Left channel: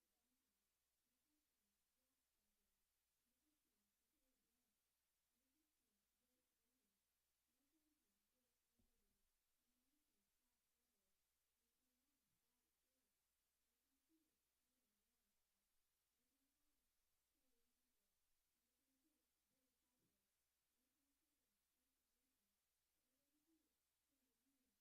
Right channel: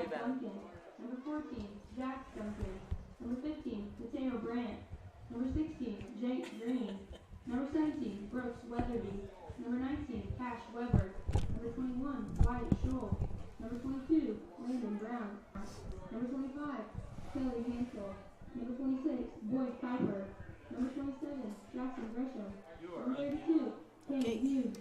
5, Ben. Duncan. Number 14, Jack Duncan. Number 15, Mateo Brandt. Number 16, Jake Green. Number 17, Brooks Weatherby. Number 19, Cash Weber. Number 21, Wyatt Scholl. Number 22, Landon Brown. Number 25, Kelly Hansel. Number 26, Boyd Piper. Number 27, Jackson Gresham. Number 32, Cam Hughes.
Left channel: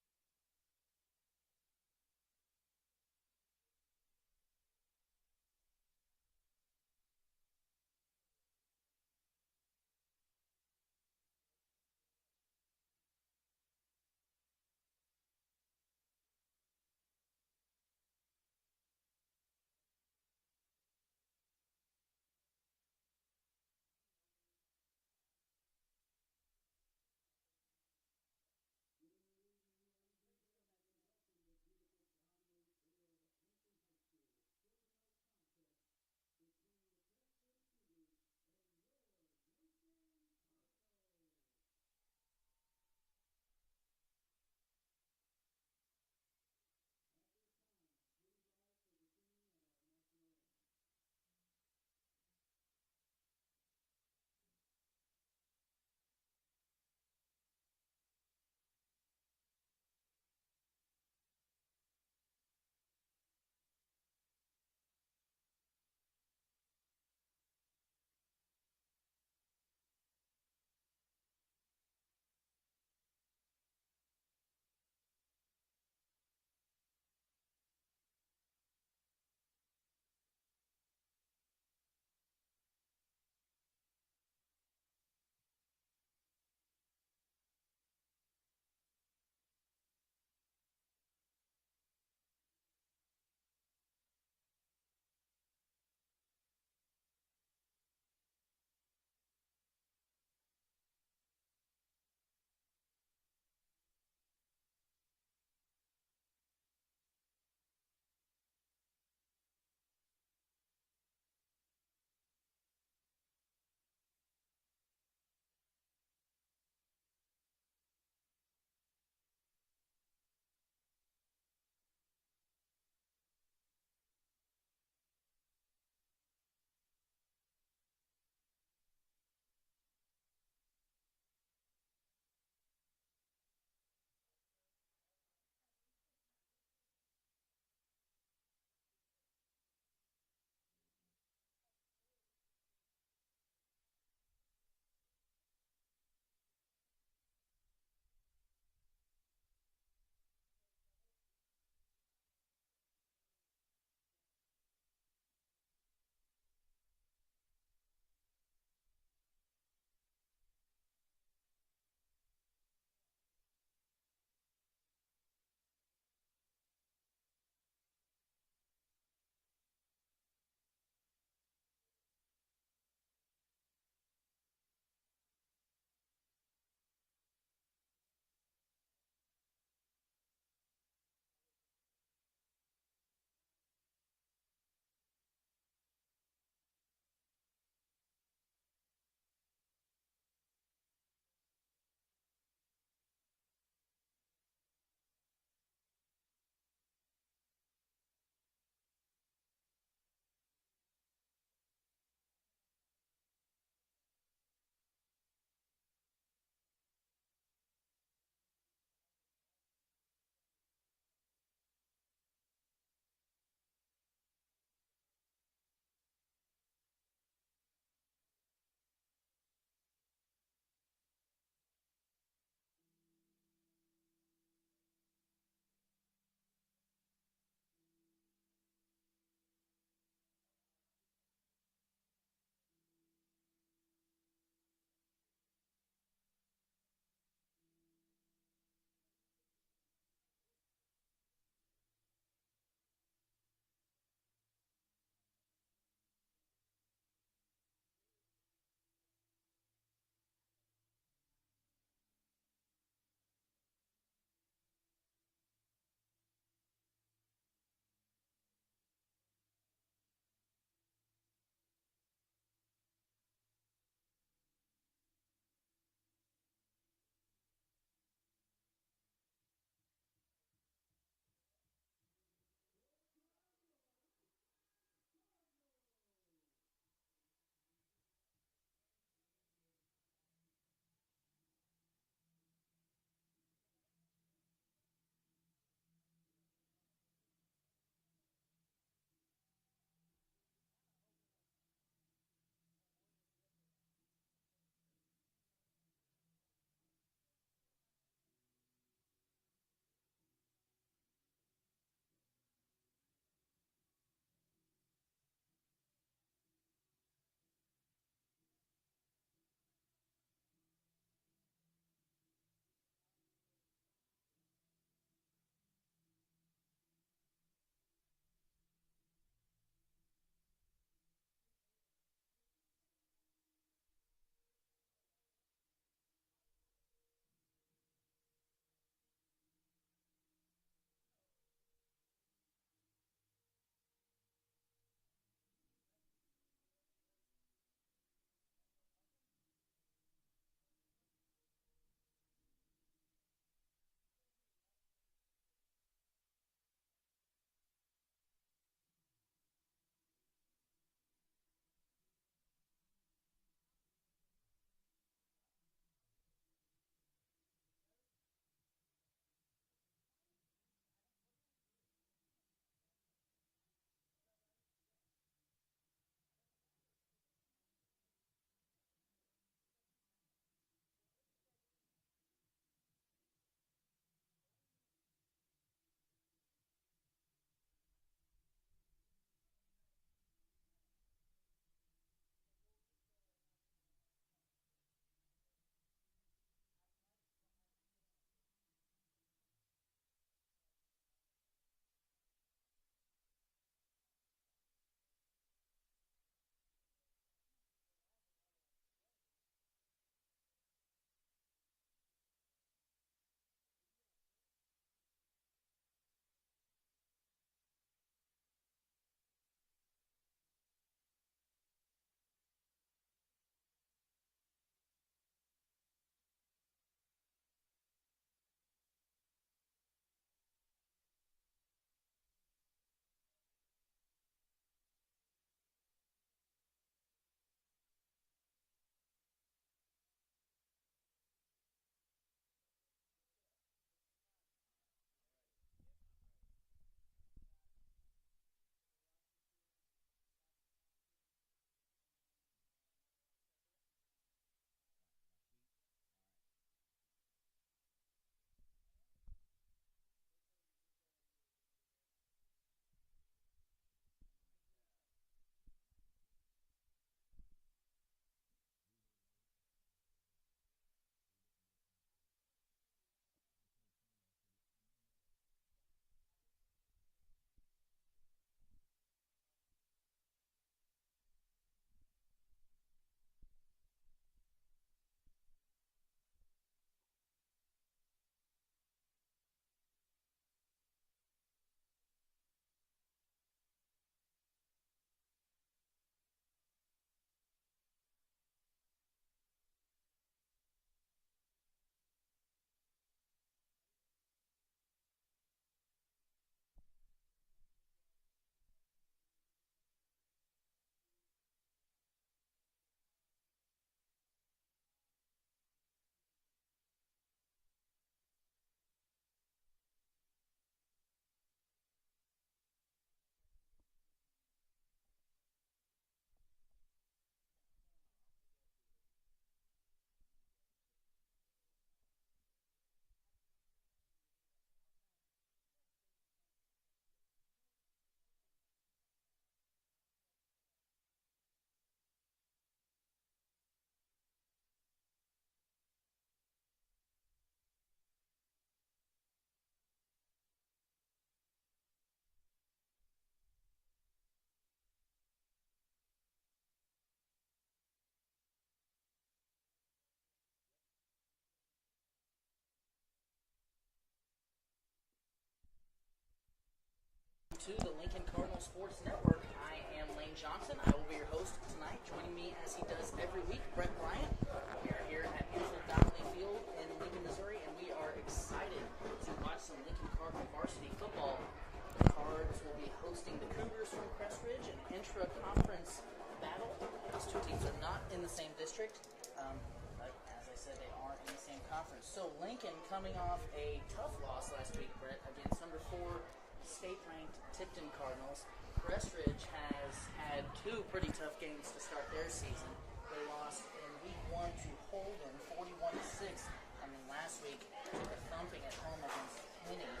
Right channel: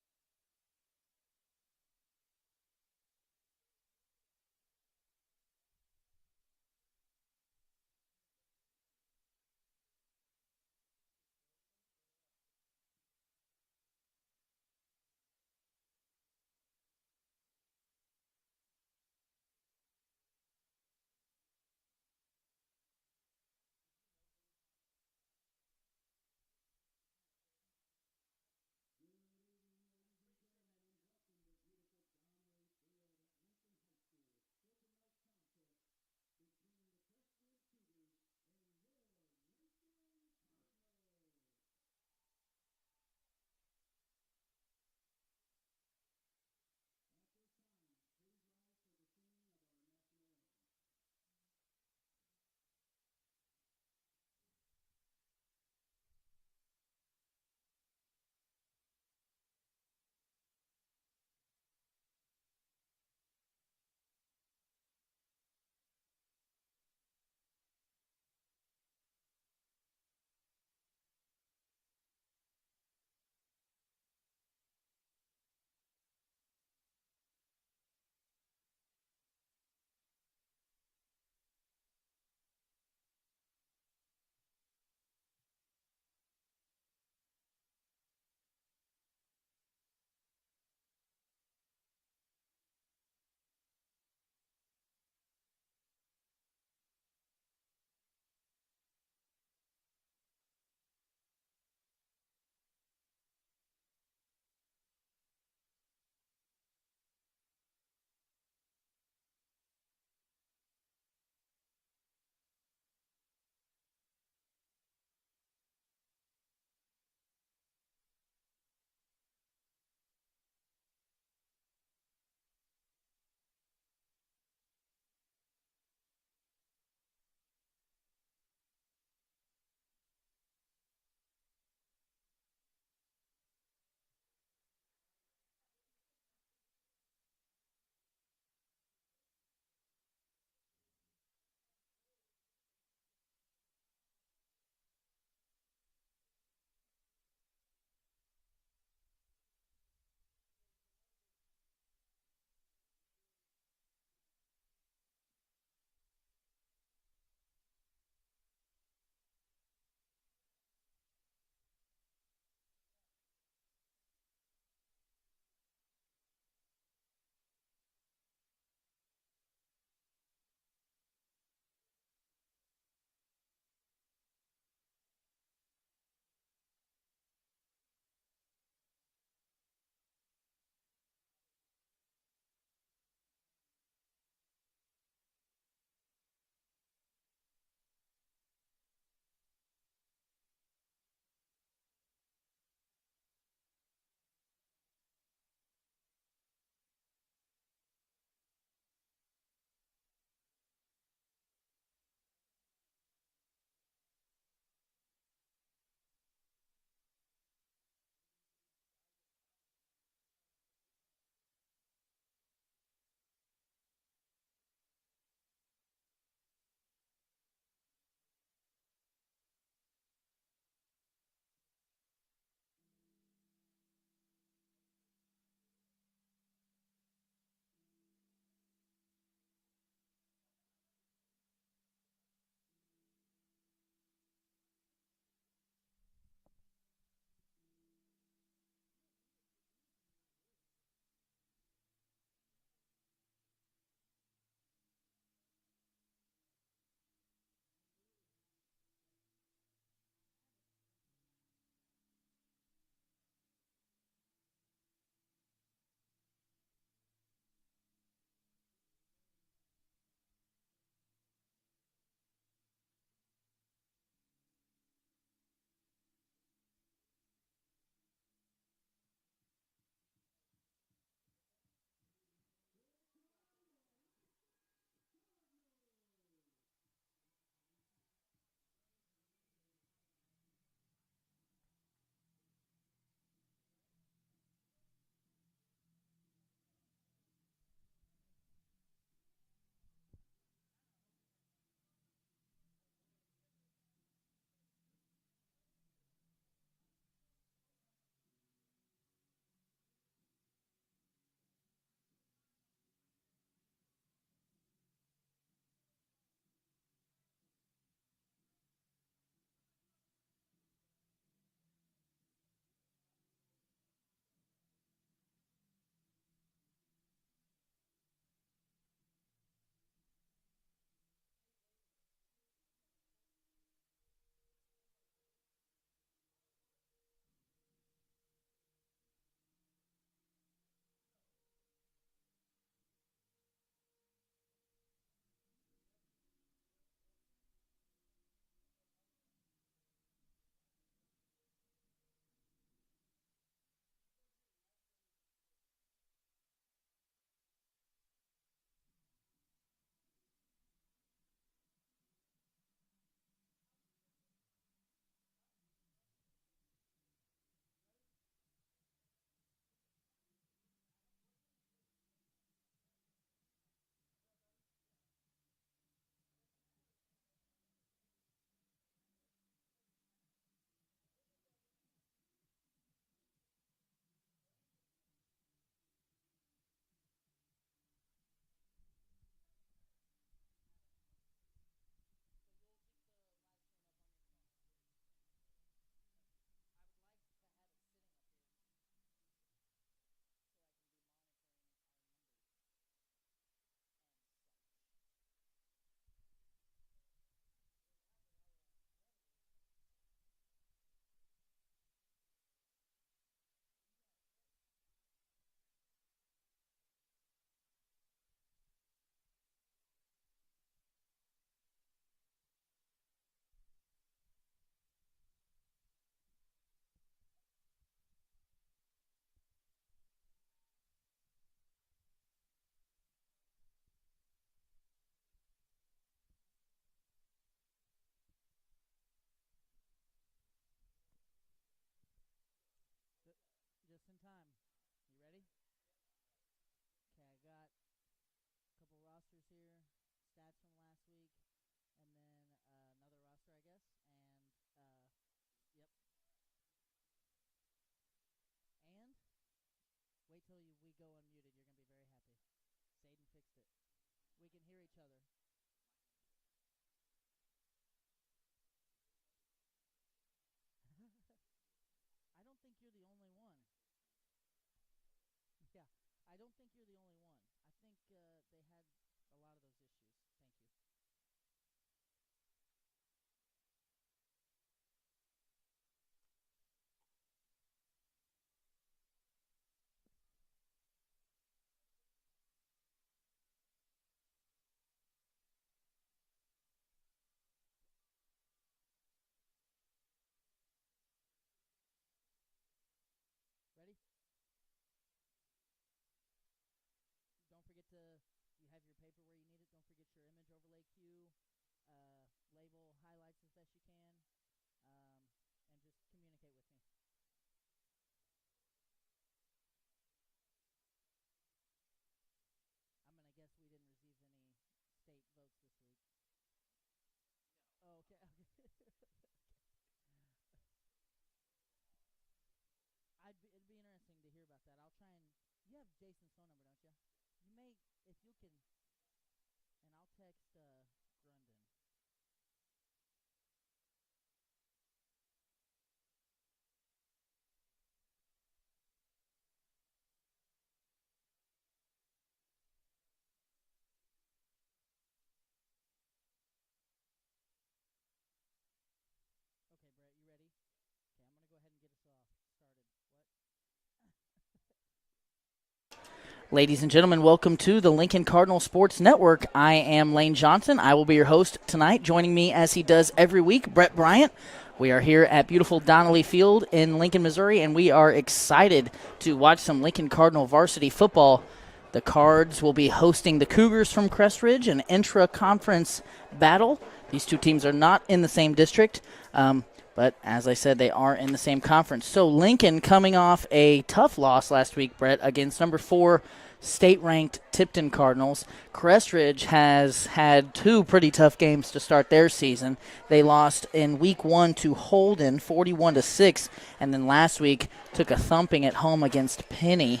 Ladies and gentlemen, welcome to the Lincoln Cardinal Sports Network. I am Lane Johnson. I will be your host tonight. Joining me, as he does every week, Brett Bryant. We are here at beautiful Donnelly Field in Lincoln, Missouri, and we are excited to watch some Lincoln Cardinal varsity football. The Cards will be hosting the Cougars from Crest Ridge, an intra-conference battle. These two teams are not in the same district, but as I said, they are in the same conference. So Lincoln coming off a tough loss last week, Brett, against number 4 state-ranked Tipton Cardinals. Crest Ridge has had 2 pretty tough games to start their season. They lost in week 1 to Holden, 41-6, and then last week took a thumping at home against Penny,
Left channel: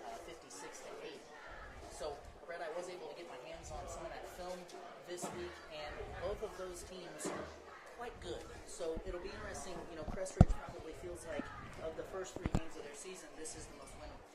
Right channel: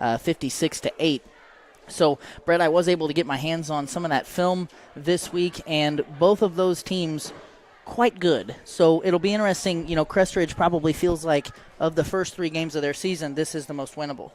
56-8. So, Brett, I was able to get my hands on some of that film this week, and both of those teams quite good. So it'll be interesting. You know, Crest Ridge probably feels like of the first 3 games of their season, this is the most winnable.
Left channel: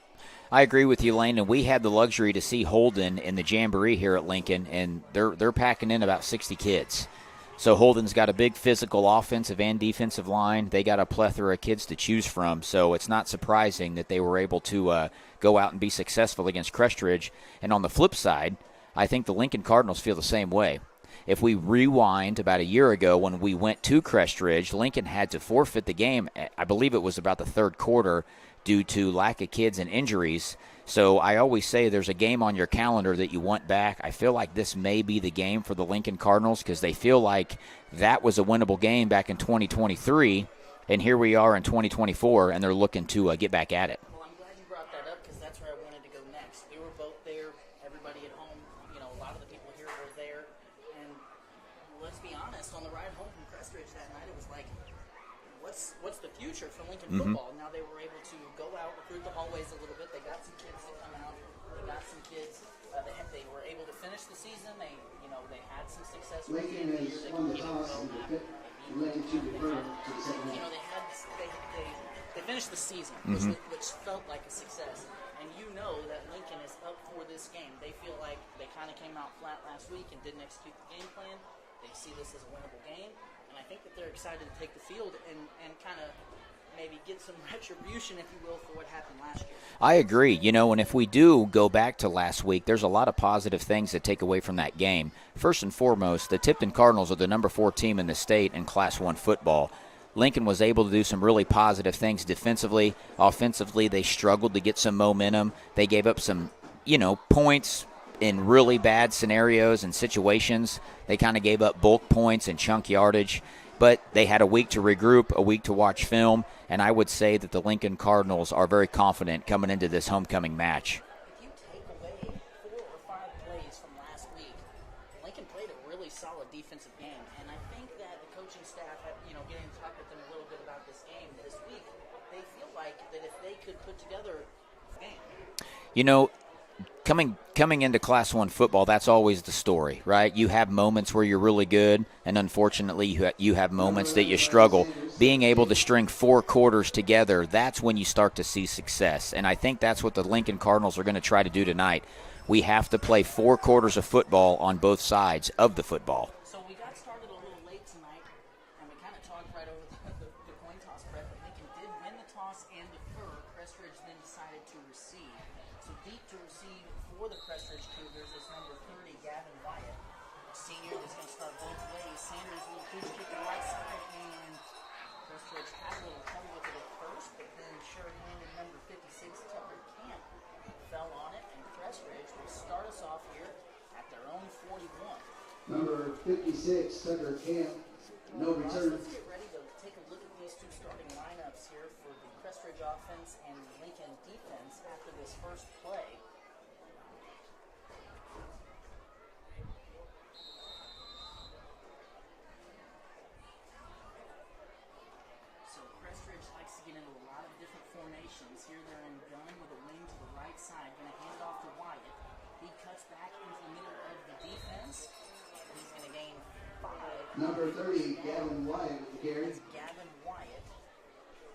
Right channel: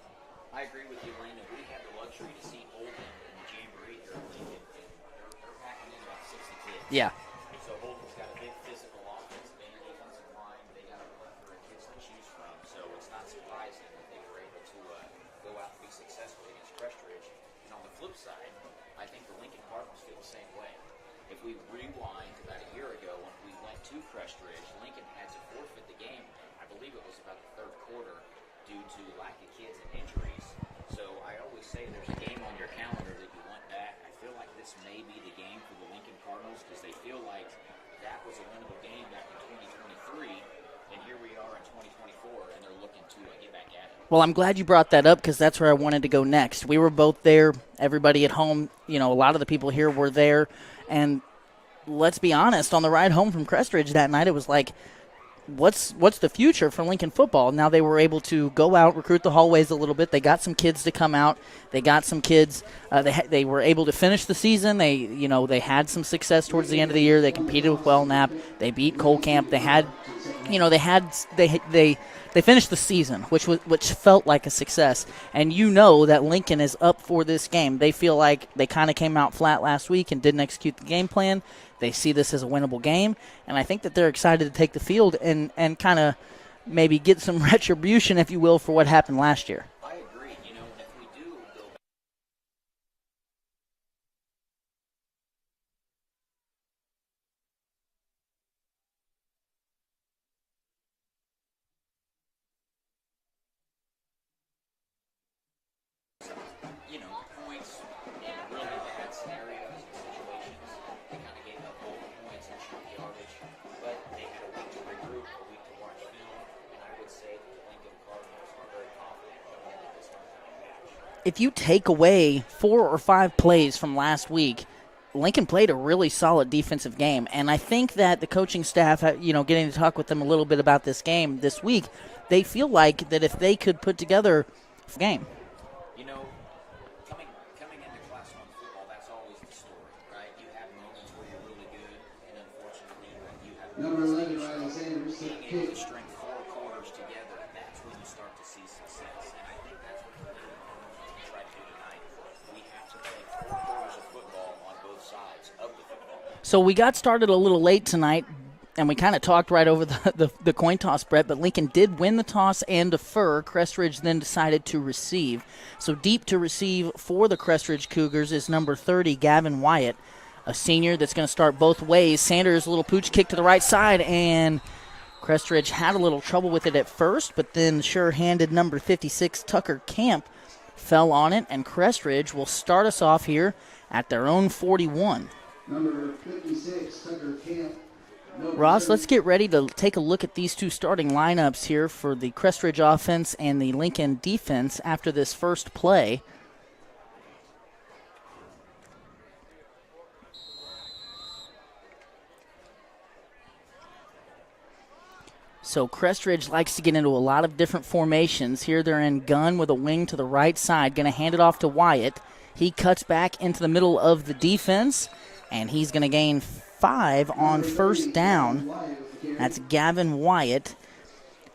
I agree with you, Lane, and we had the luxury to see Holden in the Jamboree here at Lincoln, and they're packing in about 60 kids. Yeah. So Holden's got a big physical offensive and defensive line. They got a plethora of kids to choose from, so it's not surprising that they were able to go out and be successful against Crest Ridge. And on the flip side, I think the Lincoln Cardinals feel the same way. If we rewind about a year ago when we went to Crest Ridge, Lincoln had to forfeit the game. I believe it was about the third quarter due to lack of kids and injuries. So I always say there's a game on your calendar that you want back. I feel like this may be the game for the Lincoln Cardinals because they feel like that was a winnable game back in 2023. And here we are in 2024, and they're looking to get back at it. Well, I'm glad you brought that up because that's where I wanted to go next. We were both there. Everybody at home, you know, a lot of the people here were there. And let's be honest, on the ride home from Crest Ridge that night, it was like, what's the future for Lincoln football? Now they were able to go out, recruit the hallways a little bit. They got some kids to come out. They got some kids. They were able to finish the season. They had some success towards the end of the year. They competed with Wellknap. They beat Colcamp. They finished the season, which felt like a success. And you know that Lincoln is up for this game. They feel like they kind of came out flat last week and didn't execute the game plan. They see this as a winnable game, and I think that they're excited to take the field and kind of maybe get some retribution, if you will, for what happened last year. I agree. You know, and if we do go back to last week, there's a lot of positive things to take away from that game. First and foremost, the Tipton Cardinals are the number 4 team in the state in Class 1 football. Lincoln was able to do some really positive things defensively. Offensively, they struggled to get some momentum. They gave up some, points in really bad scenarios and situations. They kind of gave up bulk points and chunk yardage, but they had a week to regroup, a week to watch film, and I would say that the Lincoln Cardinals are very confident coming into this homecoming match. If you take away 4 or 5 plays from last week, Lincoln played a really solid defensive game, and I think that the coaching staff, getting to talk with them a little bit about this game this week, they feel like that if they could put together a game. Coming into Class 1 football, that's always the story, right? You have moments where you're really good, and unfortunately you have moments that you struggle. Being able to string 4 quarters together, that's when you start to see success, and I think that's what the Lincoln Cardinals are going to try to do tonight. We have to play 4 quarters of football on both sides of the football. So we got started a little late tonight, and we kind of talked right over the coin toss, Brett, but Lincoln did win the toss and defer. Crest Ridge then decided to receive. So deep to receive for the Crest Ridge Cougars is number 30, Gavin Wyatt, a senior that's going to start both ways. Sanders, a little pooch kick to the right side, and Crest Ridge had a little trouble with it at first, but then sure-handed number 56, Tucker Camp, fell on it, and Crest Ridge will start us off here at their own 41. Number 56, Tucker Camp. Ross, let's get ready to take a look at these two starting lineups here for the Crest Ridge offense and the Lincoln defense after this first play. So Crest Ridge likes to get into a lot of different formations. Here they're in gun with a wing to the right side. Going to hand it off to Wyatt. He cuts back into the middle of the defense, and he's going to gain 5 on first down. That's Gavin Wyatt.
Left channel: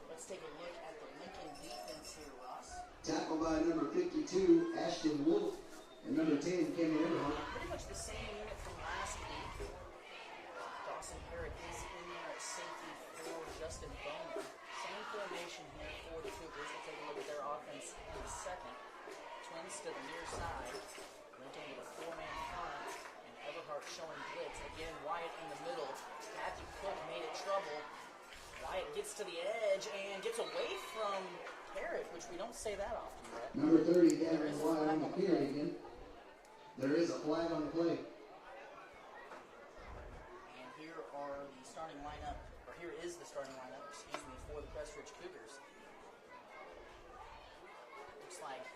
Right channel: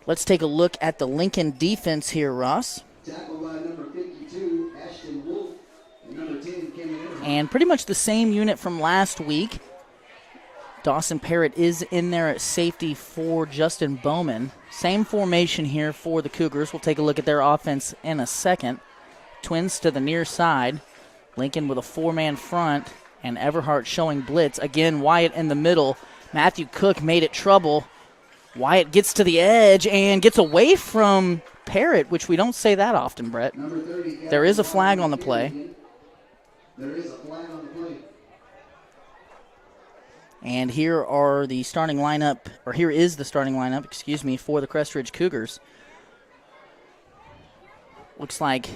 Let's take a look at the Lincoln defense here, Ross. Tackled by number 52, Ashton Wolf. And number 10, Kevin Everett. And pretty much the same unit from last week. Dawson Parrott is in there at safety for Justin Bowman. Same formation here for the Cougars. We'll take a look at their offense in a second. twins to the near side. Lincoln with a 4-man front, and Everhart showing blitz. Again, Wyatt in the middle. Matthew Cook made it trouble. Wyatt gets to the edge and gets away from Parrott, which we don't say that often, Brett. There is a flag on the play. There is a flag on the play. And here are the starting lineup, or here is the starting lineup, for the Crest Ridge Cougars. Looks like,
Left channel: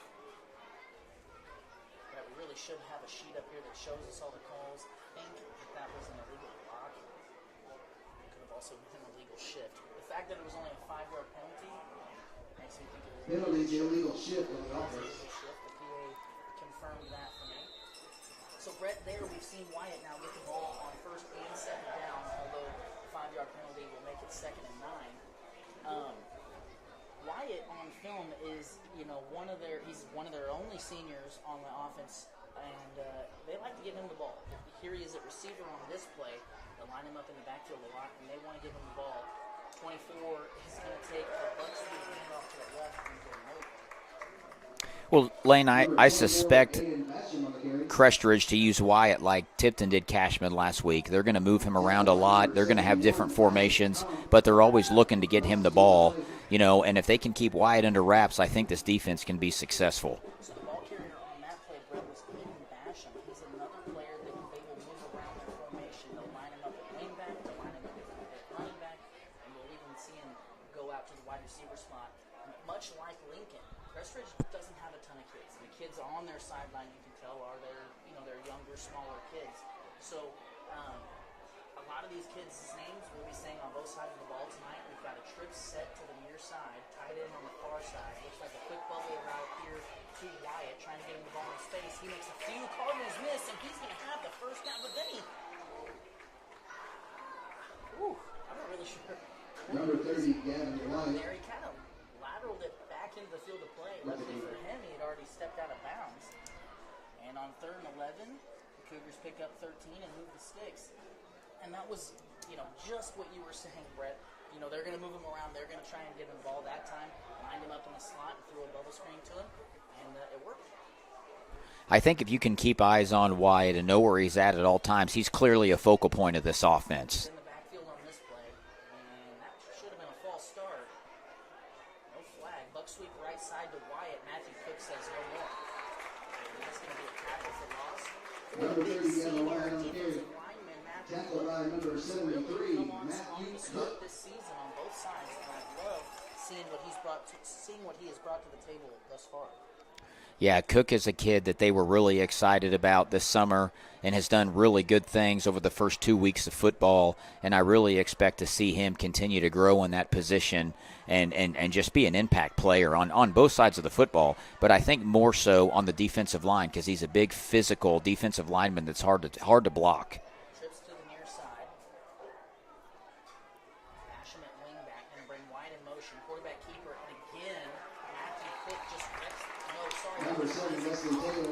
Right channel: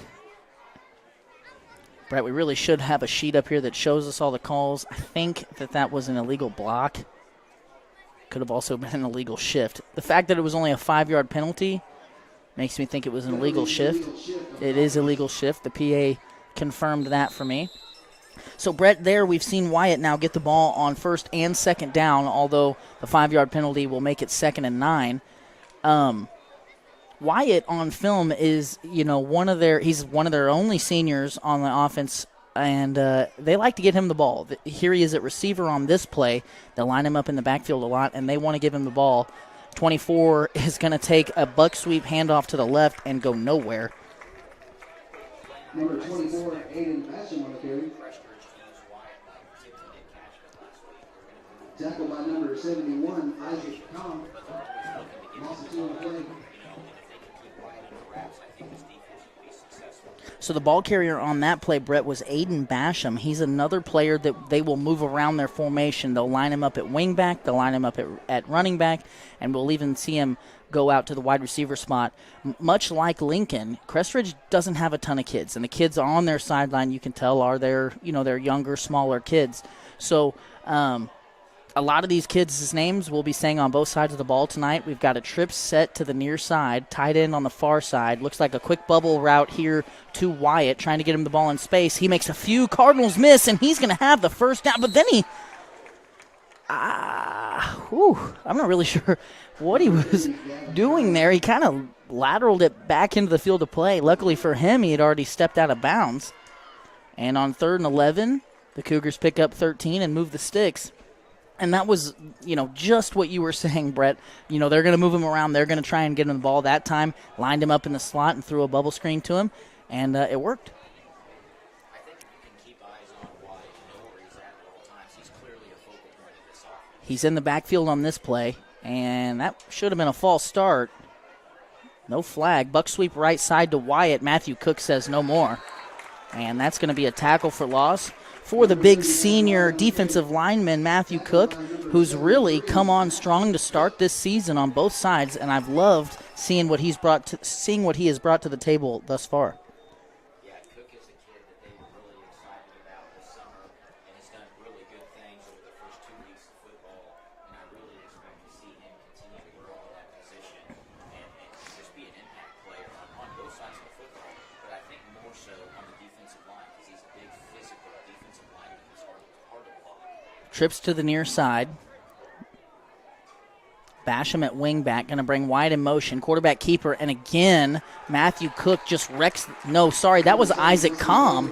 Brett, we really should have a sheet up here that shows us all the calls. I think that was an illegal block. Could have also been an illegal shift. The fact that it was only a 5-yard penalty makes me think it was an illegal shift. It is illegal shift. The PA confirmed that for me. So, Brett, there we've seen Wyatt now get the ball on first and second down, although the 5-yard penalty will make it 2nd and 9. Wyatt on film is, he's one of their only seniors on the offense, and they like to get him the ball. Here he is at receiver on this play. They'll line him up in the backfield a lot, and they want to give him the ball. 24 is going to take a buck sweep handoff to the left and go nowhere. Well, Lane, I suspect Crest Ridge to use Wyatt like Tipton did Cashman last week. They're going to move him around a lot. They're going to have different formations, but they're always looking to get him the ball. And if they can keep Wyatt under wraps, I think this defense can be successful. So the ball carrier on that play, Brett, was Aiden Basham. He's another player that they will move around their formation. They'll line him up at wingback. They'll line him up at running back, and we'll even see him go out to the wide receiver spot. Much like Lincoln, Crest Ridge doesn't have a ton of kids, and the kids on their sideline, you can tell, are their younger, smaller kids. So a lot of these kids' names we'll be saying on both sides of the ball tonight. We've got a trip set to the near side, tight end on the far side. Looks like a quick bubble route here to Wyatt, trying to get him the ball in space. He makes a few Cardinals miss, and he's going to have the first down, but then I'm not really sure what he was doing there. He kind of lateraled it back into the field of play. Luckily for him, he had already stepped out of bounds. And on 3rd and 11, the Cougars pick up 13 and move the sticks. And that was, just what you were saying, Brett. They're going to move him around. They're going to try and get him the ball that time. Lined him up in the slot and threw a bubble screen to him, and it worked. I think if you can keep eyes on Wyatt and know where he's at all times, he's clearly a focal point of this offense. He's in the backfield on this play, and that should have been a false start. No flag. Buck sweep right side to Wyatt. Matthew Cook says no more. And that's going to be a tackle for loss for the big senior defensive lineman, Matthew Cook, who's really come on strong to start this season on both sides, and I've loved seeing what he has brought to the table thus far. Yeah, Cook is a kid that they were really excited about this summer and has done really good things over the first 2 weeks of football, and I really expect to see him continue to grow in that position and just be an impact player on both sides of the football, but I think more so on the defensive line because he's a big physical defensive lineman that's hard to block. Trips to the near side. Basham at wingback, going to bring Wyatt in motion. Quarterback keeper, and again, Matthew Cook just wrecks. No, sorry, that was Isaac Comm.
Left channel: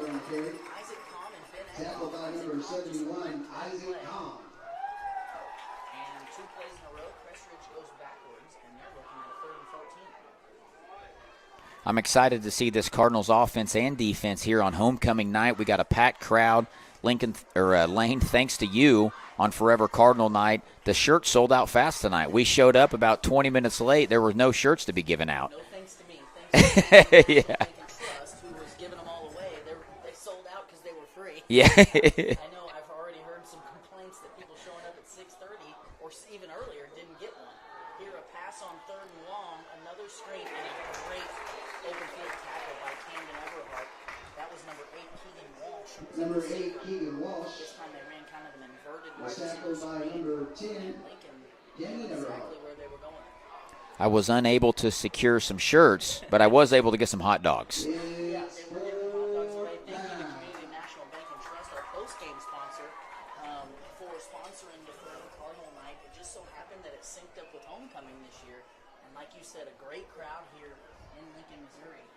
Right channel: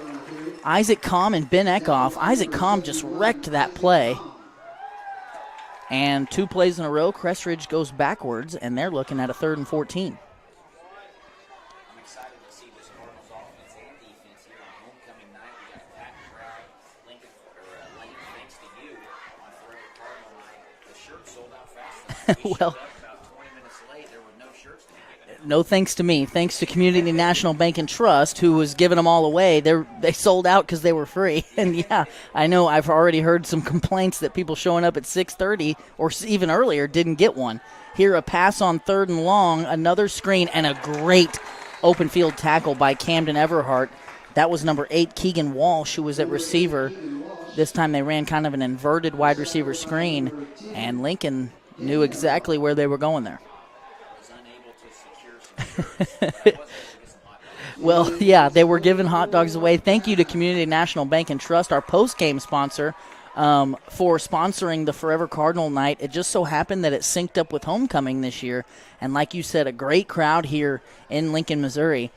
Isaac Comm and Ben Eckhoff. Isaac Comm just wrecked that play. And 2 plays in a row, Crest Ridge goes backwards, and they're looking at a 3rd and 14. I'm excited to see this Cardinals offense and defense here on homecoming night. We got a packed crowd. Lane, thanks to you on Forever Cardinal night, the shirts sold out fast tonight. We showed up about 20 minutes late. There were no shirts to be given out. No thanks to me. Thanks to Community National Bank and Trust, who was giving them all away. They sold out because they were free. Yeah. I know I've already heard some complaints that people showing up at 6:30 or even earlier didn't get one. Here, a pass on 3rd and long, another screen, and a great open field tackle by Camden Everhart. That was number 8, Keegan Walsh, who was at receiver. This time they ran kind of an inverted wide receiver screen, and Lincoln knew exactly where they were going there. I was unable to secure some shirts, but I was able to get some hot dogs. Well, yeah, they were giving hot dogs away. Thank you to Community National Bank and Trust, our post-game sponsor, for sponsoring the Forever Cardinal night. It just so happened that it synced up with homecoming this year, and like you said, a great crowd here in Lincoln, Missouri.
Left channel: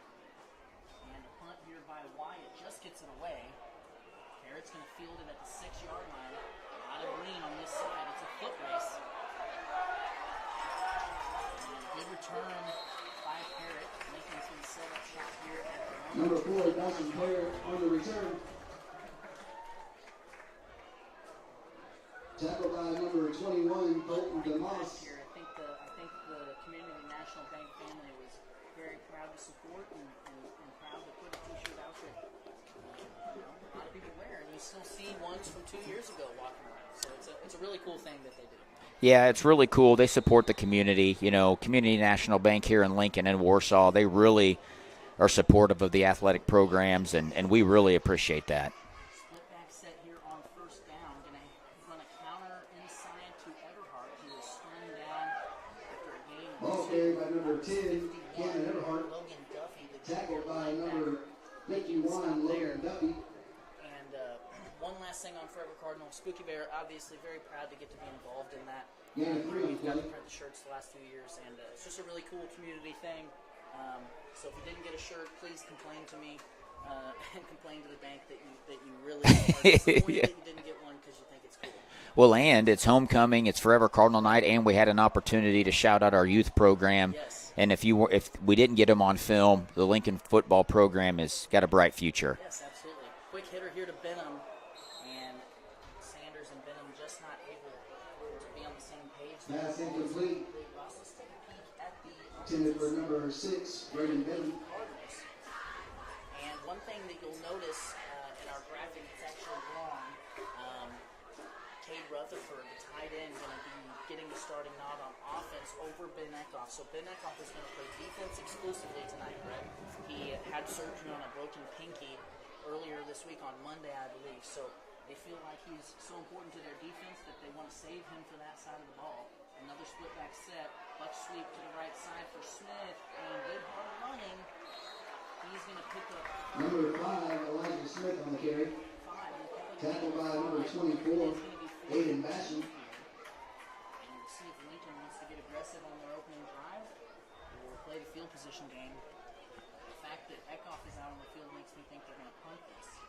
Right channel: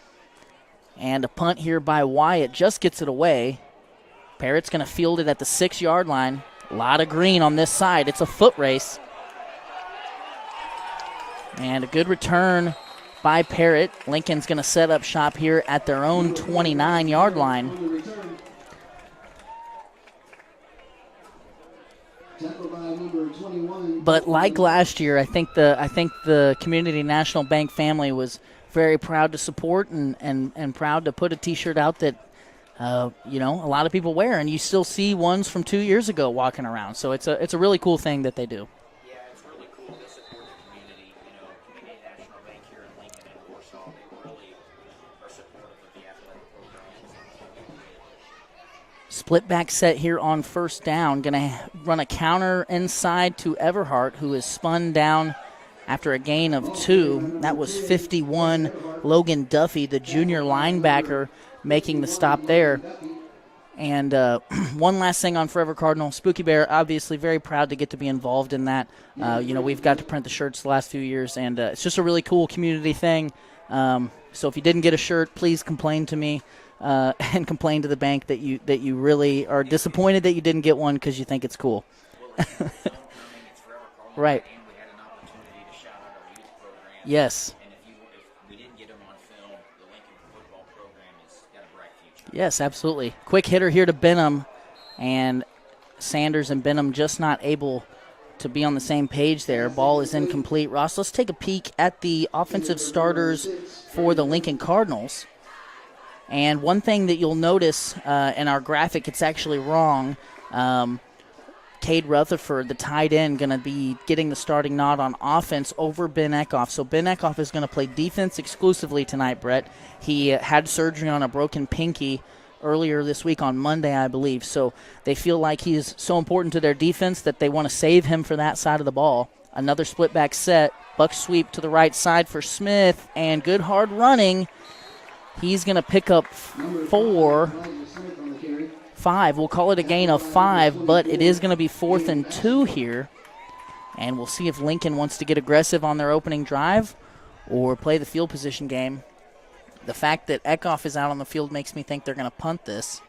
And a punt here by Wyatt just gets it away. Parrott's going to field it at the 6-yard line. A lot of green on this side. It's a foot race. And a good return by Parrott. Lincoln's going to set up shop here at their own 29-yard line. But like last year, I think the Community National Bank family was very proud to support and proud to put a T-shirt out that a lot of people wear, and you still see ones from 2 years ago walking around. So it's a really cool thing that they do. Yeah, it's really cool. They support the community. Community National Bank here in Lincoln and Warsaw, they really are supportive of the athletic programs, and we really appreciate that. Split back set here on first down. Going to run a counter inside to Everhart, who is spun down after a gain of 2. That was 51 Logan Duffy, the junior linebacker, making the stop there. And one last thing on Forever Cardinal. Spooky Bear, obviously very proud to get to be involved in that. We've got to print the shirts the last few years, and it's just a really cool community thing. So if you didn't get a shirt, please complain to me. And complain to the bank that you really are disappointed that you didn't get one because you think it's cool. Well, and it's homecoming, it's Forever Cardinal Right. night, and we had an opportunity to shout out our youth program. Yes. And if we didn't get them on film, the Lincoln football program has got a bright future. Yes, absolutely. Quick hitter here to Benham, and Sanders and Benham just not able to be on the same page there. Ball is incomplete. Ross, let's take a peek at the offensive starters for the Lincoln Cardinals. And one thing that you'll notice in our graphic, it's actually wrong. Cade Rutherford, the tight end, going to be getting the starting nod on offense over Ben Eckhoff. So Ben Eckhoff is going to play defense exclusively tonight, Brett. He had surgery on a broken pinky earlier this week on Monday, I believe. So they feel like he is so important to their defense that they want to save him for that side of the ball. Another split back set. Buck sweep to the right side for Smith, and good hard running. He's going to pick up 5. We'll call it a gain of 5, but it is going to be 4th and 2 here. And we'll see if Lincoln wants to get aggressive on their opening drive or play the field position game. The fact that Eckhoff is out on the field makes me think they're going to punt this.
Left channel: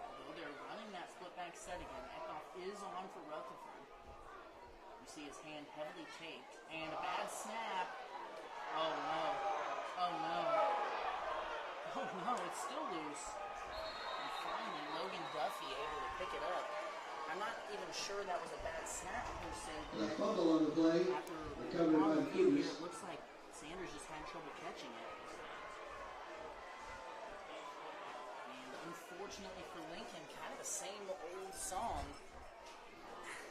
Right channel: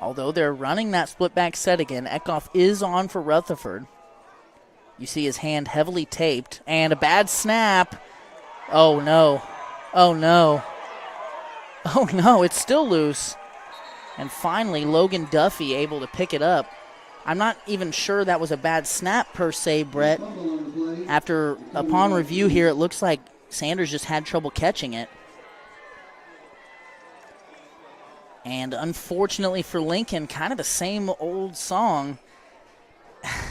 Although they're running that split back set again, Eckhoff is on for Rutherford. You see his hand heavily taped, and a bad snap. Oh, no. Oh, no. Oh, no, it's still loose. And finally, Logan Duffy able to pick it up. I'm not even sure that was a bad snap per se, Brett. Upon review here, it looks like Sanders just had trouble catching it. And unfortunately for Lincoln, kind of the same old song.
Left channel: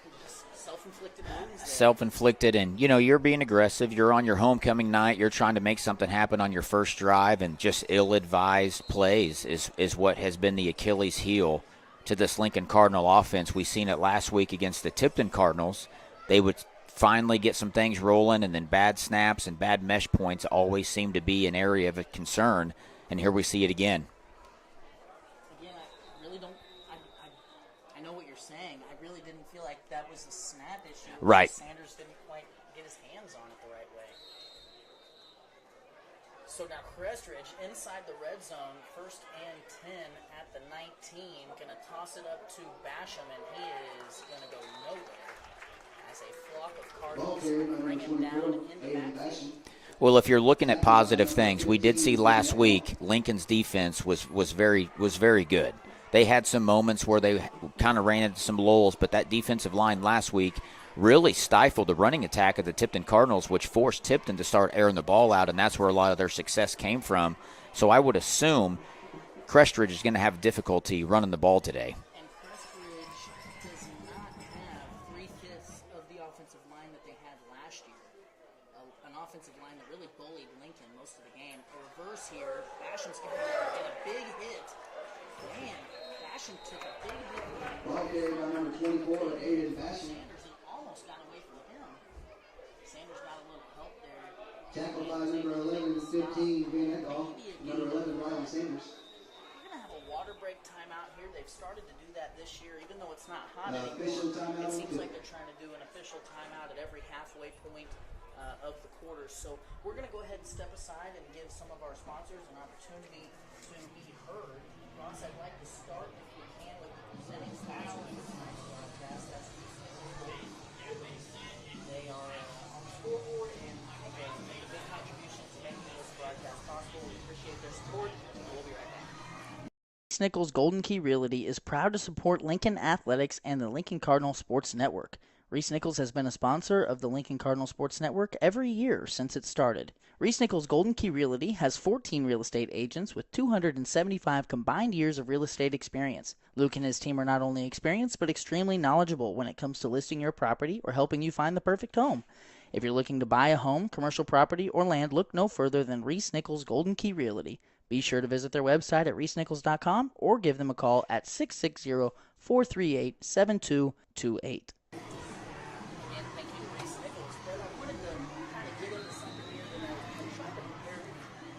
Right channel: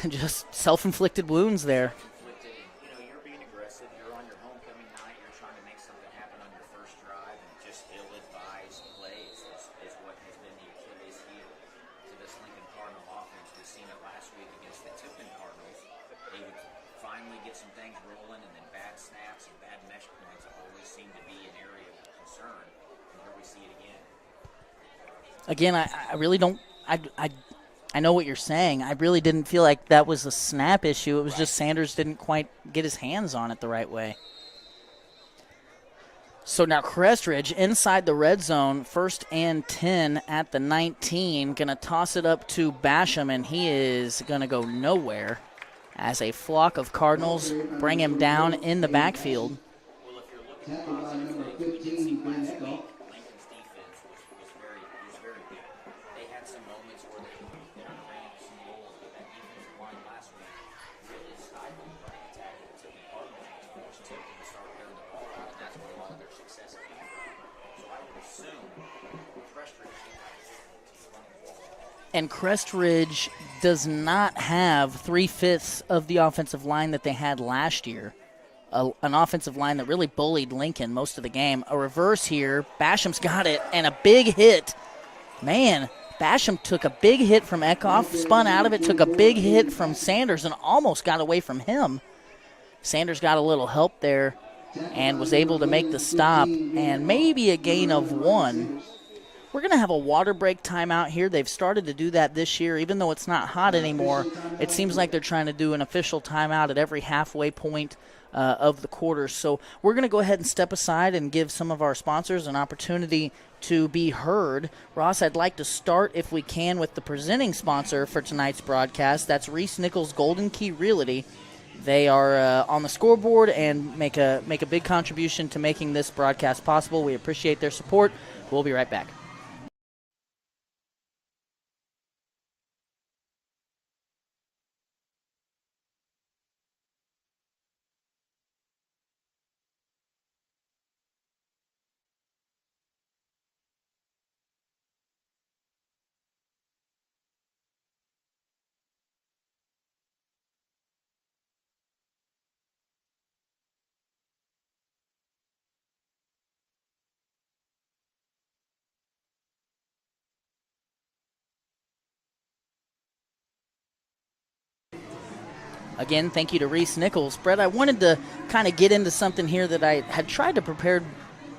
Just self-inflicted wounds there. Self-inflicted, and, you're being aggressive. You're on your homecoming night. You're trying to make something happen on your first drive, and just ill-advised plays is what has been the Achilles heel to this Lincoln Cardinal offense. We seen it last week against the Tipton Cardinals. They would finally get some things rolling, and then bad snaps and bad mesh points always seem to be an area of concern, and here we see it again. Again, I really don't I know what you're saying. I really didn't feel like that was a snap issue. It was just Sanders didn't quite get his hands on it the right way. So now Crest Ridge inside the red zone, 1st and 10 at the 19. Going to toss it up to Basham, and he is going to go nowhere as a flock of Cardinals bring him down in the backfield. Well, if you're looking at positive things, we did see last week Lincoln's defense was very good. They had some moments where they kind of ran into some lulls, but that defensive line last week really stifled the running attack of the Tipton Cardinals, which forced Tipton to start airing the ball out, and that's where a lot of their success came from. So I would assume Crest Ridge is going to have difficulty running the ball today. And Crest Ridge does not have 3/5 of the offensive line that they had last year. An offensive line that really bullied Lincoln most of the game. A reverse here. Basham's got it, and a big hit. Man, Basham took a big hit from Eckhoff, spun out of it, took a big hit from Sanders, and almost got away from him. Sanders got a little help there and was able to make the stop, and maybe a gain of 1. We're going to have a water break timeout here. They've started to do that this year. Even though it's not hot anymore, it seems like they're trying to do an official timeout at every halfway point of the quarters. So we're going to go ahead and step aside and give some of our sponsors an opportunity to be heard. Ross, I'd like to start, if we can, with the presenting sponsor for tonight's broadcast. That's Reese Nichols Golden Key Realty. They are on the scoreboard and make a big contribution to making this broadcast possible. We appreciate their support. We'll be right back. Reese Nichols Golden Key Realty is proud to support Lincoln Athletics and the Lincoln Cardinal Sports Network. Reese Nichols has been a sponsor of the Lincoln Cardinal Sports Network every year since it started. Reese Nichols Golden Key Realty has 14 real estate agents with 275 combined years of real estate experience. Luke and his team are not only experienced but extremely knowledgeable when it comes to listing your property or helping you find the perfect home. If you're looking to buy a home, commercial property, or land, look no further than Reese Nichols Golden Key Realty. Be sure to visit their website at reesenichols.com or give them a call at 660-438-7228. Again, thank you to Reese Nichols. Brett, I wanted to kind of get into something here that I had tried to prepare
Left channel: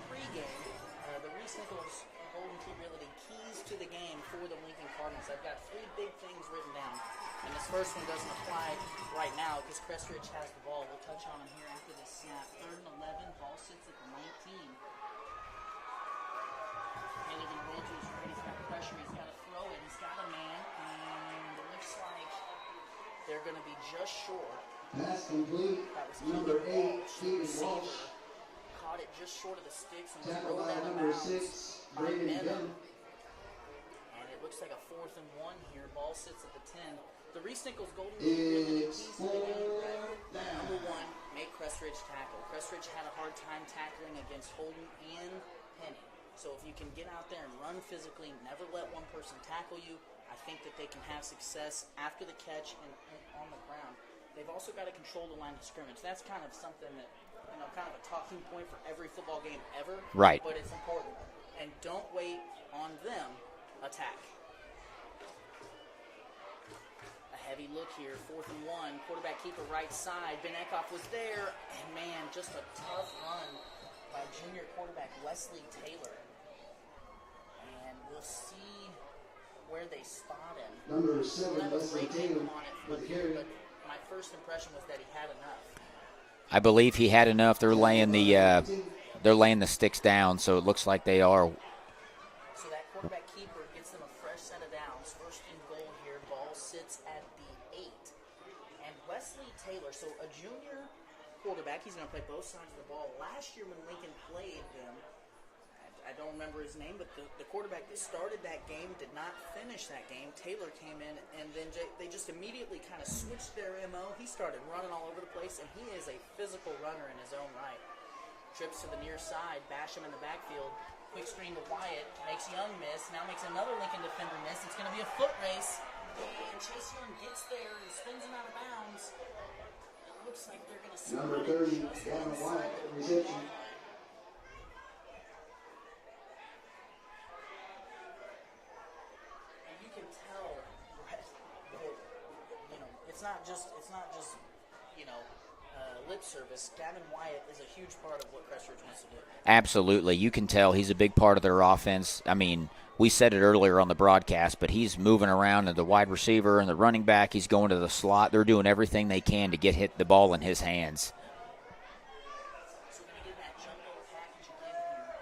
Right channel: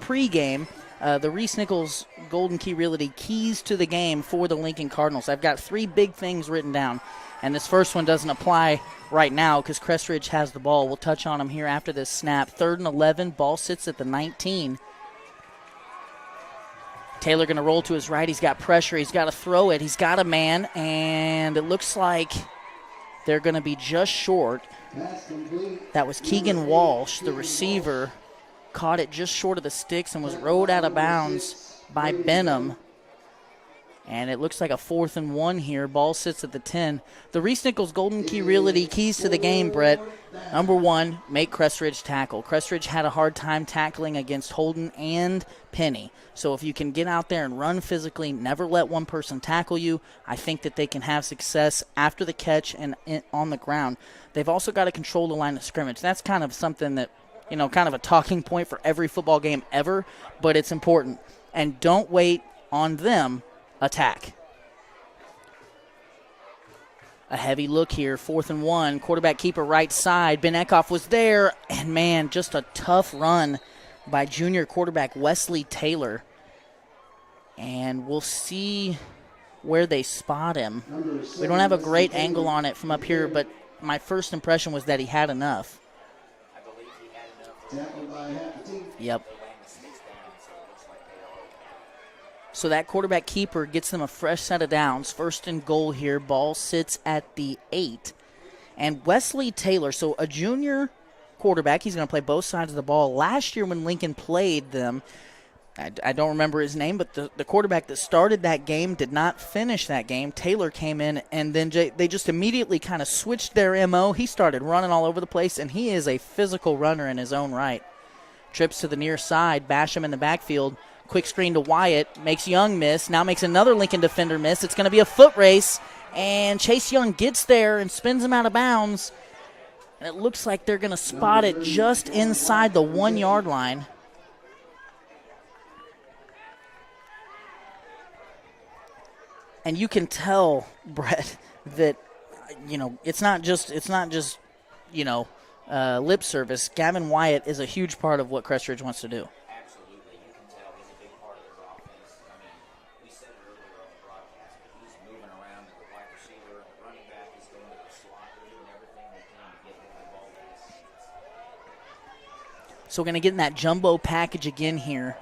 pregame. The Reese Nichols Golden Key Realty keys to the game for the Lincoln Cardinals. I've got 3 big things written down, and this first one doesn't apply right now because Crest Ridge has the ball. We'll touch on them here after this snap. 3rd and 11, ball sits at the 19. Taylor going to roll to his right. He's got pressure. He's got to throw it. He's got a man, and it looks like they're going to be just short. That was Keegan Walsh, the receiver, caught it just short of the sticks and was rode out of bounds by Benham. And it looks like a 4th and 1 here. Ball sits at the 10. The Reese Nichols Golden Key Realty keys to the game, Brett. Number 1, make Crest Ridge tackle. Crest Ridge had a hard time tackling against Holden and Penny. So if you can get out there and run physically, never let one person tackle you, I think that they can have success after the catch and on the ground. They've also got to control the line of scrimmage. That's kind of something that, kind of a talking point for every football game ever. Right. But it's important. And don't wait on them. Attack. A heavy look here, 4th and 1. Quarterback keeper right side. Ben Eckhoff was there. And, man, just a tough run by junior quarterback Wesley Taylor. And we'll see where they spot him. We don't have a great angle on it from up here, but my first impression was that he had enough. I believe he had enough. They're laying they're laying the sticks down, so it looks like they are. So that quarterback keeper gets them a fresh set of downs. 1st and goal here. Ball sits at the 8. And Wesley Taylor, so a junior quarterback, he's going to play both sides of the ball. Last year when Lincoln played them, I don't remember his name, but the quarterback that started that game did not finish that game. Taylor came in, and then they just immediately kind of switched their MO. He started running all over the place, and he is a physical runner in his own right. Trips to the near side, Basham in the backfield. Quick screen to Wyatt, makes Young miss, now makes another Lincoln defender miss. It's going to be a foot race, and Chase Young gets there and spins him out of bounds. And it looks like they're going to spot it just inside the 1-yard line. And you can tell, Brett, that, it's not just lip service. Gavin Wyatt is a huge part of what Crest Ridge wants to do. Absolutely. You can tell he's a big part of their offense. I mean, we said it earlier on the broadcast, but he's moving around in the wide receiver and the running back. He's going to the slot. They're doing everything they can to hit the ball in his hands. So we're going to get in that jumbo package again here.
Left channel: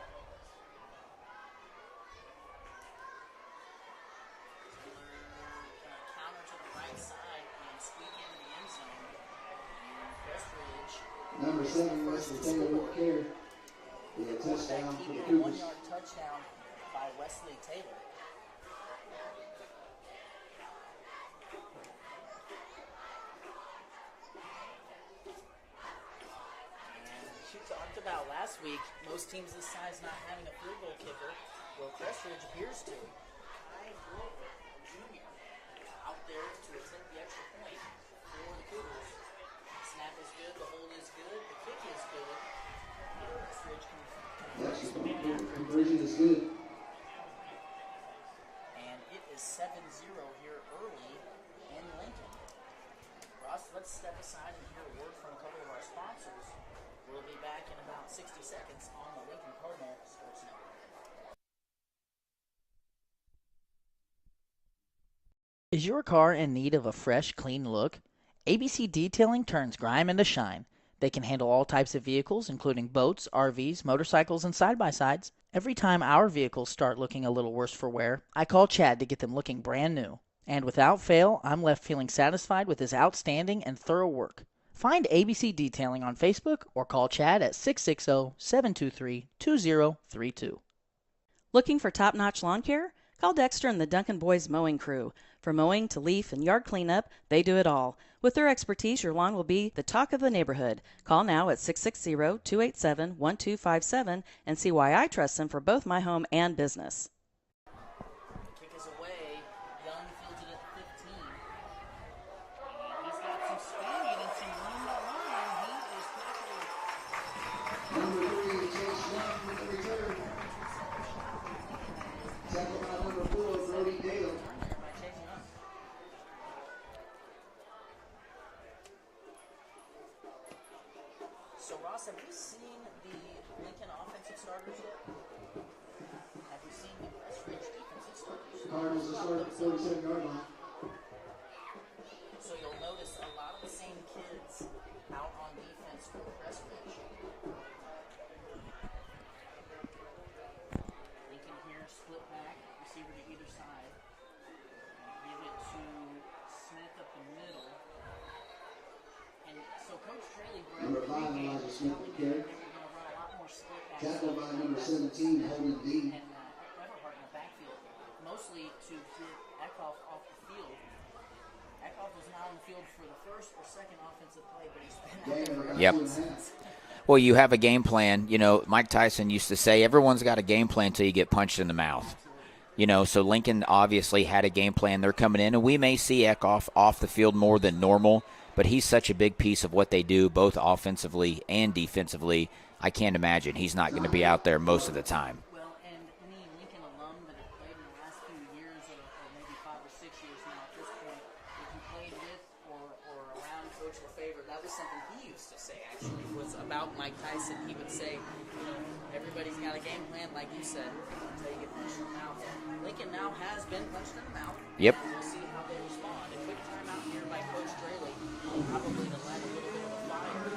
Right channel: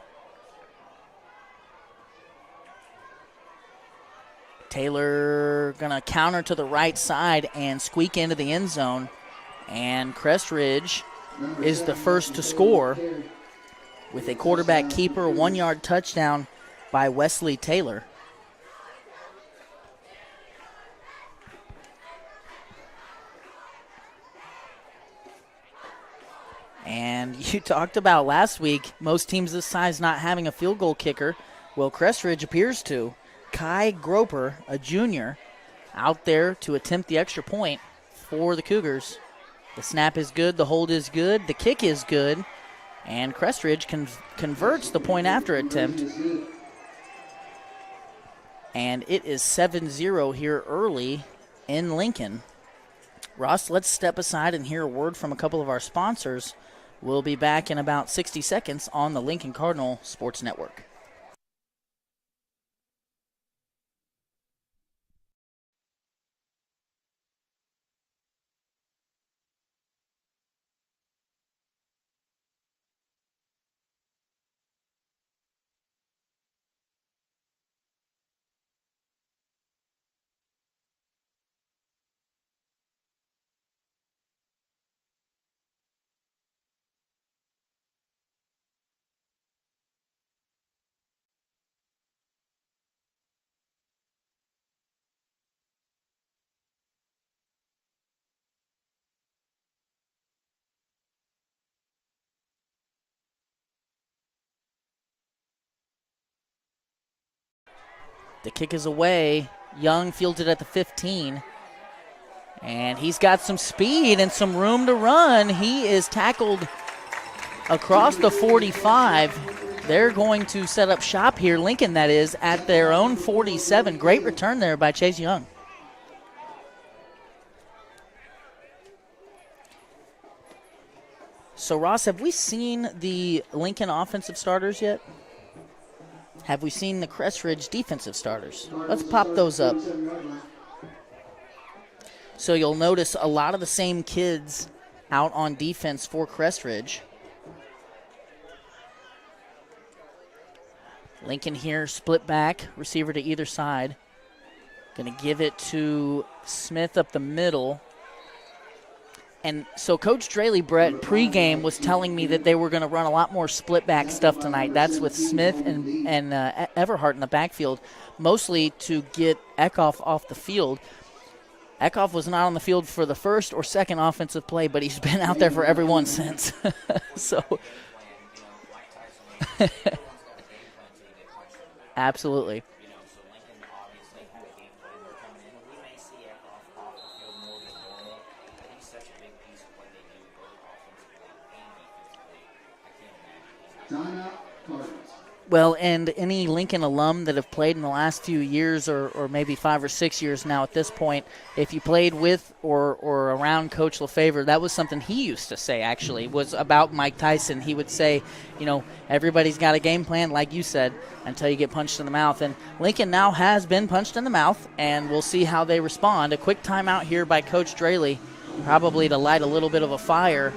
Taylor going to counter to the right side and squeak into the end zone. And Crest Ridge is the first to score with a quarterback keeper, 1-yard touchdown by Wesley Taylor. And you talked about last week, most teams this size not having a field goal kicker. Well, Crest Ridge appears to. Kai Groper, a junior, out there to attempt the extra point for the Cougars. The snap is good, the hold is good, the kick is good, and Crest Ridge converts the point after attempt. And it is 7-0 here early in Lincoln. Ross, let's step aside and hear a word from a couple of our sponsors. We'll be back in about 60 seconds on the Lincoln Cardinal Sports Network. Is your car in need of a fresh, clean look? ABC Detailing turns grime into shine. They can handle all types of vehicles, including boats, RVs, motorcycles, and side-by-sides. Every time our vehicles start looking a little worse for wear, I call Chad to get them looking brand new. And without fail, I'm left feeling satisfied with his outstanding and thorough work. Find ABC Detailing on Facebook or call Chad at 660-723-2032. Looking for top-notch lawn care? Call Dexter and the Duncan Boys Mowing Crew. From mowing to leaf and yard cleanup, they do it all. With their expertise, your lawn will be the talk of the neighborhood. Call now at 660-287-1257 and see why I trust them for both my home and business. The kick is away. Young fielded at the 15. And he's got some speed and some room to run. He is tackled across the 45. They're going to set up shop here, Lincoln that is, at their own 47. Great return there by Chase Young. So, Ross, have we seen the Lincoln offensive starters yet? Have we seen the Crest Ridge defensive starters? Let's pop those up. So you'll notice a lot of the same kids out on defense for Crest Ridge. Lincoln here, split back, receiver to either side. Going to give it to Smith up the middle. And so Coach Draley, Brett, pregame was telling me that they were going to run a lot more split back stuff tonight. That's with Smith and Everhart in the backfield, mostly to get Eckhoff off the field. Eckhoff was not on the field for the first or second offensive play, but he's been out there for everyone since. Well, you have a game plan. You know, Mike Tyson used to say everyone's got a game plan until you get punched in the mouth. Absolutely. You know, so Lincoln obviously had a game plan. They're coming in, and we may see Eckhoff off the field more than normal, but he's such a big piece of what they do, both offensively and defensively. I can't imagine he's not going to be out there most of the time. Well, and any Lincoln alum that have played in the last few years or maybe 5 or 6 years now at this point, if you played with or around Coach LeFevre, that was something he used to say, actually, was about Mike Tyson. He would say, you know, everybody's got a game plan, like you said, until you get punched in the mouth. And Lincoln now has been punched in the mouth, and we'll see how they respond. A quick timeout here by Coach Draley, probably to light a little bit of a fire.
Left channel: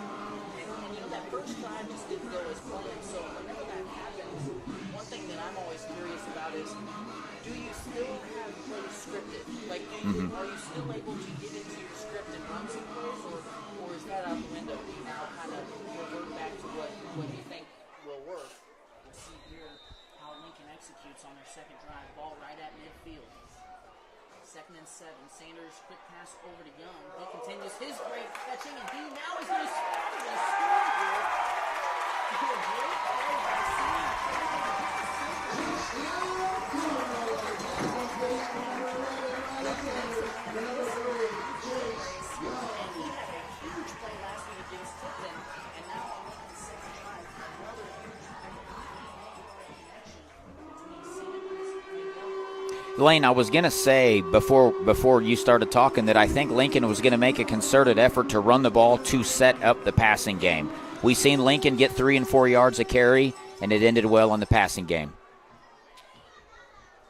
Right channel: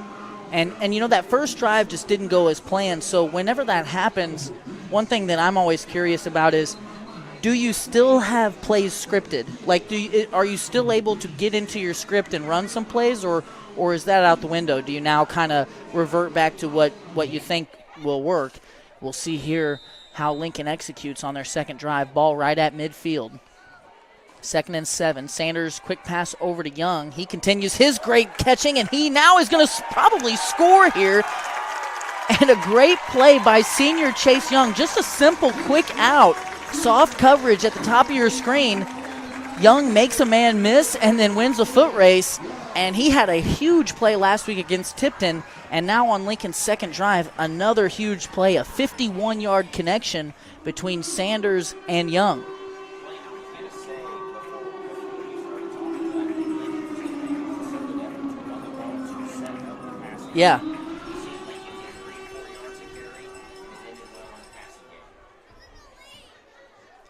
And you know, that first drive just didn't go as planned. So whenever that happens, one thing that I'm always curious about is, do you still have plays scripted? Like, are you still able to get into your script and run some plays, or is that out the window? Do you now kind of revert back to what you think will work? We'll see here how Lincoln executes on their second drive. Ball right at midfield. 2nd and 7. Sanders, quick pass over to Young. He continues his great catching, and he now is going to probably score here. And a great play by senior Chase Young. Just a simple, quick out. Soft coverage at the top of your screen. Young makes a man miss and then wins a foot race. And he had a huge play last week against Tipton. And now on Lincoln's second drive, another huge play, a 51-yard connection between Sanders and Young. Lane, I was going to say before you started talking that I think Lincoln was going to make a concerted effort to run the ball to set up the passing game. We've seen Lincoln get 3 and 4 yards a carry, and it ended well on the passing game.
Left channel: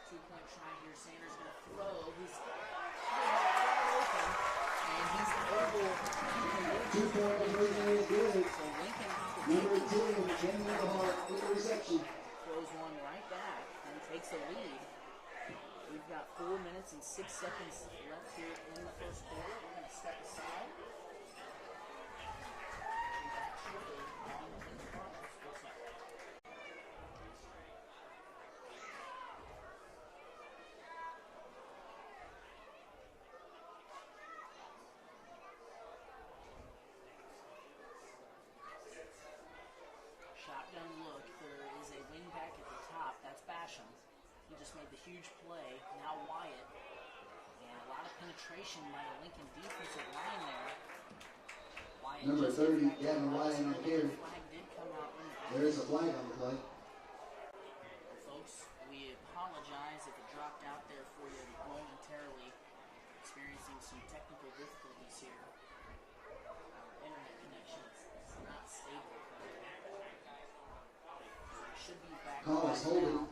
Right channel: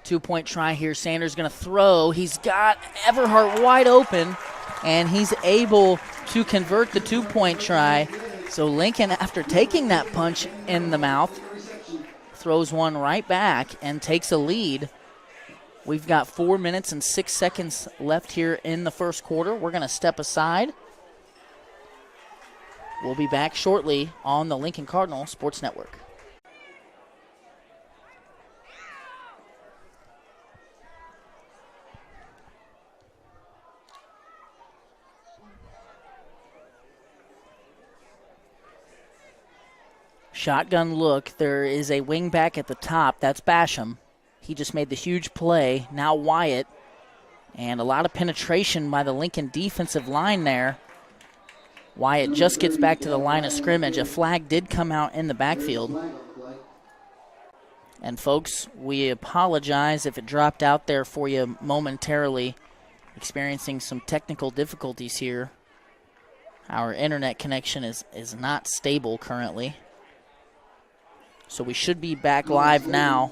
2-point try here. Sanders going to throw. He's got Everhart wide open, and he's able to convert the 2-point try. So Lincoln, after taking that punch in the mouth, throws one right back and takes a lead. We've got 4 minutes and 6 seconds left here in the first quarter. We're going to step aside. We'll be back shortly on the Lincoln Cardinal Sports Network. Shotgun look. There is a wing back at the top. That's Basham. He just made the huge play. Now Wyatt. And a lot of penetration by the Lincoln defensive line there. Wyatt just gets back to the line of scrimmage. A flag did come out in the backfield. And folks, we apologize if it dropped out there for you momentarily. Experiencing some technical difficulties here. Our internet connection is not stable currently. So we should be back live now.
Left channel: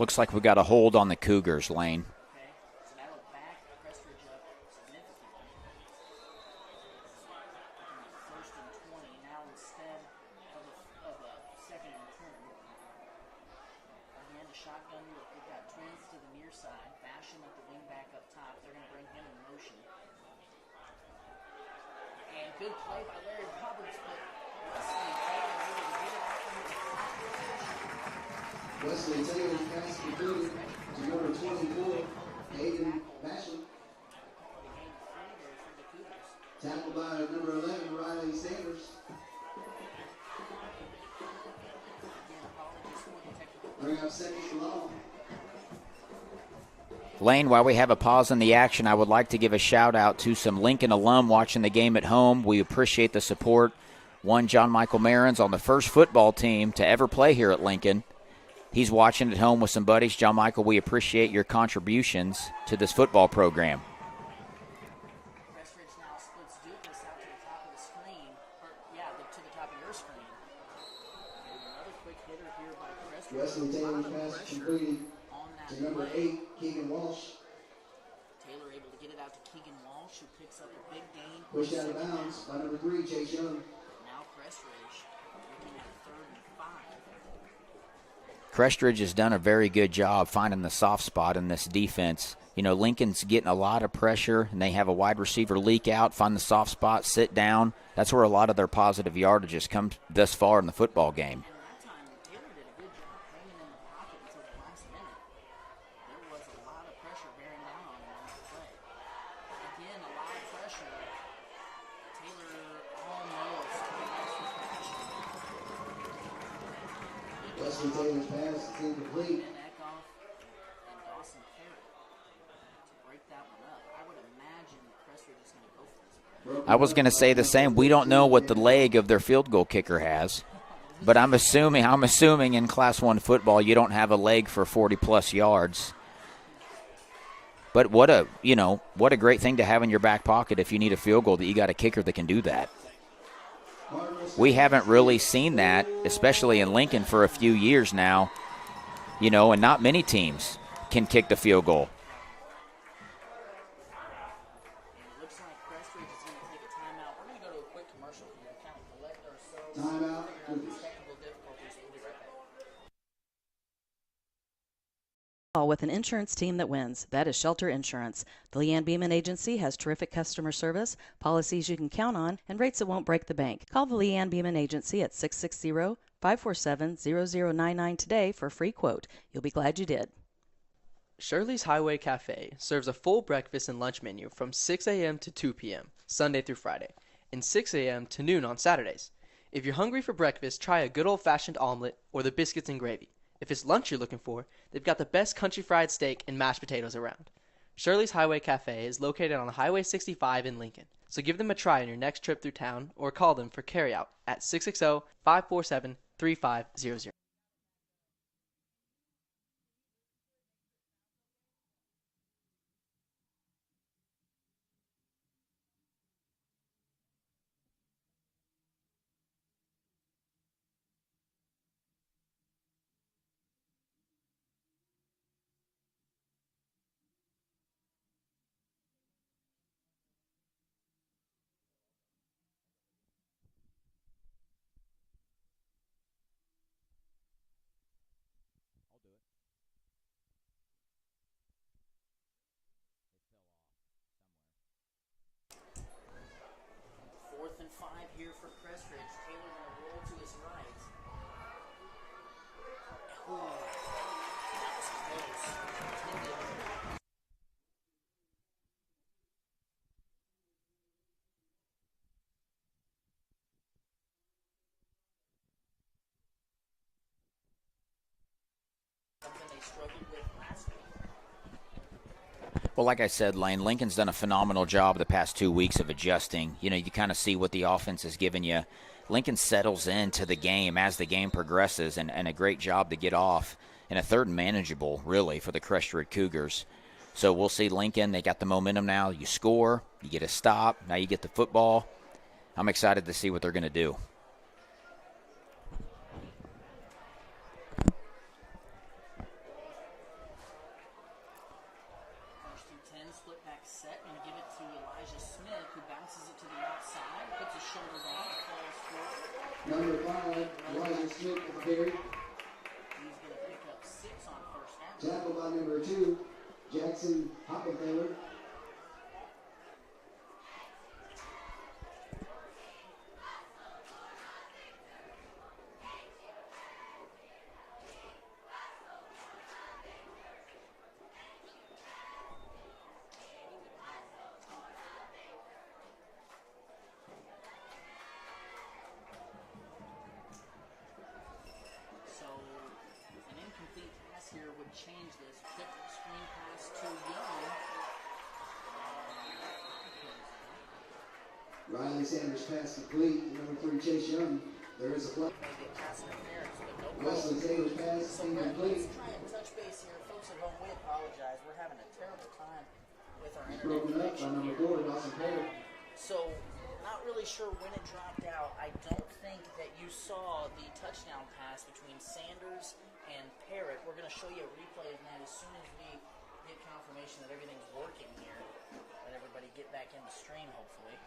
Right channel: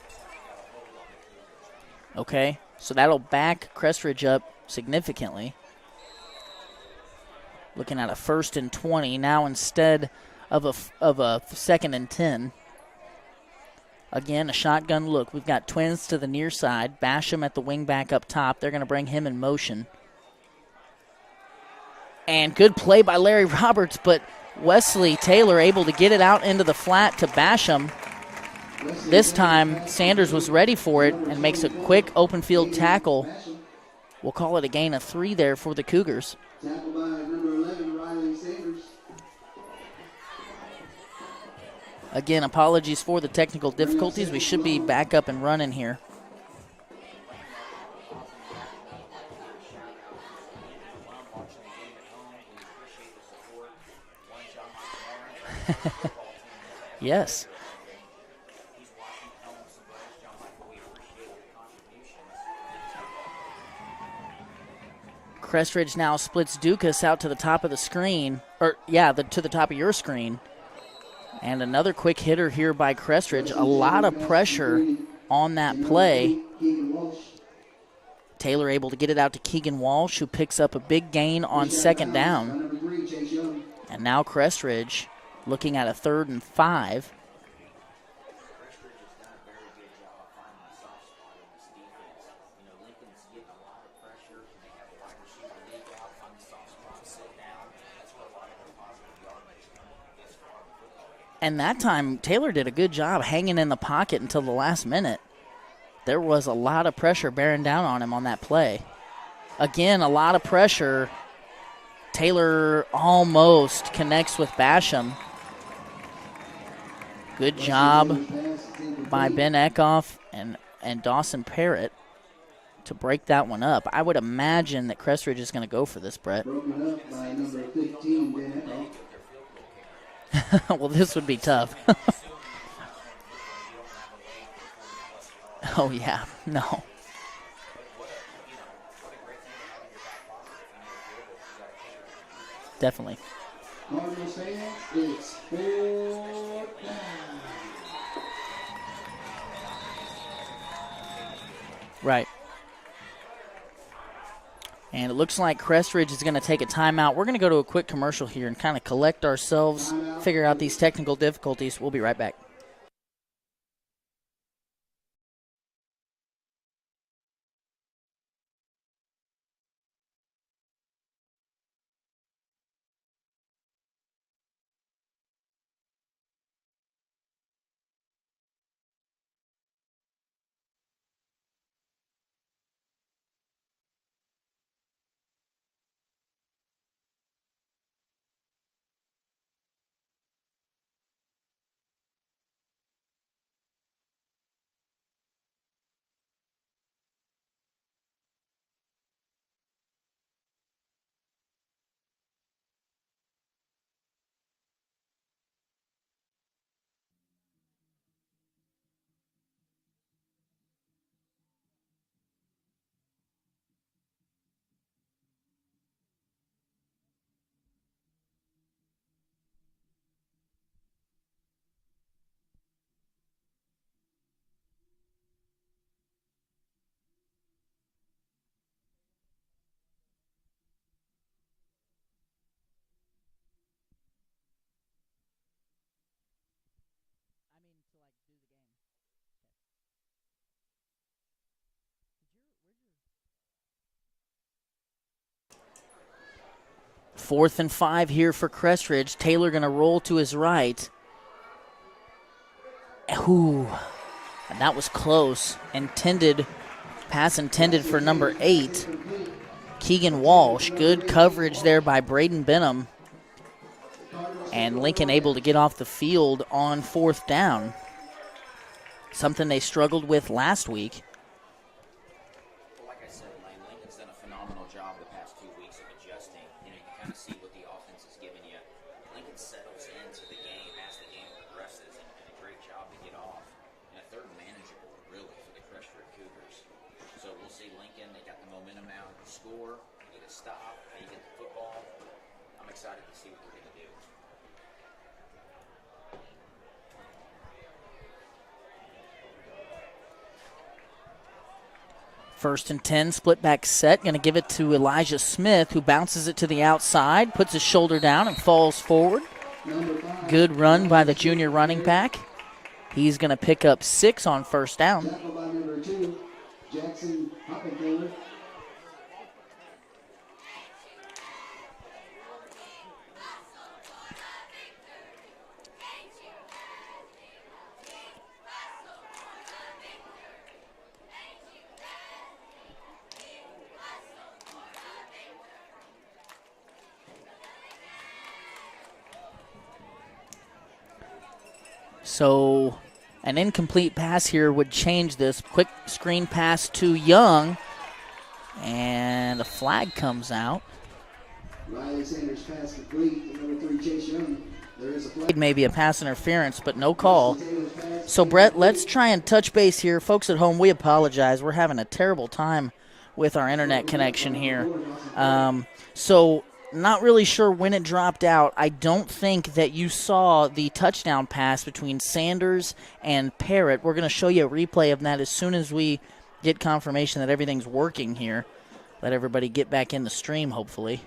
Looks like we got a hold on the Cougars, Lane. Okay, so that'll back Crest Ridge up significantly. Looking at a 1st and 20 now instead of a 2nd and 10. Again, a shotgun look. We've got twins to the near side. Basham at the wing back up top. They're going to bring him in motion. And good play by Larry Roberts, but Wesley Taylor able to get it out into the flat to Basham. This time, Sanders was ready for it and makes a quick open field tackle. We'll call it a gain of 3 there for the Cougars. Tackle by number 11, Riley Sanders. Again, apologies for the technical difficulties. We should be back up and running here. Lane, while we have a pause in the action, I would like to give a shout-out to some Lincoln alum watching the game at home. We appreciate the support. One, John Michael Marins on the first football team to ever play here at Lincoln. He's watching at home with some buddies. John Michael, we appreciate your contributions to this football program. Crest Ridge now splits Dukas out to the top of the screen. To the top of your screen. And another quick hitter here by Crest Ridge. A lot of pressure on that play. Taylor able to get it out to Keegan Walsh, who picks up a big gain on second down. And now Crest Ridge looking at a 3rd and 5. Crest Ridge has done a very good job finding the soft spot in this defense. You know, Lincoln's getting a lot of pressure, and they have a wide receiver leak out, find the soft spot, sit down. That's where a lot of their positive yardages come thus far in the football game. And that time, Taylor did a good job hanging in the pocket until the last minute. There was a lot of pressure bearing down on him on that play. Again, a lot of pressure. Taylor almost connects with Basham. Good job by Ben Eckhoff and Dawson Parrott to break that one up. I would imagine that Crest Ridge is going to go for this, Brett. I was going to say the same. We don't know what the leg of their field goal kicker has. Well, this but I'm assuming in Class 1 football you don't have a leg for 40-plus yards. Oh, yeah. No. But what a great thing to have in your back pocket if you need a field goal, that you got a kicker that can do that. Definitely. We haven't really seen that, especially in Lincoln, for a few years now, and not many teams can kick the field goal. Right. And it looks like Crest Ridge is going to take a timeout. We're going to go to a quick commercial here and kind of collect ourselves, figure out these technical difficulties. We'll be right back. With an insurance team that wins. That is Shelter Insurance. The Leanne Beeman Agency has terrific customer service, policies you can count on, and rates that won't break the bank. Call the Leanne Beeman Agency at 660-547-0099 today for a free quote. You'll be glad you did. Shirley's Highway Cafe serves a full breakfast and lunch menu from 6 a.m. to 2 p.m., Sunday through Friday, and 6 a.m. to noon on Saturdays. If you're hungry for breakfast, try a good old-fashioned omelet or the biscuits and gravy. If it's lunch you're looking for, they've got the best country fried steak and mashed potatoes around. Shirley's Highway Cafe is located on Highway 65 in Lincoln, so give them a try on your next trip through town or call them for carryout at 660-547-3500. Fourth and 5 here for Crest Ridge. Taylor going to roll to his right. Ooh, and that was close. Pass intended for number 8, Keegan Walsh. Good coverage there by Braden Benham. And Lincoln able to get off the field on 4th down. Something they struggled with last week. Well, like I said, Lane, Lincoln's done a phenomenal job the past 2 weeks of adjusting. You kind of see what the offense is giving you. Lincoln settles into the game as the game progresses, and a great job to get off. And a 3rd and manageable, really, for the Crest Ridge Cougars. So we'll see Lincoln. They got the momentum now. You score, you get a stop, now you get the football. I'm excited to see what they're going to do. First and 10, split back set. Going to give it to Elijah Smith, who bounces it to the outside, puts his shoulder down, and falls forward. Good run by the junior running back. He's going to pick up 6 on 1st down. Tackled by number 2, Jackson Hockenfeller. So an incomplete pass here would change this. Quick screen pass to Young, and a flag comes out. Riley Sanders pass complete to number 3, Chase Young. There is a flag. Maybe a pass interference, but no call. So, Brett, let's try and touch base here. Folks at home, we apologize. We're having a terrible time with our internet connection here. So, not really sure when it dropped out. I don't think that you saw the touchdown pass between Sanders and Parrott. We're going to show you a replay of that as soon as we get confirmation that everything's working here. Let everybody get back in the stream, hopefully.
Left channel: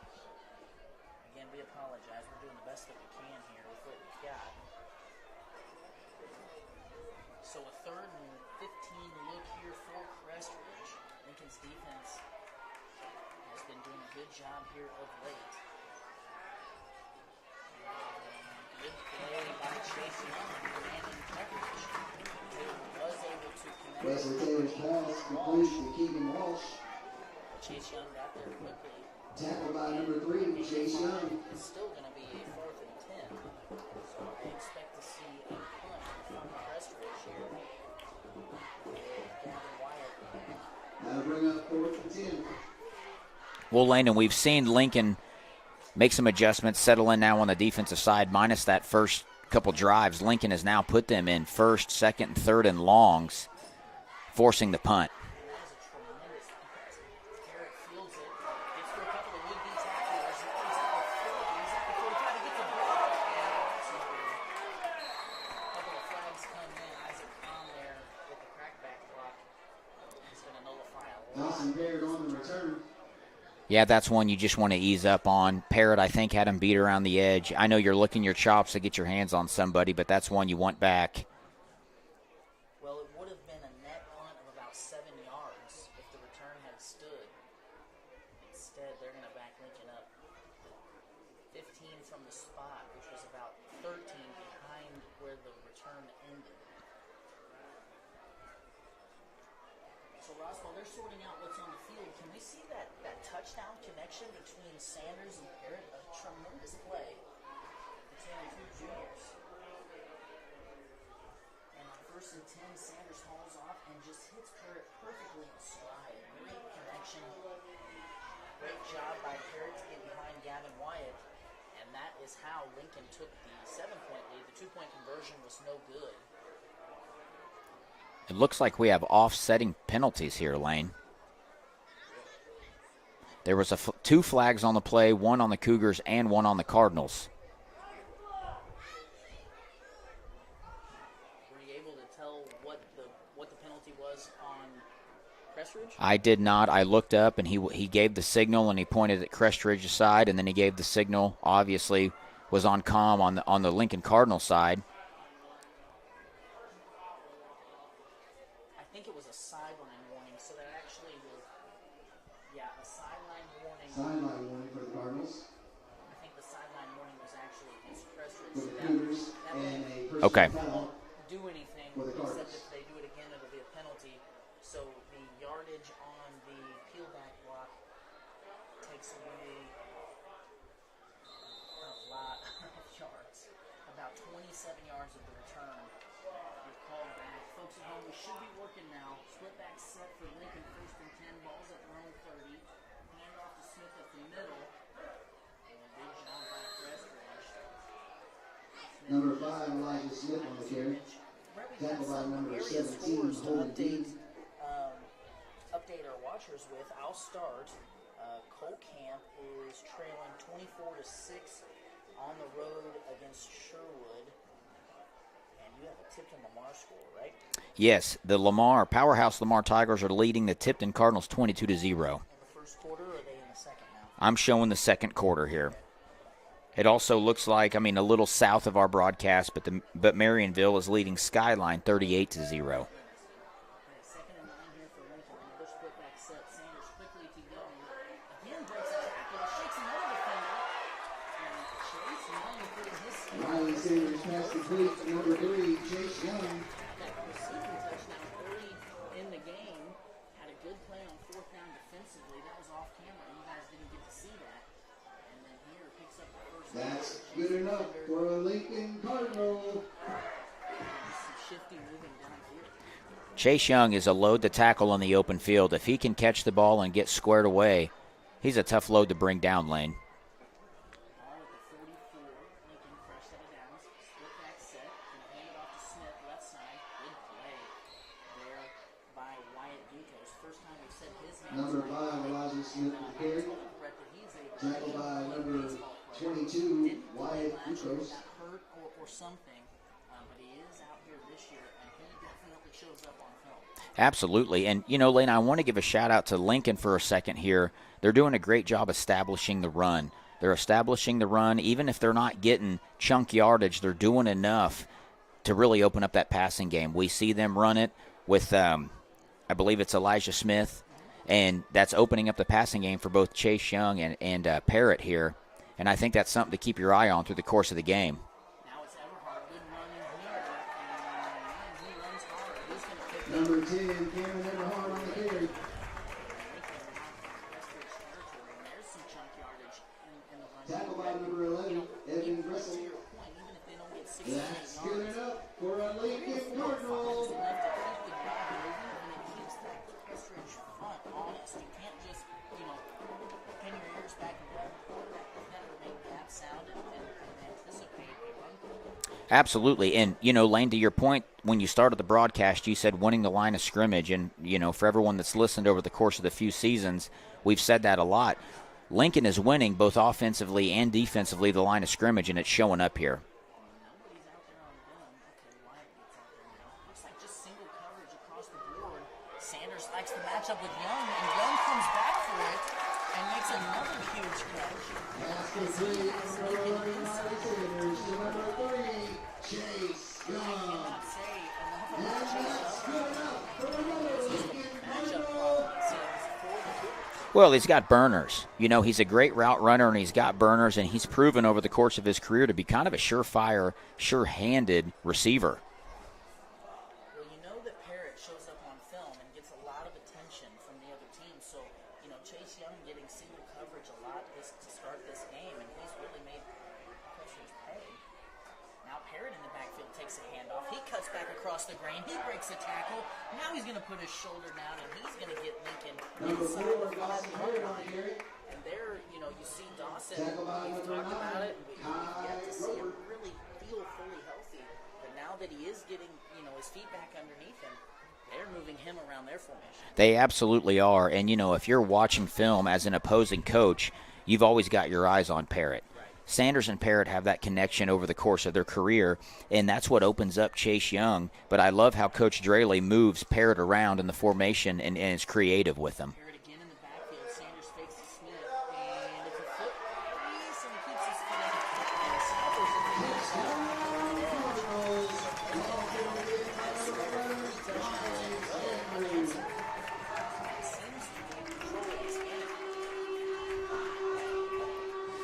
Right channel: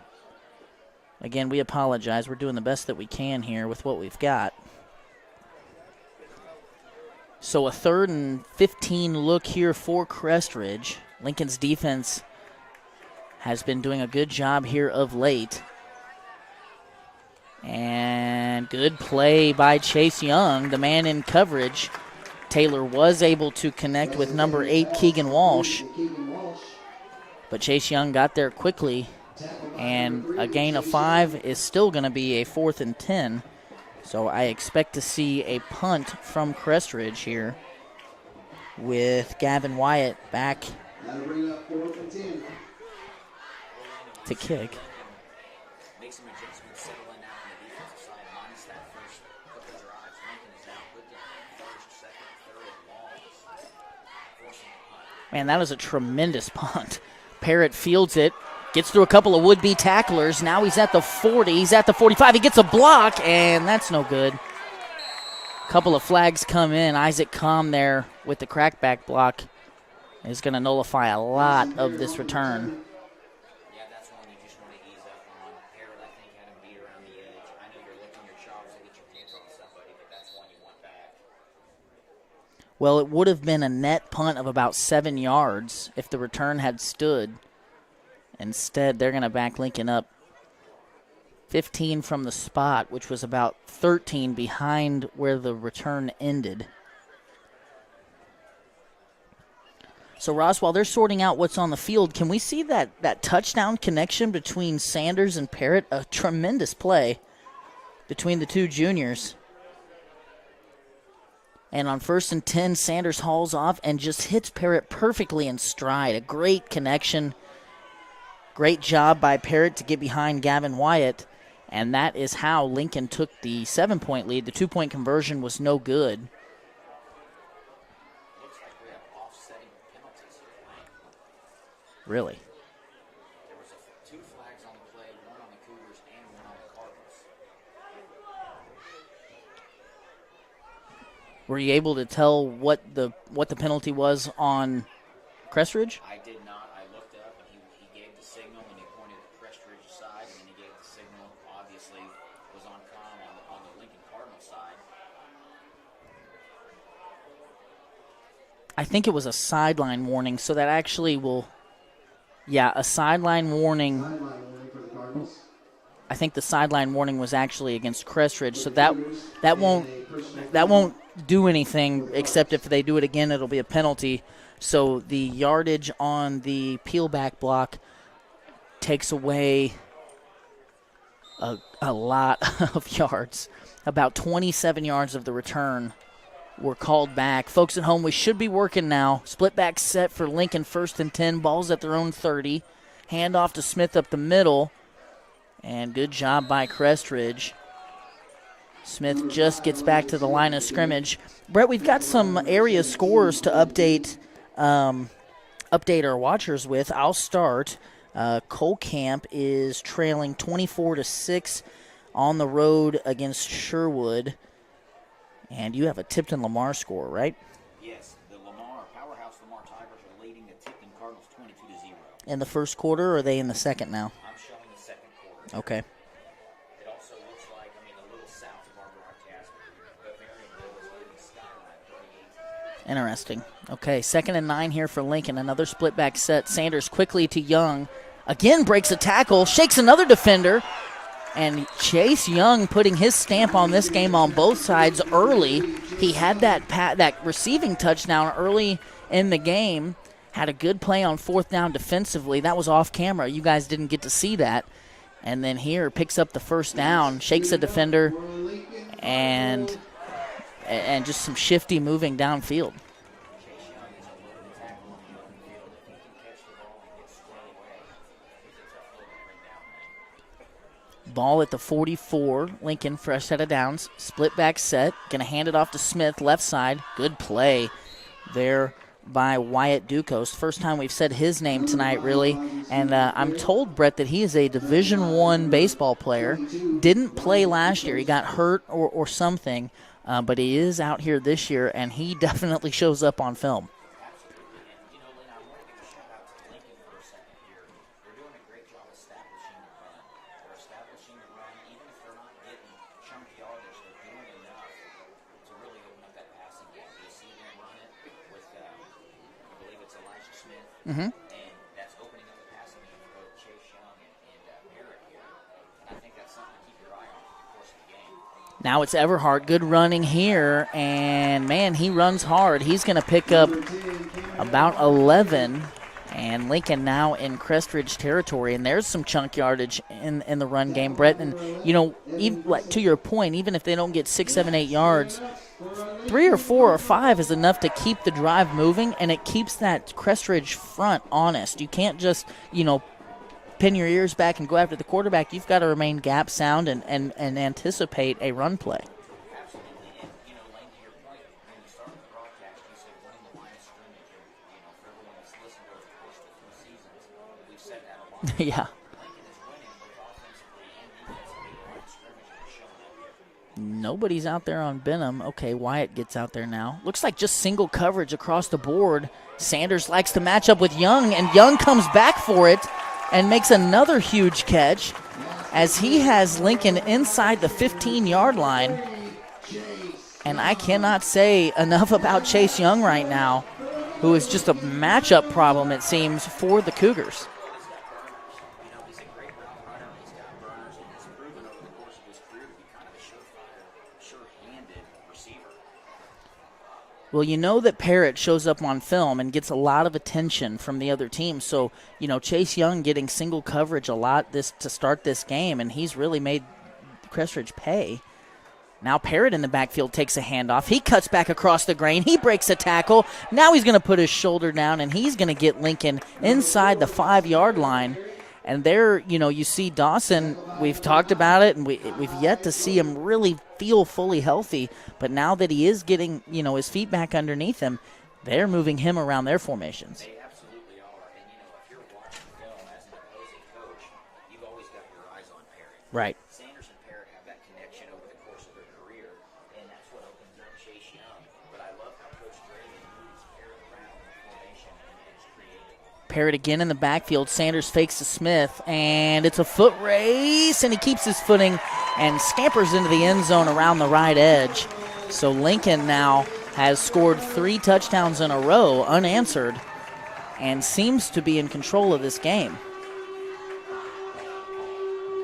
Again, we apologize. We're doing the best that we can here with what we've got. So a 3rd and 15 look here for Crest Ridge. Lincoln's defense has been doing a good job here of late. And good play by Chase Young, the man in coverage. Taylor was able to connect with number 8, Keegan Walsh. But Chase Young got there quickly. And a gain of 5 is still going to be a 4th and 10. So I expect to see a punt from Crest Ridge here with Gavin Wyatt back. Well, Landon, we've seen Lincoln make some adjustments, settle in now on the defensive side, minus that first couple drives. Lincoln has now put them in 1st, 2nd, and 3rd and longs, forcing the punt. Man, that was a tremendous punt. Parrott fields it. Gets through a couple of would-be tacklers. Now he's at the 40. He's at the 45. He gets a block, and that's no good. A couple of flags come in. Isaac Comm there with the crackback block is going to nullify a lot of this return. Yeah, that's one you just want to ease up on. Parrott, I think, had him beat around the edge. I know you're licking your chops to get your hands on somebody, but that's one you want back. Well, it would have been a net punt of about 7 yards if the return had stood. Instead, they're going to back Lincoln up 15 from the spot, which was about 13 behind where the return ended. So, Ross, while they're sorting out what's on the field, can we see that touchdown connection between Sanders and Parrott? A tremendous play between the two juniors. And on 1st and 10, Sanders hauls off and just hits Parrott perfectly in stride. A great connection. Great job by Parrott to get behind Gavin Wyatt, and that is how Lincoln took the 7-point lead. The 2-point conversion was no good. It looks like we have offsetting penalties here, Lane. Really? There was 2 flags on the play, 1 on the Cougars and 1 on the Cardinals. Were you able to tell what the penalty was on Crest Ridge? I did not. I looked up, and he gave the signal, and he pointed at Crest Ridge's side, and then he gave the signal, obviously, was on comm on the Lincoln Cardinal side. I think it was a sideline warning, so that actually will, a sideline warning. Sideline warning for the Cardinals. I think the sideline warning was actually against Crest Ridge, so that won't Okay. that won't do anything except if they do it again, it'll be a penalty. So the yardage on the peel back block takes away a lot of yards. About 27 yards of the return were called back. Folks at home, we should be working now. Split back set for Lincoln, 1st and 10. Ball's at their own 30. Hand off to Smith up the middle. And good job by Crest Ridge. Smith just gets back to the line of scrimmage. Brett, we've got some area scores to update our watchers with. I'll start. Cole Camp is trailing 24-6 on the road against Sherwood. And you have a Tipton Lamar score, right? Yes, the Powerhouse Lamar Tigers are leading the Tipton Cardinals 22-0. In the first quarter, or are they in the second now? I'm showing the second quarter here. Okay. It also looks like, a little south of our broadcast, but Marionville is leading Skyline 38-0. Interesting. Okay, 2nd and 9 here for Lincoln. Another split back set. Sanders quickly to Young. Again breaks a tackle, shakes another defender. And Chase Young putting his stamp on this game on both sides early. He had that receiving touchdown early in the game. Had a good play on 4th down defensively. That was off camera. You guys didn't get to see that. And then here picks up the 1st down, shakes a defender, and and just some shifty moving downfield. Chase Young is a load to tackle on the open field. If he can catch the ball and get squared away, he's a tough load to bring down, Lane. Ball at the 44. Lincoln, fresh set of downs. Split back set. Going to hand it off to Smith, left side. Good play there by Wyatt Ducos. First time we've said his name tonight, really. And I'm told, Brett, that he is a Division I baseball player. Didn't play last year. He got hurt or something. But he is out here this year, and he definitely shows up on film. Absolutely. And, Lane, I want to give a shout-out to Lincoln for a second here. They're doing a great job establishing the run. They're establishing the run. Even if they're not getting chunk yardage, they're doing enough to really open up that passing game. We see them run it with, I believe it's Elijah Smith, and that's opening up the passing game for both Chase Young and Parrott here. And I think that's something to keep your eye on through the course of the game. Now it's Everhart. Good running here, and, man, he runs hard. He's going to pick up about 11. And Lincoln now in Crest Ridge territory, and there's some chunk yardage in the run game, Brett. And, even, to your point, even if they don't get 6, 7, 8 yards, 3 or 4 or 5 is enough to keep the drive moving, and it keeps that Crest Ridge front honest. You can't just, pin your ears back and go after the quarterback. You've got to remain gap sound and anticipate a run play. Absolutely. And, Lane, to your point, when you started the broadcast, you said winning the line of scrimmage. And, for everyone that's listened over the course of the few seasons, we've said that a lot. Yeah. Lincoln is winning both offensively and defensively the line of scrimmage, and it's showing up here. Nobody's out there on Benham. Okay, Wyatt gets out there now. Looks like just single coverage across the board. Sanders likes to match up with Young, and Young comes back for it and makes another huge catch as he has Lincoln inside the 15-yard line. And I cannot say enough about Chase Young right now, who is just a matchup problem, it seems, for the Cougars. Well, he's got burners. He's a great route runner, and he's got burners, and he's proven over the course of his career to be kind of a surefire, sure-handed receiver. Well, that Parrott shows up on film and gets a lot of attention from the other team. So, Chase Young getting single coverage a lot to start this game, and he's really made Crest Ridge pay. Now Parrott in the backfield takes a handoff. He cuts back across the grain. He breaks a tackle. Now he's going to put his shoulder down, and he's going to get Lincoln inside the 5-yard line. And there, you see Dawson. We've talked about it, and we've yet to see him really feel fully healthy. But now that he is getting, his feet back underneath him, they're moving him around their formations. They absolutely are. And, if you're watching film as an opposing coach, you've always got your eyes on Parrott. Right. Sanders and Parrott have that connection over the course of their career, and that's what opens up Chase Young. But I love how Coach Draley moves Parrott around in the formation and is creative with them. Parrott again in the backfield. Sanders fakes to Smith, and it's a foot race, and he keeps his footing and scampers into the end zone around the right edge. So Lincoln now has scored 3 touchdowns in a row unanswered and seems to be in control of this game.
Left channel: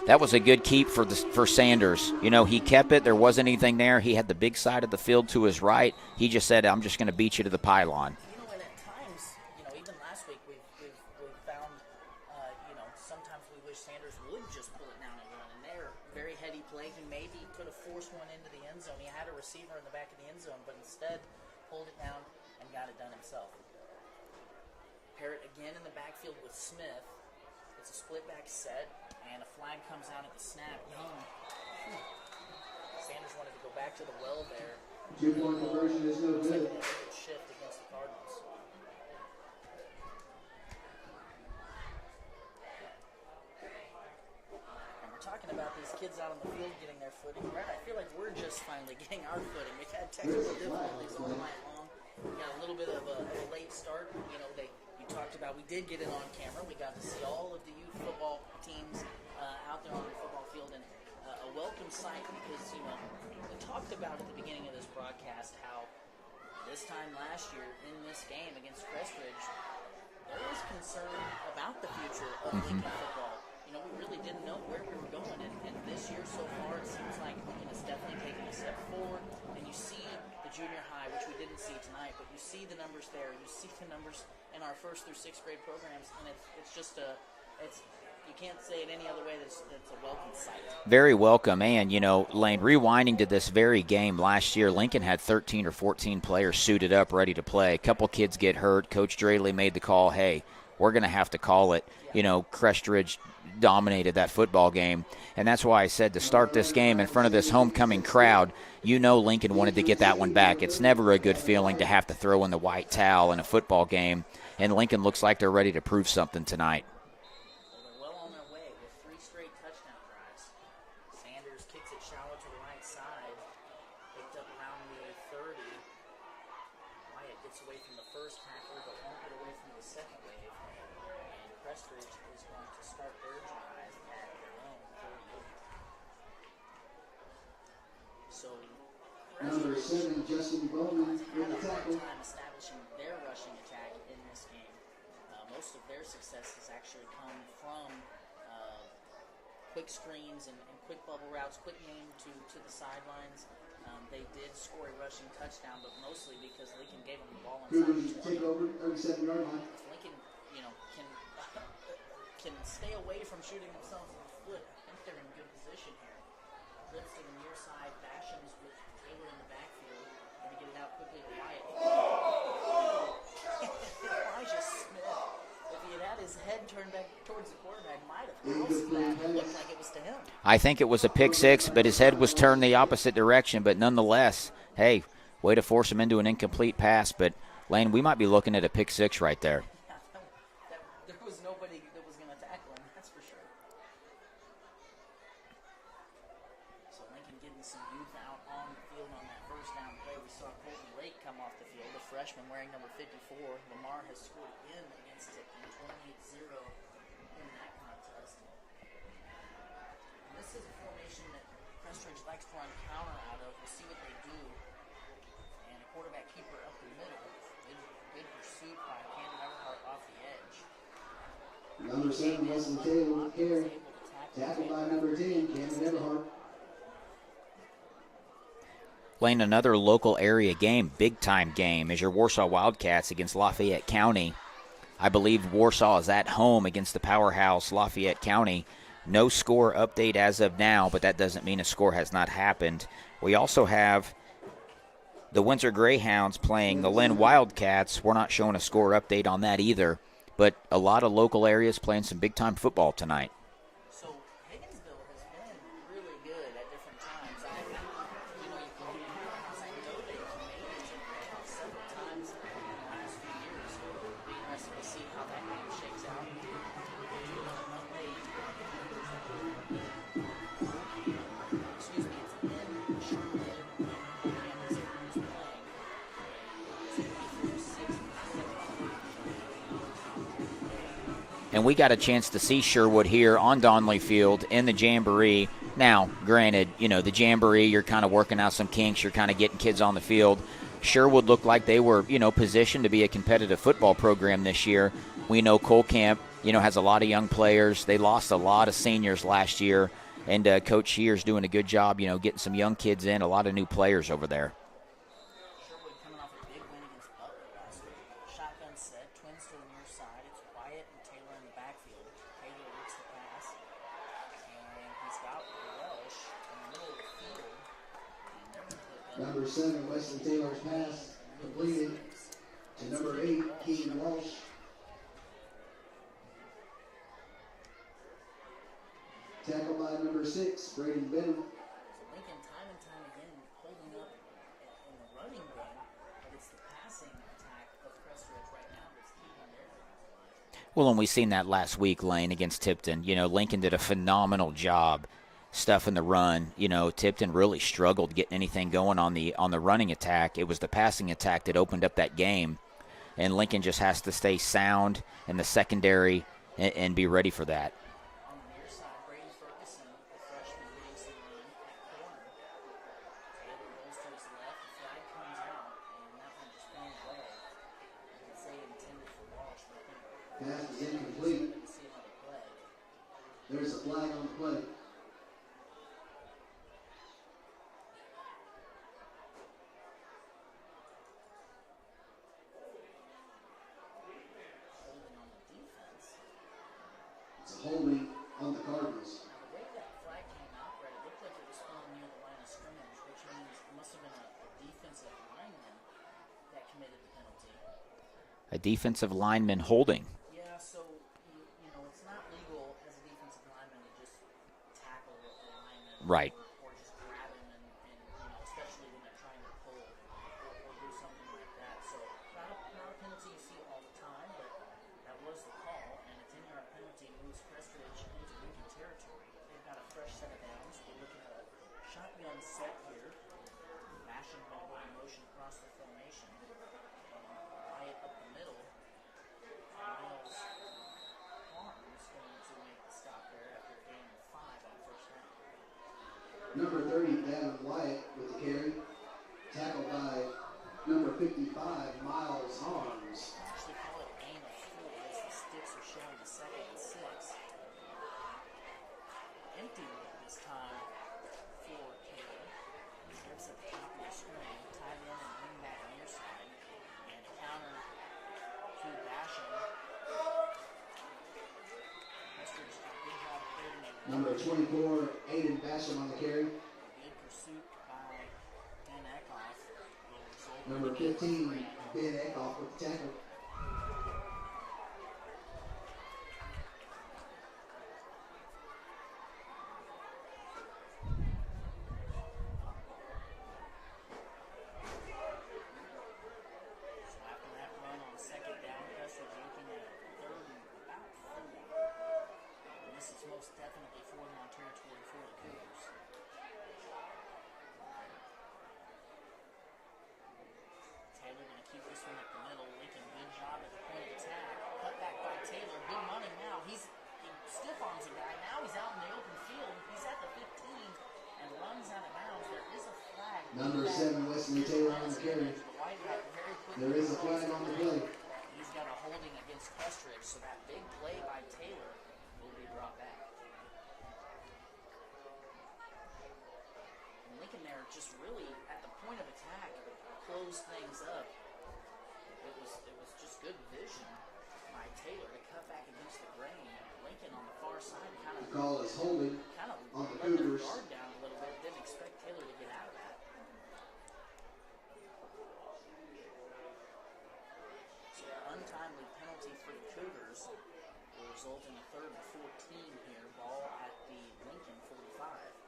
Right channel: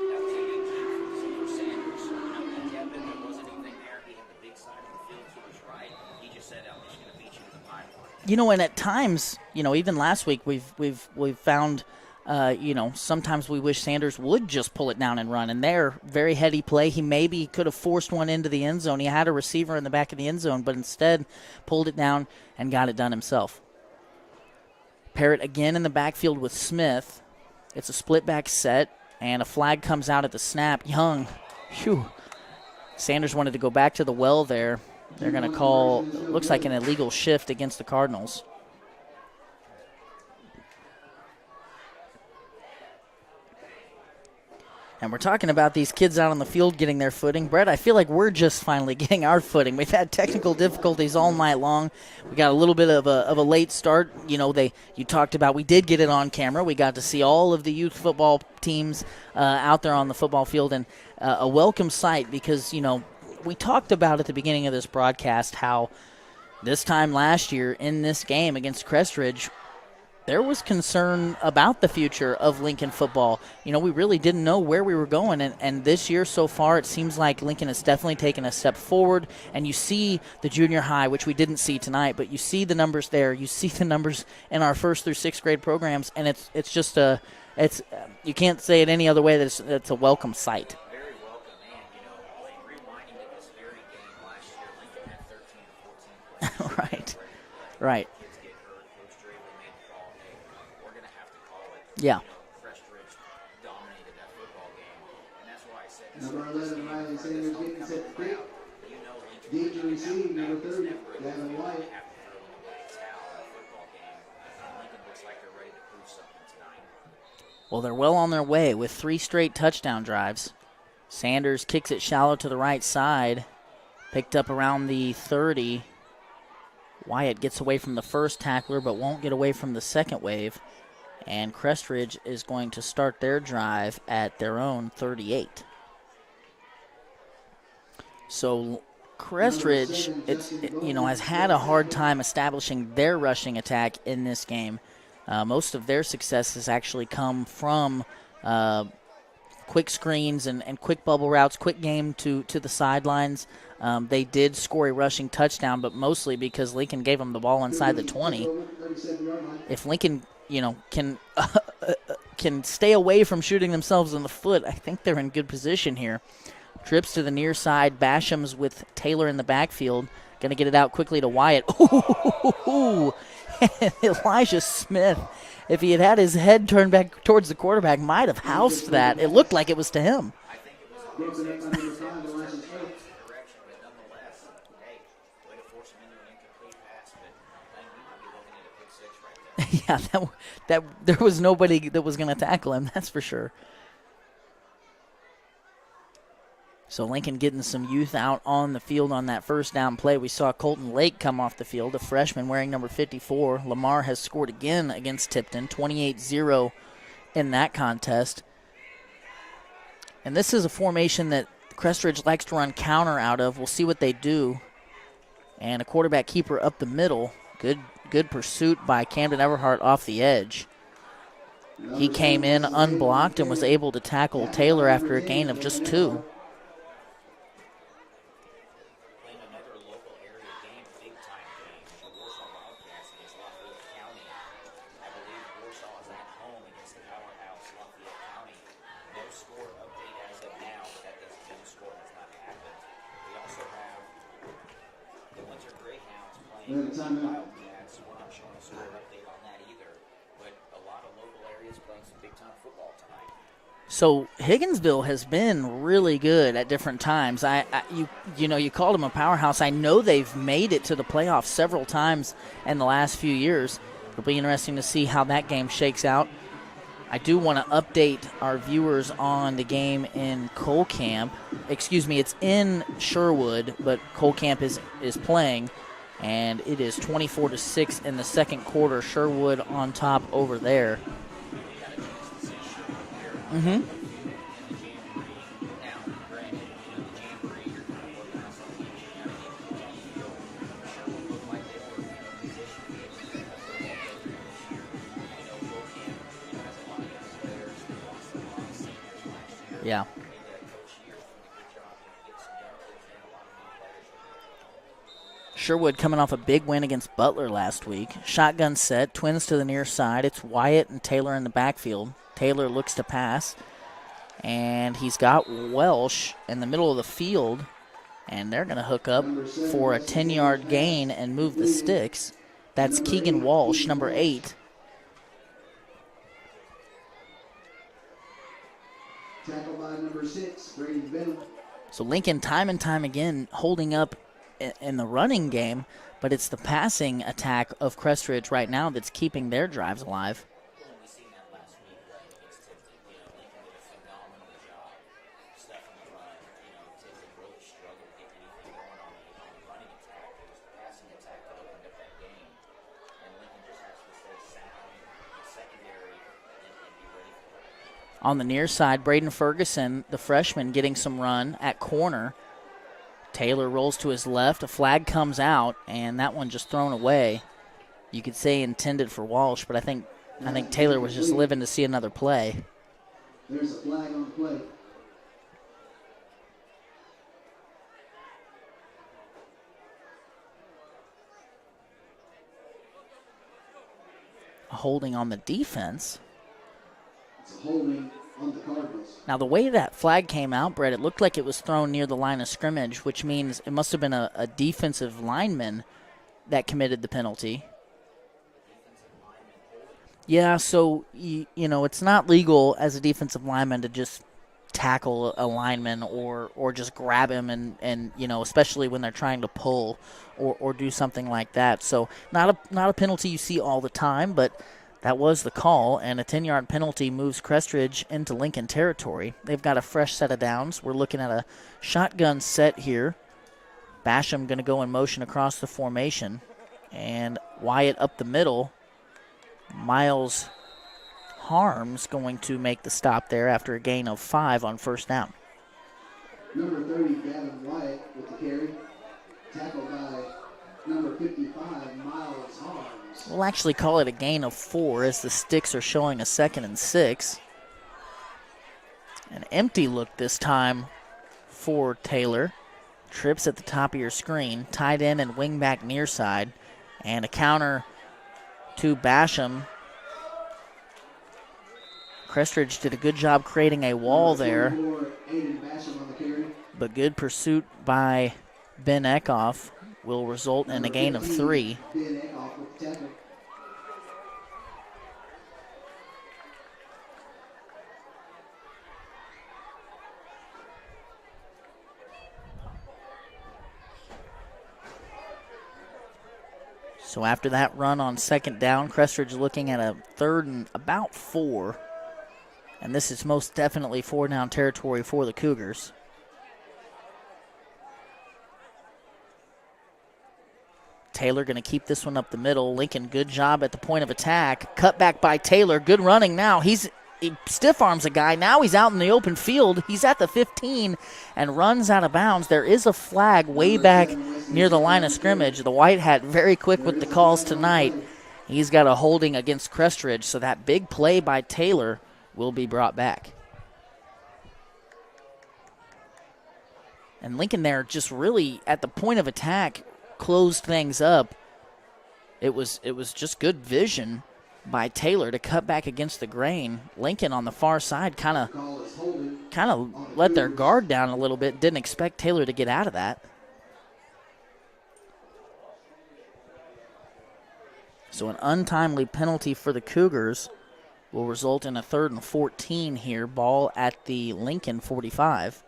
That was a good keep for Sanders. He kept it. There wasn't anything there. He had the big side of the field to his right. He just said, "I'm just going to beat you to the pylon." And at times, even last week, we've found, sometimes we wish Sanders would just pull it down and run. And there, very heady play. He maybe could have forced one into the end zone. He had a receiver in the back of the end zone, but instead pulled it down and got it done himself. Parrott again in the backfield with Smith. It's a split back set. And a flag comes out at the snap. Young, Sanders wanted to go back to the well there. They're going to call, looks like an illegal shift against the Cardinals. And we're talking about these kids out on the field getting their footing. Brett, I feel like we're just finally getting our footing. We've had technical difficulties all night long. We got a little bit of a late start. You talked about, we did get it on camera. We got to see all of the youth football teams out there on the football field, and a welcome sight because, we talked about at the beginning of this broadcast how this time last year in this game against Crest Ridge, there was concern about the future of Lincoln football. We really didn't know where we were going, and this year so far it seems like Lincoln has definitely taken a step forward, and you see the junior high, which we didn't see tonight, but you see the numbers there. You see the numbers in our 1st through 6th grade programs, and it's you can't say it any other way that it's a welcome sight. Very welcome. And, Lane, rewinding to this very game last year, Lincoln had 13 or 14 players suited up, ready to play. A couple kids get hurt. Coach Draley made the call, hey, we're going to have to call it. Yeah. Crest Ridge dominated that football game. And that's why I said to start this game in front of this homecoming crowd, Lincoln wanted to get that one back. It's never a good feeling to have to throw in the white towel in a football game. And Lincoln looks like they're ready to prove something tonight. Well, they're well on their way with 3 straight touchdown drives. Sanders kicks it shallow to the right side, picked up around the 30. Wyatt gets away from the first tackler but won't get away from the second wave. And Crest Ridge is going to start their drive at their own 38. So Crest Ridge, has had a hard time establishing their rushing attack in this game. Most of their success has actually come from quick screens and quick bubble routes, quick game to the sidelines. They did score a rushing touchdown, but mostly because Lincoln gave them the ball inside the 20. If Lincoln, can stay away from shooting themselves in the foot, I think they're in good position here. Trips to the near side, Basham's with Taylor in the backfield. Going to get it out quickly to Wyatt. Ooh. Elijah Smith, if he had his head turned back towards the quarterback, might have housed that. It looked like it was to him. I think it was a pick six, but his head was turned the opposite direction. But nonetheless, hey, way to force him into an incomplete pass. But, Lane, we might be looking at a pick six right there. Yeah, that there was nobody that was going to tackle him, that's for sure. So Lincoln getting some youth out on the field on that first down play. We saw Colton Lake come off the field, a freshman wearing number 54. Lamar has scored again against Tipton, 28-0 in that contest. And this is a formation that Crest Ridge likes to run counter out of. We'll see what they do. And a quarterback keeper up the middle. Good pursuit by Camden Everhart off the edge. He came in unblocked and was able to tackle Taylor after a gain of just 2. Lane, another local area game, big-time game, is your Warsaw Wildcats against Lafayette County. I believe Warsaw is at home against the powerhouse Lafayette County. No score update as of now, but that doesn't mean a score has not happened. We also have the Windsor Greyhounds playing the Lynn Wildcats. We're not showing a score update on that either, but a lot of local areas playing some big-time football tonight. So Higginsville has been really good at different times. You called them a powerhouse. I know they've made it to the playoffs several times in the last few years. It'll be interesting to see how that game shakes out. I do want to update our viewers on the game in Colcamp. Excuse me, it's in Sherwood, but Colcamp is playing, and it is 24-6 in the second quarter. Sherwood on top over there. And we got a chance to see Sherwood here on Donley Field in the Jamboree. Now, granted, the Jamboree, you're kind of working out some kinks. You're kind of getting kids on the field. Sherwood looked like they were, positioned to be a competitive football program this year. We know Colcamp, has a lot of young players. They lost a lot of seniors last year. Yeah. And Coach Shear's doing a good job, getting some young kids in, a lot of new players over there. Sherwood coming off a big win against Butler last week. Shotgun set, twins to the near side. It's Wyatt and Taylor in the backfield. Taylor looks to pass, and he's got Welsh in the middle of the field, and they're going to hook up for a 10-yard gain and move the sticks. That's Keegan Walsh, number 8. Tackled by number 6, Braden Benham. So Lincoln time and time again holding up in the running game, but it's the passing attack of Crest Ridge right now that's keeping their drives alive. Well, and we seen that last week, Lane, against Tipton. Lincoln did a phenomenal job stuffing the run. Tipton really struggled getting anything going on the running attack. It was the passing attack that opened up that game, and Lincoln just has to stay sound in the secondary and be ready for that. On the near side, Braden Ferguson, the freshman, getting some run at corner. Taylor rolls to his left. A flag comes out, and that one just thrown away. You could say intended for Walsh, but I think Taylor was just living to see another play. There's a flag on the play. Holding on the defense. It's a holding on the Cardinals. Now, the way that flag came out, Brett, it looked like it was thrown near the line of scrimmage, which means it must have been a defensive lineman that committed the penalty. A defensive lineman holding. Yeah, so, you know, it's not legal as a defensive lineman to just tackle a lineman Right. or just grab him and, you know, especially when they're trying to pull or do something like that. So not a penalty you see all the time, but that was the call, and a 10-yard penalty moves Crest Ridge into Lincoln territory. They've got a fresh set of downs. We're looking at a shotgun set here. Basham going to go in motion across the formation. And Wyatt up the middle. Miles Harms going to make the stop there after a gain of 5 on first down. Number 30, Gavin Wyatt with the carry. Tackled by number 55, Miles Harms. We'll actually call it a gain of 4 as the sticks are showing a 2nd and 6. An empty look this time for Taylor. Trips at the top of your screen. Tight end and wing back near side. And a counter to Basham. Crest Ridge did a good job creating a wall there. Aiden Basham on the carry. But good pursuit by Ben Eckhoff will result in a gain of 3. Ben Eckhoff with the tackle. So after that run on second down, Crest Ridge looking at a 3rd and about 4. And this is most definitely 4-down territory for the Cougars. Taylor going to keep this one up the middle. Lincoln, good job at the point of attack. Cut back by Taylor. Good running now. He stiff arms a guy. Now he's out in the open field. He's at the 15 and runs out of bounds. There is a flag way back near the line of scrimmage. The White Hat very quick with the calls tonight. He's got a holding against Crest Ridge, so that big play by Taylor will be brought back. And Lincoln there just really at the point of attack closed things up. It was just good vision by Taylor to cut back against the grain. Lincoln on the far side kind of let their guard down a little bit. Didn't expect Taylor to get out of that. So an untimely penalty for the Cougars will result in a 3rd and 14 here. Ball at the Lincoln 45.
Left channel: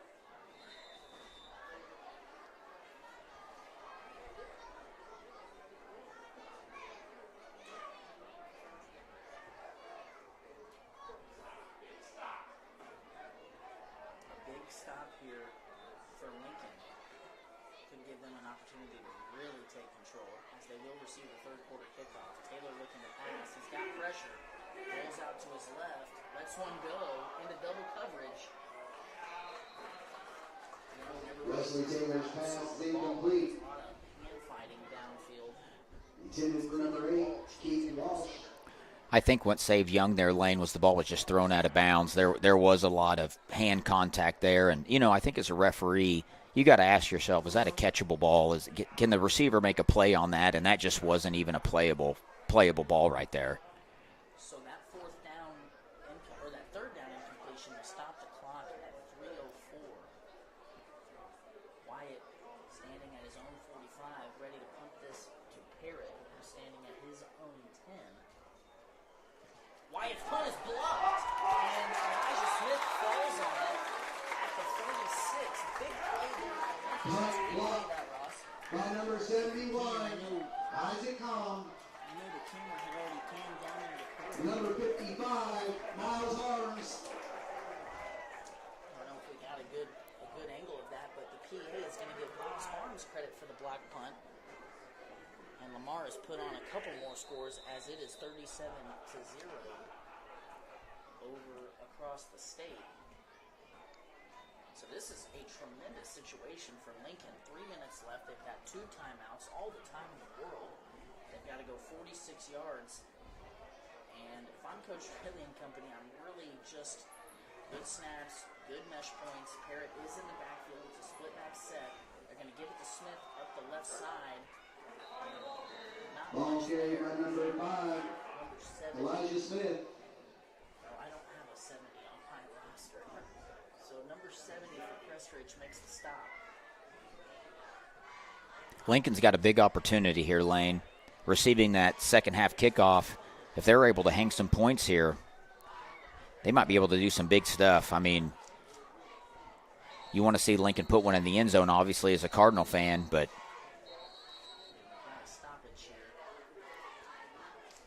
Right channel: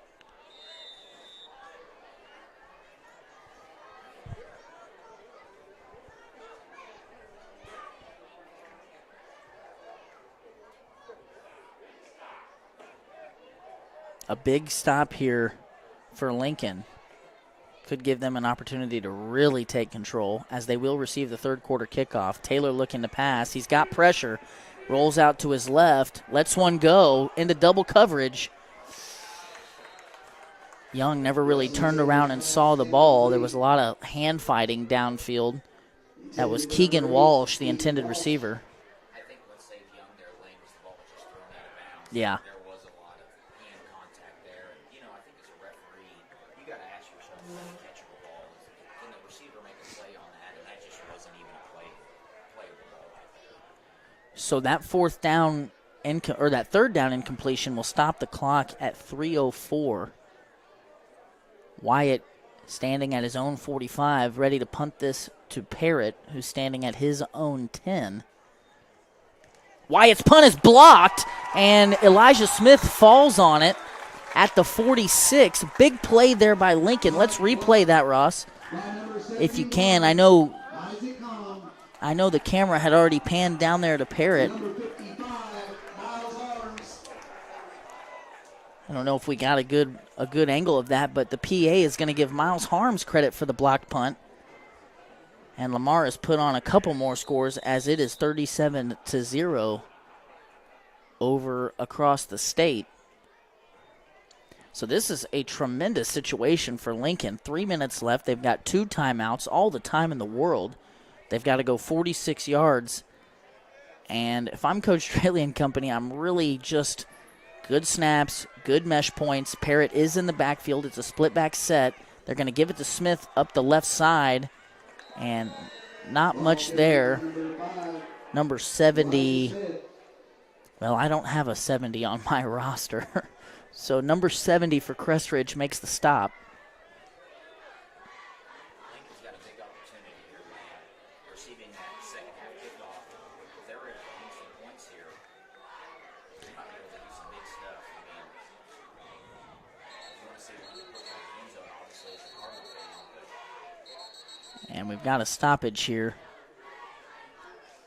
A big stop here for Lincoln could give them an opportunity to really take control as they will receive the 3rd quarter kickoff. Taylor looking to pass. He's got pressure. Rolls out to his left. Lets one go into double coverage. Young never really turned around and saw the ball. There was a lot of hand fighting downfield. That was Keegan Walsh, the intended receiver. I think what saved Young there, Lane, was the ball was just thrown out of bounds. Yeah. There was a lot of hand contact there. And, you know, I think as a referee, you got to ask yourself, is that a catchable ball? Can the receiver make a play on that? And that just wasn't even a playable ball right there. So that 3rd down incompletion will stop the clock at 3:04. Wyatt standing at his own 45, ready to punt this to Parrott, who's standing at his own 10. Wyatt's punt is blocked, and Elijah Smith falls on it at the 46. Big play there by Lincoln. Let's replay that, Ross, if you can. I know the camera had already panned down there to Parrott. I don't know if we got a good angle of that, but the PA is going to give Miles Harms credit for the blocked punt. And Lamar has put on a couple more scores as it is 37-0 over across the state. So this is a tremendous situation for Lincoln. 3 minutes left. They've got 2 timeouts, all the time in the world. They've got to go 46 yards. And if I'm Coach Straley and company, I'm really just good snaps, good mesh points. Parrott is in the backfield. It's a split back set. They're going to give it to Smith up the left side. And not much there. Number 70, Well, I don't have a 70 on my roster. So number 70 for Crest Ridge makes the stop. Lincoln's got a big opportunity here, Lane, receiving that second half kickoff. If they're able to hang some points here, they might be able to do some big stuff. I mean, you want to see Lincoln put one in the end zone, obviously, as a Cardinal fan, but. And we've got a stoppage here.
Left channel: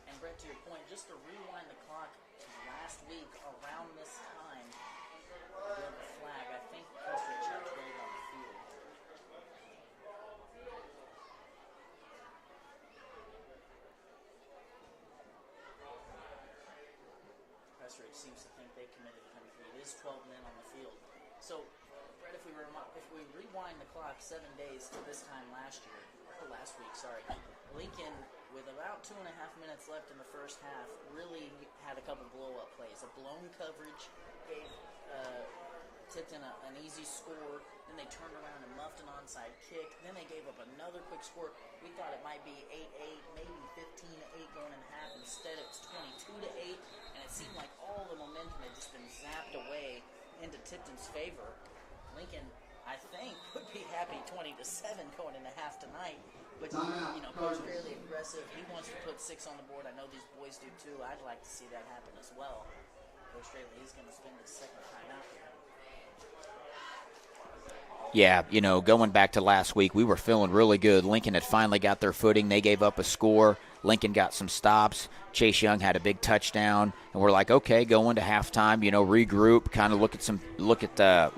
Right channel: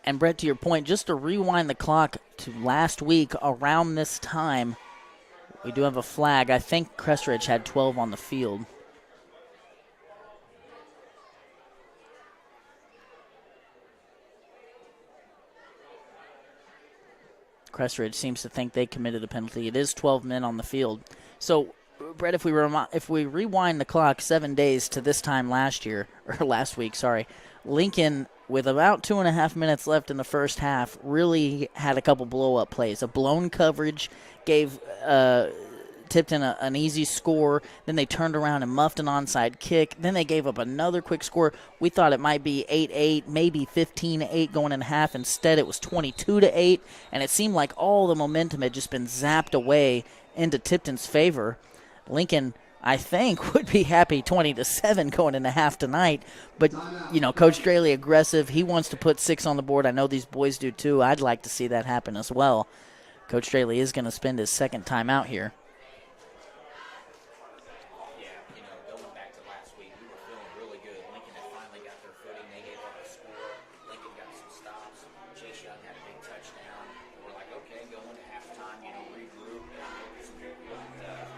And Brett, to your point, just to rewind the clock to last week around this time, we do have a flag. I think Crest Ridge had 12 on the field. Crest Ridge seems to think they committed a penalty. It is 12 men on the field. So, Brett, if we rewind the clock 7 days to this time last week, Lincoln, with about 2.5 minutes left in the first half, really had a couple blow-up plays. A blown coverage gave Tipton an easy score. Then they turned around and muffed an onside kick. Then they gave up another quick score. We thought it might be 8-8, maybe 15-8 going in half. Instead, it was 22-8, and it seemed like all the momentum had just been zapped away into Tipton's favor. Lincoln, I think, would be happy 20-7 going into half tonight. But, Coach Straley aggressive. He wants to put 6 on the board. I know these boys do too. I'd like to see that happen as well. Coach Straley is going to spend his second time out here. Yeah, going back to last week, we were feeling really good. Lincoln had finally got their footing. They gave up a score. Lincoln got some stops. Chase Young had a big touchdown, and we're like, okay, go into halftime, regroup, kind of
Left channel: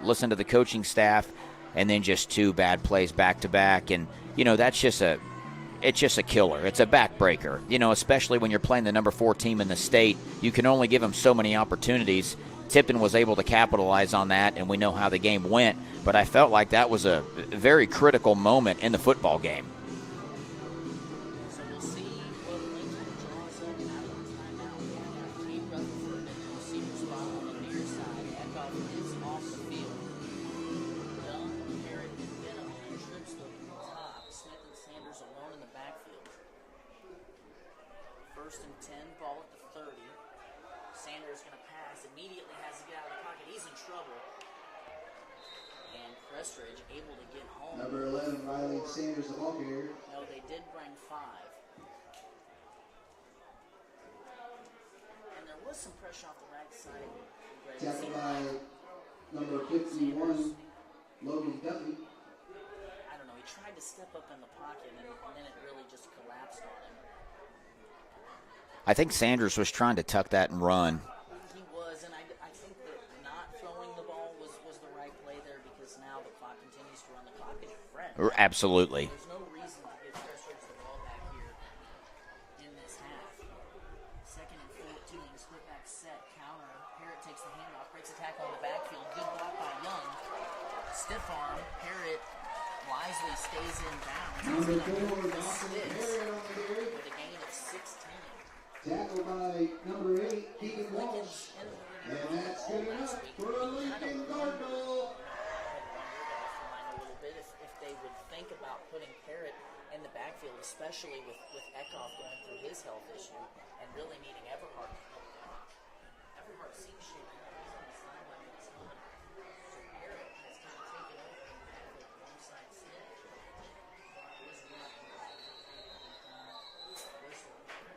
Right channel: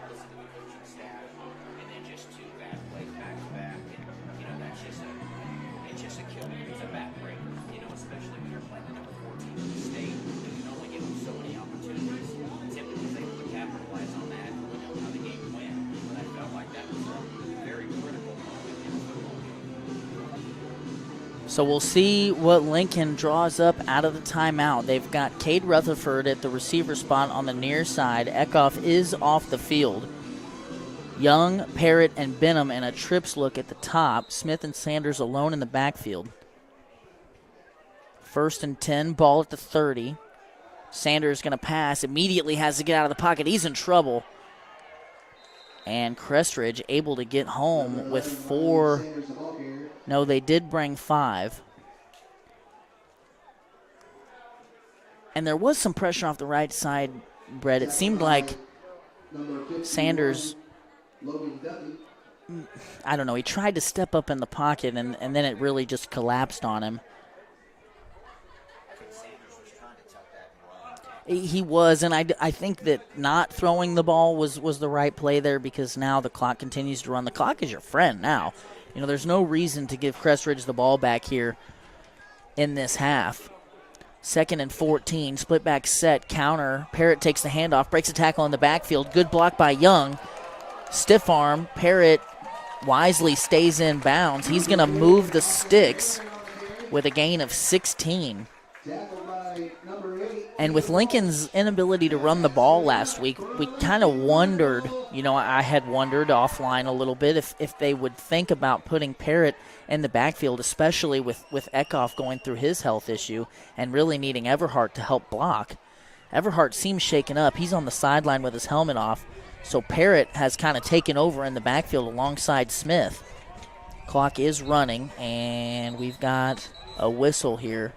listen to the coaching staff, and then just 2 bad plays back to back, and that's just a killer. It's a backbreaker, especially when you're playing the number 4 team in the state. You can only give them so many opportunities. Tipton was able to capitalize on that, and we know how the game went, but I felt like that was a very critical moment in the football game. So we'll see what Lincoln draws up out of the timeout. They've got Cade Rutherford at the receiver spot on the near side. Eckhoff is off the field. Young, Parrott, and Benham in a trips look at the top. Smith and Sanders alone in the backfield. 1st and 10, ball at the 30. Sanders going to pass, immediately has to get out of the pocket. He's in trouble. And Crest Ridge able to get home with 4. No, they did bring 5. And there was some pressure off the right side, Brett. It seemed like Sanders, I don't know, he tried to step up in the pocket, and then it really just collapsed on him. I think Sanders was trying to tuck that and run. He was, and I think that not throwing the ball was the right play there, because now the clock continues to run. The clock is your friend now. Absolutely. There's no reason to give Crest Ridge the ball back here in this half. 2nd and 14, split back set, counter. Parrott takes the handoff, breaks a tackle in the backfield. Good block by Young. Stiff arm. Parrott wisely stays in bounds. He's going to move the sticks with a gain of 16. And with Lincoln's inability to run the ball last week, we kind of wondered, I had wondered offline a little bit if they would think about putting Parrott in the backfield, especially with Eckhoff going through his health issue and really needing Everhart to help block. Everhart seems shaken up. He's on the sideline with his helmet off, so Parrott has kind of taken over in the backfield alongside Smith. Clock is running, and we've got a whistle here.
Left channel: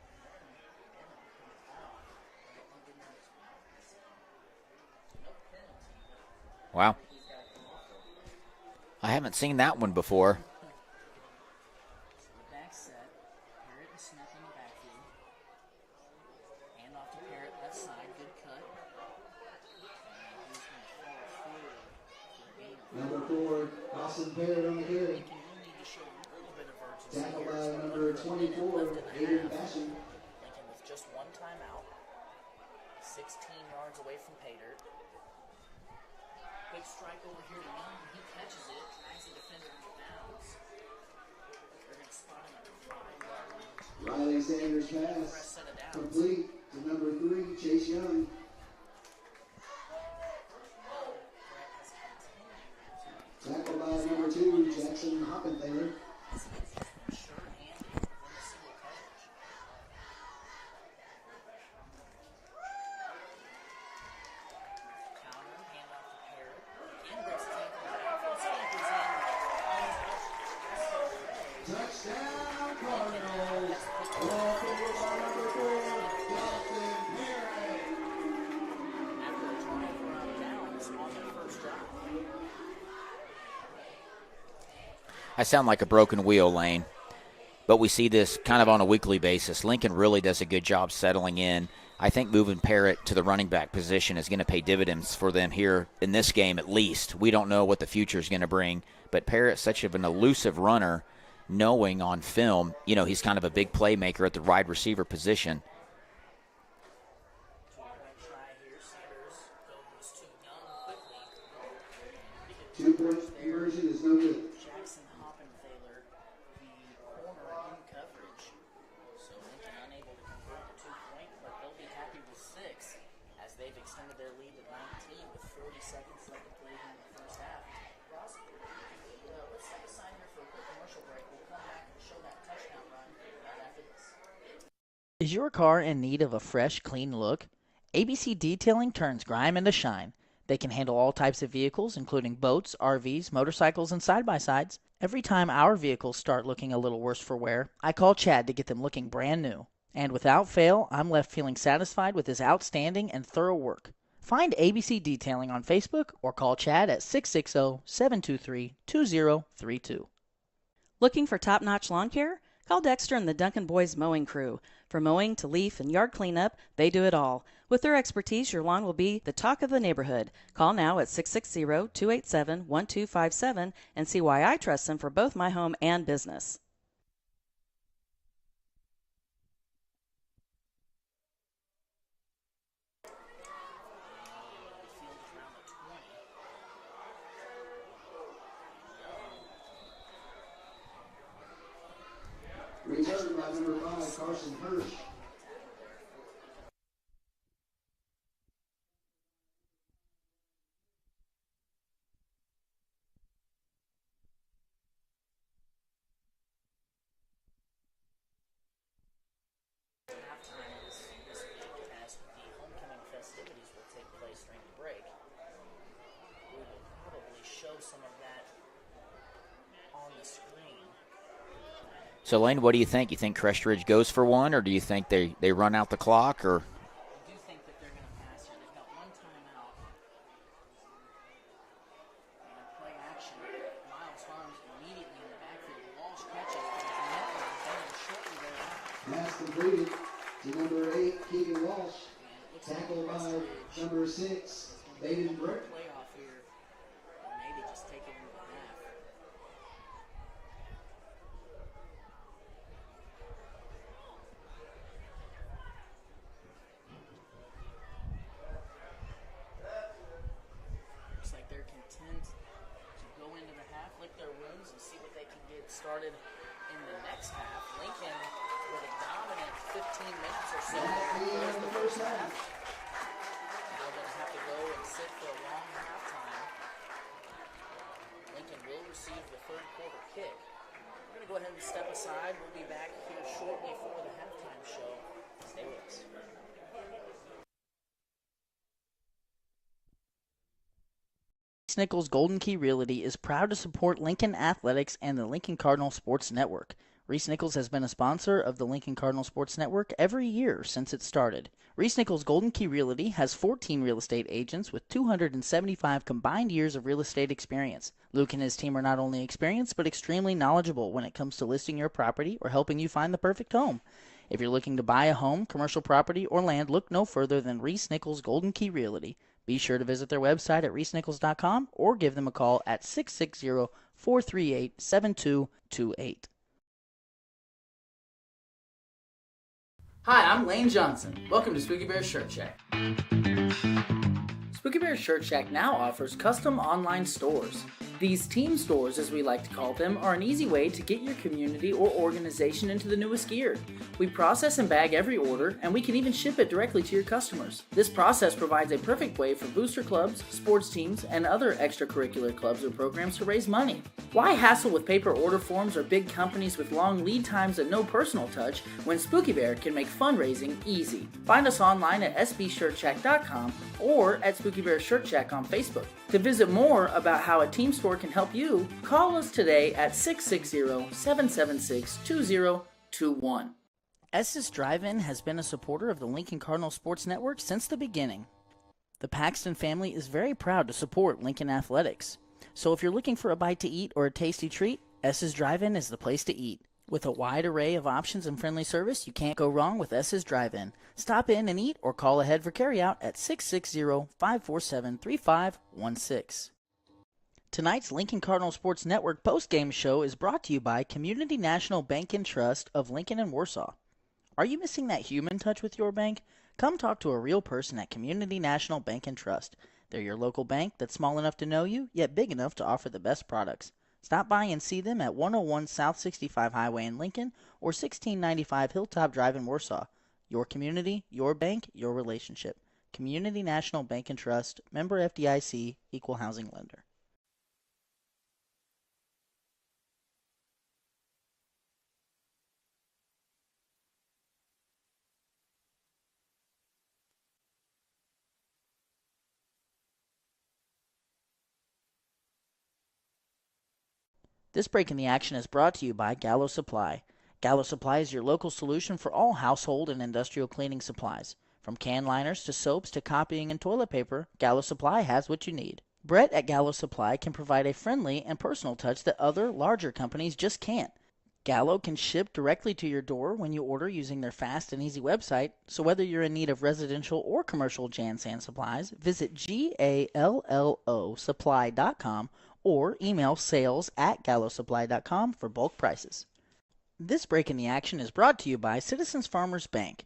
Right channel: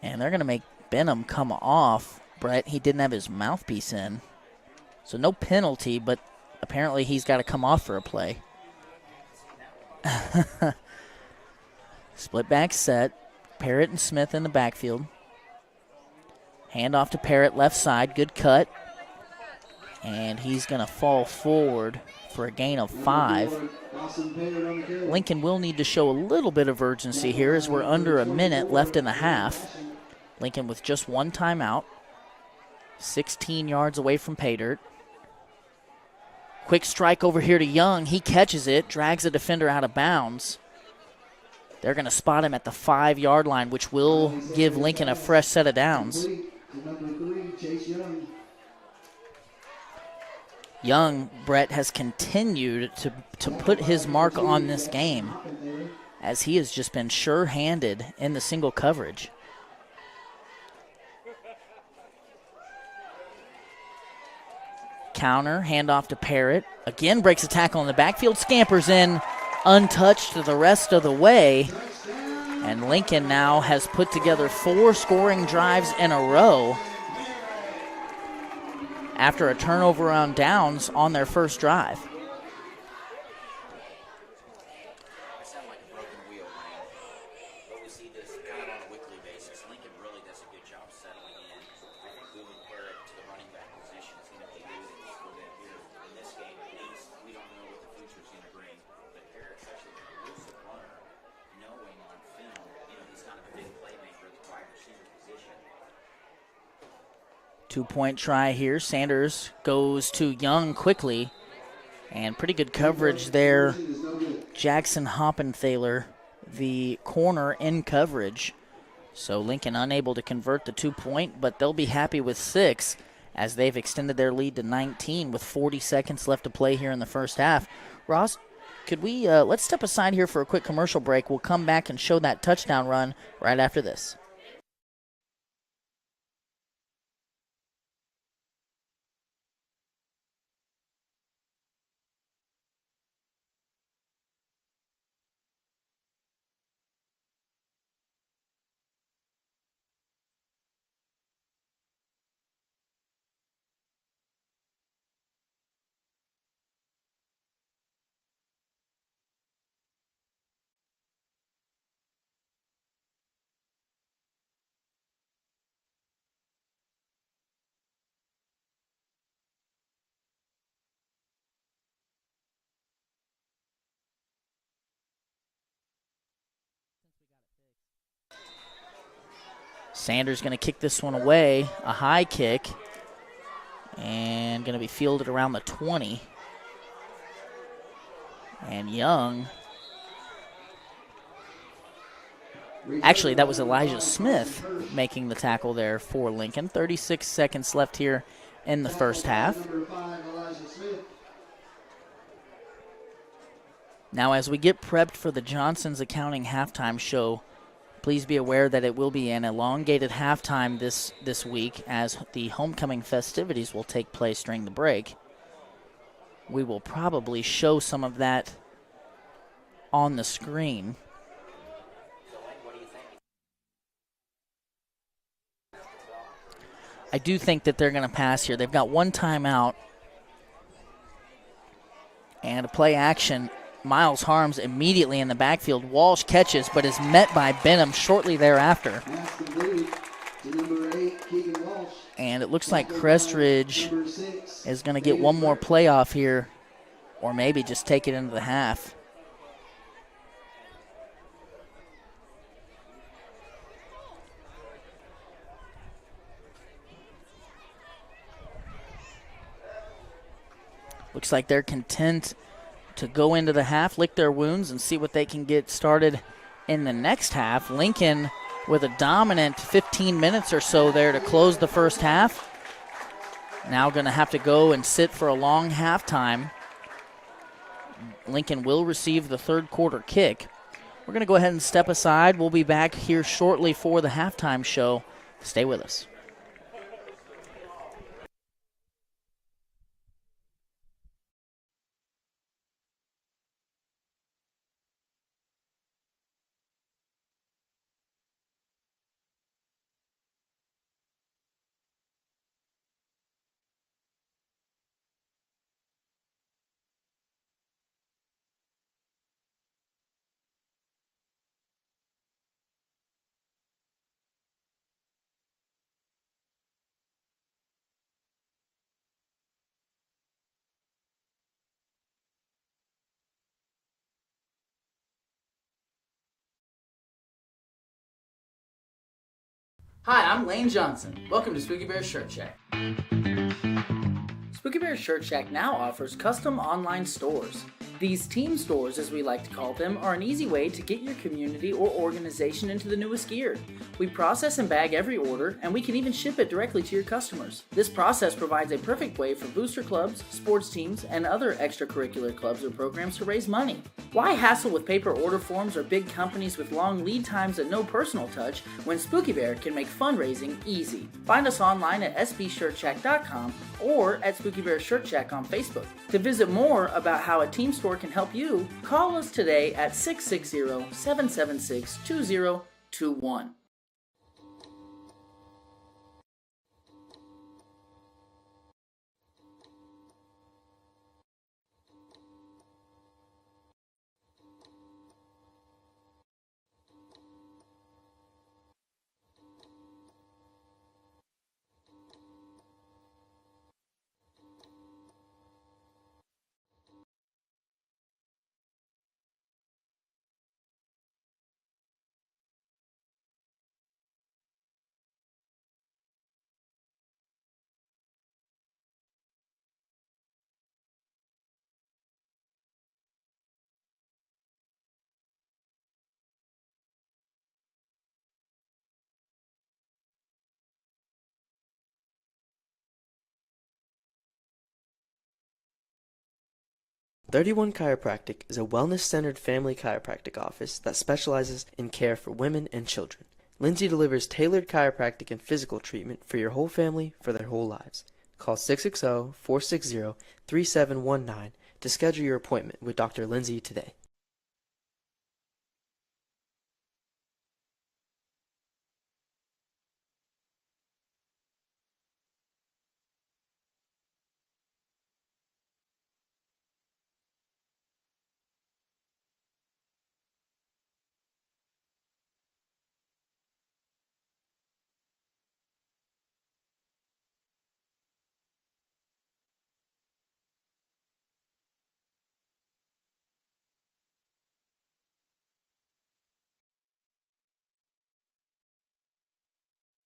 And they're going to make Benham come off. Brett, he didn't have his mouthpiece in. So no penalty, but apparently He's got to come off for a play. I haven't seen that one before. Split back set. Parrott and Smith in the backfield. Hand off to Parrott, left side. Good cut. And he's going to fall forward for a gain of 5. Lincoln will need to show a little bit of urgency here as we're under a minute left in the half. Lincoln with just 1 timeout. 16 yards away from pay dirt. Quick strike over here to Young. He catches it, drags a defender out of bounds. They're going to spot him at the 5-yard line, which will give Lincoln a fresh set of downs. Young, Brett, has continued to put his mark on this game as he has just been sure-handed in the single coverage. Counter, handoff to Parrott. Again, breaks a tackle in the backfield, scampers in, untouched the rest of the way. And Lincoln now has put together 4 scoring drives in a row after a turnover on downs on their first drive. I sound like a broken wheel, Lane, but we see this kind of on a weekly basis. Lincoln really does a good job settling in. I think moving Parrott to the running back position is going to pay dividends for them here in this game at least. We don't know what the future is going to bring, but Parrott's such an elusive runner, knowing on film, he's kind of a big playmaker at the wide receiver position. 2-point try here. Sanders goes to Young quickly, and pretty good coverage there. Jackson Hoppenthaler, the corner, in coverage. So Lincoln unable to convert the 2-point, but they'll be happy with 6 as they've extended their lead to 19 with 40 seconds left to play here in the first half. Ross, could we let's step aside here for a quick commercial break. We'll come back and show that touchdown run right after this. Is your car in need of a fresh, clean look? ABC Detailing turns grime into shine. They can handle all types of vehicles, including boats, RVs, motorcycles, and side-by-sides. Every time our vehicles start looking a little worse for wear, I call Chad to get them looking brand new. And without fail, I'm left feeling satisfied with his outstanding and thorough work. Find ABC Detailing on Facebook or call Chad at 660-723-2032. Looking for top-notch lawn care? Call Dexter and the Duncan Boys Mowing Crew. From mowing to leaf and yard cleanup, they do it all. With their expertise, your lawn will be the talk of the neighborhood. Call now at 660-287-1257 and see why I trust them for both my home and business. Sanders going to kick this one away, a high kick, and going to be fielded around the 20. And Young, actually that was Elijah Smith making the tackle there for Lincoln. 36 seconds left here in the first half. Now as we get prepped for the Johnson's Accounting halftime show, please be aware that it will be an elongated halftime this week as the homecoming festivities will take place during the break. We will probably show some of that on the screen. So, Lane, what do you think? You think Crest Ridge goes for one, or do you think they run out the clock? Or I do think that they're going to pass here. They've got one timeout. And a play action. Miles Harms immediately in the backfield. Walsh catches, but is met by Benham shortly thereafter. And it looks like Crest Ridge is going to get one more playoff here, or maybe just take it into the half. Looks like they're content to go into the half, lick their wounds, and see what they can get started in the next half. Lincoln with a dominant 15 minutes or so there to close the first half. Now going to have to go and sit for a long halftime. Lincoln will receive the third quarter kick. We're going to go ahead and step aside. We'll be back here shortly for the halftime show. Stay with us. Nichols Golden Key Realty is proud to support Lincoln Athletics and the Lincoln Cardinal Sports Network. Reese Nichols has been a sponsor of the Lincoln Cardinal Sports Network every year since it started. Reese Nichols Golden Key Realty has 14 real estate agents with 275 combined years of real estate experience. Luke and his team are not only experienced but extremely knowledgeable when it comes to listing your property or helping you find the perfect home. If you're looking to buy a home, commercial property, or land, look no further than Reese Nichols Golden Key Realty. Be sure to visit their website at reesenichols.com or give them a call at 660-438-7228. Hi, I'm Lane Johnson. Welcome to Spooky Bear's Shirt Shack. Spooky Bear's Shirt Shack now offers custom online stores. These team stores, as we like to call them, are an easy way to get your community or organization into the newest gear. We process and bag every order, and we can even ship it directly to your customers. This process provides a perfect way for booster clubs, sports teams, and other extracurricular clubs or programs to raise money. Why hassle with paper order forms or big companies with long lead times and no personal touch when Spooky Bear can make fundraising easy? Find us online at sbshirtshack.com or at Spooky Bear Shirt Shack on Facebook. To visit more about how a team store can help you, call us today at 660-776-2021. S's Drive-In has been a supporter of the Lincoln Cardinal Sports Network since the beginning. The Paxton family is very proud to support Lincoln Athletics. So if you're looking for a bite to eat or a tasty treat, S's Drive-In is the place to eat. With a wide array of options and friendly service, you can't go wrong with S's Drive-In. Stop in and eat or call ahead for carryout at 660-547-3516. Tonight's Lincoln Cardinal Sports Network postgame show is brought to you by Community National Bank and Trust of Lincoln and Warsaw. Are you missing that human touch with your bank? Come talk to a real person at Community National Bank and Trust. They're your local bank that's small enough to know you, yet big enough to offer the best products. Stop by and see them at 101 South 65 Highway in Lincoln or 1695 Hilltop Drive in Warsaw. Your community, your bank, your relationship. Community National Bank and Trust, member FDIC, equal housing lender. 31 Chiropractic is a wellness-centered family chiropractic office that specializes in care for women and children. Lindsay delivers tailored chiropractic and physical treatment for your whole family for their whole lives. Call 660-460-3719 to schedule your appointment with Dr. Lindsay today. This break in the action is brought to you by Gallo Supply. Gallo Supply is your local solution for all household and industrial cleaning supplies. From can liners to soaps to copying and toilet paper, Gallo Supply has what you need. Brett at Gallo Supply can provide a friendly and personal touch that other, larger companies just can't. Gallo can ship directly to your door when you order using their fast and easy website, so whether you're in need of residential or commercial Jan Sand supplies, visit GALLOsupply.com or email sales@gallosupply.com for bulk prices. This break in the action is brought to you by Citizens Farmers Bank.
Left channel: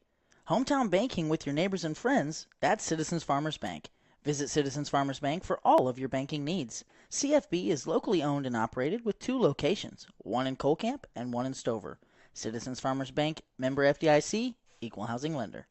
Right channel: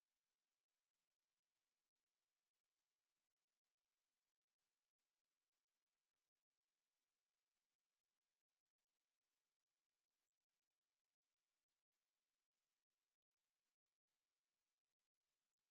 Hometown banking with your neighbors and friends, that's Citizens Farmers Bank. Visit Citizens Farmers Bank for all of your banking needs. CFB is locally owned and operated with 2 locations, one in Colcamp and one in Stover. Citizens Farmers Bank, member FDIC, equal housing lender.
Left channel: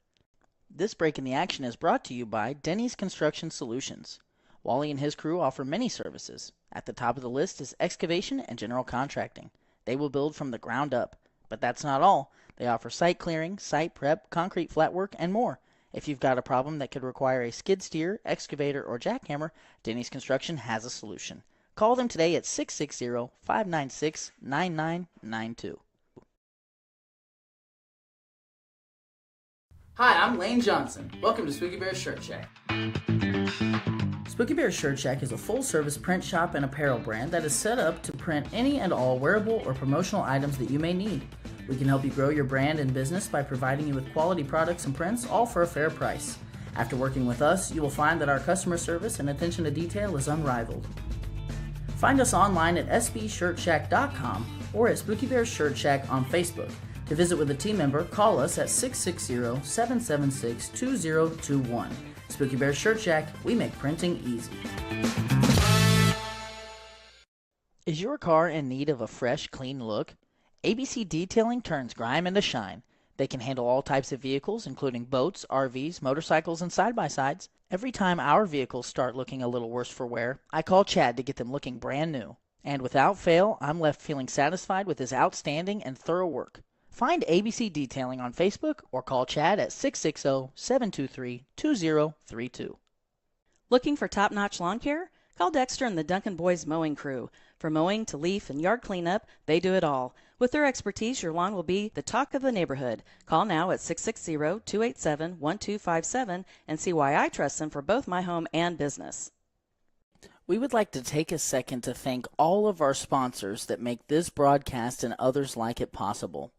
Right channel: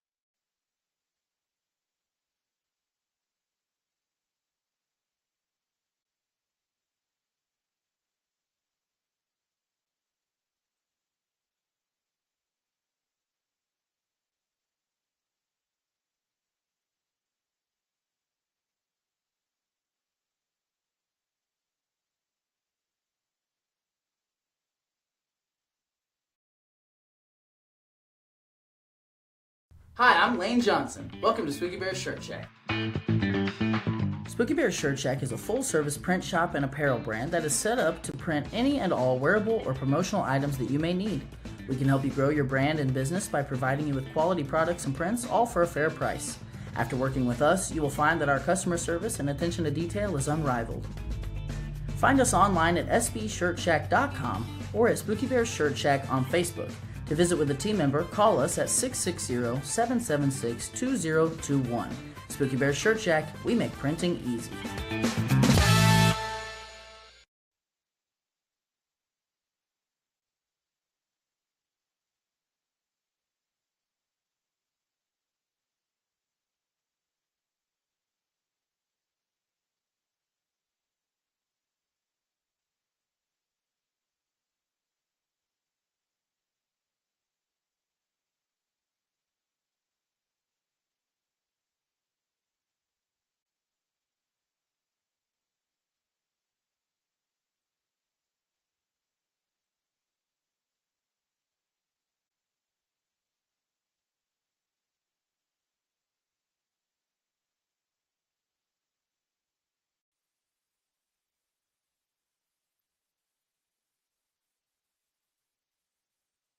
This break in the action is brought to you by Denny's Construction Solutions. Wally and his crew offer many services. At the top of the list is excavation and general contracting. They will build from the ground up. But that's not all. They offer site clearing, site prep, concrete flat work, and more. If you've got a problem that could require a skid steer, excavator, or jackhammer, Denny's Construction has a solution. Call them today at 660-596-9992. Hi, I'm Lane Johnson. Welcome to Spooky Bear Shirt Shack. Spooky Bear Shirt Shack is a full-service print shop and apparel brand that is set up to print any and all wearable or promotional items that you may need. We can help you grow your brand and business by providing you with quality products and prints, all for a fair price. After working with us, you will find that our customer service and attention to detail is unrivaled. Find us online at sbshirtshack.com or at Spooky Bear Shirt Shack on Facebook. To visit with a team member, call us at 660-776-2021. Spooky Bear Shirt Shack, we make printing easy. Is your car in need of a fresh, clean look? ABC Detailing turns grime into shine. They can handle all types of vehicles, including boats, RVs, motorcycles, and side-by-sides. Every time our vehicles start looking a little worse for wear, I call Chad to get them looking brand new. And without fail, I'm left feeling satisfied with his outstanding and thorough work. Find ABC Detailing on Facebook or call Chad at 660-723-2032. Looking for top-notch lawn care? Call Dexter and the Duncan Boys Mowing Crew. From mowing to leaf and yard cleanup, they do it all. With their expertise, your lawn will be the talk of the neighborhood. Call now at 660-287-1257 and see why I trust them for both my home and business. We would like to take a second to thank all of our sponsors that make this broadcast and others like it possible.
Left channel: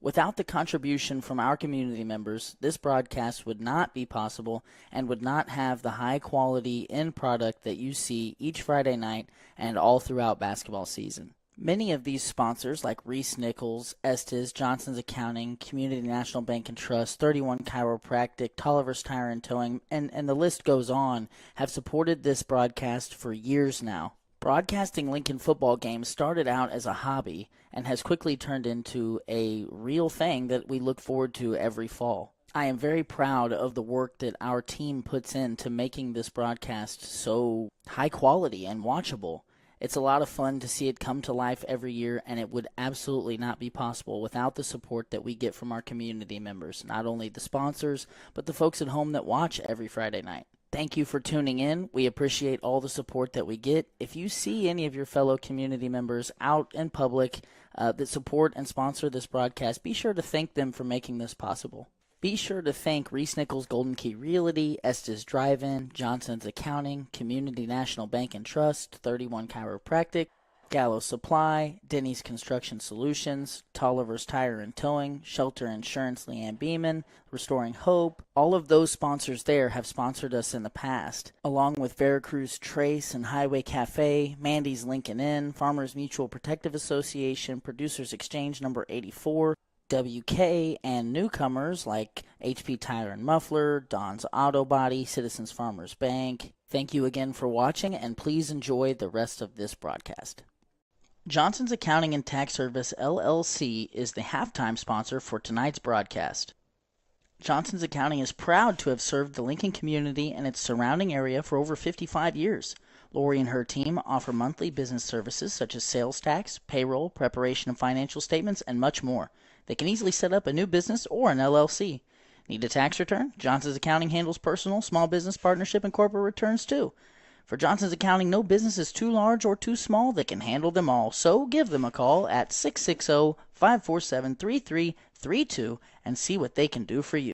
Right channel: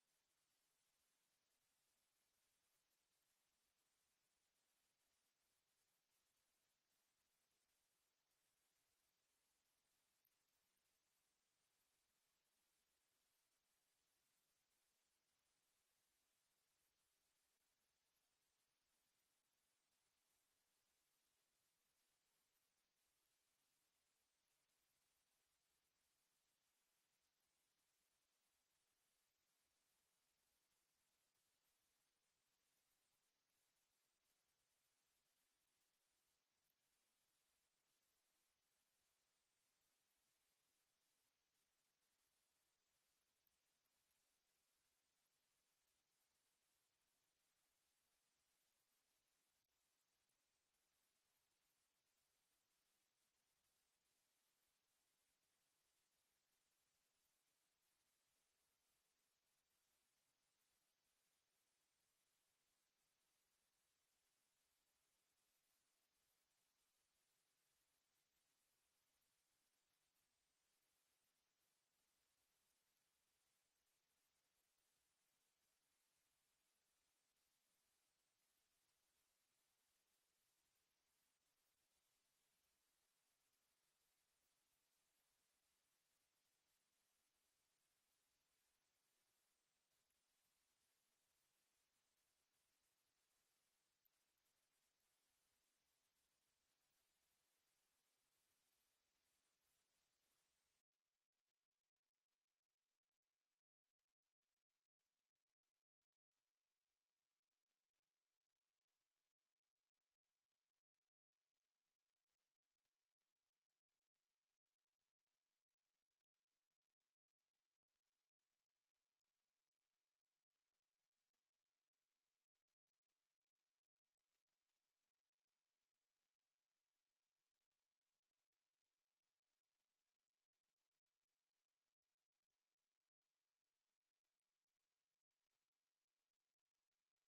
Without the contribution from our community members, this broadcast would not be possible and would not have the high quality end product that you see each Friday night and all throughout basketball season. Many of these sponsors, like Reese Nichols, Estes, Johnson's Accounting, Community National Bank and Trust, 31 Chiropractic, Tolliver's Tire and Towing, and the list goes on, have supported this broadcast for years now. Broadcasting Lincoln football games started out as a hobby and has quickly turned into a real thing that we look forward to every fall. I am very proud of the work that our team puts into making this broadcast so high quality and watchable. It's a lot of fun to see it come to life every year, and it would absolutely not be possible without the support that we get from our community members, not only the sponsors, but the folks at home that watch every Friday night. Thank you for tuning in. We appreciate all the support that we get. If you see any of your fellow community members out in public that support and sponsor this broadcast, be sure to thank them for making this possible. Be sure to thank Reese Nichols Golden Key Realty, Estes Drive-In, Johnson's Accounting, Community National Bank and Trust, 31 Chiropractic, Gallo Supply, Denny's Construction Solutions, Tolliver's Tire and Towing, Shelter Insurance Leanne Beeman, Restoring Hope. All of those sponsors there have sponsored us in the past, along with Veracruz Trace and Highway Cafe, Mandy's Lincoln Inn, Farmers Mutual Protective Association, Producers Exchange number 84, WK, and newcomers like HP Tire and Muffler, Don's Auto Body, Citizens Farmers Bank. Thank you again for watching, and please enjoy the rest of this broadcast. Johnson's Accounting and Tax Service, LLC, is the halftime sponsor for tonight's broadcast. Johnson's Accounting is proud to have served the Lincoln community and its surrounding area for over 55 years. Lori and her team offer monthly business services such as sales tax, payroll, preparation of financial statements, and much more. They can easily set up a new business or an LLC. Need a tax return? Johnson's Accounting handles personal, small business, partnership, and corporate returns too. For Johnson's Accounting, no business is too large or too small. They can handle them all. So give them a call at 660-547-3332 and see what they can do for you.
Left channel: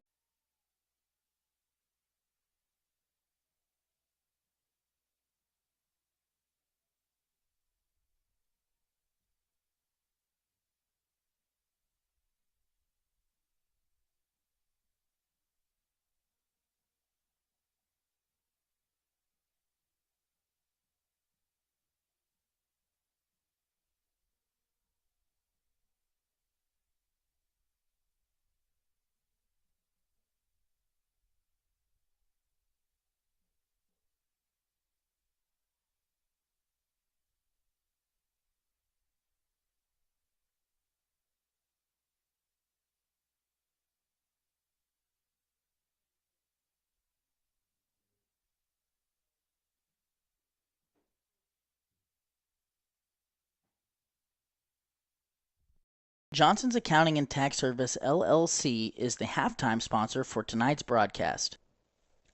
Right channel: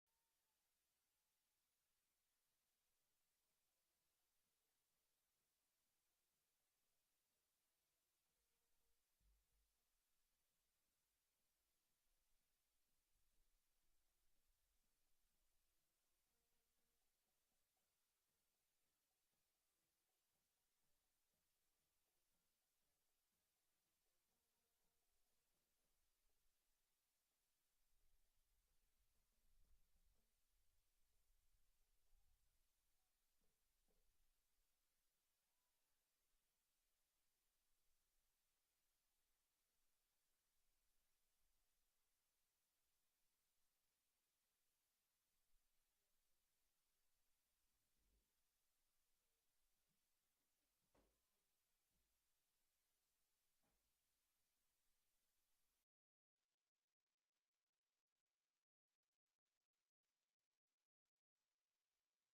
Johnson's Accounting and Tax Service, LLC, is the halftime sponsor for tonight's broadcast.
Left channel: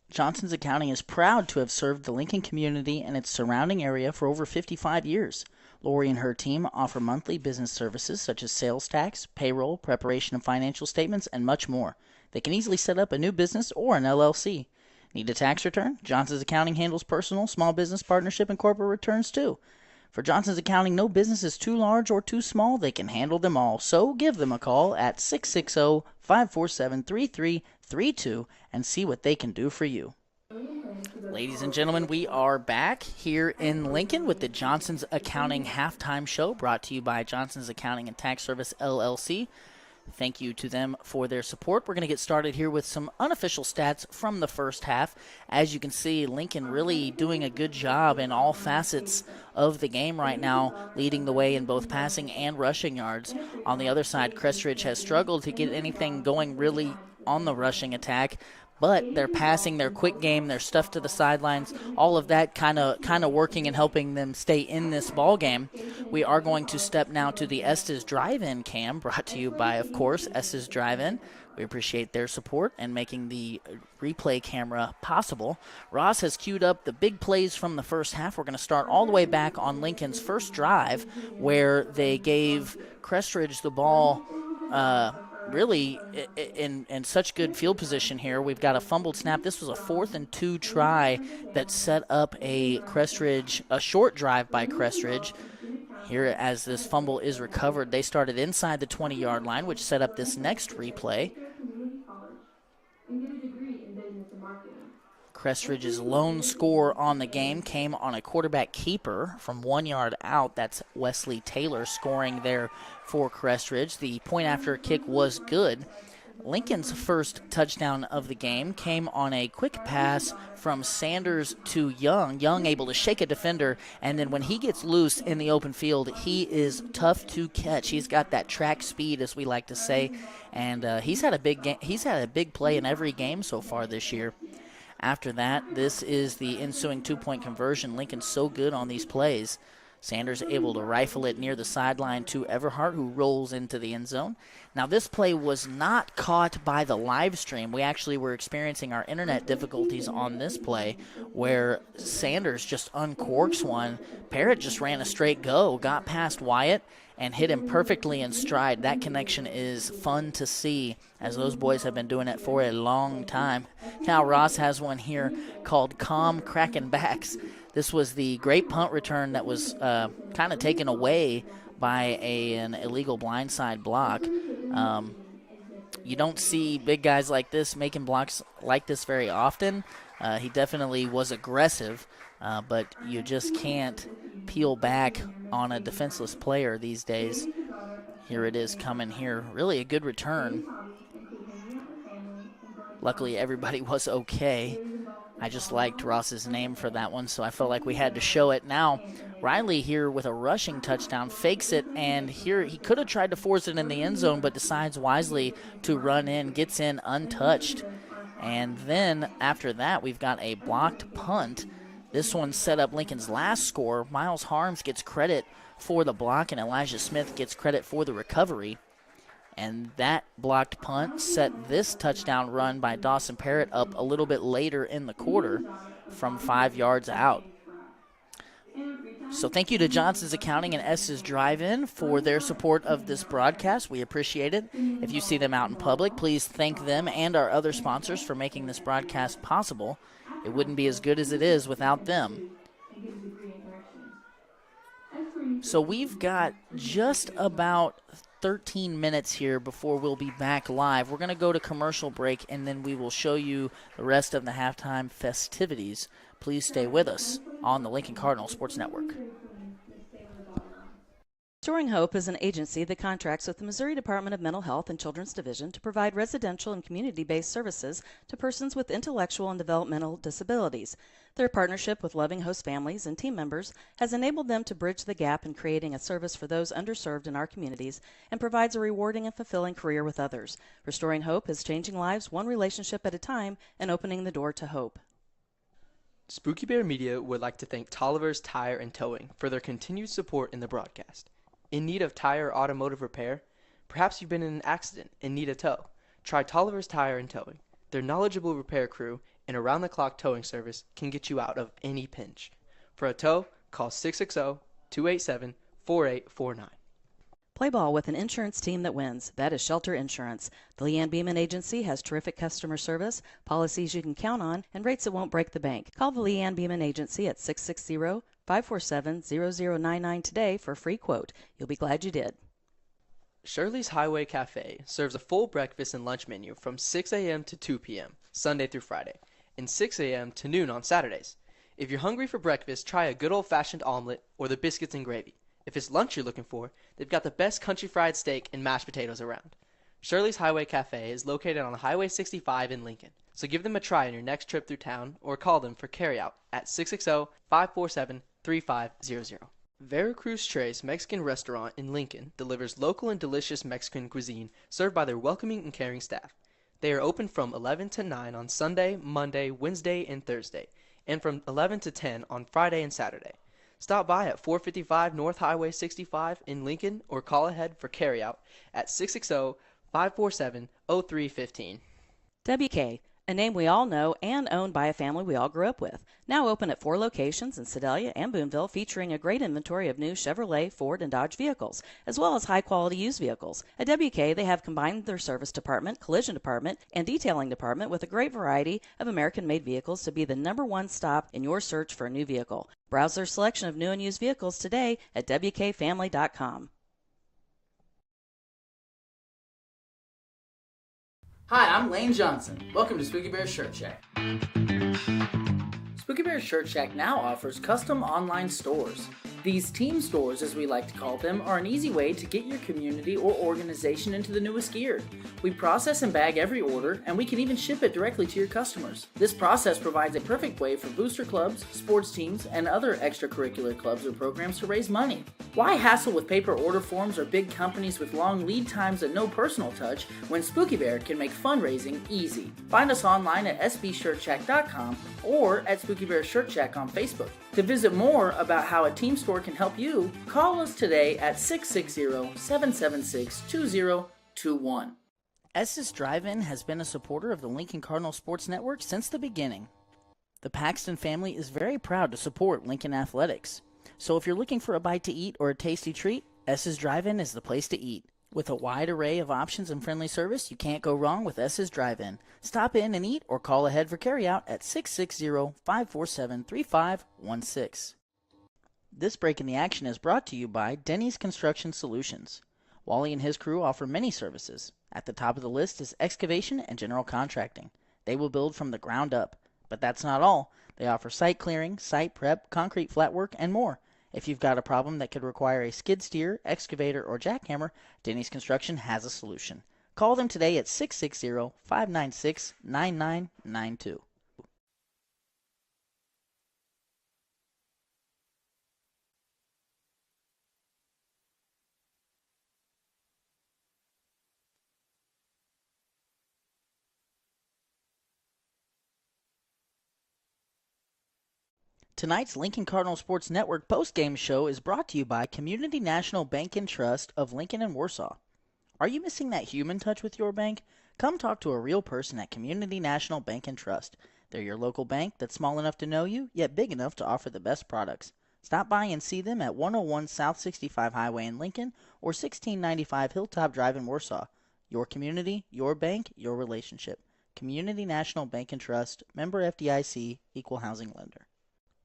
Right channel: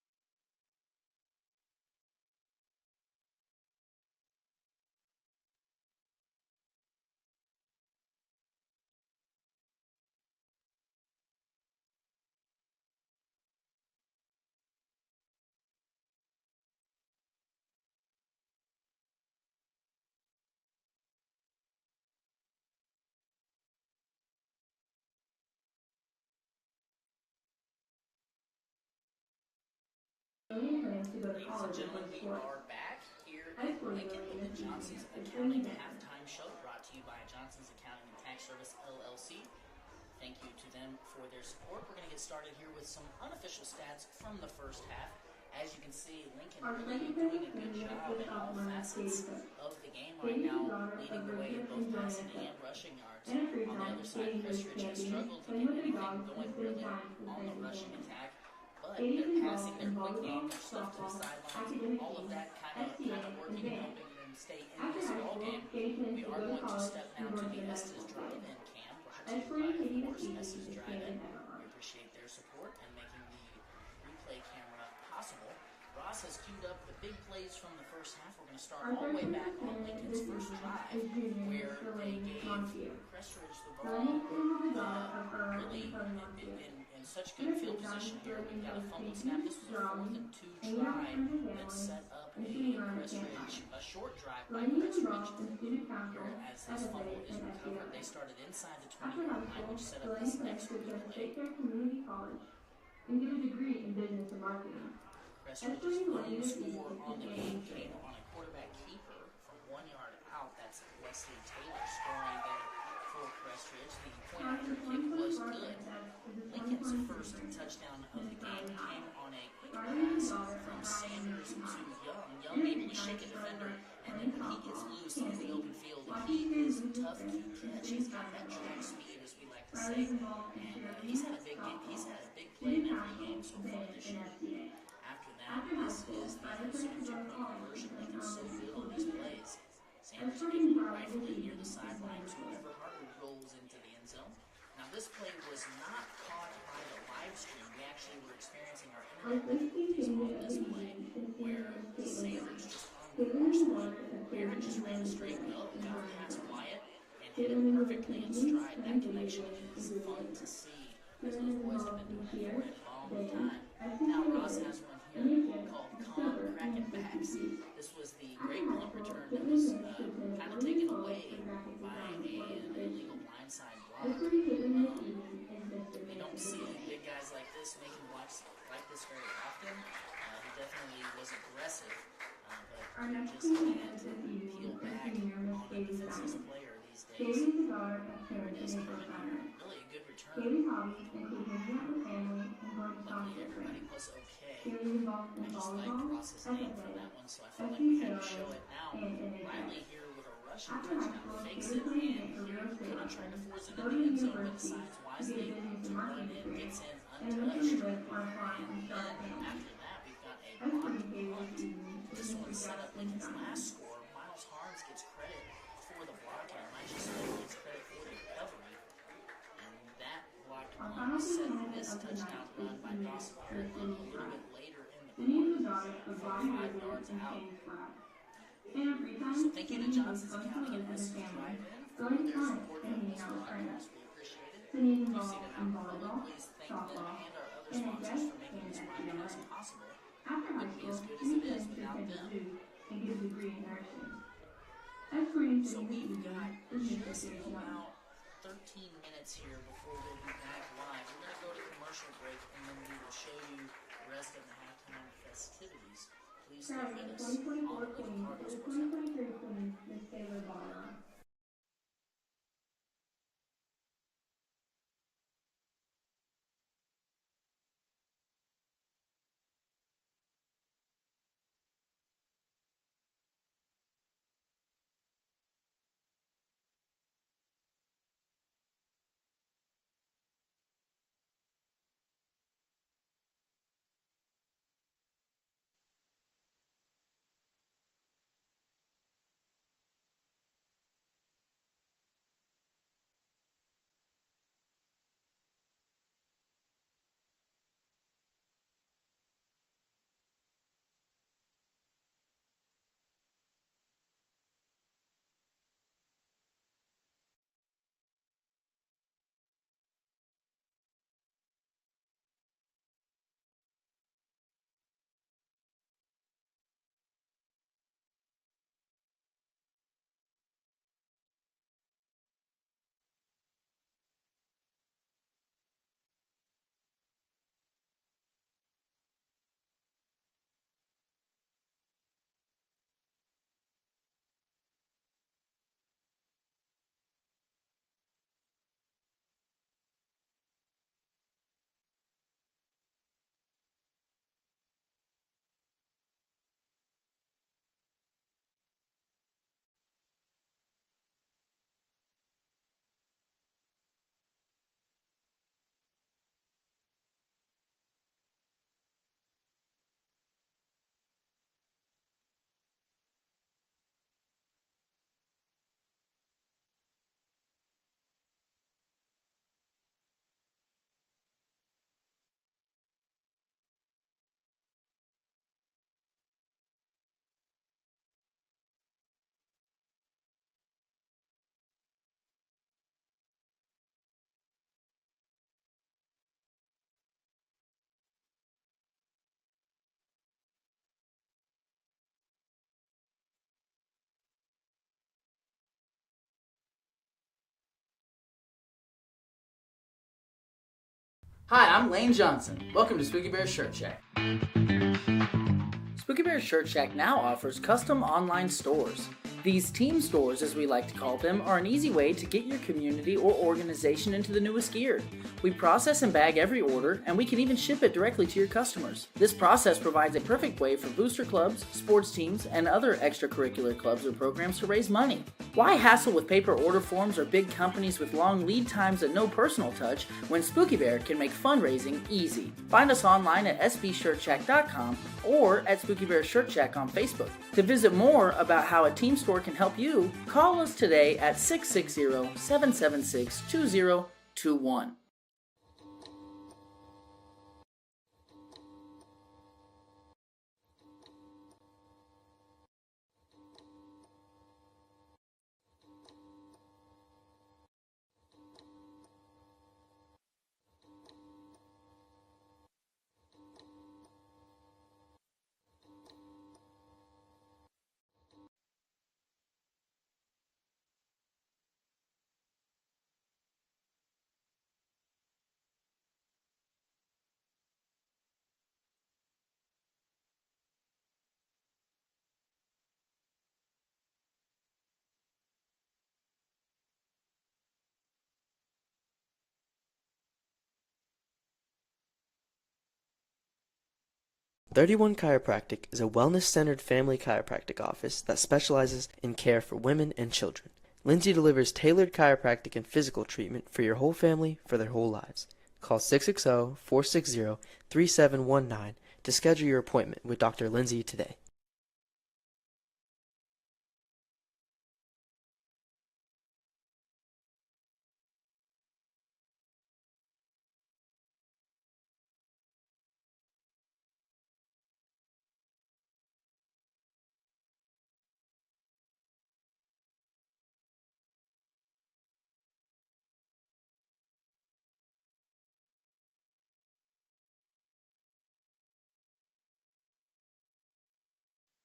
Johnson's Accounting is proud to have served the Lincoln community and its surrounding area for over 55 years. Lori and her team offer monthly business services such as sales tax, payroll, preparation of financial statements, and much more. They can easily set up a new business or an LLC. Need a tax return? Johnson's Accounting handles personal, small business, partnership, and corporate returns too. For Johnson's Accounting, no business is too large or too small. They can handle them all. So give them a call at 660-547-3332 and see what they can do for you. Ladies and gentlemen, we are back here in Lincoln with the Johnson's Accounting Halftime Show, brought to you by Johnson's Accounting and Tax Service, LLC. Thank you to them for their support. We're going to get started here with some unofficial stats from the first half. As you can see, Lincoln really doing a good job in all facets of the game right now, leading the way in both passing and rushing yards. On the other side, Crest Ridge has struggled to get anything going really on the rushing attack. But their passing, their quick game, their stuff to the sidelines, all of that kind of working and helping them stay in this ball game. We are going to step now to the Estes Drive-In cam, brought to you by, of course, Estes Drive-In. We appreciate their support and making the replay camera possible. Ross has queued up the big plays from the first half. We're going to start all the way back on Lincoln's first drive, where they gave Crest Ridge the ball really in such good field position here. We've got a fumbled snap. This was a 4th and 2 try that set up a short drive by Crest Ridge. Here, as this fumble is recovered, they started inside the 20-yard line, which set up this next replay. Crest Ridge's lone score on the game came on a quarterback keeper from 1 yard out. That's Wesley Taylor scoring there for Crest Ridge. The point after kick was good. Lincoln's first touchdown of the game came on a quick pass from Sanders to Young. Young able to shake a defender, and then when he gets loose in the open field, he is tough to catch. He's got that track speed, as we like to say, and he's had a big play in every game so far this year. After that, this is the ensuing two-point conversion. Lincoln's so good on these plays. Sanders able to rifle it near the sideline to Everhart, who rolls into the end zone. Now, this play was not caught by the live stream. We actually were experiencing our internet difficulties on this play where Sanders just uncorks one. Parrott just ran a straight go, got past Wyatt, and hit him perfectly in stride. That connection is fun to see, as those boys have been doing it for a long time. Now Ross has one here called Calm Crackin' Backs. This was the great punt return that was kind of taken away by an illegal blindside block. You don't see big guys like this making blocks like this very often. He definitely was aggressive, but you just can't peel back on a defenseless player these days. Here it is coming here. Really a good return. Luckily, everybody was okay. I just liked Ross's name for that one, so I felt like we had to show it. Now, Riley here with a rushing touchdown, fakes it, and here he could have tried to force it in the end zone, but decides wisely to run in, gets in untouched. And then after that, we've got a blocked punt. This one set up Lincoln's last score. Miles Harms gets credit for the block, and Elijah Smith gets credit for the recovery. And that blocked punt set this touchdown run by Dawson Parrott up a little bit later in the quarter from 5 yards out. So thank you to Johnson's Accounting and S's Drive-In for their support of this broadcast. We appreciate it. If you see them out in public, please thank them and our other sponsors for making this broadcast possible. It wouldn't be as good as it is without them. So we've got just about 13 minutes here before we'll be back live. We're going to go to commercial break, and then we will show you the rest of the halftime festivities. Please stay with us on the Lincoln Cardinal Sports Network. Restoring Hope is an agency that contracts with the Missouri Department of Mental Health and Children's Division to provide residential and community-based services to persons with intellectual and developmental disabilities. Their partnership with Loving Host families and team members has enabled them to bridge the gap in creating a service for those underserved in our communities and provides a rewarding and fulfilling career with others. Restoring Hope is changing lives one relationship at a time and opening the door to hope. Spooky Bear Media would like to thank Tolliver's Tire and Towing for their continued support in the broadcast. In need of tire or automotive repair? Perhaps you've been in an accident and need a tow. Try Tolliver's Tire and Towing. Their knowledgeable repair crew and around-the-clock towing service can get you out of any pinch. For a tow, call 660-287-4849. Play ball with an insurance team that wins. That is Shelter Insurance. The Leanne Beeman Agency has terrific customer service, policies you can count on, and rates that won't break the bank. Call the Leanne Beeman Agency at 660-547-0099 today for a free quote. You'll be glad you did. Shirley's Highway Cafe serves a full breakfast and lunch menu from 6 a.m. to 2 p.m., Sunday through Friday, and 6 a.m. to noon on Saturdays. If you're hungry for breakfast, try a good old-fashioned omelet or the biscuits and gravy. If it's lunch you're looking for, they've got the best country fried steak and mashed potatoes around. Shirley's Highway Cafe is located on Highway 65 in Lincoln, so give them a try on your next trip through town or call them for carryout at 660-547-3500. Veracruz Tres Mexican Restaurant in Lincoln delivers local and delicious Mexican cuisine served by their welcoming and caring staff. They are open from 11 to 9 on Sunday, Monday, Wednesday, and Thursday, and from 11 to 10 on Friday and Saturday. Stop by at 455 North Highway 65 in Lincoln or call ahead for carryout at 660-547-0315. WK, a name we all know and owned by a family we all grew up with. Now open at 4 locations in Sedalia and Boonville, featuring a great inventory of new Chevrolet, Ford, and Dodge vehicles, as well as high-quality used vehicles. At WK, they have combined their service department, collision department, and detailing department with a great variety of American-made vehicles to be the #1 stop in your search for a new vehicle. Browse their selection of new and used vehicles today at WKFamily.com. Hi, I'm Lane Johnson. Welcome to Spooky Bear's Shirt Shack. Spooky Bear's Shirt Shack now offers custom online stores. These team stores, as we like to call them, are an easy way to get your community or organization into the newest gear. We process and bag every order, and we can even ship it directly to your customers. This process provides a perfect way for booster clubs, sports teams, and other extracurricular clubs or programs to raise money. Why hassle with paper order forms or big companies with long lead times and no personal touch when Spooky Bear can make fundraising easy? Find us online at sbshirtshack.com or at Spooky Bear Shirt Shack on Facebook. To visit more about how a team store can help you, call us today at 660-776-2021. S's Drive-In has been a supporter of the Lincoln Cardinal Sports Network since the beginning. The Paxton family is very proud to support Lincoln Athletics. So if you're looking for a bite to eat or a tasty treat, S's Drive-In is the place to eat. With a wide array of options and friendly service, you can't go wrong with S's Drive-In. Stop in and eat or call ahead for carryout at 660-547-3516. This break in the action is brought to you by Denny's Construction Solutions. Wally and his crew offer many services. At the top of the list is excavation and general contracting. They will build from the ground up. But that's not all. They offer site clearing, site prep, concrete flat work, and more. If you've got a problem that could require a skid steer, excavator, or jackhammer, Denny's Construction has a solution. Call them today at 660-596-9992. 31 Chiropractic is a wellness-centered family chiropractic office that specializes in care for women and children. Lindsay delivers tailored chiropractic and physical treatment for your whole family for their whole lives. Call 660-460-3719 to schedule your appointment with Dr. Lindsay today. Tonight's Lincoln Cardinal Sports Network postgame show is brought to you by Community National Bank and Trust of Lincoln and Warsaw. Are you missing that human touch with your bank? Come talk to a real person at Community National Bank and Trust. They're your local bank that's small enough to know you, yet big enough to offer the best products. Stop by and see them at 101 South 65 Highway in Lincoln or 1695 Hilltop Drive in Warsaw. Your community, your bank, your relationship. Community National Bank and Trust, member FDIC, equal housing lender.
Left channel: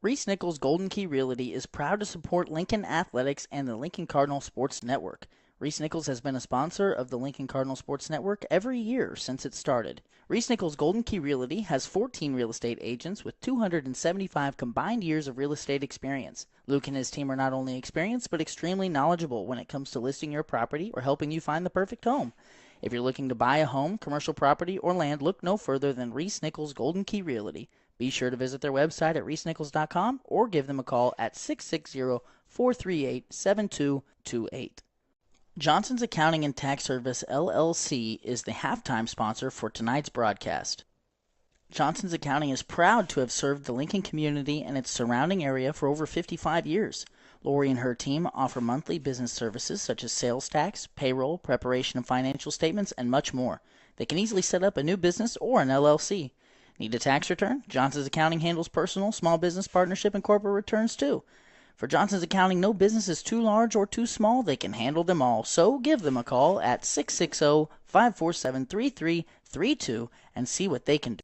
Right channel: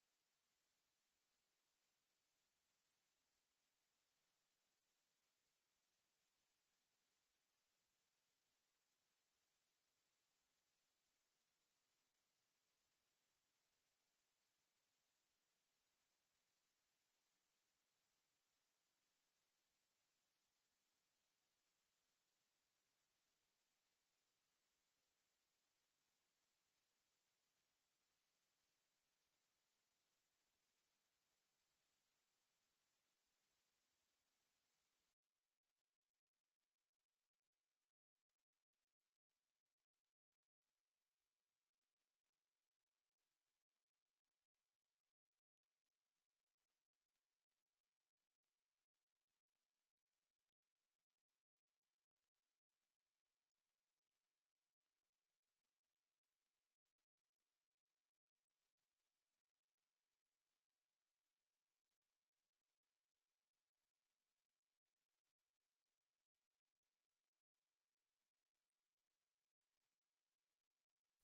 Reese Nichols Golden Key Realty is proud to support Lincoln Athletics and the Lincoln Cardinal Sports Network. Reese Nichols has been a sponsor of the Lincoln Cardinal Sports Network every year since it started. Reese Nichols Golden Key Realty has 14 real estate agents with 275 combined years of real estate experience. Luke and his team are not only experienced but extremely knowledgeable when it comes to listing your property or helping you find the perfect home. If you're looking to buy a home, commercial property, or land, look no further than Reese Nichols Golden Key Realty. Be sure to visit their website at reesenichols.com or give them a call at 660-438-7228. Johnson's Accounting and Tax Service, LLC, is the halftime sponsor for tonight's broadcast. Johnson's Accounting is proud to have served the Lincoln community and its surrounding area for over 55 years. Lori and her team offer monthly business services such as sales tax, payroll, preparation of financial statements, and much more. They can easily set up a new business or an LLC. Need a tax return? Johnson's Accounting handles personal, small business partnership, and corporate returns too. For Johnson's Accounting, no business is too large or too small. They can handle them all. So give them a call at 660-547-3332 and see what they can do.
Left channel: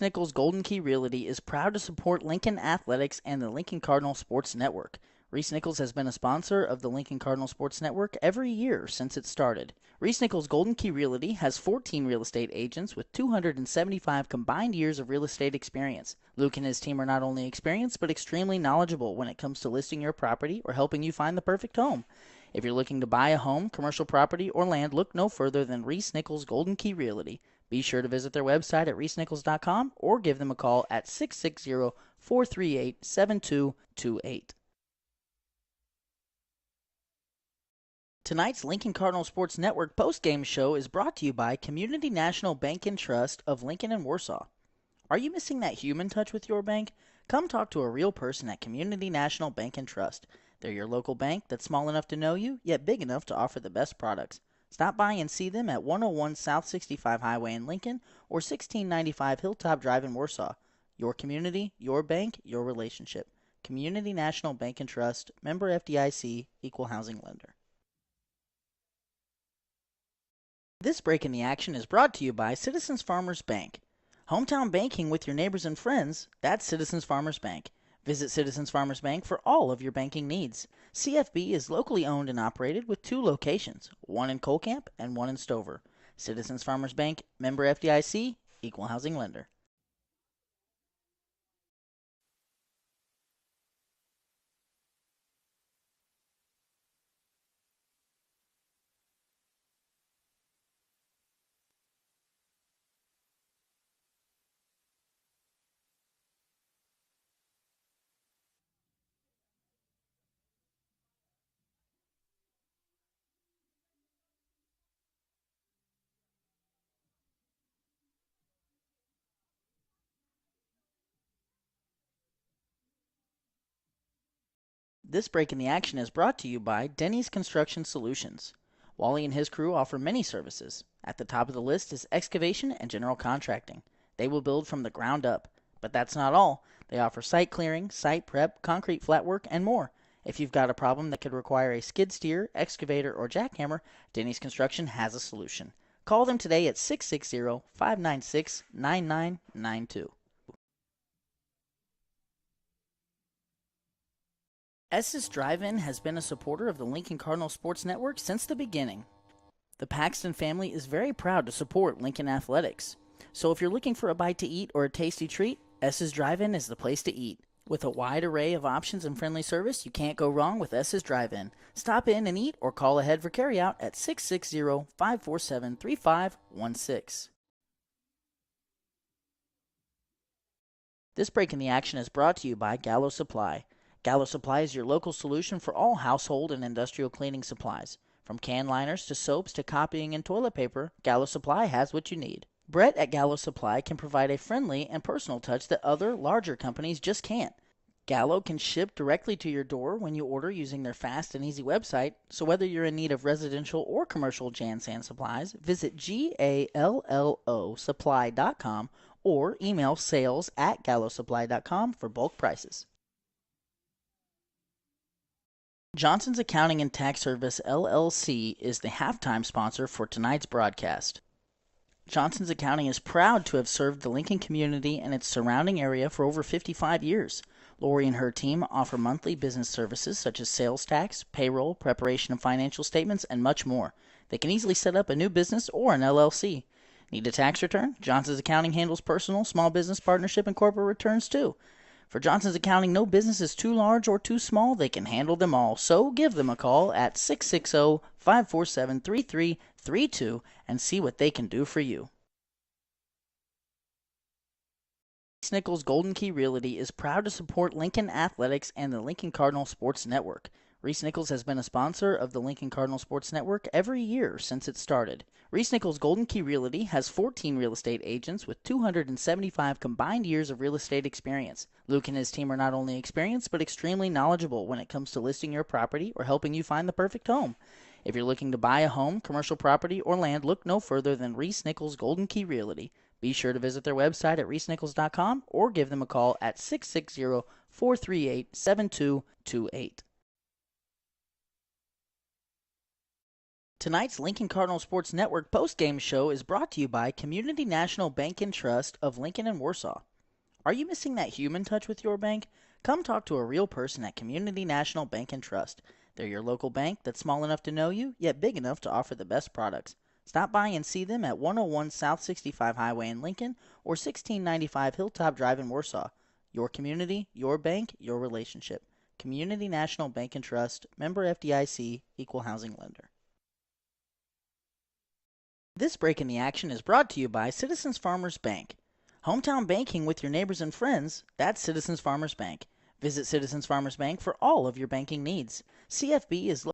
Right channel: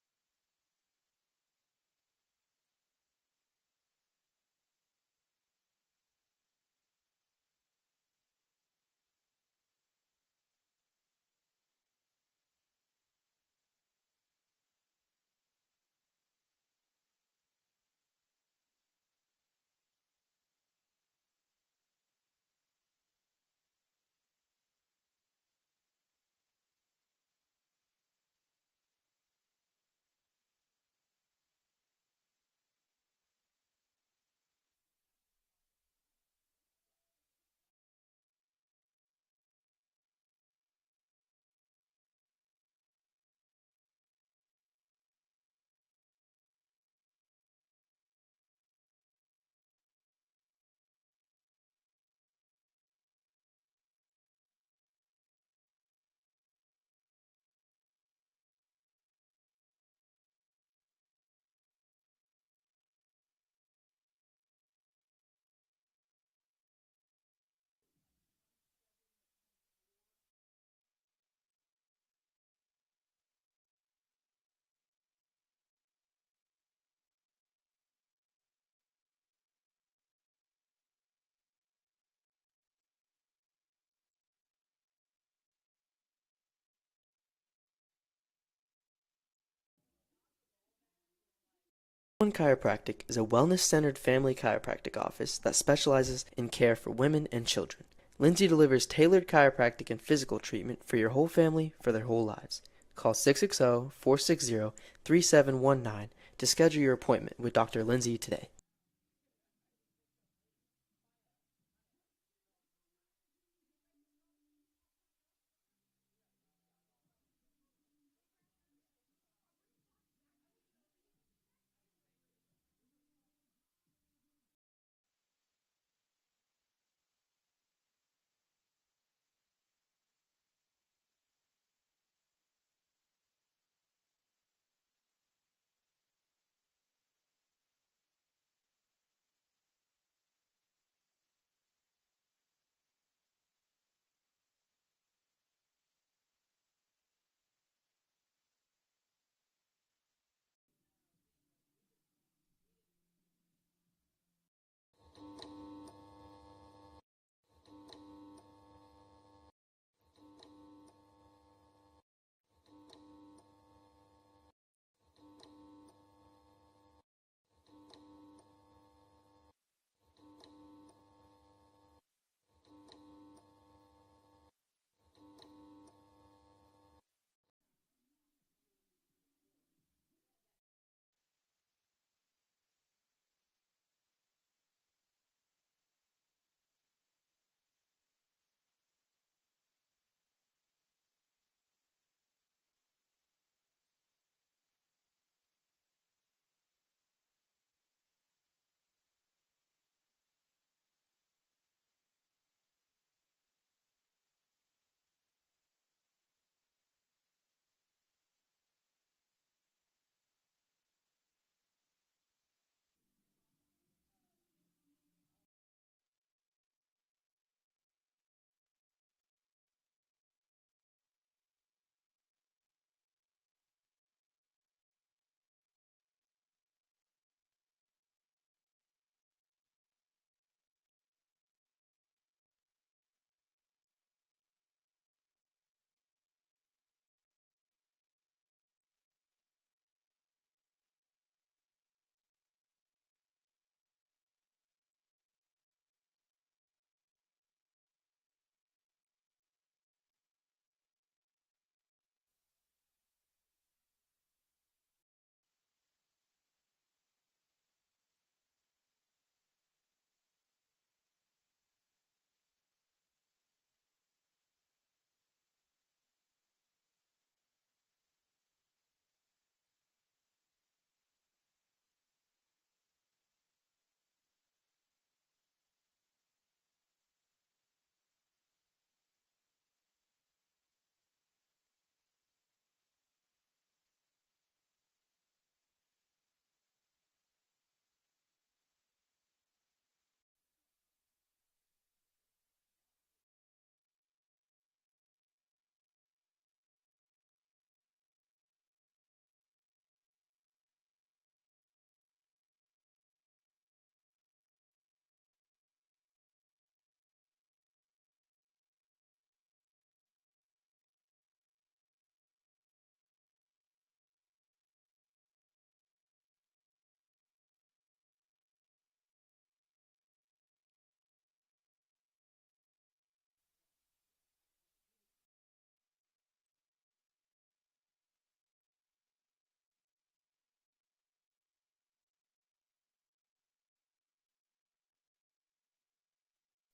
Nichols Golden Key Realty is proud to support Lincoln Athletics and the Lincoln Cardinal Sports Network. Reese Nichols has been a sponsor of the Lincoln Cardinal Sports Network every year since it started. Reese Nichols Golden Key Realty has 14 real estate agents with 275 combined years of real estate experience. Luke and his team are not only experienced but extremely knowledgeable when it comes to listing your property or helping you find the perfect home. If you're looking to buy a home, commercial property, or land, look no further than Reese Nichols Golden Key Realty. Be sure to visit their website at reesenichols.com or give them a call at 660-438-7228. Tonight's Lincoln Cardinal Sports Network postgame show is brought to you by Community National Bank and Trust of Lincoln and Warsaw. Are you missing that human touch with your bank? Come talk to a real person at Community National Bank and Trust. They're your local bank that's small enough to know you, yet big enough to offer the best products. Stop by and see them at 101 South 65 Highway in Lincoln or 1695 Hilltop Drive in Warsaw. Your community, your bank, your relationship. Community National Bank and Trust, member FDIC, equal housing lender. This break in the action is brought to you by Citizens Farmers Bank. Hometown banking with your neighbors and friends, that's Citizens Farmers Bank. Visit Citizens Farmers Bank for all of your banking needs. CFB is locally owned and operated with 2 locations, one in Colcamp and one in Stover. Citizens Farmers Bank, member FDIC, equal housing lender. One Chiropractic is a wellness-centered family chiropractic office that specializes in care for women and children. Lindsay delivers tailored chiropractic and physical treatment for your whole family for their whole lives. Call 660-460-3719 to schedule your appointment with Dr. Lindsay today. This break in the action is brought to you by Denny's Construction Solutions. Wally and his crew offer many services. At the top of the list is excavation and general contracting. They will build from the ground up. But that's not all. They offer site clearing, site prep, concrete flat work, and more. If you've got a problem that could require a skid steer, excavator, or jackhammer, Denny's Construction has a solution. Call them today at 660-596-9992. S's Drive-In has been a supporter of the Lincoln Cardinal Sports Network since the beginning. The Paxton family is very proud to support Lincoln Athletics. So if you're looking for a bite to eat or a tasty treat, S's Drive-In is the place to eat. With a wide array of options and friendly service, you can't go wrong with S's Drive-In. Stop in and eat or call ahead for carryout at 660-547-3516. This break in the action is brought to you by Gallo Supply. Gallo Supply is your local solution for all household and industrial cleaning supplies. From can liners to soaps to copying and toilet paper, Gallo Supply has what you need. Brett at Gallo Supply can provide a friendly and personal touch that other, larger companies just can't. Gallo can ship directly to your door when you order using their fast and easy website, so whether you're in need of residential or commercial Jan-San supplies, visit GALLOsupply.com or email sales@gallosupply.com for bulk prices. Johnson's Accounting and Tax Service, LLC, is the halftime sponsor for tonight's broadcast. Johnson's Accounting is proud to have served the Lincoln community and its surrounding area for over 55 years. Lori and her team offer monthly business services such as sales tax, payroll, preparation of financial statements, and much more. They can easily set up a new business or an LLC. Need a tax return? Johnson's Accounting handles personal, small business, partnership, and corporate returns too. For Johnson's Accounting, no business is too large or too small. They can handle them all. So give them a call at 660-547-3332 and see what they can do for you. Reese Nichols Golden Key Realty is proud to support Lincoln Athletics and the Lincoln Cardinal Sports Network. Reese Nichols has been a sponsor of the Lincoln Cardinal Sports Network every year since it started. Reese Nichols Golden Key Realty has 14 real estate agents with 275 combined years of real estate experience. Luke and his team are not only experienced but extremely knowledgeable when it comes to listing your property or helping you find the perfect home. If you're looking to buy a home, commercial property, or land, look no further than Reese Nichols Golden Key Realty. Be sure to visit their website at reesenichols.com or give them a call at 660-438-7228. Tonight's Lincoln Cardinal Sports Network postgame show is brought to you by Community National Bank and Trust of Lincoln and Warsaw. Are you missing that human touch with your bank? Come talk to a real person at Community National Bank and Trust. They're your local bank that's small enough to know you, yet big enough to offer the best products. Stop by and see them at 101 South 65 Highway in Lincoln or 1695 Hilltop Drive in Warsaw. Your community, your bank, your relationship. Community National Bank and Trust, member FDIC, equal housing lender. This break in the action is brought to you by Citizens Farmers Bank. Hometown banking with your neighbors and friends, that's Citizens Farmers Bank. Visit Citizens Farmers Bank for all of your banking needs. CFB is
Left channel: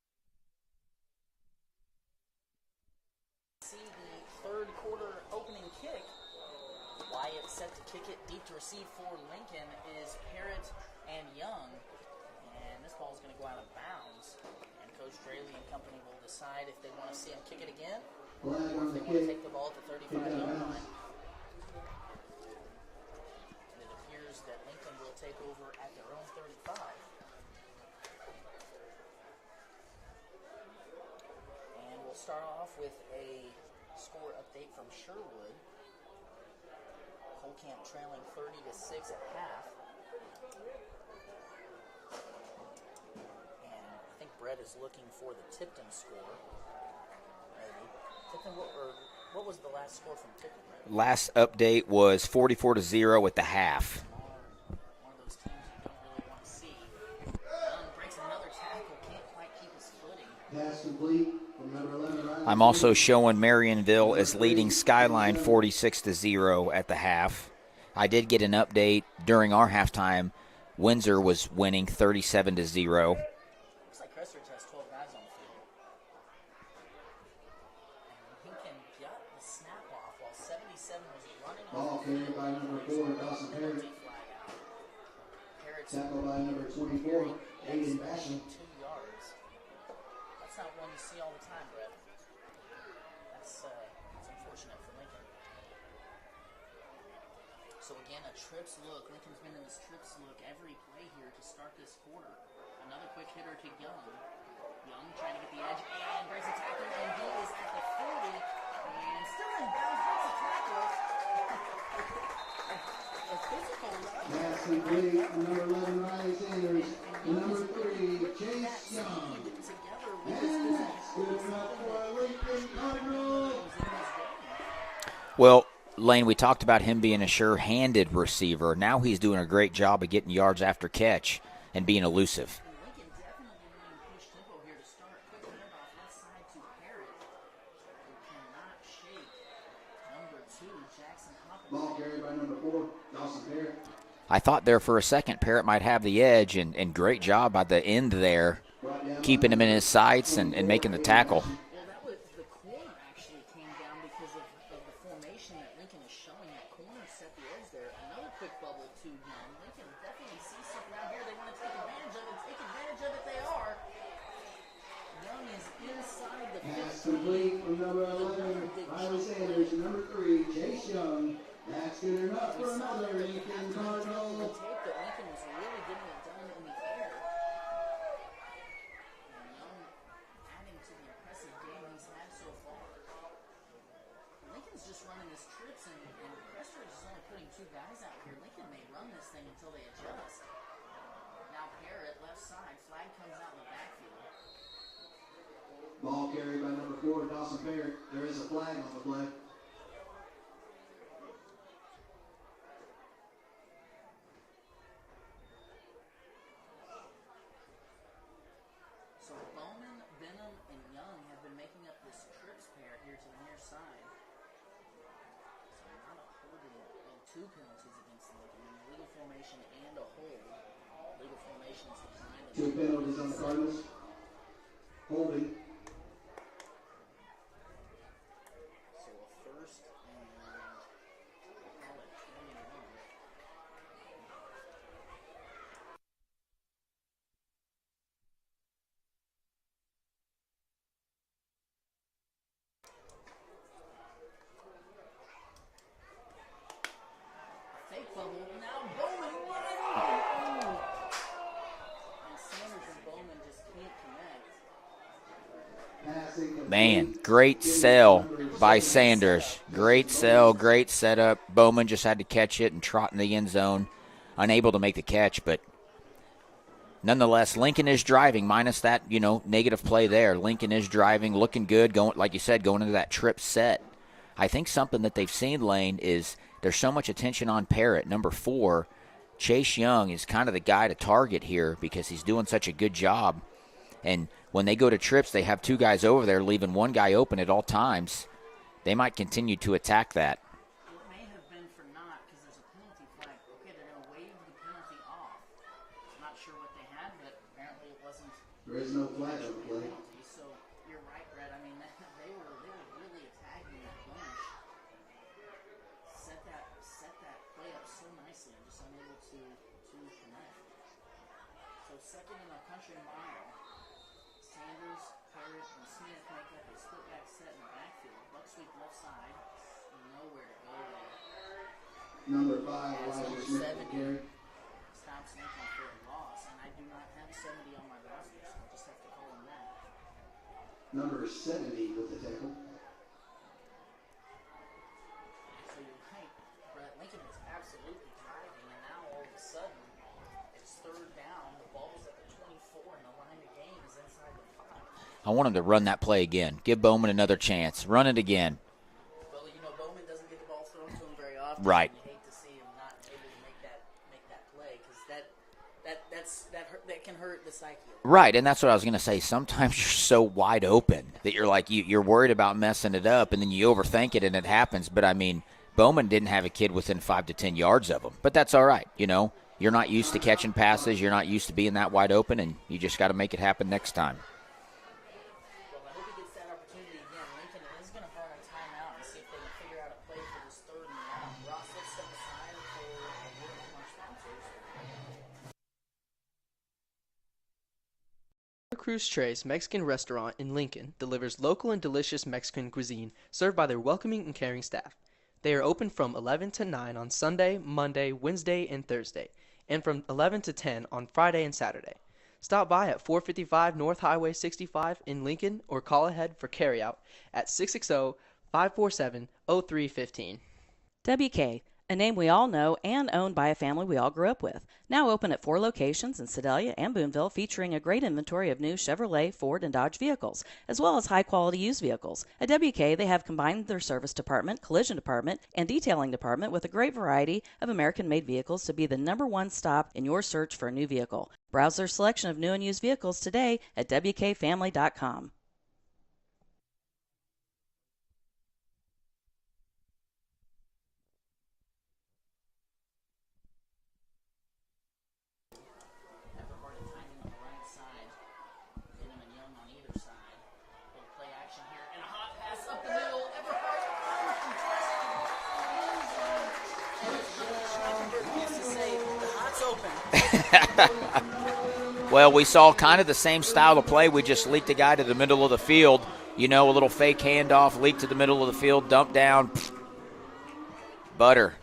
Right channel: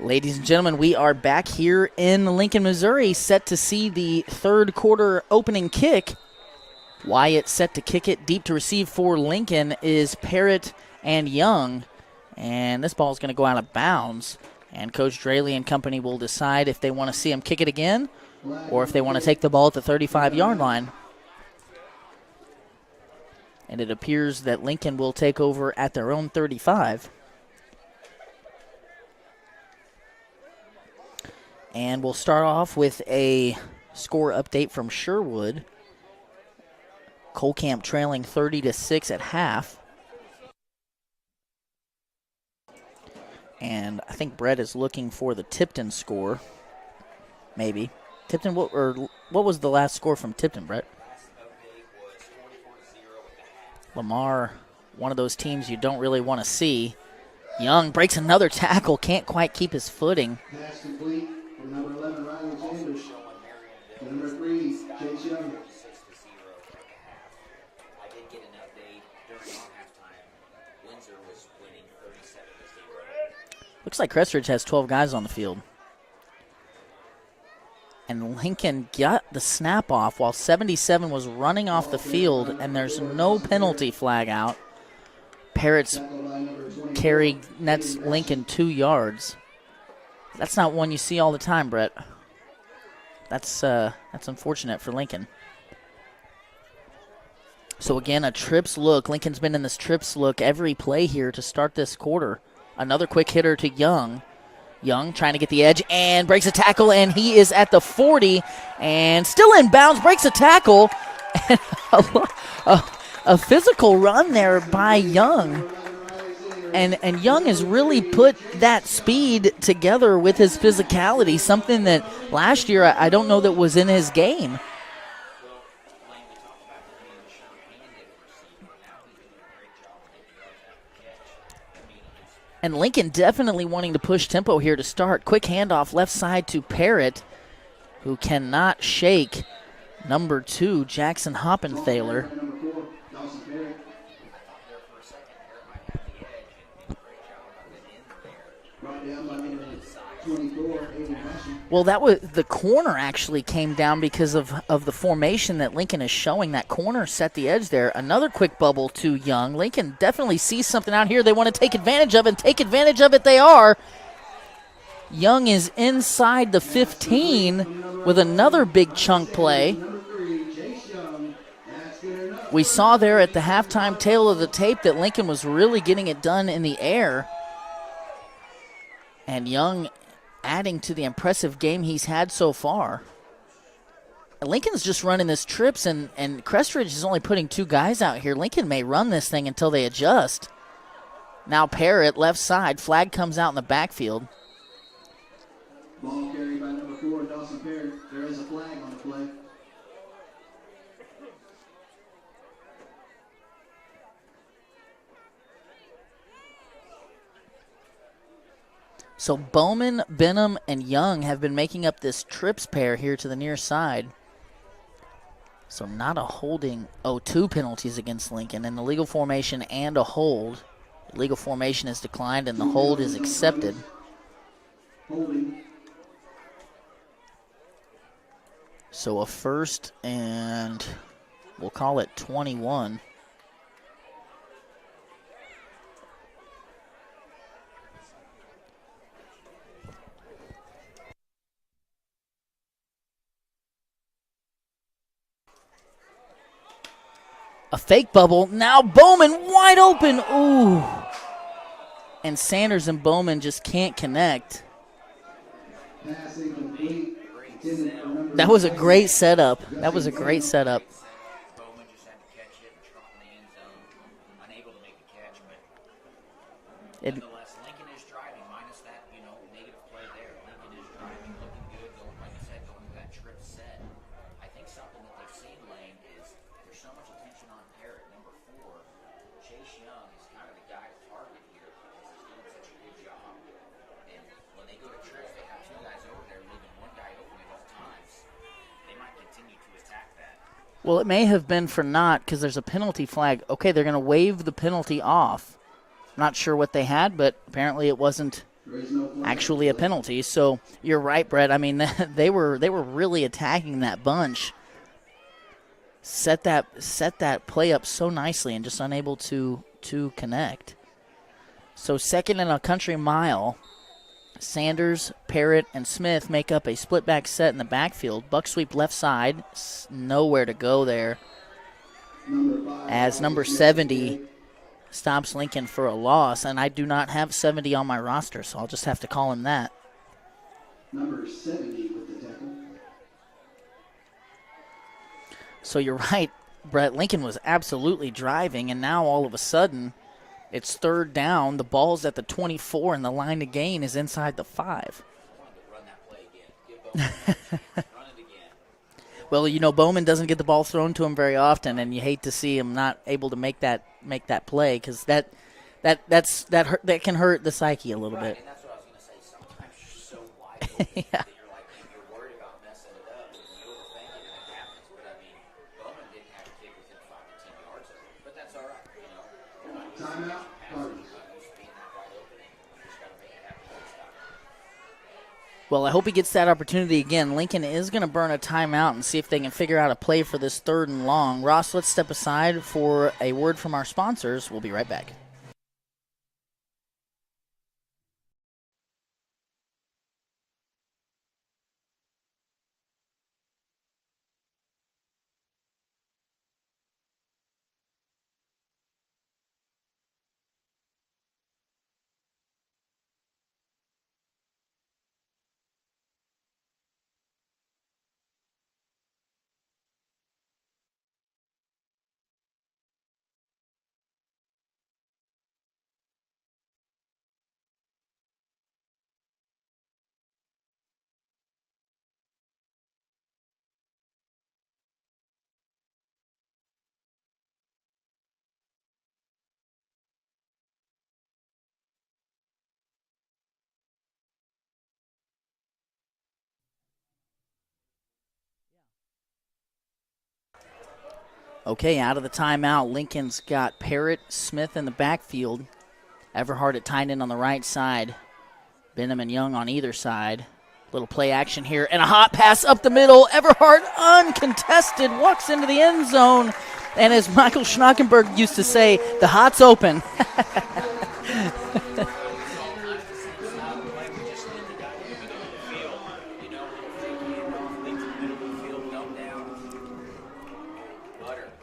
Ladies and gentlemen, we are back here in Lincoln, Missouri, set to see the third quarter opening kick. Wyatt set to kick it. Deep to receive for Lincoln is Parrott and Young. And this ball is going to go out of bounds. And Coach Draley and company will decide if they want to see him kick it again or if they want to take the ball at the 35-yard line. And it appears that Lincoln will take over at their own 35. And we'll start off with a score update from Sherwood. Colcamp trailing 30-6 at half. And I think Brett is looking for the Tipton score, maybe. Tipton, what was the last score from Tipton, Brett? Last update was 44-0 at the half. Lamar, one of those teams you don't really want to see. Young breaks another tackle, can't quite keep his footing. I'm also showing Marionville as leading Skyline 46-0 at the half. I did get an update during our halftime. Windsor was winning 37-0. Looks like Crest Ridge has 12 guys on the field. And Lincoln got the snap off while 77 was running off the field, and there's no penalty flag out. Parrott's carry nets Lincoln 2 yards. That's not one you see all the time, Brett. That's unfortunate for Lincoln. So again, a trips look. Lincoln's been in this trips look every play here to start this quarter. Another quick hitter to Young. Young trying to get the edge and breaks a tackle, and he is at the 40 and still in bounds, breaks a tackle. And a physical run there by Young. And Young has really put that speed together with his physicality, something that last year I don't know that was in his game. Well, Lane, we talked about him being a sure-handed receiver. Now he's doing a great job of getting yards after catch and being elusive. And Lincoln definitely wanting to push tempo here to start. Quick handoff left side to Parrott, who cannot shake number 2, Jackson Hoppenthaler. I thought there for a second Parrott might have the edge, and great job by the end there, keeping him in his sights and making the tackle. Well, that was the corner actually came down because of the formation that Lincoln is showing. That corner set the edge there. Another quick bubble to Young. Lincoln definitely sees something out here they want to take advantage of, and take advantage of it they are. Young is inside the 15 with another big chunk play. We saw there at the halftime tail of the tape that Lincoln was really getting it done in the air. And Young adding to the impressive game he's had so far. Lincoln's just running this trips, and Crest Ridge is only putting 2 guys out here. Lincoln may run this thing until they adjust. Now Parrott, left side. Flag comes out in the backfield. Ball carried by number 4, Dawson Parrott. There is a flag on the play. So Bowman, Benham, and Young have been making up this trips pair here to the near side. So not a holding. 2 penalties against Lincoln in the legal formation and a hold. The legal formation is declined and the hold is accepted. Holding. So a first and we'll call it 21. A fake bubble. Now Bowman wide open. Ooh. And Sanders and Bowman just can't connect. Man, great sell. That was by a great Sanders. setup. Great sell, great setup. Bowman just had to catch it and trot in the end zone. Unable to make the catch, but nonetheless, Lincoln is driving, minus that, negative play there. Lincoln is driving, looking good, going, like you said, going into that trip set. I think something that they've seen, Lane, is there's so much attention on Parrott. Number 4, Chase Young is kind of the guy to target here because he's doing such a good job. And when they go to trips, they have 2 guys over there, leaving 1 guy open at all times. They might continue to attack that. Well, it may have been for not because there's a penalty flag. Okay, they're going to waive the penalty off. Not sure what they had, but apparently it wasn't actually a penalty. So you're right, Brett. I mean, they were really attacking that bunch. Set that play up so nicely and just unable to connect. So second and a country mile. Sanders, Parrott, and Smith make up a split back set in the backfield. Buck sweep left side. Nowhere to go there. As number 70 stops Lincoln for a loss. And I do not have 70 on my roster, so I'll just have to call him that. Number 70 with the tackle. So you're right. Brett, Lincoln was absolutely driving, and now all of a sudden it's third down. The ball's at the 24, and the line to gain is inside the 5. I want him to run that play again. Give Bowman another chance. Run it again. Well, Bowman doesn't get the ball thrown to him very often, Right. and you hate to see him not able to make that play because that can hurt the psyche a little Right, bit. and that's what I was going to say. Sometimes you're so wide open that you're like you're worried about messing it up, and then you overthink it, and it happens. But, I mean, Bowman didn't have a kid within 5 to 10 yards of him. But that's all right, You're not used to catching passes. You're not used to being that wide open, and you just got to make it happen next time. Well, I hope he gets that opportunity again. Lincoln is going to burn a timeout and see if they can figure out a play for this 3rd and long. Ross, let's step aside for a word from our sponsors. We'll be right back. Cruz Tres Mexican Restaurant in Lincoln delivers local and delicious Mexican cuisine served by their welcoming and caring staff. They are open from 11 to 9 on Sunday, Monday, Wednesday, and Thursday, and from 11 to 10 on Friday and Saturday. Stop by at 455 North Highway 65 in Lincoln or call ahead for carryout at 660-547-0315. WK, a name we all know and owned by a family we all grew up with. Now open at 4 locations in Sedalia and Boonville, featuring a great inventory of new Chevrolet, Ford, and Dodge vehicles, as well as high-quality used vehicles. At WK, they have combined their service department, collision department, and detailing department with a great variety of American-made vehicles to be the #1 stop in your search for a new vehicle. Browse their selection of new and used vehicles today at WKFamily.com. Okay, out of the timeout, Lincoln's got Parrott, Smith in the backfield. Everhart at tight end on the right side. Benham and Young on either side. Little play action here, and a hot pass up the middle. Everhart, uncontested, walks into the end zone. And as Michael Schnockenberg used to say, the hot's open. Well, we saw kind of the same style of play. We just leaked a guy to the middle of the field. A little fake handoff, leak to the middle of the field, dump down. Butter.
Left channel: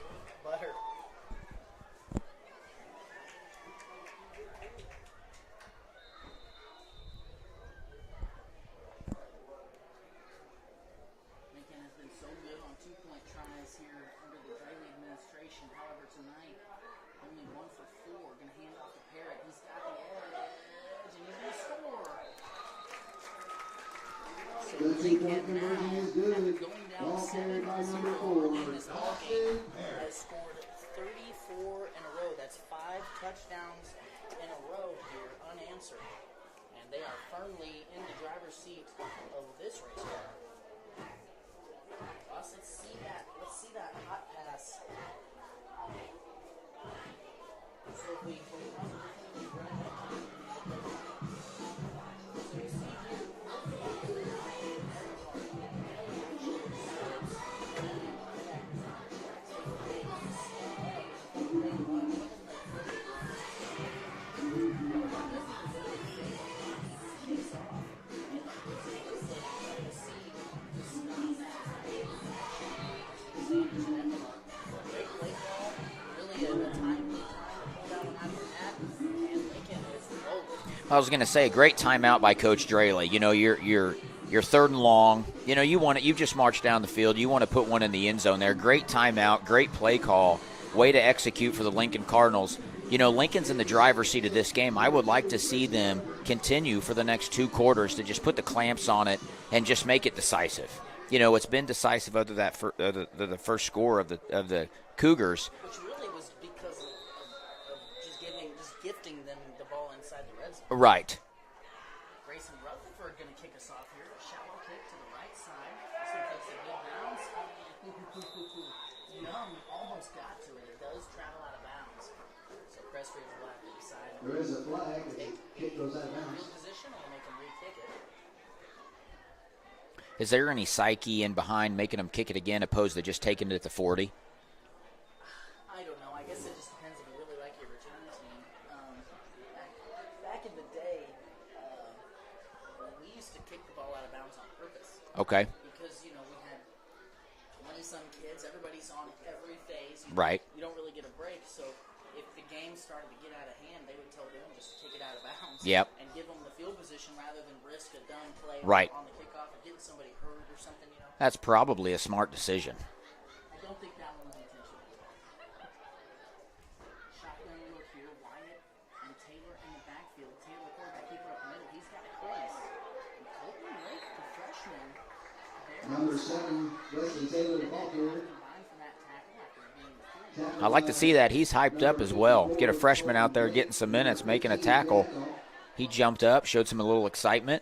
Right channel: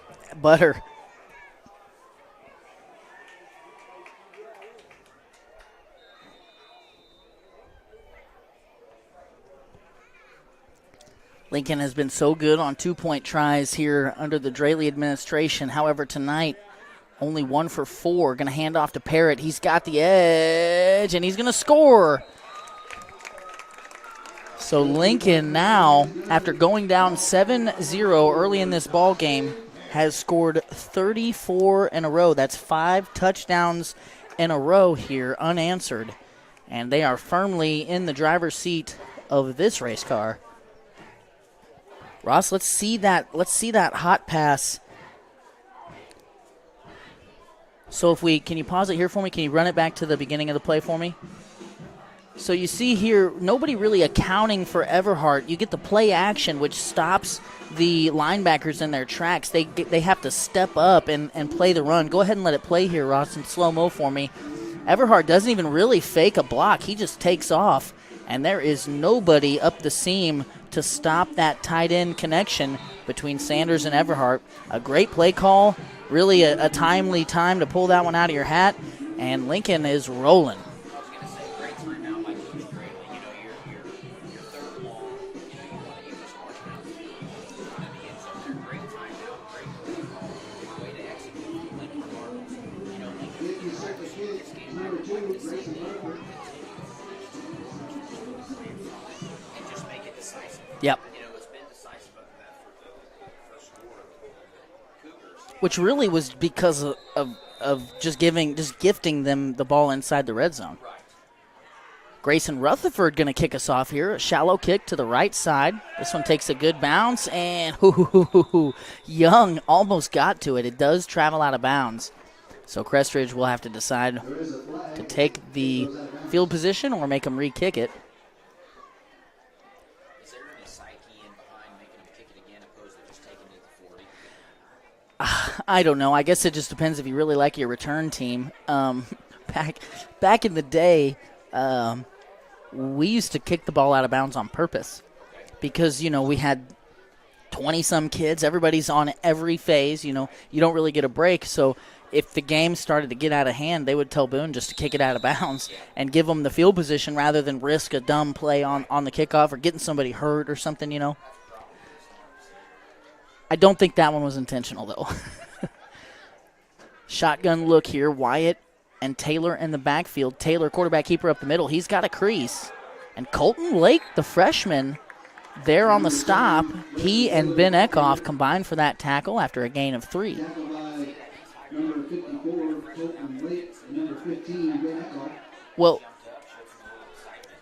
Lincoln has been so good on 2-point tries here under the Draley administration. However, tonight, only 1 for 4. Going to hand off to Parrott. He's got the edge, and he's going to score. So Lincoln now, after going down 7-0 early in this ball game, has scored 34 in a row. That's 5 touchdowns in a row here, unanswered. And they are firmly in the driver's seat of this race car. Ross, let's see that hot pass. So can you pause it here for me? Can you run it back to the beginning of the play for me? So you see here, nobody really accounting for Everhart. You get the play action, which stops the linebackers in their tracks. They have to step up and play the run. Go ahead and let it play here, Ross, in slow-mo for me. Everhart doesn't even really fake a block. He just takes off, and there is nobody up the seam to stop that tight end connection between Sanders and Everhart. A great play call, really a timely time to pull that one out of your hat, and Lincoln is rolling. I was going to say, a great timeout by Coach Draley. You're 3rd and long. You've just marched down the field. You want to put one in the end zone there. Great timeout, great play call, way to execute for the Lincoln Cardinals. Lincoln's in the driver's seat of this game. I would like to see them continue for the next 2 quarters to just put the clamps on it and just make it decisive. Yep. It's been decisive other than the first score of the Cougars, which really was because of just gifting them the ball inside the red zone. Right. Grayson Rutherford going to kick us off here. A shallow kick to the right side. This one takes a good bounce, and Young almost got to it. It does travel out of bounds. So Crest Ridge will have to decide to take the field position or make them re-kick it. Is there any psyche in behind making them kick it again opposed to just taking it at the 40? I don't know. I guess it just depends if you really like your return team. Back in the day, we used to kick the ball out of bounds on purpose. Okay. Because, we had 20-some kids. Everybody's on every phase. Right. You don't really get a break. So if the game started to get out of hand, they would tell Boone just to kick it out of bounds and give them the field position rather than risk a dumb play on the kickoff or getting somebody hurt or something, That's probably a smart decision. I don't think that one was intentional, though. Shotgun look here. Wyatt and Taylor in the backfield. Taylor, quarterback keeper up the middle. He's got a crease. And Colton Lake, the freshman, there on the stop. He and Ben Eckhoff combined for that tackle after a gain of 3. I like to see that. He's hyped up as well. Get a freshman out there getting some minutes, making a tackle. He jumped up, showed some a little excitement.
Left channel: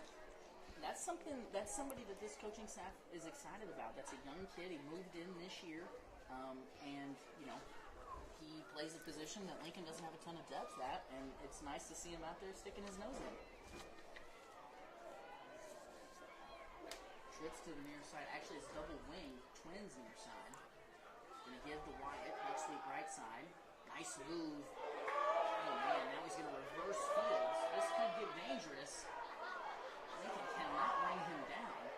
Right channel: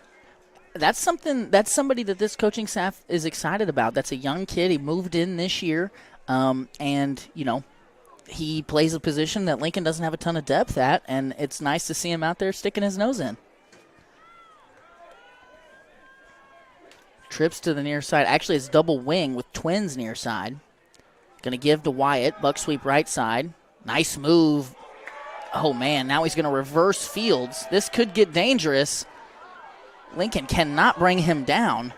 That's somebody that this coaching staff is excited about. That's a young kid. He moved in this year, and, he plays a position that Lincoln doesn't have a ton of depth at, and it's nice to see him out there sticking his nose in. Trips to the near side. Actually, it's double wing with twins near side. Going to give to Wyatt. Buck sweep right side. Nice move. Oh, man, now he's going to reverse Fields. This could get dangerous. Lincoln cannot bring him down.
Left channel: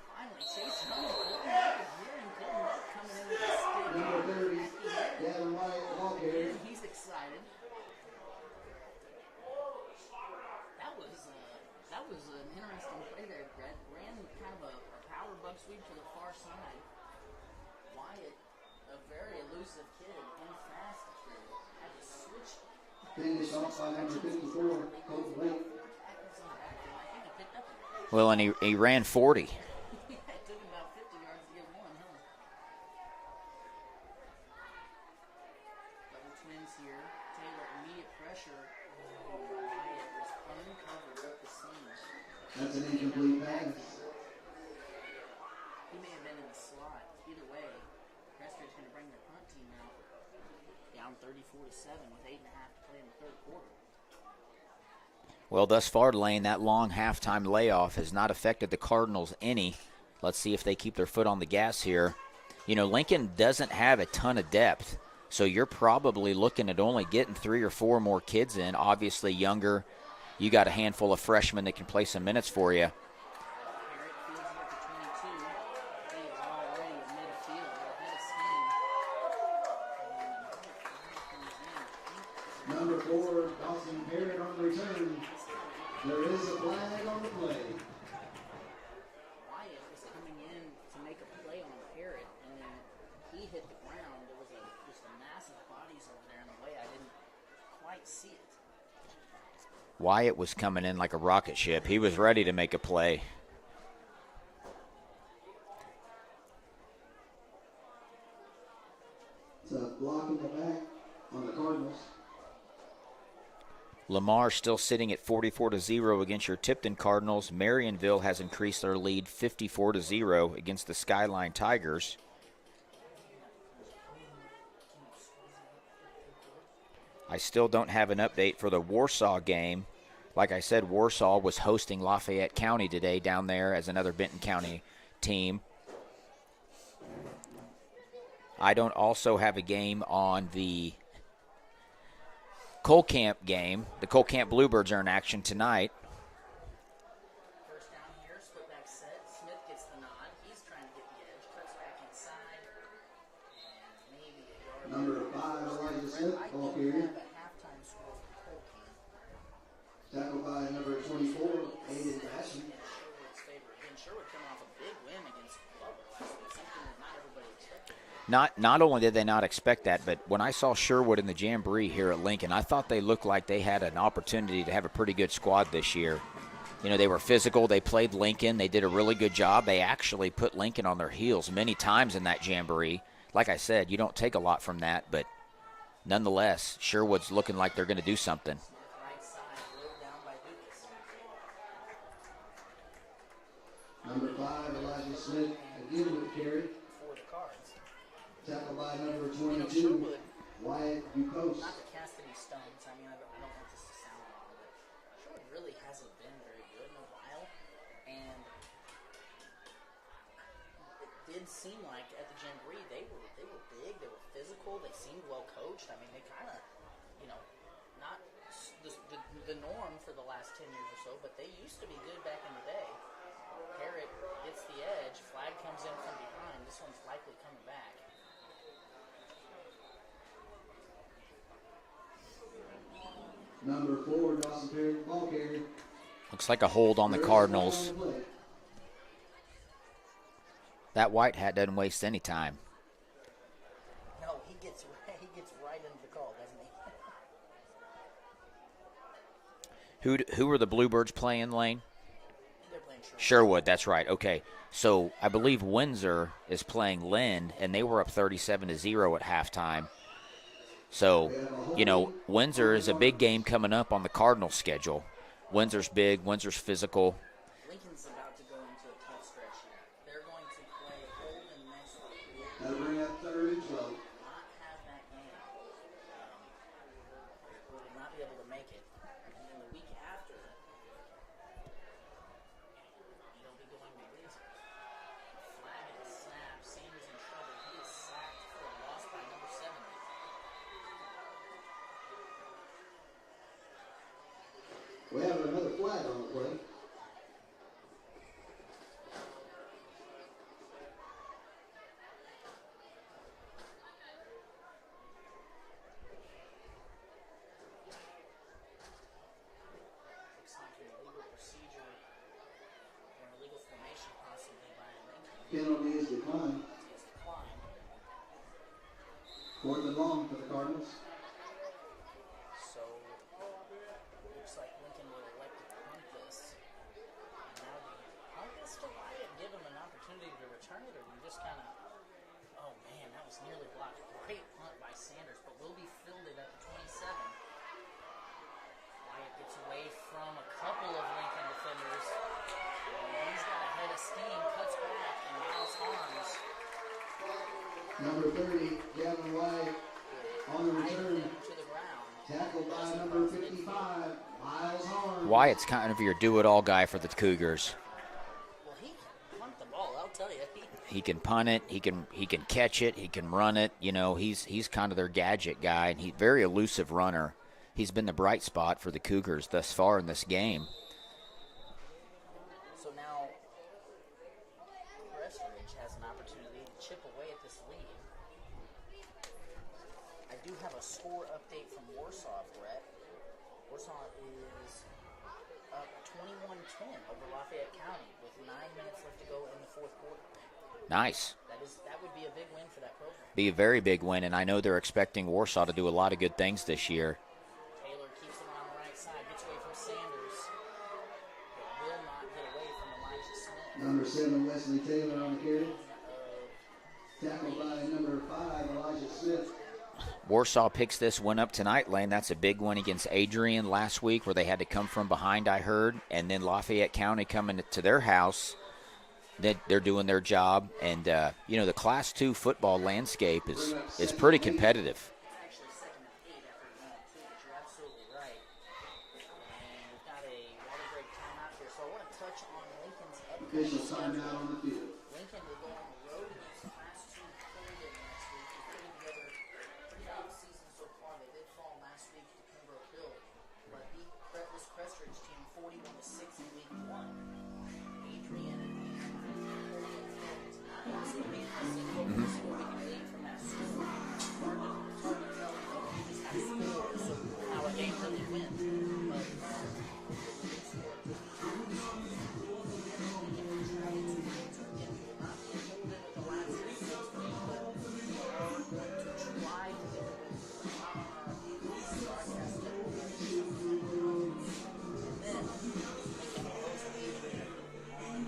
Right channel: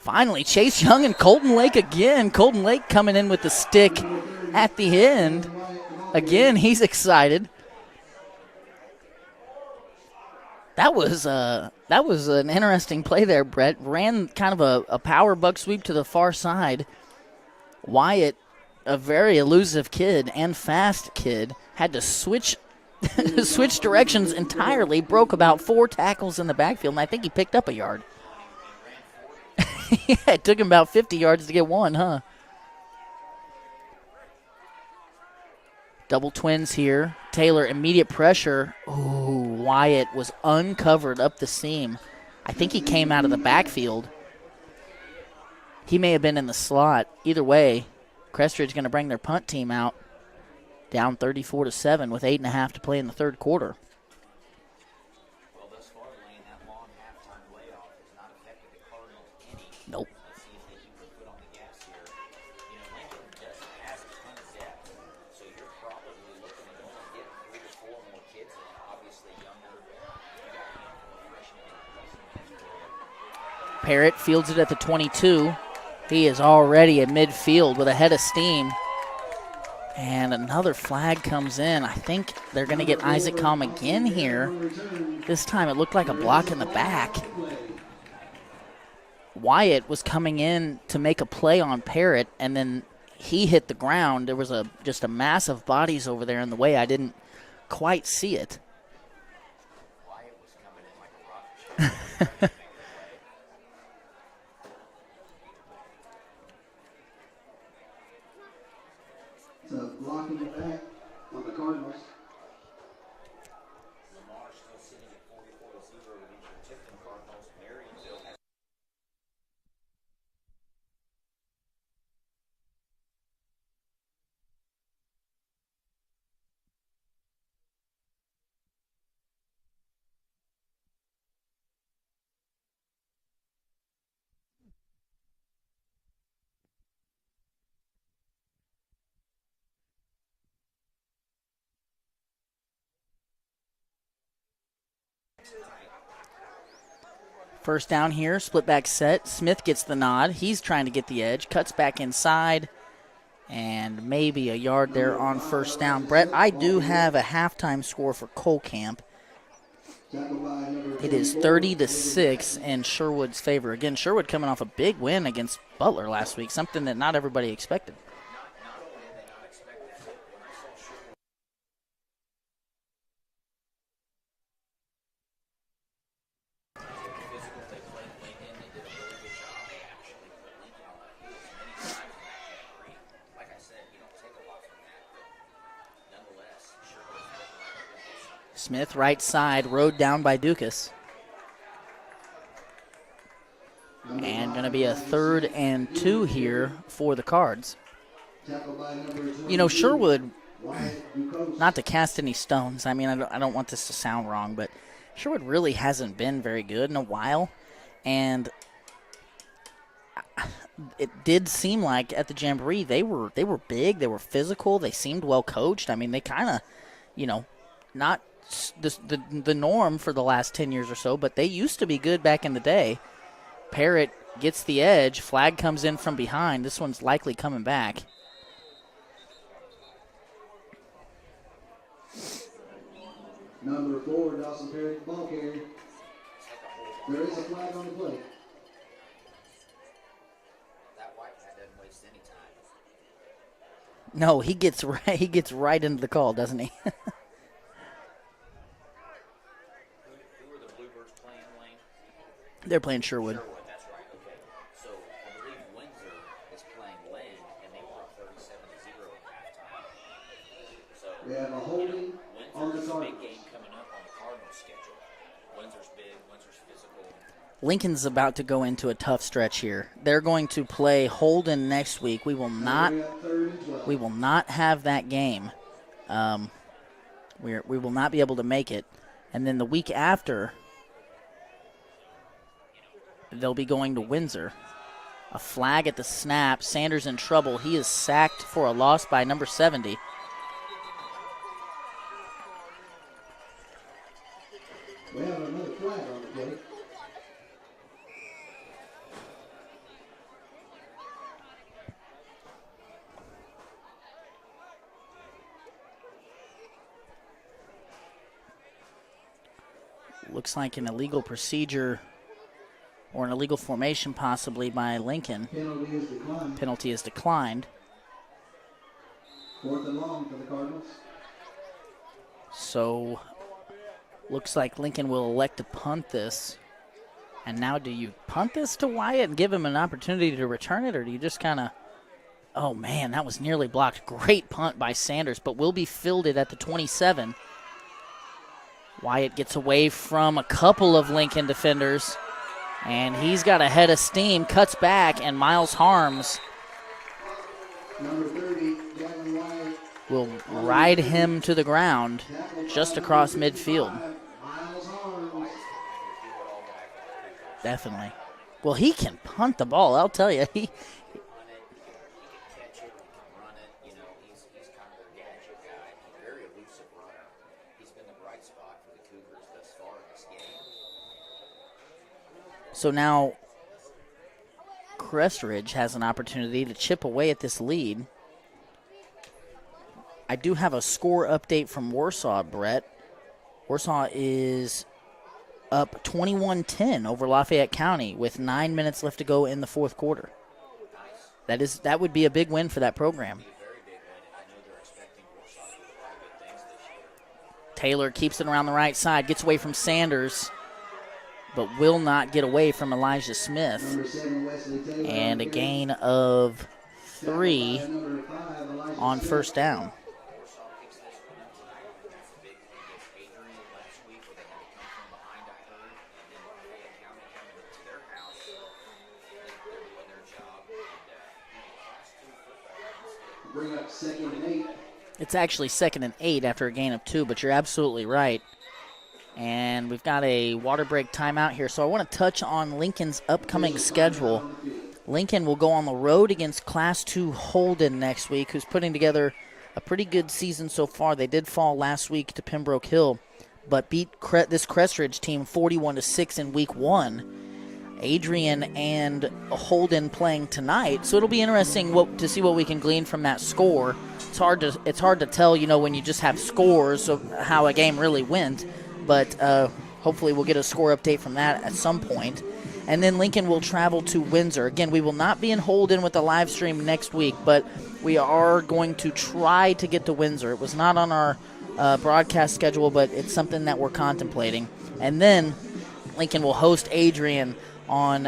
Finally, Chase Young and Colton Lake again. Colton Lake coming in with the stick at the end. Again, he's excited. That was an interesting play there, Brett. Ran kind of a power buck sweep to the far side. Wyatt, a very elusive kid and fast kid, had to switch directions entirely, broke about 4 tackles in the backfield, and I think he picked up a yard. Well, and he ran 40. Yeah, it took him about 50 yards to get 1, huh? Double twins here. Taylor, immediate pressure. Ooh, Wyatt was uncovered up the seam. I think he came out of the backfield. He may have been in the slot. Either way, Crest Ridge going to bring their punt team out. Down 34-7 with 8.5 to play in the third quarter. Well, thus far, Lane, that long halftime layoff has not affected the Cardinals any. Nope. Let's see if they keep their foot on the gas here. Lincoln doesn't have a ton of depth, so you're probably looking at only getting 3 or 4 more kids in. Obviously younger. You got a handful of freshmen that can play some minutes for you. Parrott fields it at the 22. He is already at midfield with a head of steam. And another flag comes in. I think they're going to get Isaac Calm again here. This time it looked like a block in the back. Wyatt was coming in to make a play on Parrott, and then he hit the ground. There was just a mass of bodies over there in the way. I didn't quite see it. Wyatt was coming in like a rocket ship. He was ready to make a play. It's a block in the back on the Cardinals. Lamar still sitting at 44-0 against your Tipton Cardinals. Marionville has increased their lead 54-0 against the Skyline Tigers. I still don't have an update for the Warsaw game. Like I said, Warsaw was hosting Lafayette County today down there as another Benton County team. I don't also have a game on the Colcamp game. The Colcamp Bluebirds are in action tonight. First down here, split back set. Smith gets the nod. He's trying to get the edge, cuts back inside, and maybe a yard there on first down. Brett, I do have a halftime score for Colcamp. It is 30-6 in Sherwood's favor. Again, Sherwood coming off a big win against Butler last week, something that not everybody expected. Not only did they not expect that, but when I saw Sherwood in the Jamboree here at Lincoln, I thought they looked like they had an opportunity to have a pretty good squad this year. They were physical. They played Lincoln. They did a really good job. They actually put Lincoln on their heels many times in that Jamboree. Like I said, you don't take a lot from that, but nonetheless, Sherwood's looking like they're going to do something. Smith right side, rode down by Dukas. And going to be a 3rd and 2 here for the Cards. Sherwood, not to cast any stones, I mean, I don't want this to sound wrong, but Sherwood really hasn't been very good in a while. And it did seem like at the Jamboree they were big, they were physical, they seemed well coached. I mean, they kind of, not the norm for the last 10 years or so, but they used to be good back in the day. Parrott gets the edge, flag comes in from behind. This one's likely coming back. Number 4, Dawson Perry, ball carrier. Looks like a hold on the Cardinals. That white hat doesn't waste any time. No, he gets right into the call, doesn't he? Who are the Bluebirds playing, Lane? They're playing Sherwood. Sherwood, that's right. Okay. So I believe Windsor is playing Lynn, and they were up 37-0 at halftime. So, Windsor is a big game coming up on the Cardinal schedule. Windsor's big. Windsor's physical. Lincoln's about to go into a tough stretch here. They're going to play Holden next week. We will not have that game. We will not be able to make it. And then the week after, they'll be going to Windsor. A flag at the snap. Sanders in trouble. He is sacked for a loss by number 70. We have another flag on the play. Looks like an illegal procedure or an illegal formation possibly by Lincoln. Penalty is declined. Penalty is declined. 4th and long for the Cardinals. So looks like Lincoln will elect to punt this. And now do you punt this to Wyatt and give him an opportunity to return it, or do you just kind of, oh man, that was nearly blocked. Great punt by Sanders, but will be fielded at the 27. Wyatt gets away from a couple of Lincoln defenders, and he's got a head of steam, cuts back, and Miles Harms Number 30, Gavin White. will ride him to the ground just across midfield. Wyatt's kind of your do-it-all guy for the Cougars. Definitely. Well, he can punt the ball, I'll tell you. He can punt it. He can catch it. He can run it. He's kind of their gadget guy, and he's a very elusive runner. He's been the bright spot for the Cougars thus far in this game. So now Crest Ridge has an opportunity to chip away at this lead. I do have a score update from Warsaw, Brett. Warsaw is up 21-10 over Lafayette County with 9 minutes left to go in the fourth quarter. Nice. That would be a big win for that program. Be a very big win, and I know they're expecting Warsaw to do a lot of good things this year. Taylor keeps it around the right side, gets away from Sanders, but will not get away from Elijah Smith. Number 7, Wesley Taylor. And a gain of 3 Number 5, Elijah on Smith. first down. Warsaw picks this one up tonight, Lane. That's a big one against Adrian last week where they had to come from behind, I heard. And then Lafayette County coming to their house. They're doing their job. And, the Class II football landscape is pretty competitive. It's actually 2nd and 8 after a gain of 2, but you're absolutely right. And we've got a water break timeout here. So I want to touch on Lincoln's upcoming schedule. Lincoln will go on the road against Class II Holden next week, who's putting together a pretty good season so far. They did fall last week to Pembroke Hill, but beat this Crest Ridge team 41-6 in week 1. Adrian and Holden playing tonight, so it'll be interesting to see what we can glean from that score. It's hard to tell, when you just have scores of how a game really went, but hopefully we'll get a score update from that at some point. And then Lincoln will travel to Windsor. Again, we will not be in Holden with the live stream next week, but we are going to try to get to Windsor. It was not on our broadcast schedule, but it's something that we're contemplating. And then Lincoln will host Adrian on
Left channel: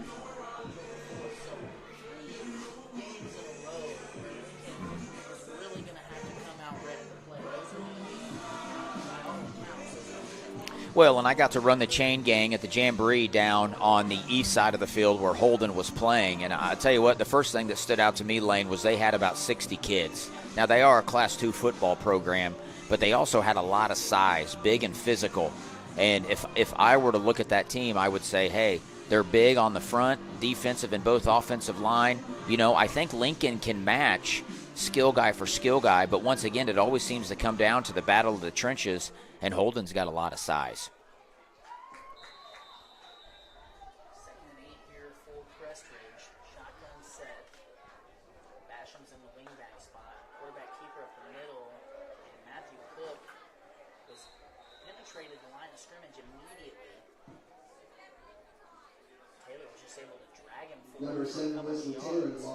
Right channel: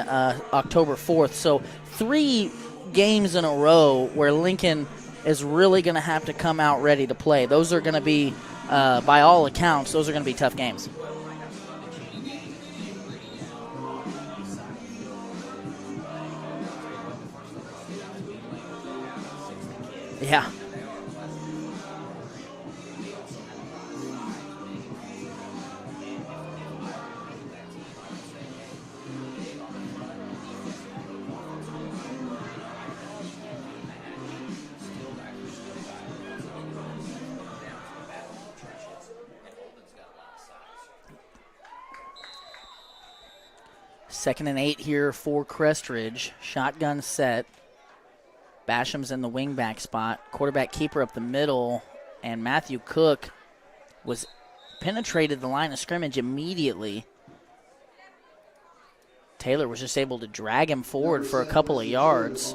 October 4th. So 3 games in a row where Lincoln is really going to have to come out ready to play. Those are going to be, by all accounts, those are going to be tough games. Well, and I got to run the chain gang at the Jamboree down on the east side of the field where Holden was playing. And I tell you what, the first thing that stood out to me, Lane, was they had about 60 kids. Yeah. Now, they are a Class II football program, but they also had a lot of size, big and physical. And if I were to look at that team, I would say, hey, they're big on the front, defensive and both offensive line. I think Lincoln can match skill guy for skill guy, but once again, it always seems to come down to the battle of the trenches, and Holden's got a lot of size. 2nd and 8 here for Crest Ridge. Shotgun set. Basham's in the wingback spot. Quarterback keeper up the middle, and Matthew Cook penetrated the line of scrimmage immediately. Taylor was just able to drag him forward for a couple of yards.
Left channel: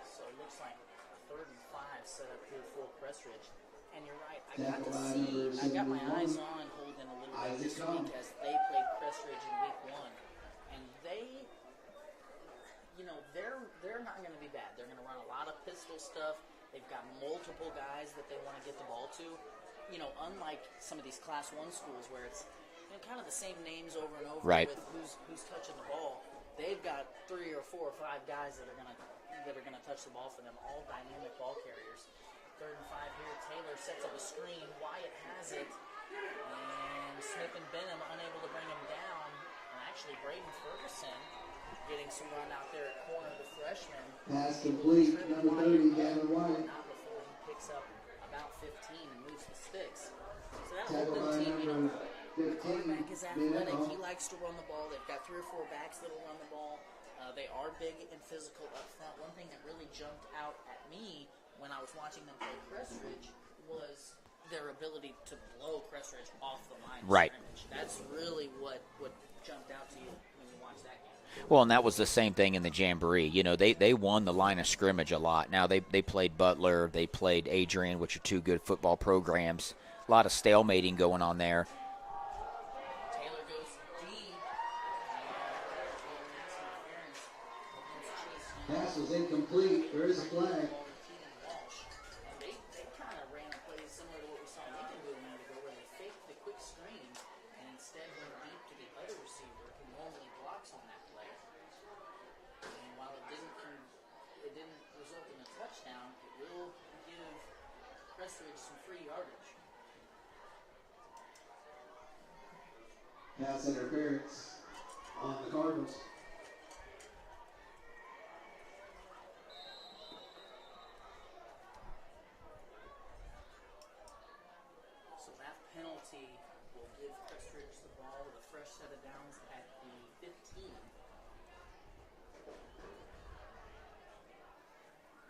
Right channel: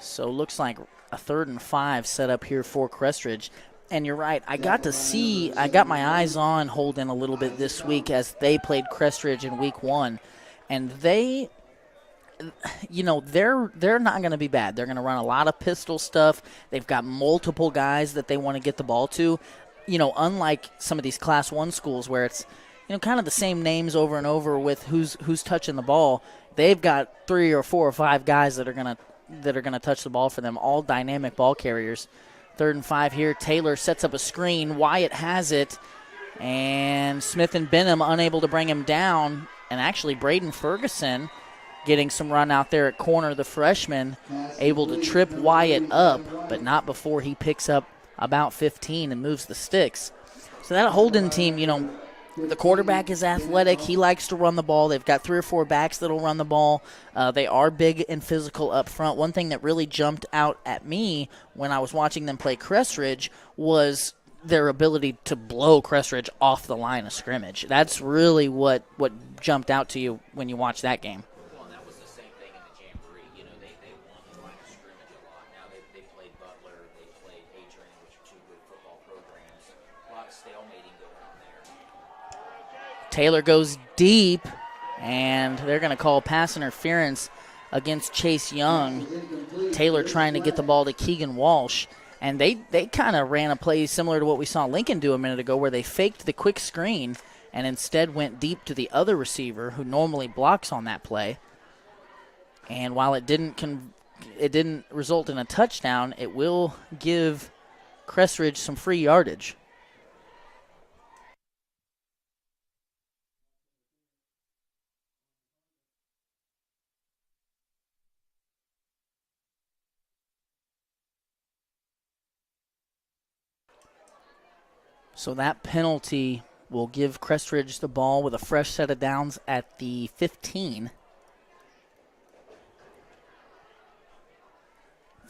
So looks like a 3rd and 5 set up here for Crest Ridge. And you're right, I got my eyes on Holden a little bit this week as they played Crest Ridge in week 1. And they're not going to be bad. They're going to run a lot of pistol stuff. They've got multiple guys that they want to get the ball to. Unlike some of these Class 1 schools where it's, kind of the same names over and over right. with who's touching the ball. They've got 3 or 4 or 5 guys that are gonna touch the ball for them, all dynamic ball carriers. 3rd and 5 here. Taylor sets up a screen. Wyatt has it, and Smith and Benham unable to bring him down. And actually, Braden Ferguson getting some run out there at corner. The freshman able to trip Wyatt up, but not before he picks up about 15 and moves the sticks. So that Holden team, the quarterback is athletic. He likes to run the ball. They've got 3 or 4 backs that'll run the ball. They are big and physical up front. One thing that really jumped out at me when I was watching them play Crest Ridge was their ability to blow Crest Ridge off the line of scrimmage. That's really what jumped out to you when you watch that game. Well, and that was the same thing in the Jamboree. They won the line of scrimmage a lot. Now they played Butler, they played Adrian, which are 2 good football programs. A lot of stalemating going on there. Taylor goes deep, and they're going to call pass interference against Chase Young. Taylor trying to get the ball to Keegan Walsh. And they kind of ran a play similar to what we saw Lincoln do a minute ago, where they faked the quick screen and instead went deep to the other receiver who normally blocks on that play. And while it didn't result in a touchdown, it will give Crest Ridge some free yardage. Pass interference on the Cardinals. So that penalty will give Crest Ridge the ball with a fresh set of downs at the 15.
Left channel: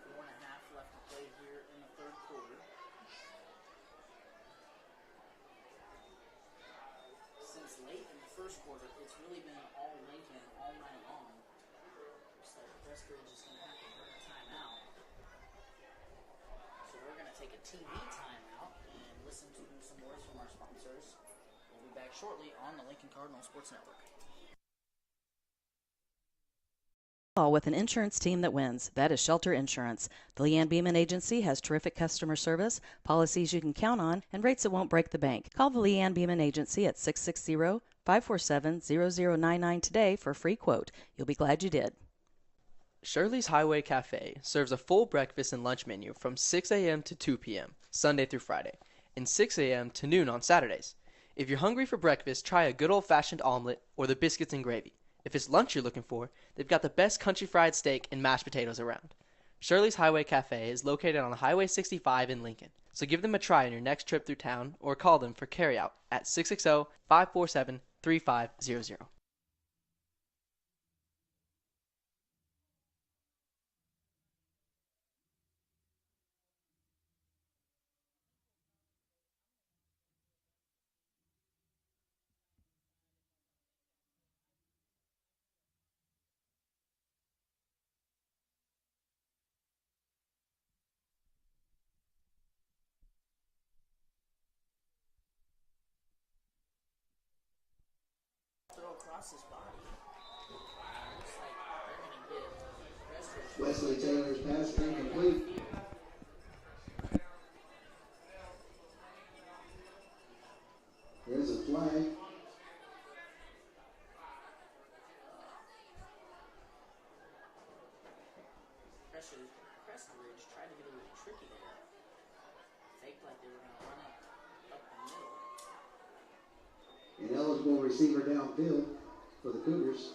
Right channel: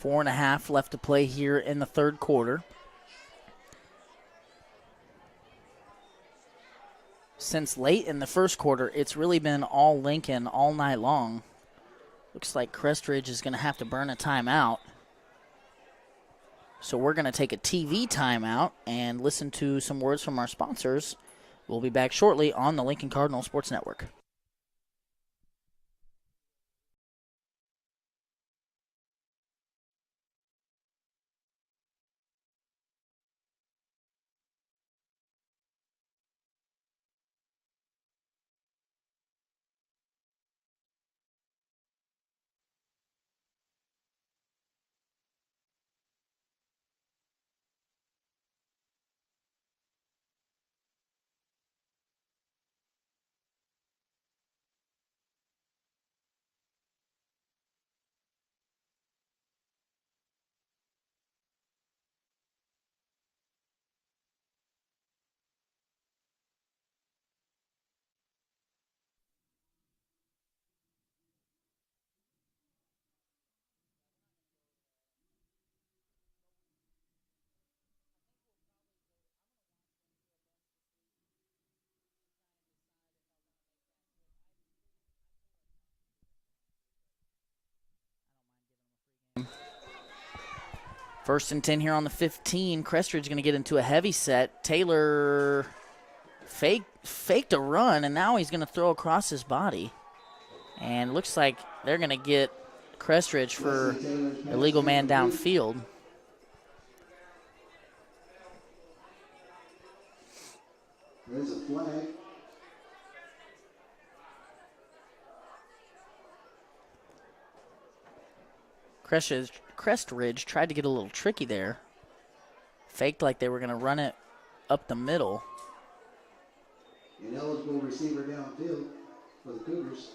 4.5 left to play here in the 3rd quarter. Since late in the 1st quarter, it's really been all Lincoln all night long. Looks like Crest Ridge is going to have to burn a timeout. So we're going to take a TV timeout and listen to some words from our sponsors. We'll be back shortly on the Lincoln Cardinal Sports Network. With an insurance team that wins. That is Shelter Insurance. The Leanne Beeman Agency has terrific customer service, policies you can count on, and rates that won't break the bank. Call the Leanne Beeman Agency at 660-547-0099 today for a free quote. You'll be glad you did. Shirley's Highway Cafe serves a full breakfast and lunch menu from 6 a.m. to 2 p.m., Sunday through Friday, and 6 a.m. to noon on Saturdays. If you're hungry for breakfast, try a good old-fashioned omelet or the biscuits and gravy. If it's lunch you're looking for, they've got the best country fried steak and mashed potatoes around. Shirley's Highway Cafe is located on Highway 65 in Lincoln, so give them a try on your next trip through town or call them for carryout at 660-547-3500. First and 10 here on the 15. Crest Ridge going to get into a heavy set. Taylor faked a run, and now he's going to throw across his body. And looks like they're going to get Crest Ridge for illegal man downfield. There's a flag. Crest Ridge tried to get a little tricky there. Faked like they were going to run it up the middle. An eligible receiver downfield for the Cougars.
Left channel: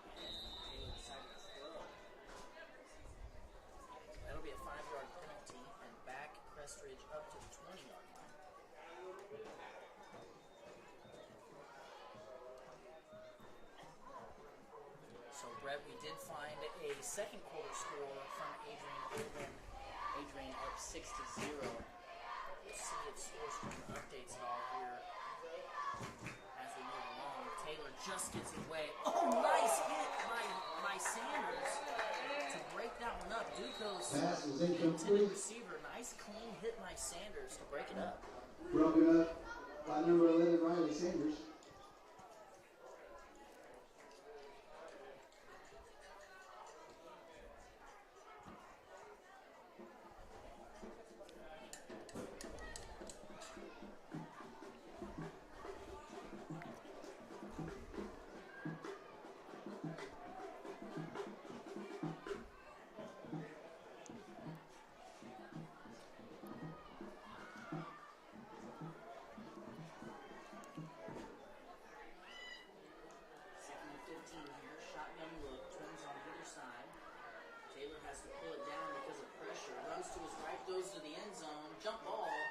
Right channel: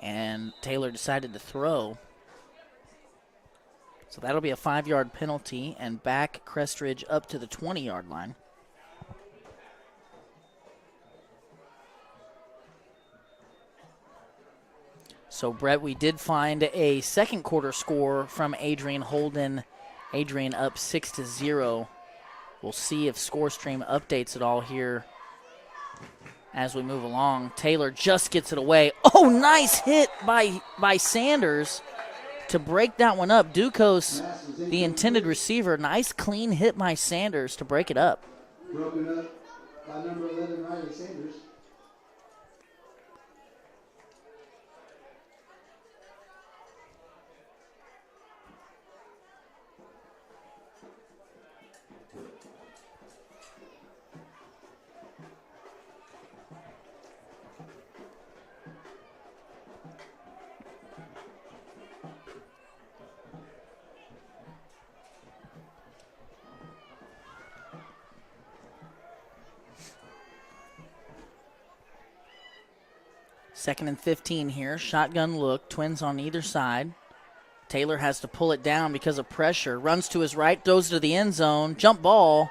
And Taylor decided to throw. So that'll be a 5-yard penalty and back Crest Ridge up to the 20-yard line. So, Brett, we did find a second quarter score from Adrian Holden. Adrian up 6-0. We'll see if ScoreStream updates it all here as we move along. Taylor just gets it away. Oh, nice hit by Sanders to break that one up. Ducos, the intended receiver. Nice clean hit by Sanders to break it up. Broken up by number 11, Riley Sanders. Second and 15 here. Shotgun look. Twins on either side. Taylor has to pull it down because of pressure. Runs to his right, throws to the end zone. Jump ball.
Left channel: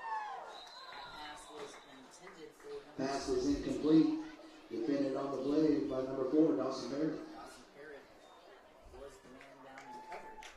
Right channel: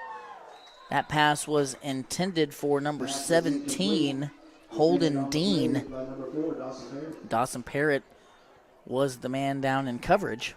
That pass was intended for number 17, Holden Dean. Dawson Parrott was the man down in coverage.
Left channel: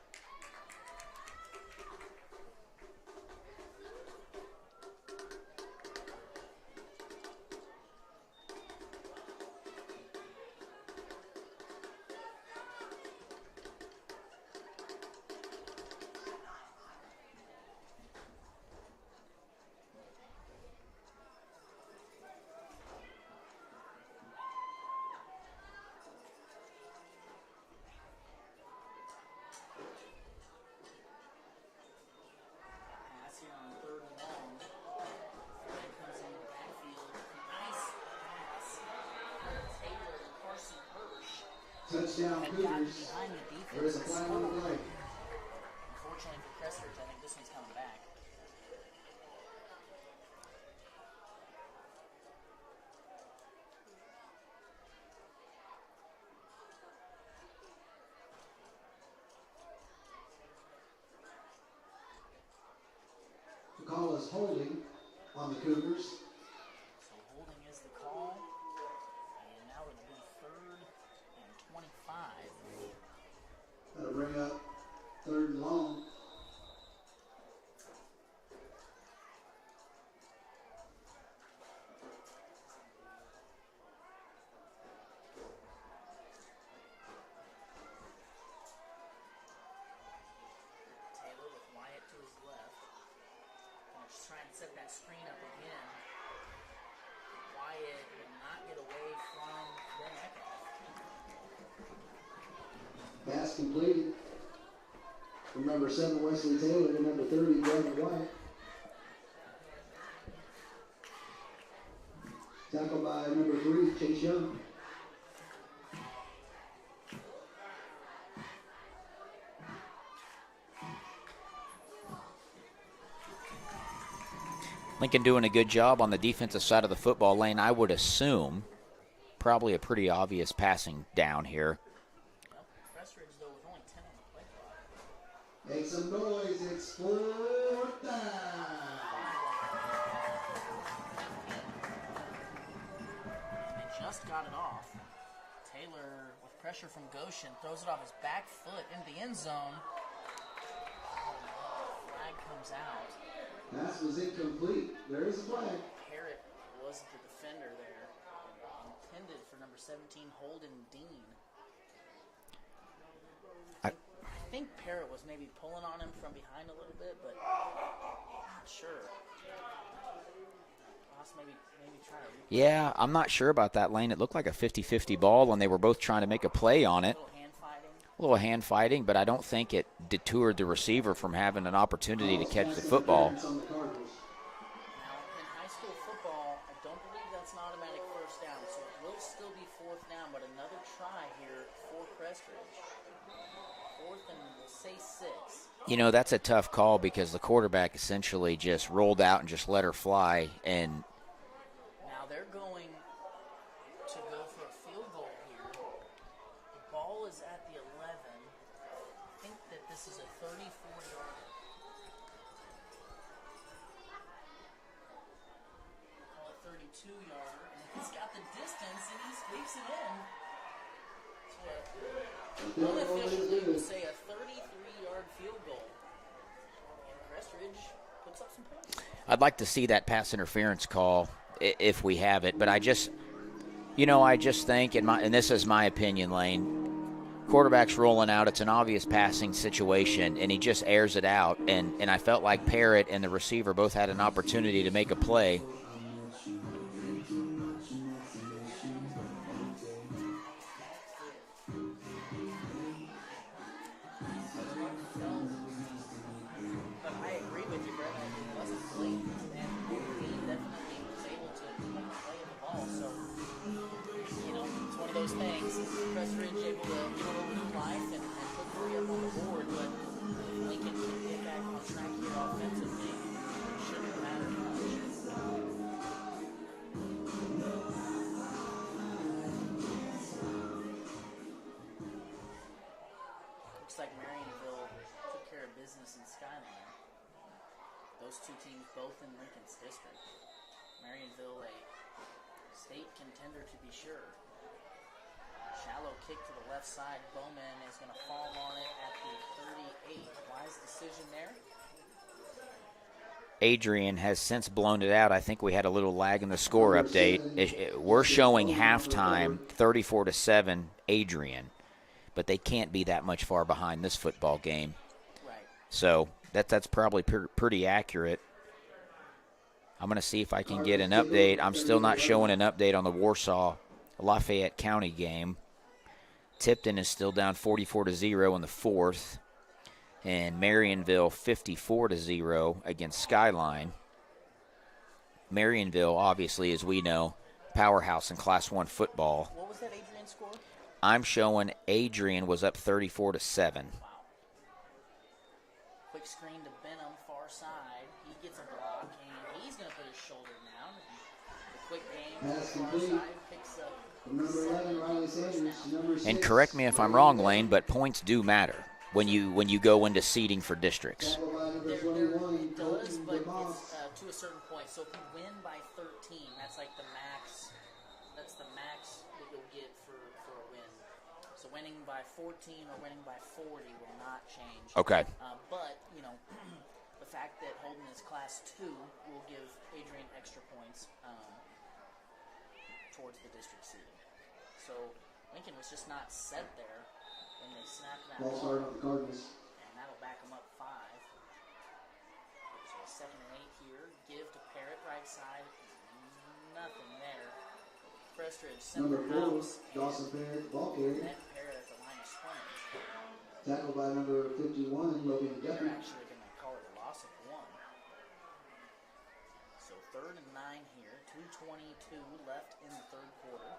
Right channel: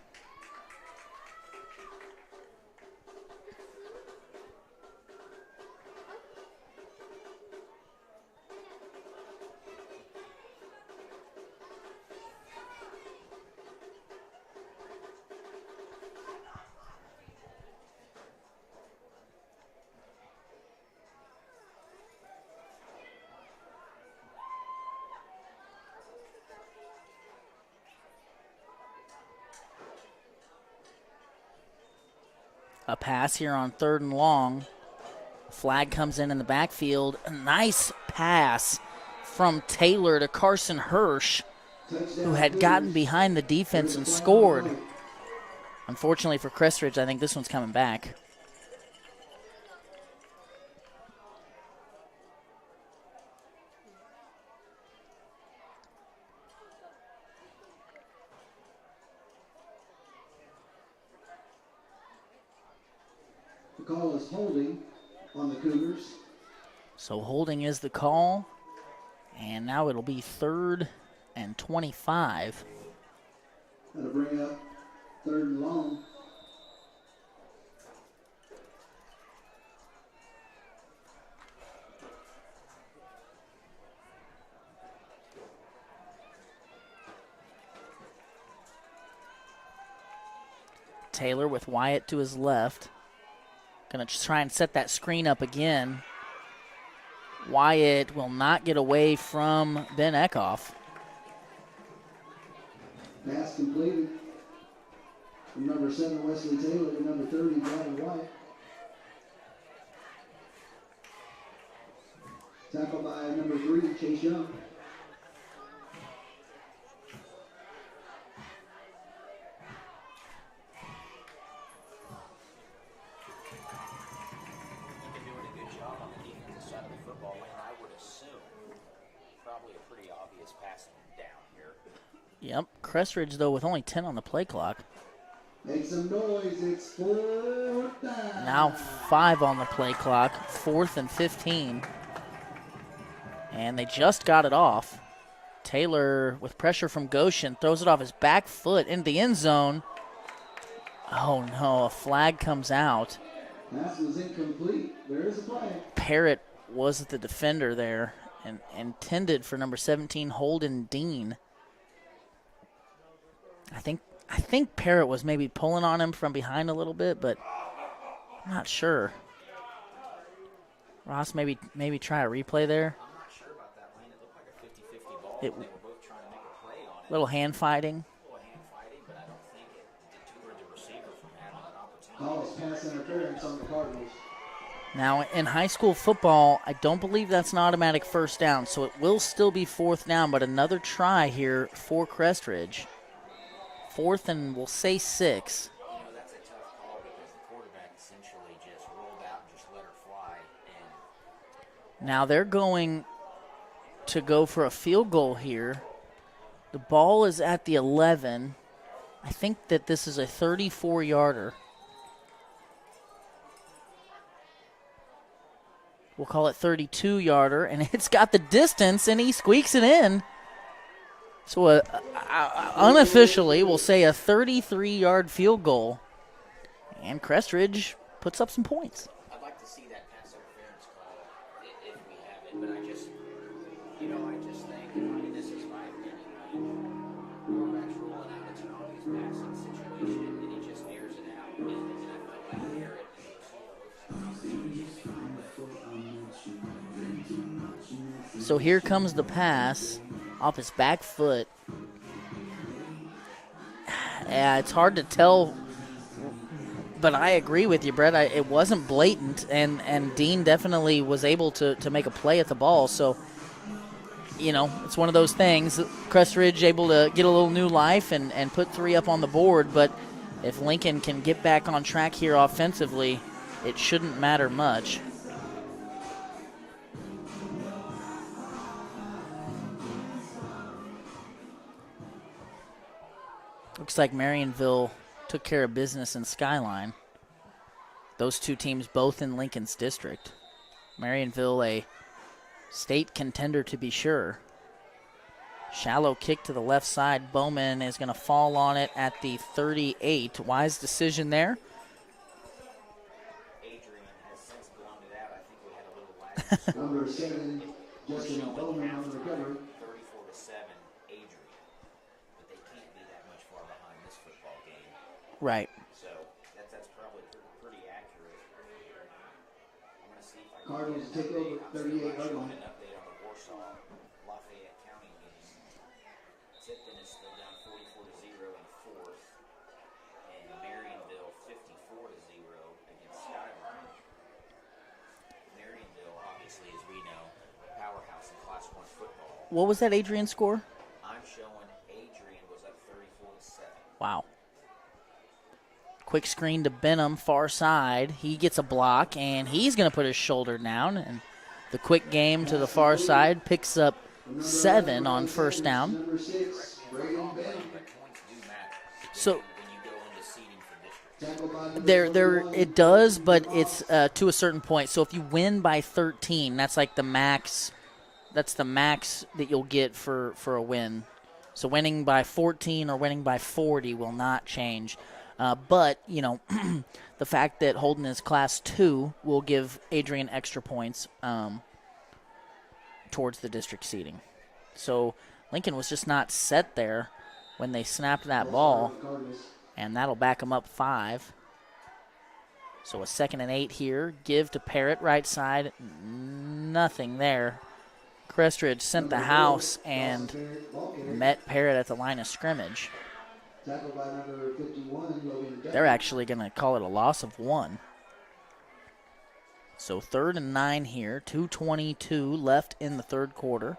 A pass here on 3rd and long. Flag comes in the backfield. A nice pass from Taylor to Carson Hirsch, who had gotten behind the defense and scored. Unfortunately for Crest Ridge, I think this one's coming back. The call is holding on the Cougars. So holding is the call. And now it'll be 3rd and 25. That'll bring up 3rd and long. Taylor with Wyatt to his left. Going to try and set that screen up again. Wyatt will not get away from Ben Eckhoff. Pass completed from number 7, Wesley Taylor, and number 30, Brandon White. Tackled by number 3, Chase Young. Lincoln doing a good job on the defensive side of the football lane. I would assume probably a pretty obvious passing down here. Yep. Crest Ridge, though, with only 10 on the play clock. Make some noise. It's 4th down. Now 5 on the play clock. 4th and 15. And they just got it off. Taylor, with pressure from Goshen, throws it off his back foot into the end zone. Oh, no. A flag comes out. Pass was incomplete. There is a flag. Parrott was the defender there and intended for number 17, Holden Dean. I think Parrott was maybe pulling on him from behind a little bit, but I'm not sure. Ross, maybe try a replay there. I'm not sure about that, Lane. It looked like a 50-50 ball when they were both trying to make a play on it. A little hand fighting, but I don't think it detoured the receiver from having an opportunity to catch the football. Now, in high school football, I don't believe that's an automatic first down, so it will still be 4th down, but another try here for Crest Ridge. 4th and we'll say 6. You know, that's a tough call because the quarterback essentially just rolled out and just let her fly. And now they're going to go for a field goal here. The ball is at the 11. I think that this is a 34-yarder. We'll call it 32-yarder, and it's got the distance, and he squeaks it in. So unofficially, we'll say a 33-yard field goal. And Crest Ridge puts up some points. I'd like to see that pass interference call if we have it. But I just think, and this is my opinion, Lane, Quarterback's rolling out. It's an obvious passing situation, and he just airs it out. And I felt like Parrott and the receiver both had an opportunity to make a play. So here comes the pass off his back foot. Yeah, it's hard to tell, but I agree with you, Brett. It wasn't blatant, and Dean definitely was able to make a play at the ball. So, it's one of those things. Crest Ridge able to get a little new life and put 3 up on the board, but if Lincoln can get back on track here offensively, it shouldn't matter much. Looks like Marionville took care of business in Skyline. Those two teams both in Lincoln's district. Marionville, a state contender to be sure. Shallow kick to the left side. Bowman is going to fall on it at the 38. Wise decision there. Adrian has since blown it out. I think we had a little lag in the score update. We're showing halftime 34-7 Adrian, but they can't be that much far behind this football game. Right. So that's probably pretty accurate. I'm going to see if I can get an update. I'm still not showing an update on the Warsaw-Lafayette County game. Tipton is still down 44-0 in the fourth. And Marionville 54-0 against Skyline. Marionville, obviously, as we know, powerhouse in Class 1 football. What was that Adrian score? I'm showing Adrian was up 34-7. Wow. Quick screen to Benham, far side. He gets a block, and he's going to put his shoulder down. And the quick game to the far side picks up 7 on first down. And correct me if I'm wrong, Lane, but points do matter when you go into seeding for districts. It does, but it's to a certain point. So if you win by 13, that's like the max. That's the max that you'll get for a win. So winning by 14 or winning by 40 will not change. Okay. But, the fact that Holden is Class 2 will give Adrian extra points towards the district seeding. So Lincoln was just not set there when they snapped that ball, and that'll back them up 5. So a 2nd and 8 here. Give to Parrott, right side. Nothing there. Crest Ridge sent the house and met Parrott at the line of scrimmage. They're actually going to call it a loss of 1. So 3rd and 9 here, 2:22 left in the third quarter.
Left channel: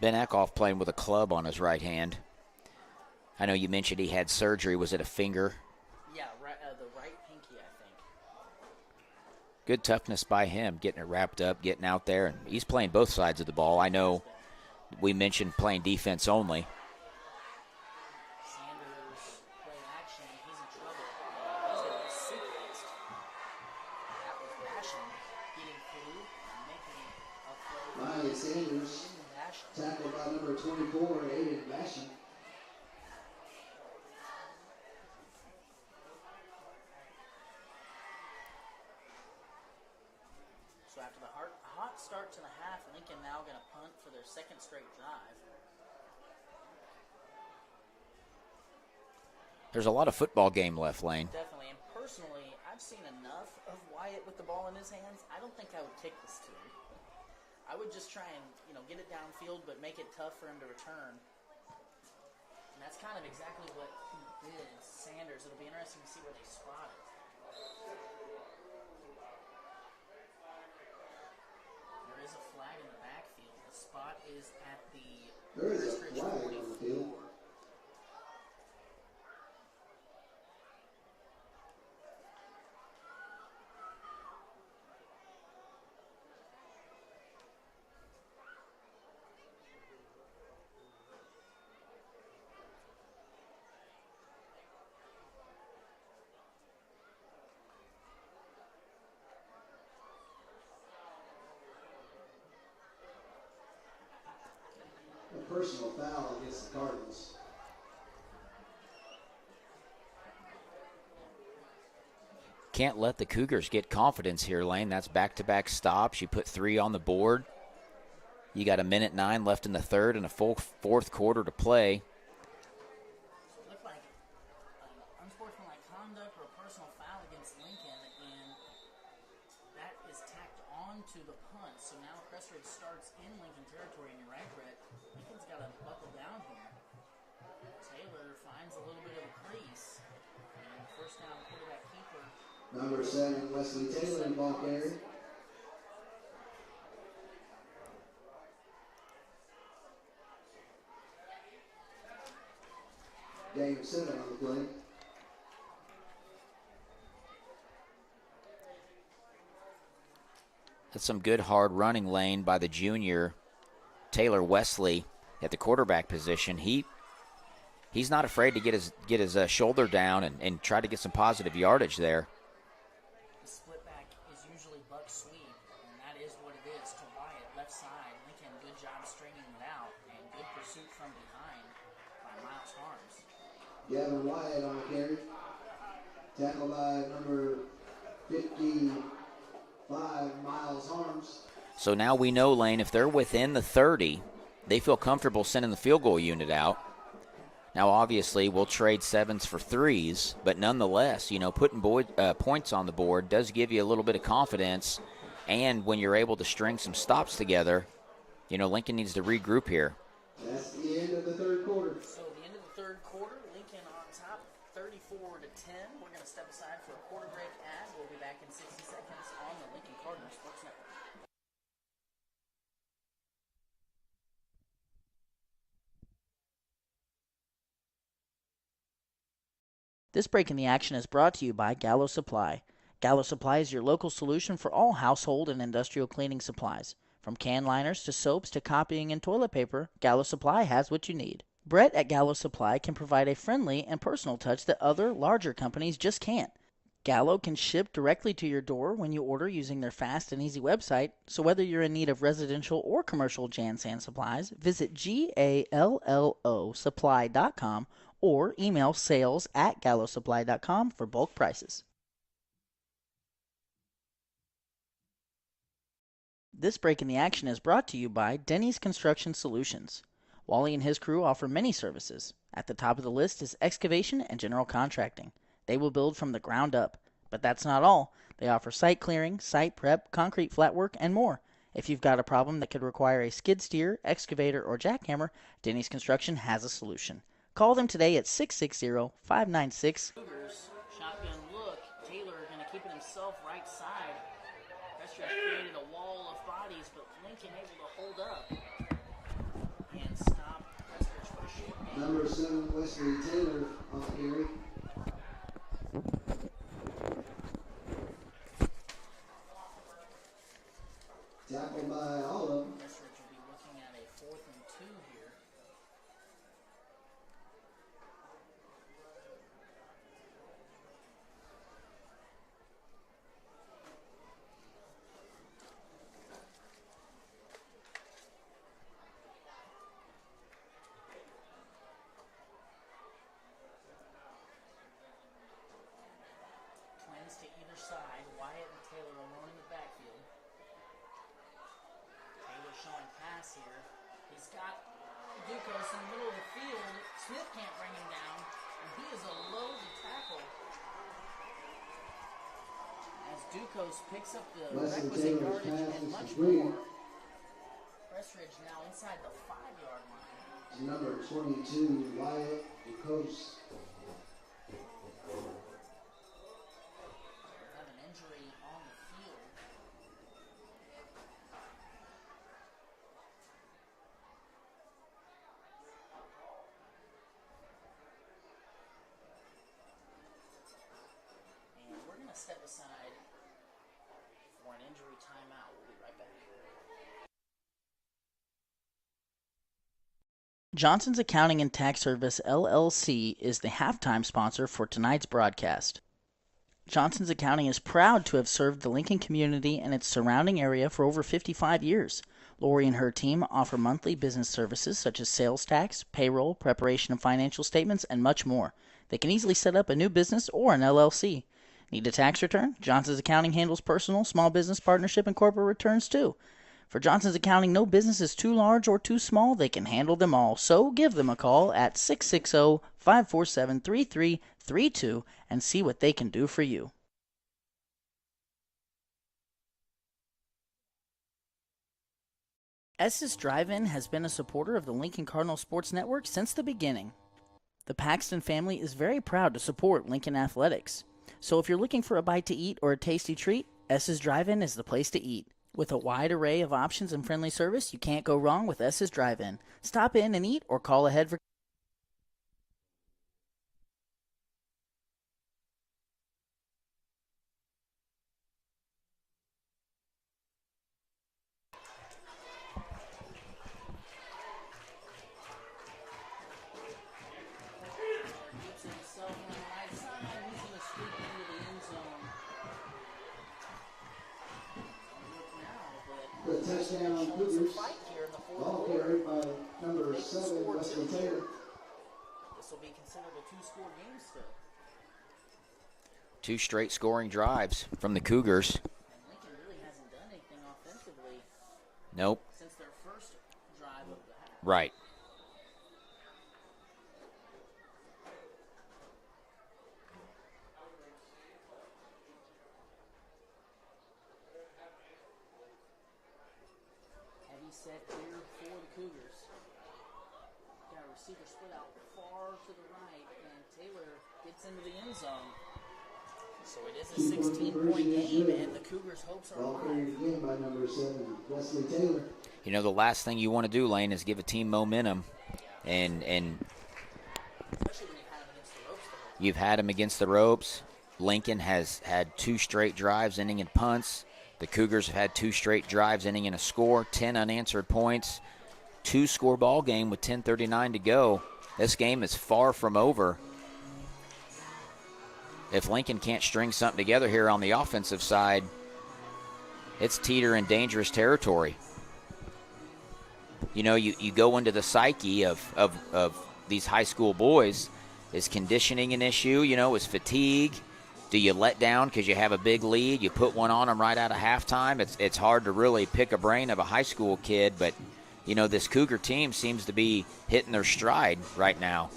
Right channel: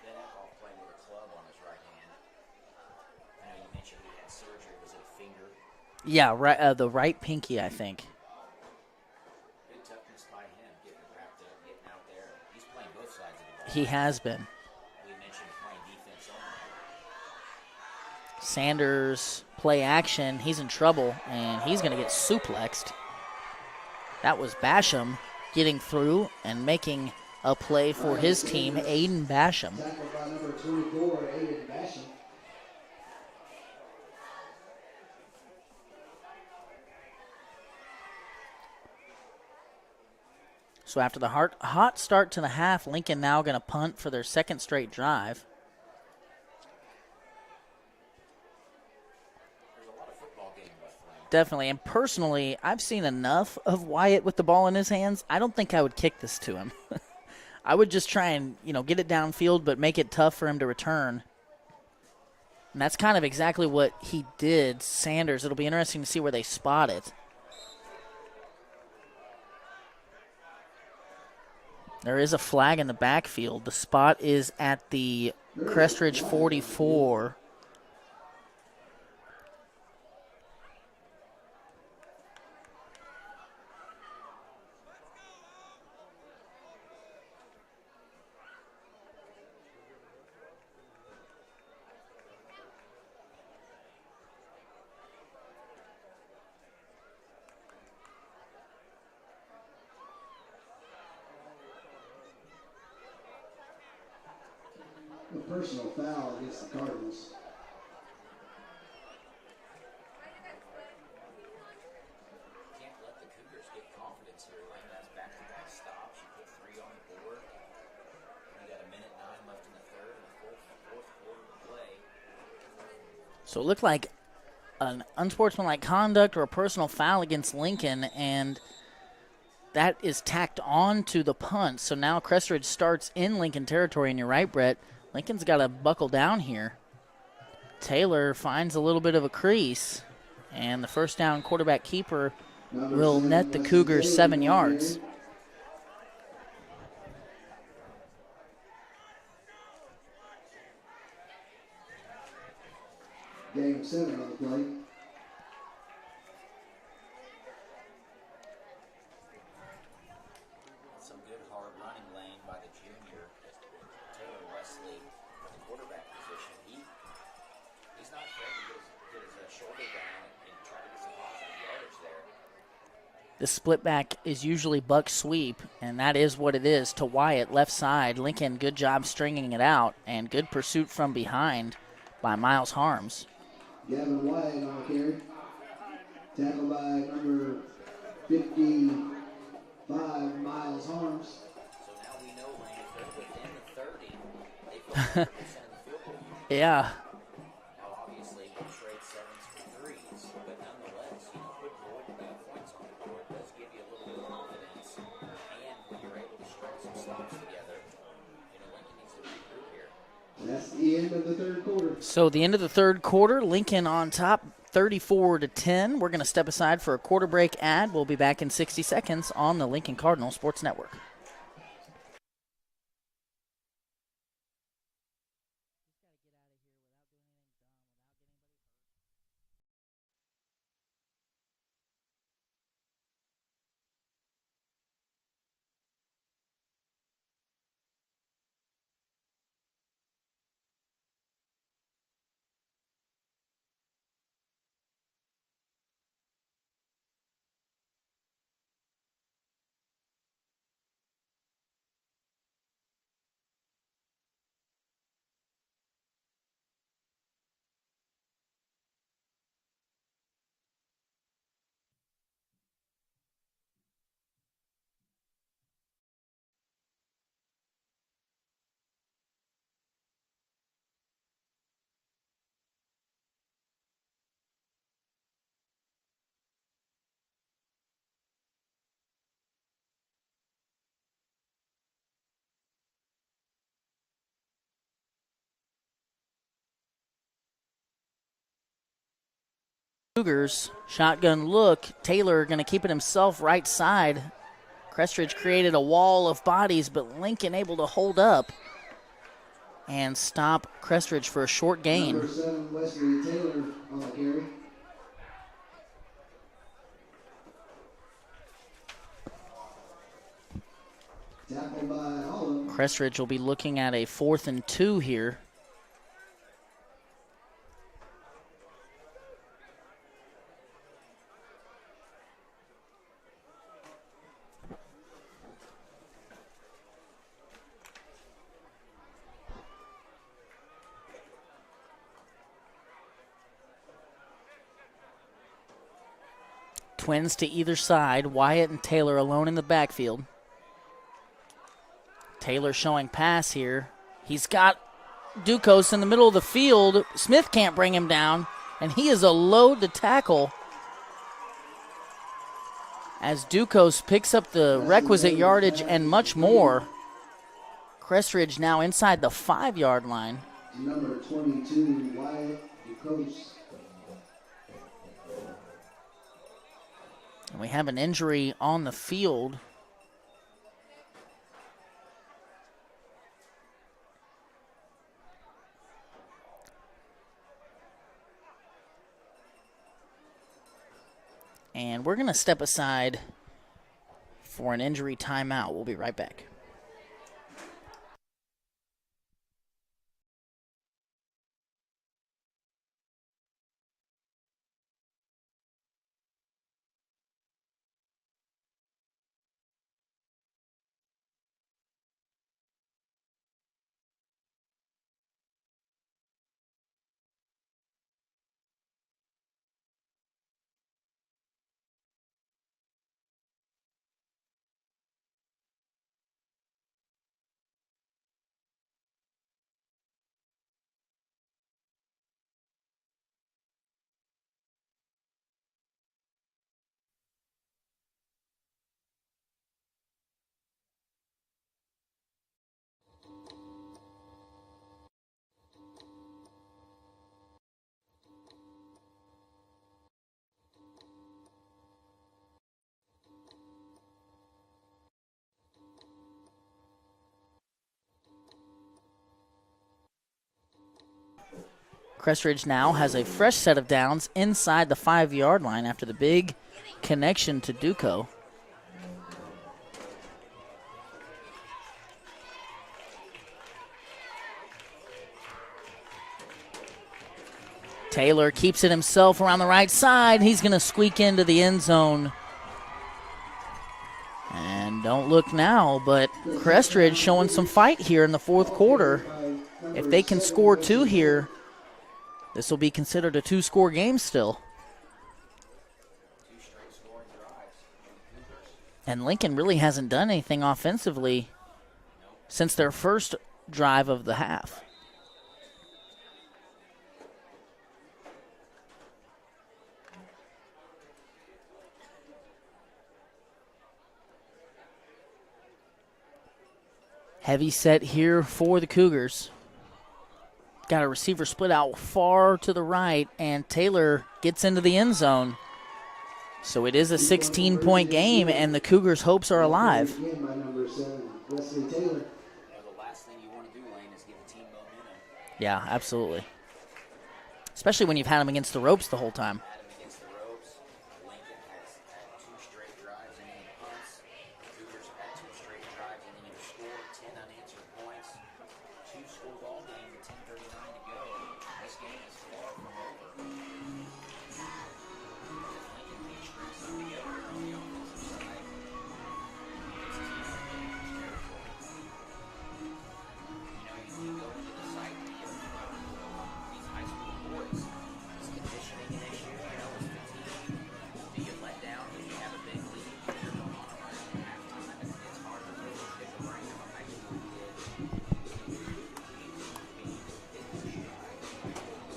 Ben Eckhoff playing with a club on his right hand. I know you mentioned he had surgery. Was it a finger? Yeah, right, the right pinky, I think. Good toughness by him, getting it wrapped up, getting out there. And he's playing both sides of the ball. He has been. We mentioned playing defense only. Sanders, play action. He's in trouble, and he's going to get suplexed. That was Basham getting through and making a play for his team, Aiden Basham. Tackled by number 24, Aiden Basham. So after the hot start to the half, Lincoln now going to punt for their second straight drive. There's a lot of football game left, Lane. Definitely. And personally, I've seen enough of Wyatt with the ball in his hands. I don't think I would kick this to him. I would just try and, get it downfield, but make it tough for him to return. And that's kind of exactly what he did. Sanders, it'll be interesting to see where they spot it. There is a flag in the backfield. The spot is at the Crest Ridge 44. A personal foul against the Cardinals. Can't let the Cougars get confidence here, Lane. That's back-to-back stops. You put 3 on the board. You got 1:09 left in the third and a full fourth quarter to play. So it looked like an unsportsmanlike conduct or a personal foul against Lincoln, and that is tacked on to the punt. So now Crest Ridge starts in Lincoln territory, and you're right, Brett. Lincoln's got to buckle down here. Taylor finds a little bit of a crease, and the first down quarterback keeper will net the Cougars 7 yards. Game 7 on the play. That's some good hard running lane by the junior Taylor Wesley at the quarterback position. He's not afraid to get his shoulder down and try to get some positive yardage there. The split back is usually buck sweep, and that is what it is to Wyatt, left side. Lincoln, good job stringing it out, and good pursuit from behind by Miles Harms. Gavin Wyatt on the carry. Tackled by number 55, Miles Harms. So now we know, Lane, if they're within the 30, they feel comfortable sending the field goal unit out. Now, obviously, we'll trade 7s for 3s, but nonetheless, putting points on the board does give you a little bit of confidence. And when you're able to string some stops together, Lincoln needs to regroup here. That's the end of the third quarter. So the end of the third quarter, Lincoln on top, 34-10. We're going to step aside for a quarter break ad. We'll be back in 60 seconds on the Lincoln Cardinal Sports Network. This break in the action is brought to you by Gallo Supply. Gallo Supply is your local solution for all household and industrial cleaning supplies. From can liners to soaps to copying and toilet paper, Gallo Supply has what you need. Brett at Gallo Supply can provide a friendly and personal touch that other, larger companies just can't. Gallo can ship directly to your door when you order using their fast and easy website, so whether you're in need of residential or commercial Jan Sand supplies, visit GALLOsupply.com or email sales@gallosupply.com for bulk prices. This break in the action is brought to you by Denny's Construction Solutions. Wally and his crew offer many services. At the top of the list is excavation and general contracting. They will build from the ground up. But that's not all. They offer site clearing, site prep, concrete flat work, and more. If you've got a problem that could require a skid steer, excavator, or jackhammer, Denny's Construction has a solution. Call them today at 660-596. Cougars, shotgun look. Taylor going to keep it himself right side. Crest Ridge created a wall of bodies, but Lincoln able to hold up and stop Crest Ridge for a short gain. Number 7, Wesley Taylor on the carry. Tackled by all of them. Crest Ridge will be looking at a 4th and 2 here. Twins to either side. Wyatt and Taylor alone in the backfield. Taylor showing pass here. He's got Ducos in the middle of the field. Smith can't bring him down, and he is a load to tackle as Ducos picks up the requisite yardage and much more. Crest Ridge now inside the 5-yard line. Number 22, Wyatt Ducos. And we have an injury on the field. And we're going to step aside for an injury timeout. We'll be right back. Johnson's Accounting and Tax Service, LLC, is the halftime sponsor for tonight's broadcast. Johnson's Accounting is proud to have served the Lincoln community and its surrounding area for over 55 years. Lori and her team offer monthly business services such as sales tax, payroll, preparation of financial statements, and much more. They can easily set up a new business or an LLC. Need a tax return? Johnson's Accounting handles personal, small business, partnership, and corporate returns too. For Johnson's Accounting, no business is too large or too small. They can handle them all. So give them a call at 660-547-3332 and see what they can do for you. Estes Drive-In has been a supporter of the Lincoln Cardinal Sports Network since the beginning. The Paxton family is very proud to support Lincoln Athletics. So if you're looking for a bite to eat or a tasty treat, Estes Drive-In is the place to eat. With a wide array of options and friendly service, you can't go wrong with Estes Drive-In. Stop in and eat or call ahead for... Crest Ridge now has a fresh set of downs inside the 5-yard line after the big connection to Duco. Taylor keeps it himself around the right side. He's going to squeak into the end zone. And don't look now, but Crest Ridge showing some fight here in the fourth quarter. If they can score 2 here, this will be considered a 2-score game still. 2 straight scoring drives from the Cougars. And Lincoln really hasn't done anything offensively. Nope. Since their first drive of the half. Right. Heavy set here for the Cougars. Got a receiver split out far to the right, and Taylor gets into the end zone. So it is a 16-point game, and the Cougars' hopes are alive. You know, the last thing you want to do, Lane, is give a team momentum. Yeah, absolutely. And especially when you've had them against the ropes the whole time. You've had them against the ropes. Lincoln has had 2 straight drives ending in punts. The Cougars have had 2 straight drives ending in a score, 10 unanswered points, 2-score ball game with 10:39 to go. This game is far from over. If Lincoln can't string something together here on the offensive side, it's teeter in dangerous territory. You know, you go into the psyche of these high school boys. Is conditioning an issue? You know, is fatigue? Do you let down because you have a big lead? You put one on them right out of halftime? It's hard to really pick a brain of a high school kid, but, you know, this Cougar team seems to be hitting their stride right now.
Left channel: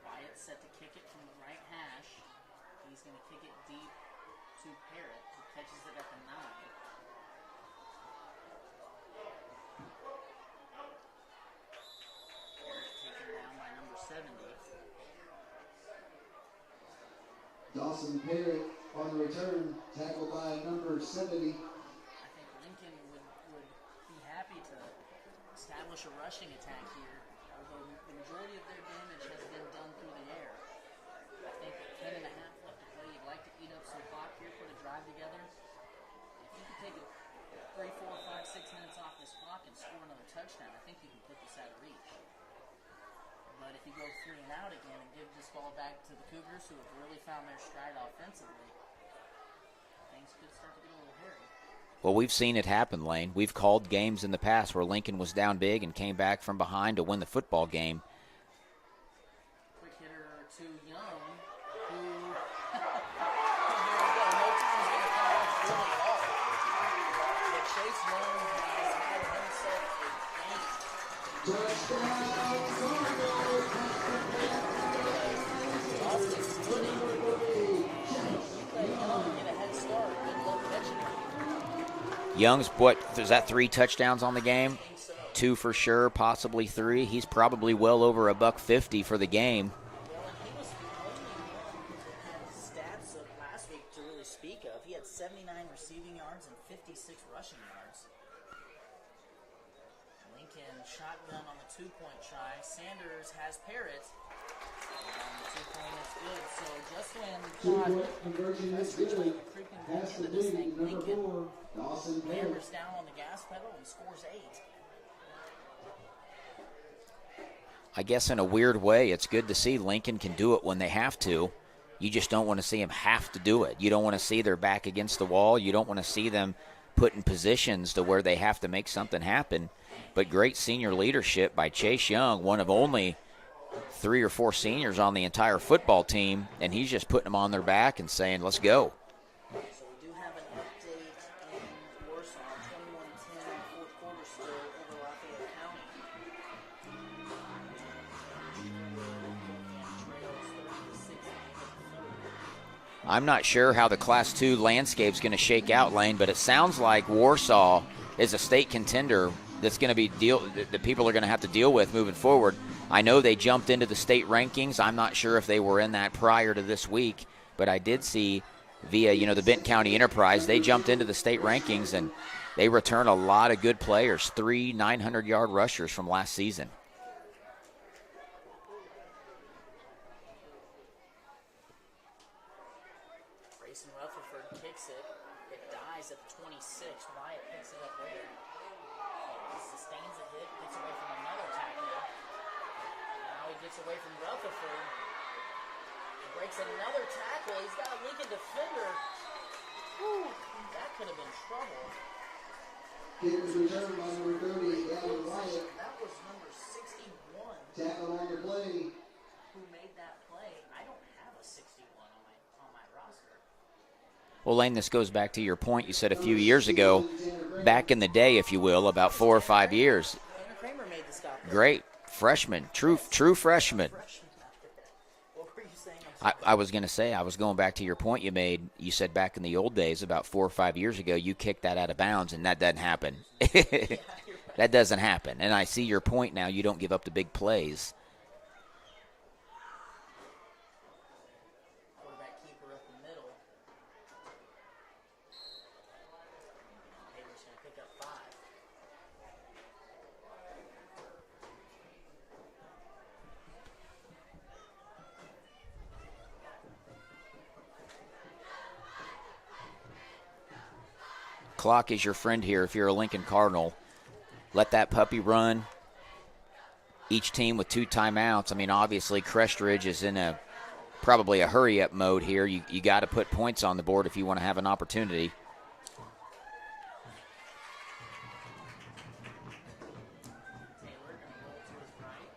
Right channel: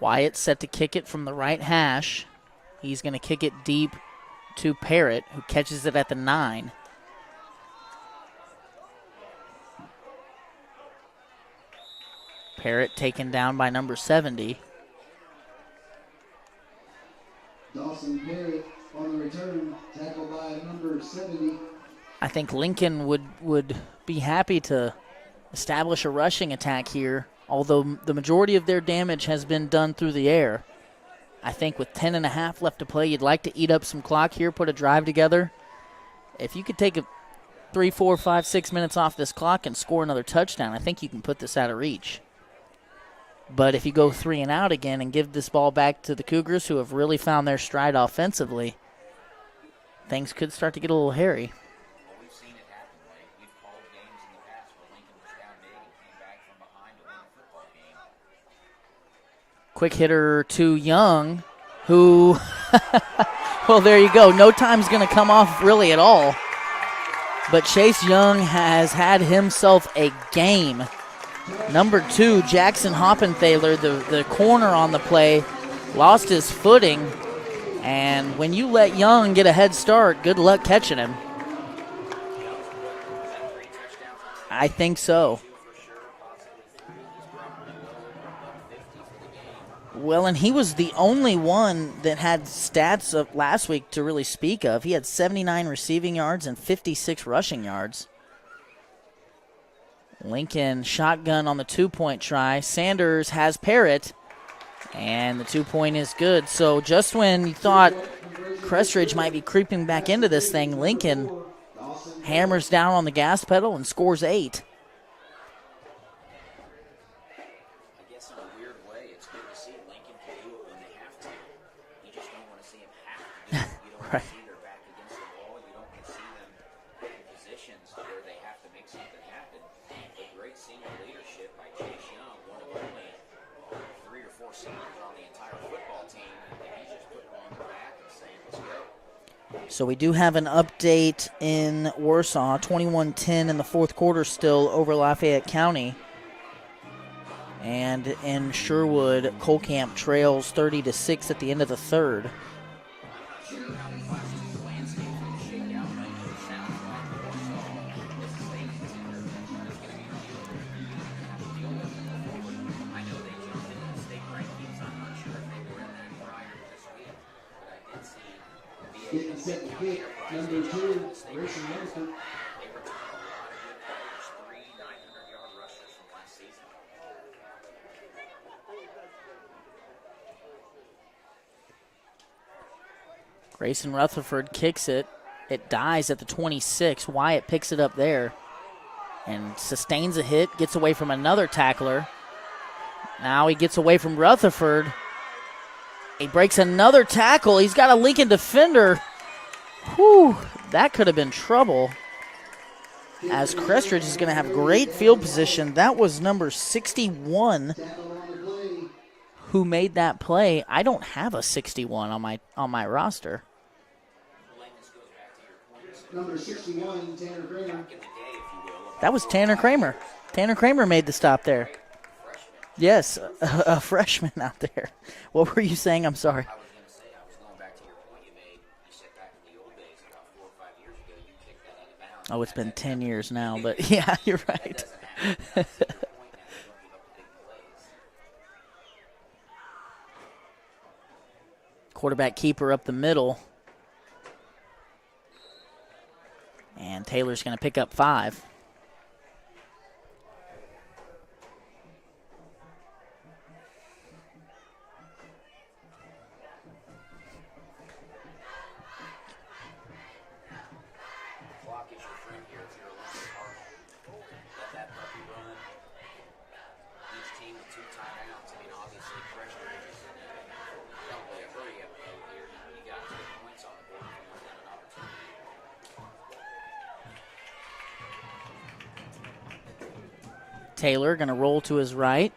Wyatt set to kick it from the right hash. He's going to kick it deep to Parrott, who catches it at the 9. Parrott taken down by number 70. Dawson Parrott on the return, tackled by number 70. I think Lincoln would be happy to establish a rushing attack here, although the majority of their damage has been done through the air. I think with 10.5 left to play, you'd like to eat up some clock here, put a drive together. If you could take 3, 4, 5, 6 minutes off this clock and score another touchdown, I think you can put this out of reach. But if you go 3 and out again and give this ball back to the Cougars, who have really found their stride offensively, things could start to get a little hairy. Well, we've seen it happen, Lane. We've called games in the past where Lincoln was down big and came back from behind to win the football game. Quick hitter to Young, who, well, there you go. No time's going to come off really at all. But Chase Young has had himself a game. Number 2, Jackson Hoppenthaler, the corner on the play, lost his footing. And when you let Young get a head start, good luck catching him. Young's, is that 3 touchdowns on the game? I think so. 2 for sure, possibly 3. He's probably well over $150 for the game. Well, and he was the only one that had stats of last week to really speak of. He had 79 receiving yards and 56 rushing yards. Lincoln shotgun on the 2-point try. Sanders has Parrott, and the 2-point is good. So just when you thought Crest Ridge might be creeping back into this thing, Lincoln hammers down on the gas pedal and scores 8. I guess in a weird way, it's good to see Lincoln can do it when they have to. You just don't want to see them have to do it. You don't want to see their back against the wall. You don't want to see them put in positions to where they have to make something happen. But great senior leadership by Chase Young, one of only 3 or 4 seniors on the entire football team, and he's just putting them on their back and saying, let's go. So we do have an update in Warsaw, 21-10 in the fourth quarter still over Lafayette County. And in Sherwood, Colcamp trails 30-6 at the end of the third. I'm not sure how the Class 2 landscape's going to shake out, Lane, but it sounds like Warsaw is a state contender that's going to be that people are going to have to deal with moving forward. I know they jumped into the state rankings. I'm not sure if they were in that prior to this week, but I did see via, the Benton County Enterprise, they jumped into the state rankings, and they return a lot of good players, 3 900-yard rushers from last season. Grayson Rutherford kicks it. It dies at the 26. Wyatt picks it up there and sustains a hit, gets away from another tackler. Now he gets away from Rutherford. He breaks another tackle. He's got a Lincoln defender. Whew, that could have been trouble. As Crest Ridge is going to have great field position. That was number 61 who made that play. I don't have a 61 on my roster. Well, Lane, this goes back to your point you said a few years ago, back in the day, if you will, about that was 4 Tanner or 5 Kramer. years. Tanner Kramer made the stop there. Great. Freshman. Yes. True freshman. A freshman out there. What were you saying? I'm sorry. I was going to say, I was going back to your point you made. You said back in the old days, about 4 or 5 years ago, you kicked that out of bounds, and that doesn't happen. It's been 10 years now, but yeah, you're right. That doesn't happen. And I see your point now. You don't give up the big plays. Quarterback keeper up the middle. And Taylor's going to pick up 5. Clock is your friend here if you're a Lincoln Cardinal. Let that puppy run. Each team with 2 timeouts. I mean, obviously, Crest Ridge is in probably a hurry-up mode here. You got to put points on the board if you want to have an opportunity. Taylor going to roll to his right.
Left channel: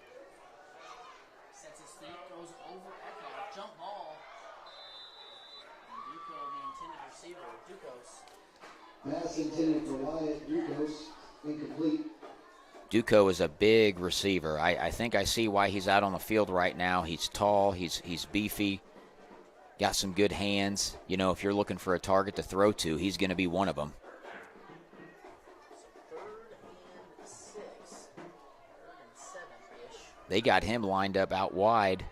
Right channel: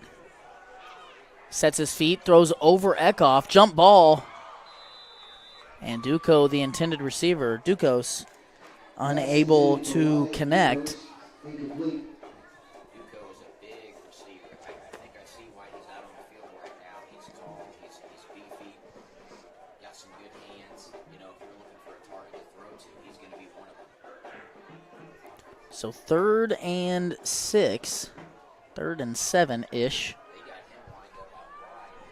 Sets his feet, throws over Eckhoff. Jump ball. And Duco, the intended receiver, Ducos, unable to connect. Duco is a big receiver. I think I see why he's out on the field right now. He's tall. He's beefy. Got some good hands. If you're looking for a target to throw to, he's going to be one of them. So 3rd and 6. 3rd and 7-ish. They got him lined up out wide.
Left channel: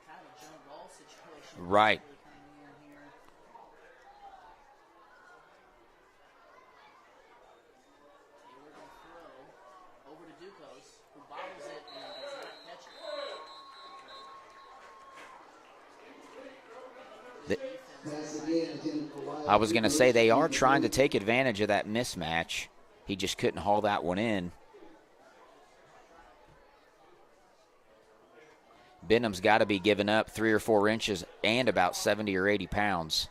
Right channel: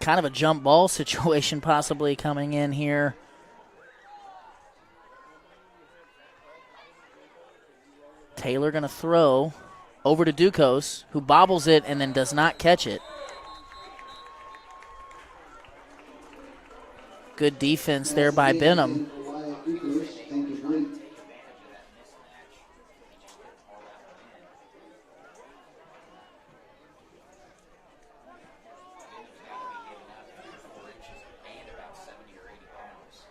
Kind of a jump ball situation possibly right. Coming in here. Taylor going to throw over to Ducos, who bobbles it and then does not catch it. Good defense there by Benham. I was going to say they are trying to take advantage of that mismatch. He just couldn't haul that one in. Benham's got to be giving up 3 or 4 inches and about 70 or 80 pounds.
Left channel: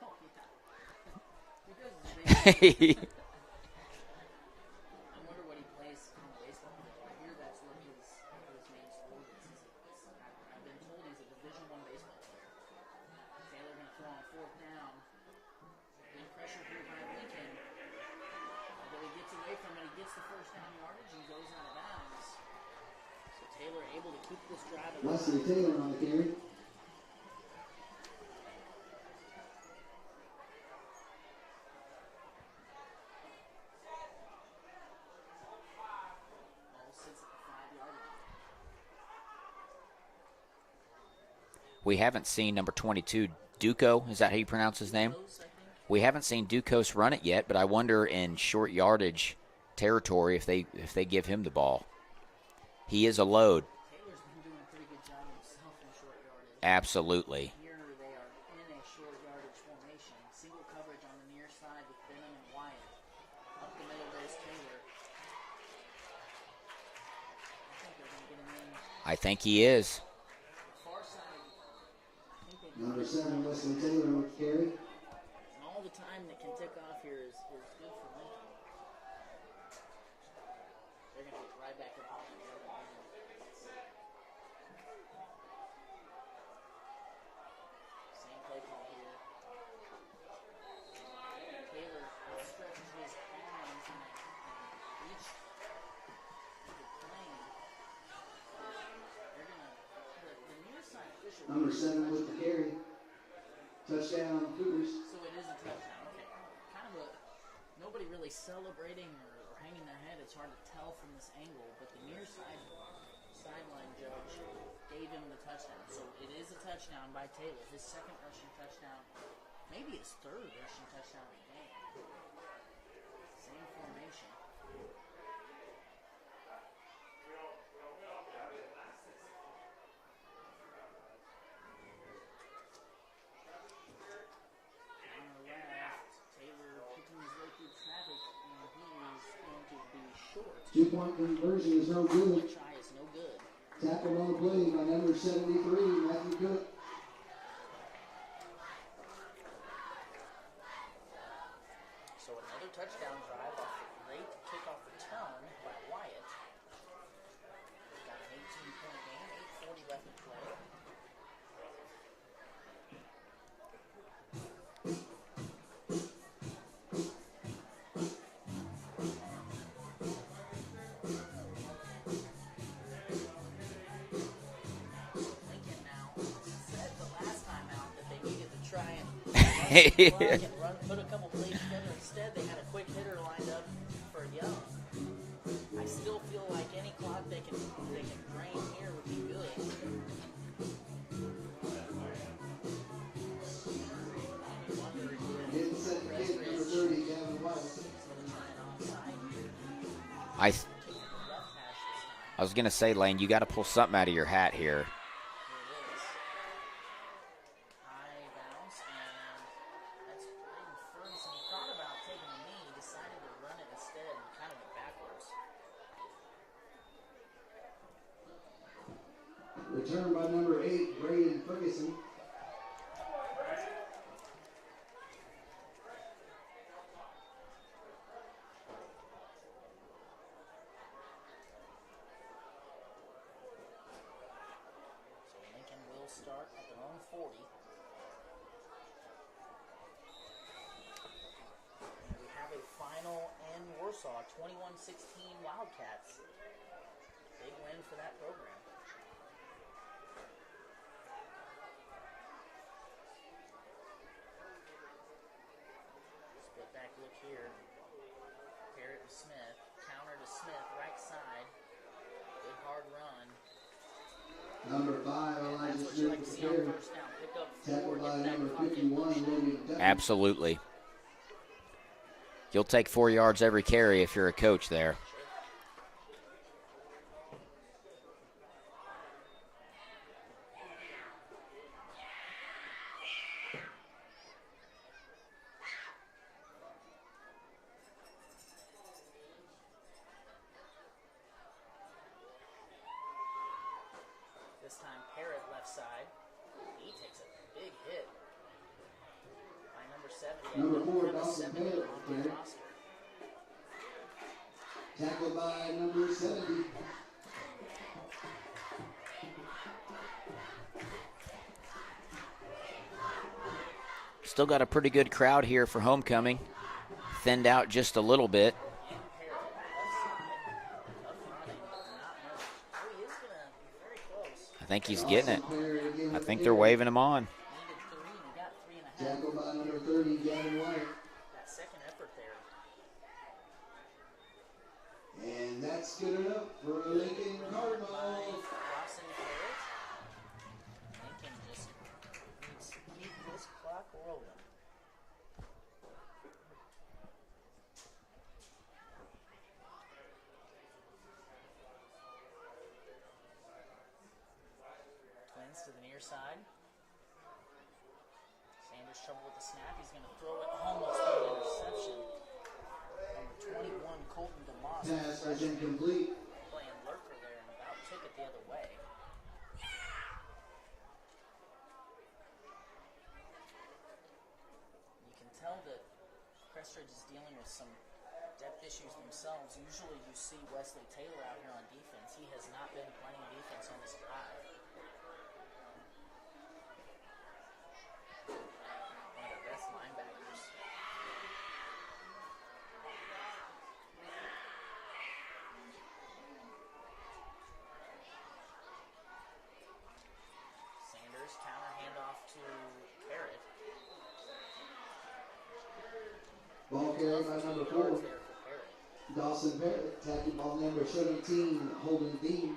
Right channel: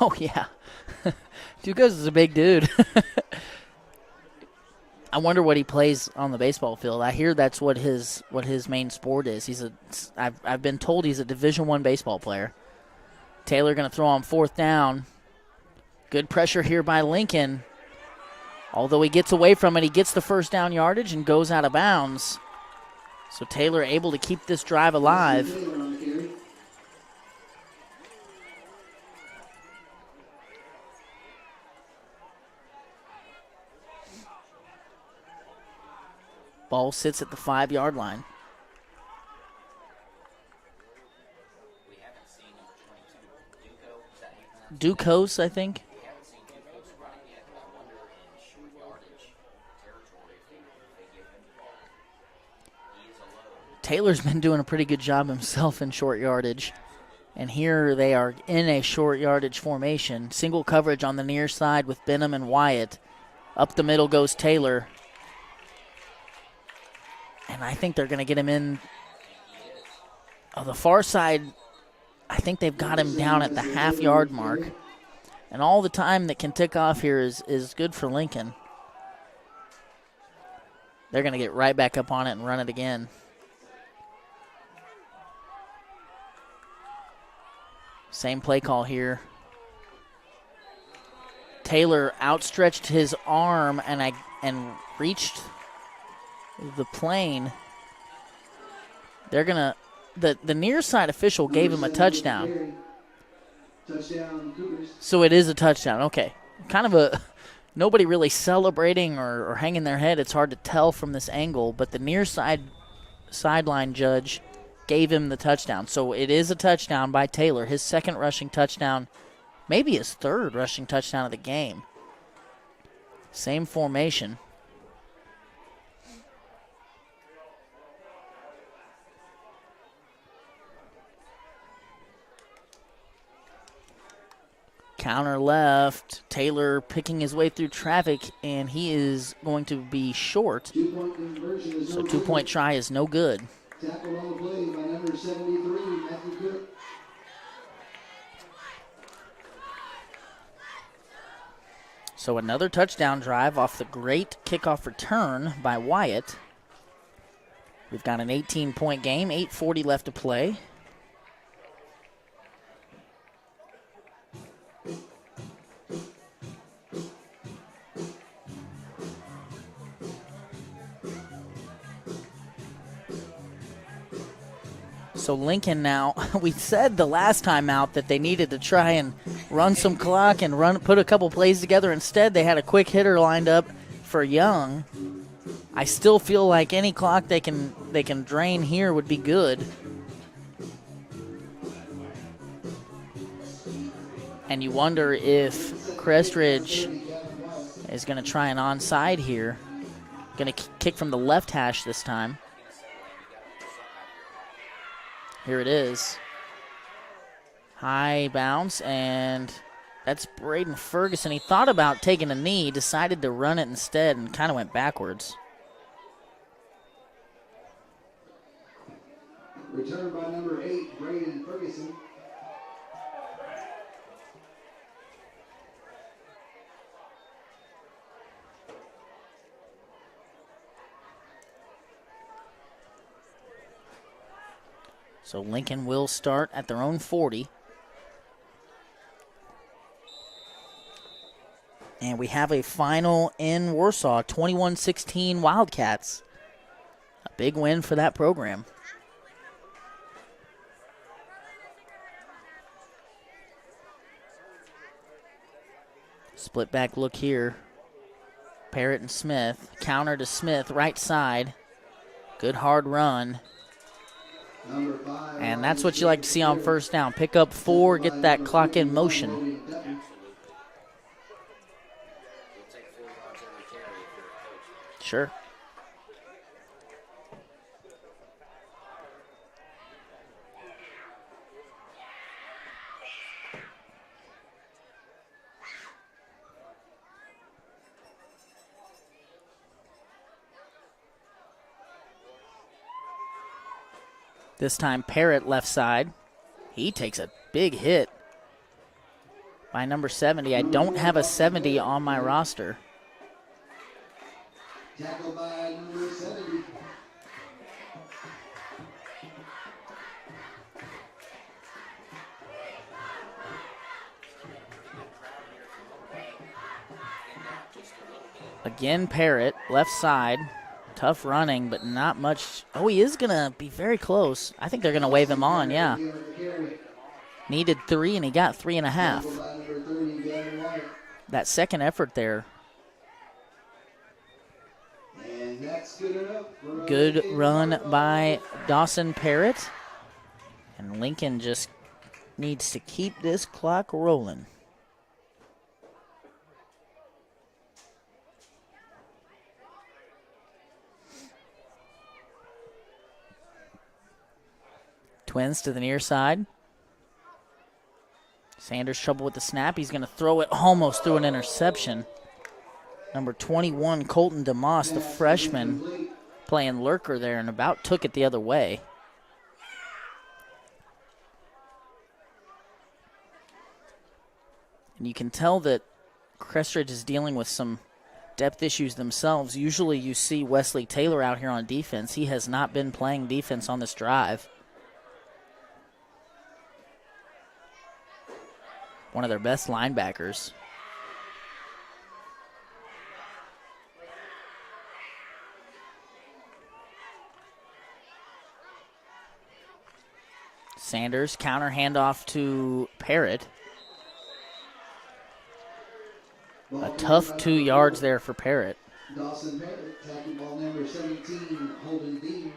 Oh, yeah. Ducos is a big dude. I wonder what he plays on the baseball field. I hear that's what his main sport is. I've been told he's a Division I baseball player. Taylor going to throw on 4th down. Good pressure here by Lincoln. Although he gets away from it, he gets the 1st down yardage and goes out of bounds. So Taylor able to keep this drive alive. Ball sits at the 5-yard line. We haven't seen number 22, Duco. Is that how you pronounce his name? Ducos, I think. We haven't seen Ducos run it yet, but I wonder in short yardage territory if they give him the ball. He is a load. Taylor's been doing a pretty good job himself in short yardage. Absolutely. And here they are in a short yardage formation. Single coverage on the near side with Benham and Wyatt. Up the middle goes Taylor. And I think they're going to get him in. I think he is. On the far side, I think they've got him down at the half-yard mark. And all the time that can tick off here is good for Lincoln. They're going to get right back up on it and run it again. Same play call here. Taylor outstretched his arm and reached the plane. They're going to, the near side official gave him a touchdown. Touchdown, Cougars. So it is a touchdown. Okay. Kind of nobody really celebrating or hanging their head. It's hard to tell from this angle, but the near sideline judge gave him the touchdown. So it is a touchdown by Taylor, his second rushing touchdown, maybe his third rushing touchdown of the game. Same formation. Counter left. Taylor picking his way through traffic, and he is going to be short. 2-point conversion is So no 2-point good. try is no good. Tackled on the play by number 73, Matthew Cook. So another touchdown drive off the great kickoff return by Wyatt. We've got an 18-point game, 8:40 left to play. So Lincoln now, we said the last time out that they needed to try and run some clock and put a couple plays together. Instead, they had a quick hitter lined up for Young. I still feel like any clock they can drain here would be good. And you wonder if Crest Ridge is going to try an onside here. Going to kick from the left hash this time. I was going to say, Lane, you got to pull something out of your hat here. Here it is. High bounce, and that's Braden Ferguson. He thought about taking a knee, decided to run it instead, and kind of went backwards. Return by number 8, Braden Ferguson. So Lincoln will start at their own 40. And we have a final in Warsaw, 21-16 Wildcats. A big win for that program. Split back look here. Parrott and Smith. Counter to Smith, right side. Good hard run. And that's what you like to see on first down. Pick up 4, get that clock in motion. Absolutely. You'll take 4 yards every carry if you're a coach there. Sure. This time Parrott left side. He takes a big hit by number 70. I don't have a 70 on my roster. Tackled by number 70. Still got a pretty good crowd here for homecoming. Thinned out just a little bit. Again, Parrott, left side. Tough running, but not much. Oh, he is going to be very close. I think they're going to wave him on, yeah. I think they're waving him on. Needed 3, and he got 3.5. That second effort there. And that's good enough. Good run by Dawson Parrott. And Lincoln just needs to keep this clock rolling. Twins to the near side. Sanders trouble with the snap. He's going to throw it almost through an interception. Number 21, Colton DeMoss, the freshman, playing lurker there and about took it the other way. And you can tell that Crest Ridge is dealing with some depth issues themselves. Usually you see Wesley Taylor out here on defense. He has not been playing defense on this drive. One of their best linebackers. Sanders, counter handoff to Parrott. A tough 2 yards there for Parrott. Dawson Parrott, tackling ball number 17, Holden Dean.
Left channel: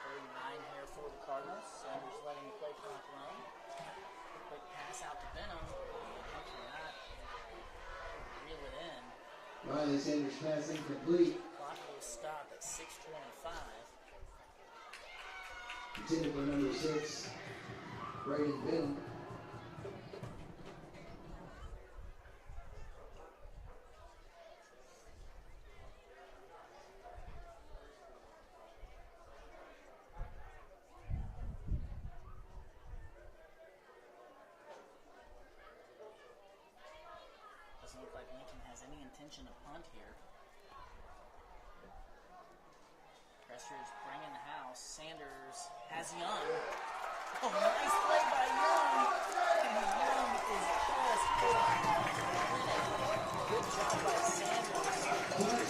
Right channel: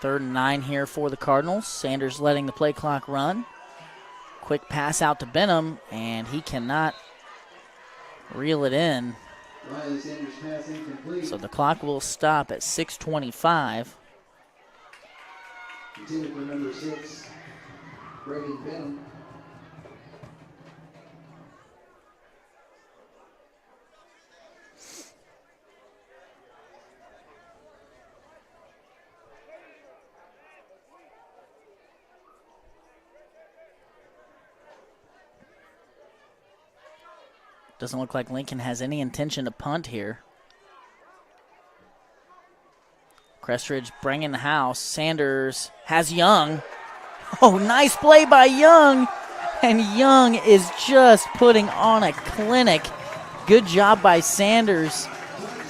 Third and 9 here for the Cardinals. Sanders letting the play clock run. Quick pass out to Benham, and he cannot reel it in. Ryan Sanders pass incomplete. So the clock will stop at 6:25. Intended for number 6, Braden Benham. Doesn't look like Lincoln has any intention to punt here. Crest Ridge bringing the house. Sanders has Young. Oh, nice play by Young. And Young is just putting on a clinic. Good job by Sanders.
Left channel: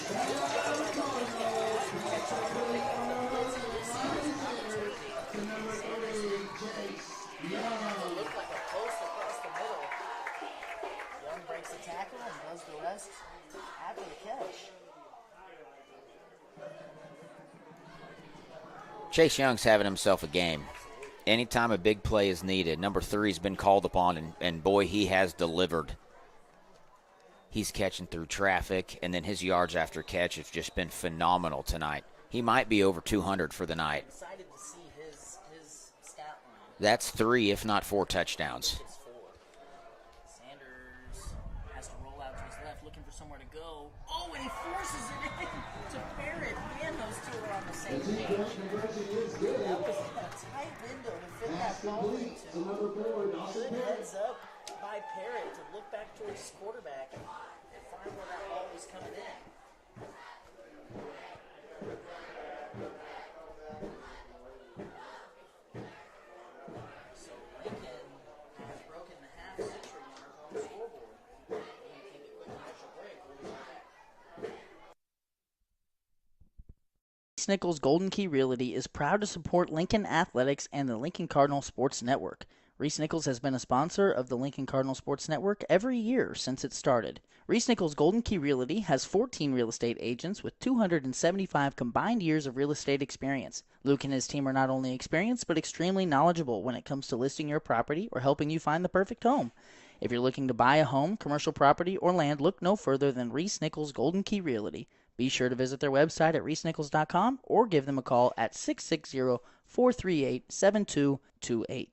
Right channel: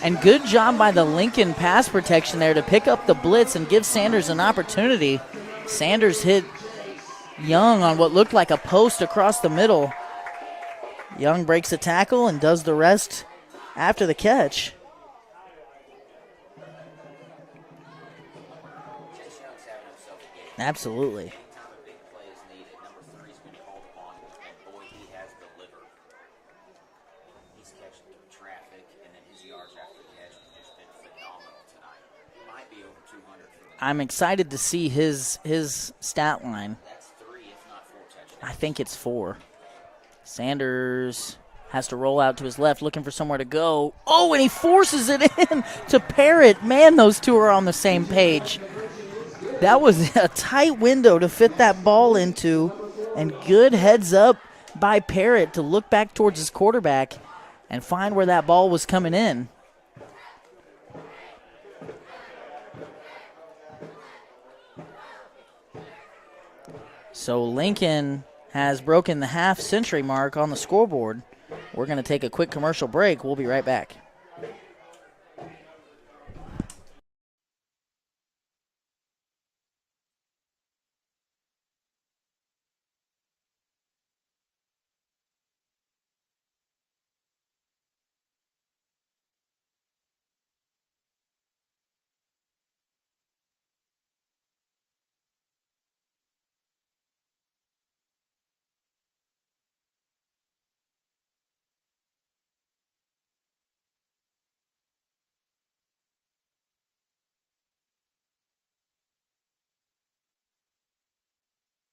And good job by the Lincoln pass protection there to pick up the blitz and give Sanders an opportunity. Sanders hit Young on what looked like a post across the middle. Young breaks a tackle and does the rest after the catch. Chase Young's having himself a game. Absolutely. Anytime a big play is needed, number 3's been called upon, and boy, he has delivered. He's catching through traffic, and then his yards after catch have just been phenomenal tonight. He might be over 200 for the night. I'm excited to see his stat line. That's 3, if not 4 touchdowns. I think it's 4. Sanders has to roll out to his left, looking for somewhere to go. Oh, and he forces it in to Parrott. Man, those two are on the same page. That was a tight window to fit that ball into, and good heads up by Parrott to look back towards his quarterback and find where that ball was coming in. So Lincoln has broken the half-century mark on the scoreboard. We're going to take a quick commercial break. We'll be right back. Reese Nichols Golden Key Realty is proud to support Lincoln Athletics and the Lincoln Cardinal Sports Network. Reese Nichols has been a sponsor of the Lincoln Cardinal Sports Network every year since it started. Reese Nichols Golden Key Realty has 14 real estate agents with 275 combined years of real estate experience. Luke and his team are not only experienced but extremely knowledgeable when it comes to listing your property or helping you find the perfect home. If you're looking to buy a home, commercial property, or land, look no further than Reese Nichols Golden Key Realty. Be sure to visit their website at reesenichols.com or give them a call at 660-438-7228.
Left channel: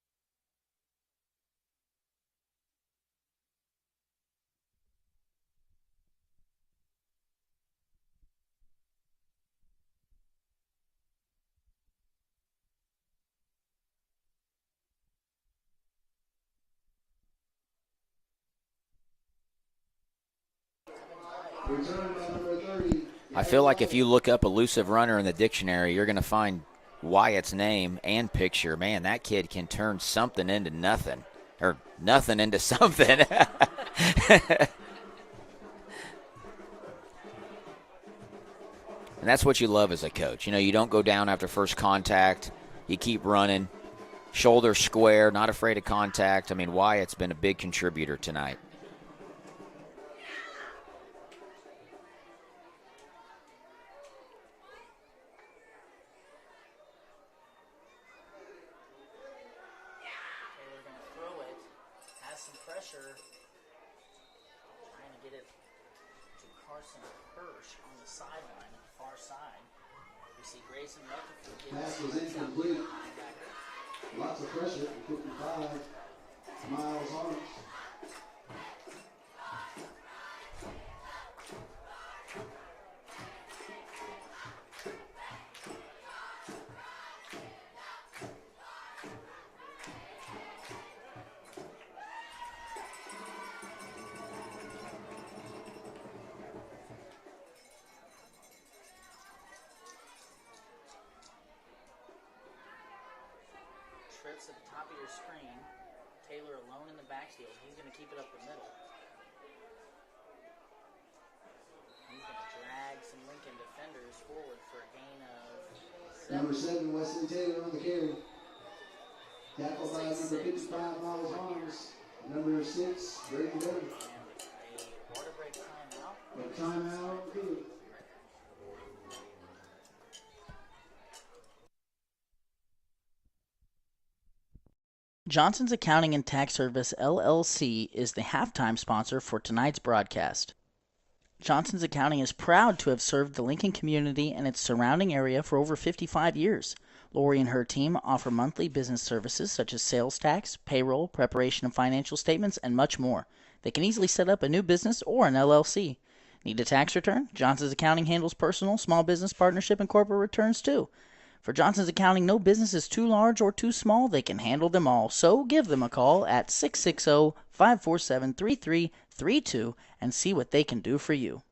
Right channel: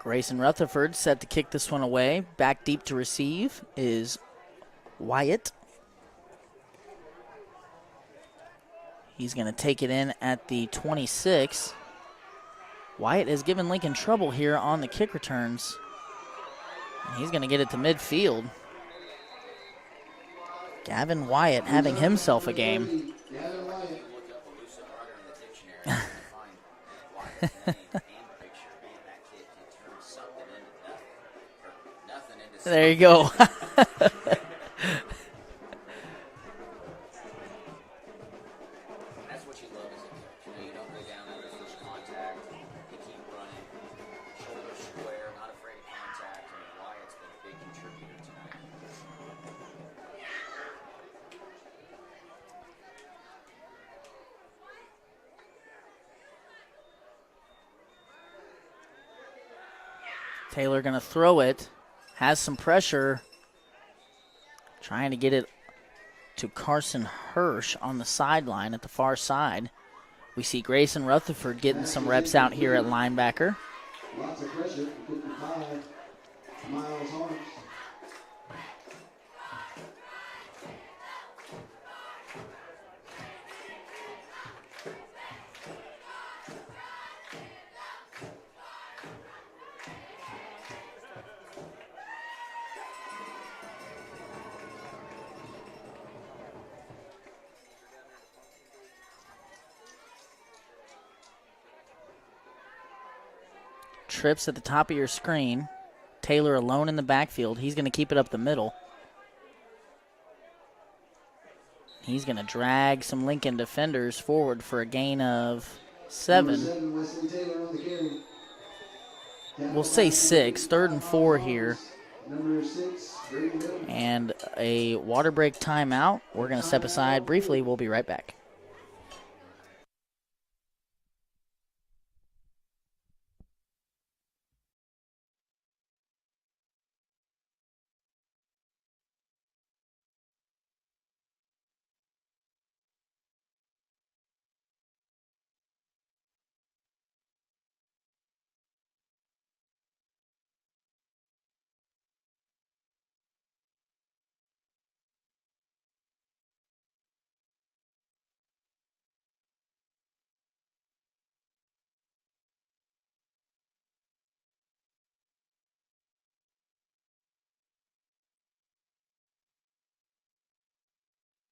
Grayson Rutherford set to kick this one away. Back deep to receive is Wyatt. He's going to take it in at the 26. Wyatt has given Lincoln trouble here on the kick returns. He's going to get it to midfield. Gavin Wyatt having himself a game. I feel like if you look up elusive runner in the dictionary, you're going to find Wyatt's name and picture. Man, that kid can turn something into nothing, or nothing into something. There you go. And that's what you love as a coach. You know, you don't go down after first contact. You keep running. Shoulder square, not afraid of contact. I mean, Wyatt's been a big contributor tonight. Taylor going to throw it. Has some pressure. Trying to get it to Carson Hirsch on the sideline at the far side. We see Grayson Rutherford getting some reps out here at linebacker. Lots of pressure. 55 Miles Harms. Trips at the top of your screen. Taylor alone in the backfield. He's going to keep it up the middle. He's going to drag some Lincoln defenders forward for a gain of 7. Number 7, Wesley Taylor on the carry. We'll say 6. 3rd and 4 here. Number 6, Brady Little. And a water break timeout. We're going to step aside briefly. We'll be right back. Johnson's Accounting and Tax Service, LLC, is the halftime sponsor for tonight's broadcast. Johnson's Accounting is proud to have served the Lincoln community and its surrounding area for over 55 years. Lori and her team offer monthly business services such as sales tax, payroll, preparation of financial statements, and much more. They can easily set up a new business or an LLC. Need a tax return? Johnson's Accounting handles personal, small business, partnership, and corporate returns too. For Johnson's Accounting, no business is too large or too small. They can handle them all. So give them a call at 660-547-3332 and see what they can do for you.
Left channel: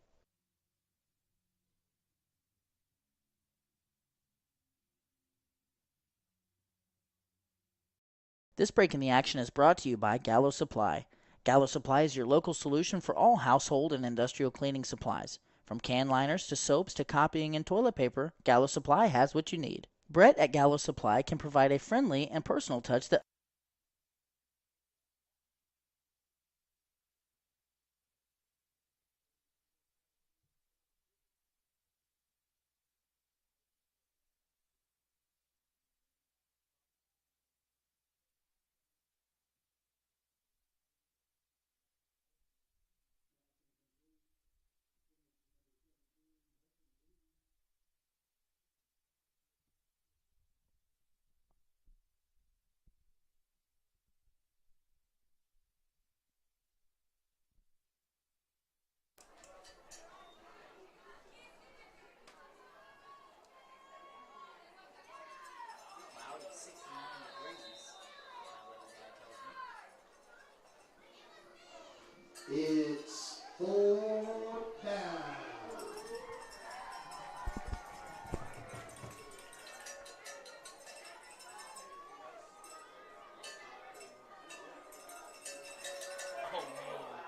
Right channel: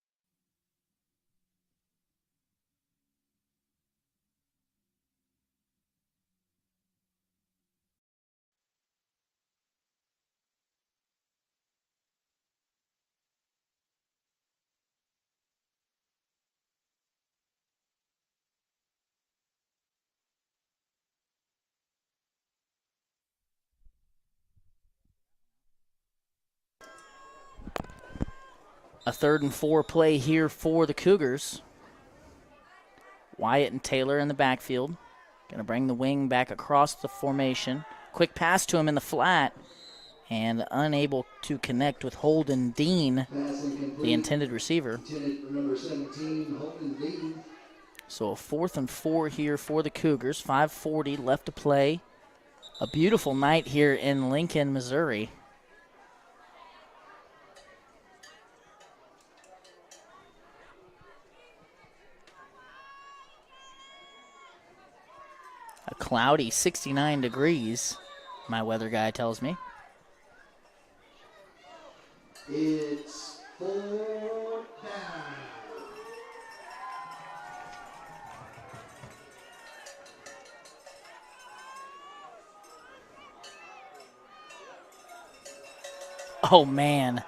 This break in the action is brought to you by Gallo Supply. Gallo Supply is your local solution for all household and industrial cleaning supplies. From can liners to soaps to copying and toilet paper, Gallo Supply has what you need. Brett at Gallo Supply can provide a friendly and personal touch that... A 3rd and 4 play here for the Cougars. Wyatt and Taylor in the backfield. Going to bring the wing back across the formation. Quick pass to him in the flat. And unable to connect with Holden Dean, the intended receiver. Number 17, Holden Dean. So a 4th and 4 here for the Cougars. 5:40 left to play. A beautiful night here in Lincoln, Missouri. A cloudy 69 degrees, my weather guy tells me. It's 4th down. Oh, man.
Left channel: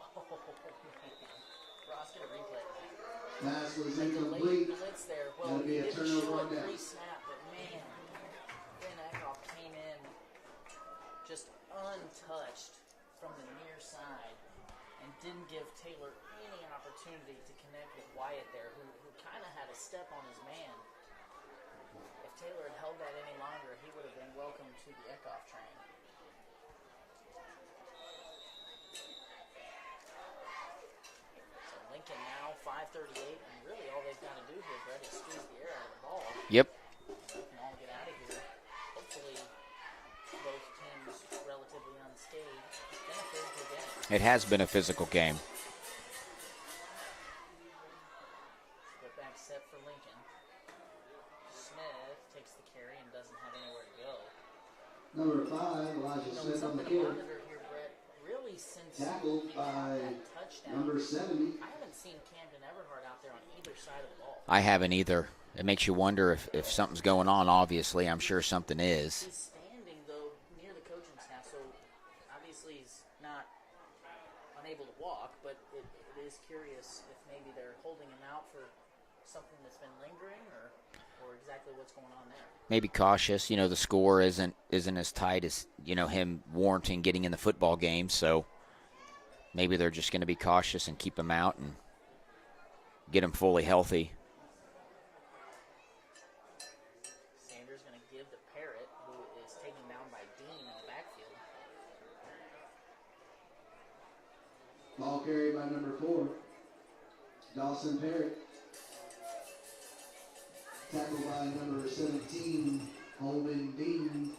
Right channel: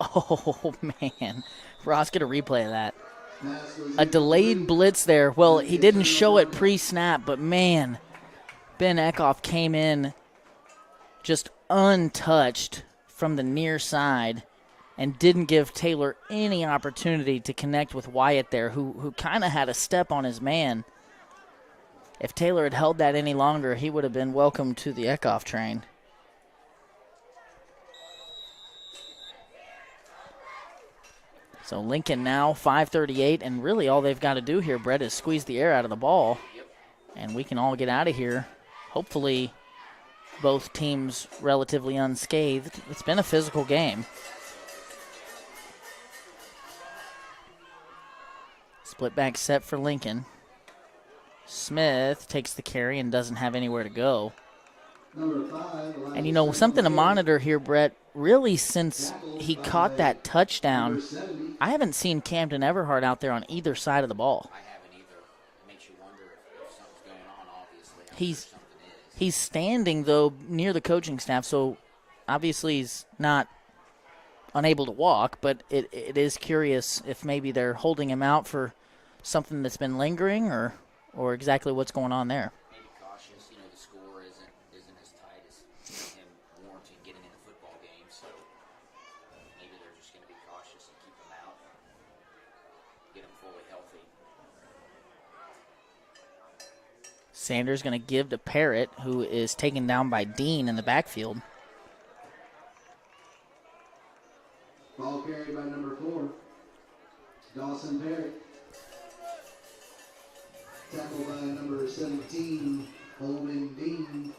Oh, man. Ross, get a replay of that. A delayed blitz there. Well, he didn't show it pre-snap, but, man, Ben Eckhoff came in just untouched from the near side and didn't give Taylor any opportunity to connect with Wyatt there, who kind of had a step on his man. If Taylor had held that any longer, he would have been welcome to the Eckhoff train. So Lincoln now 5:38, and really all they've got to do here, Brett, is squeeze the air out of the ball. Yep. And we can all get out of here. Hopefully both teams relatively unscathed. It's been a physical game. It has been a physical game. Split back set for Lincoln. Smith takes the carry and doesn't have anywhere to go. Number 5, And, you know, something to monitor here, Brett, really since he caught that touchdown, I haven't seen Camden Everhart out there on either side of the ball. I haven't either. It makes you wonder if something's going on, obviously. I'm sure something is. He's standing, though, near the coaching staff, so obviously he's not unable to walk, but it is curious if maybe they're holding him out for something that's been lingering or exactly what's going on there. Maybe cautious. You know, the score isn't as tight as, you know, him warranting getting in the football game, so maybe they're just going to be cautious and keep him out and get him fully healthy. Sanders going to give to Parrott, who is taken down by Dean in the backfield. Ball carried by number 4, Dawson Parrott. Tackled by number 17, Holden Dean.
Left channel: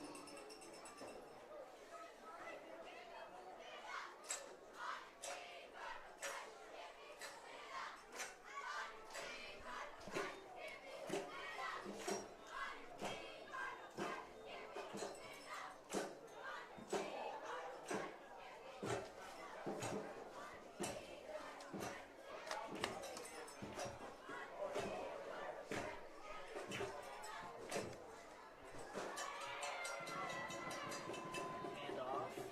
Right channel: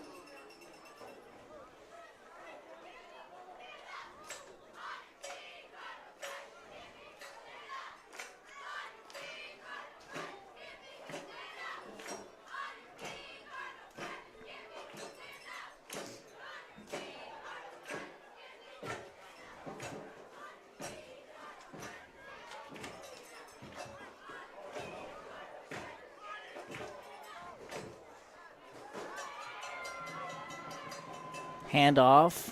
Handoff.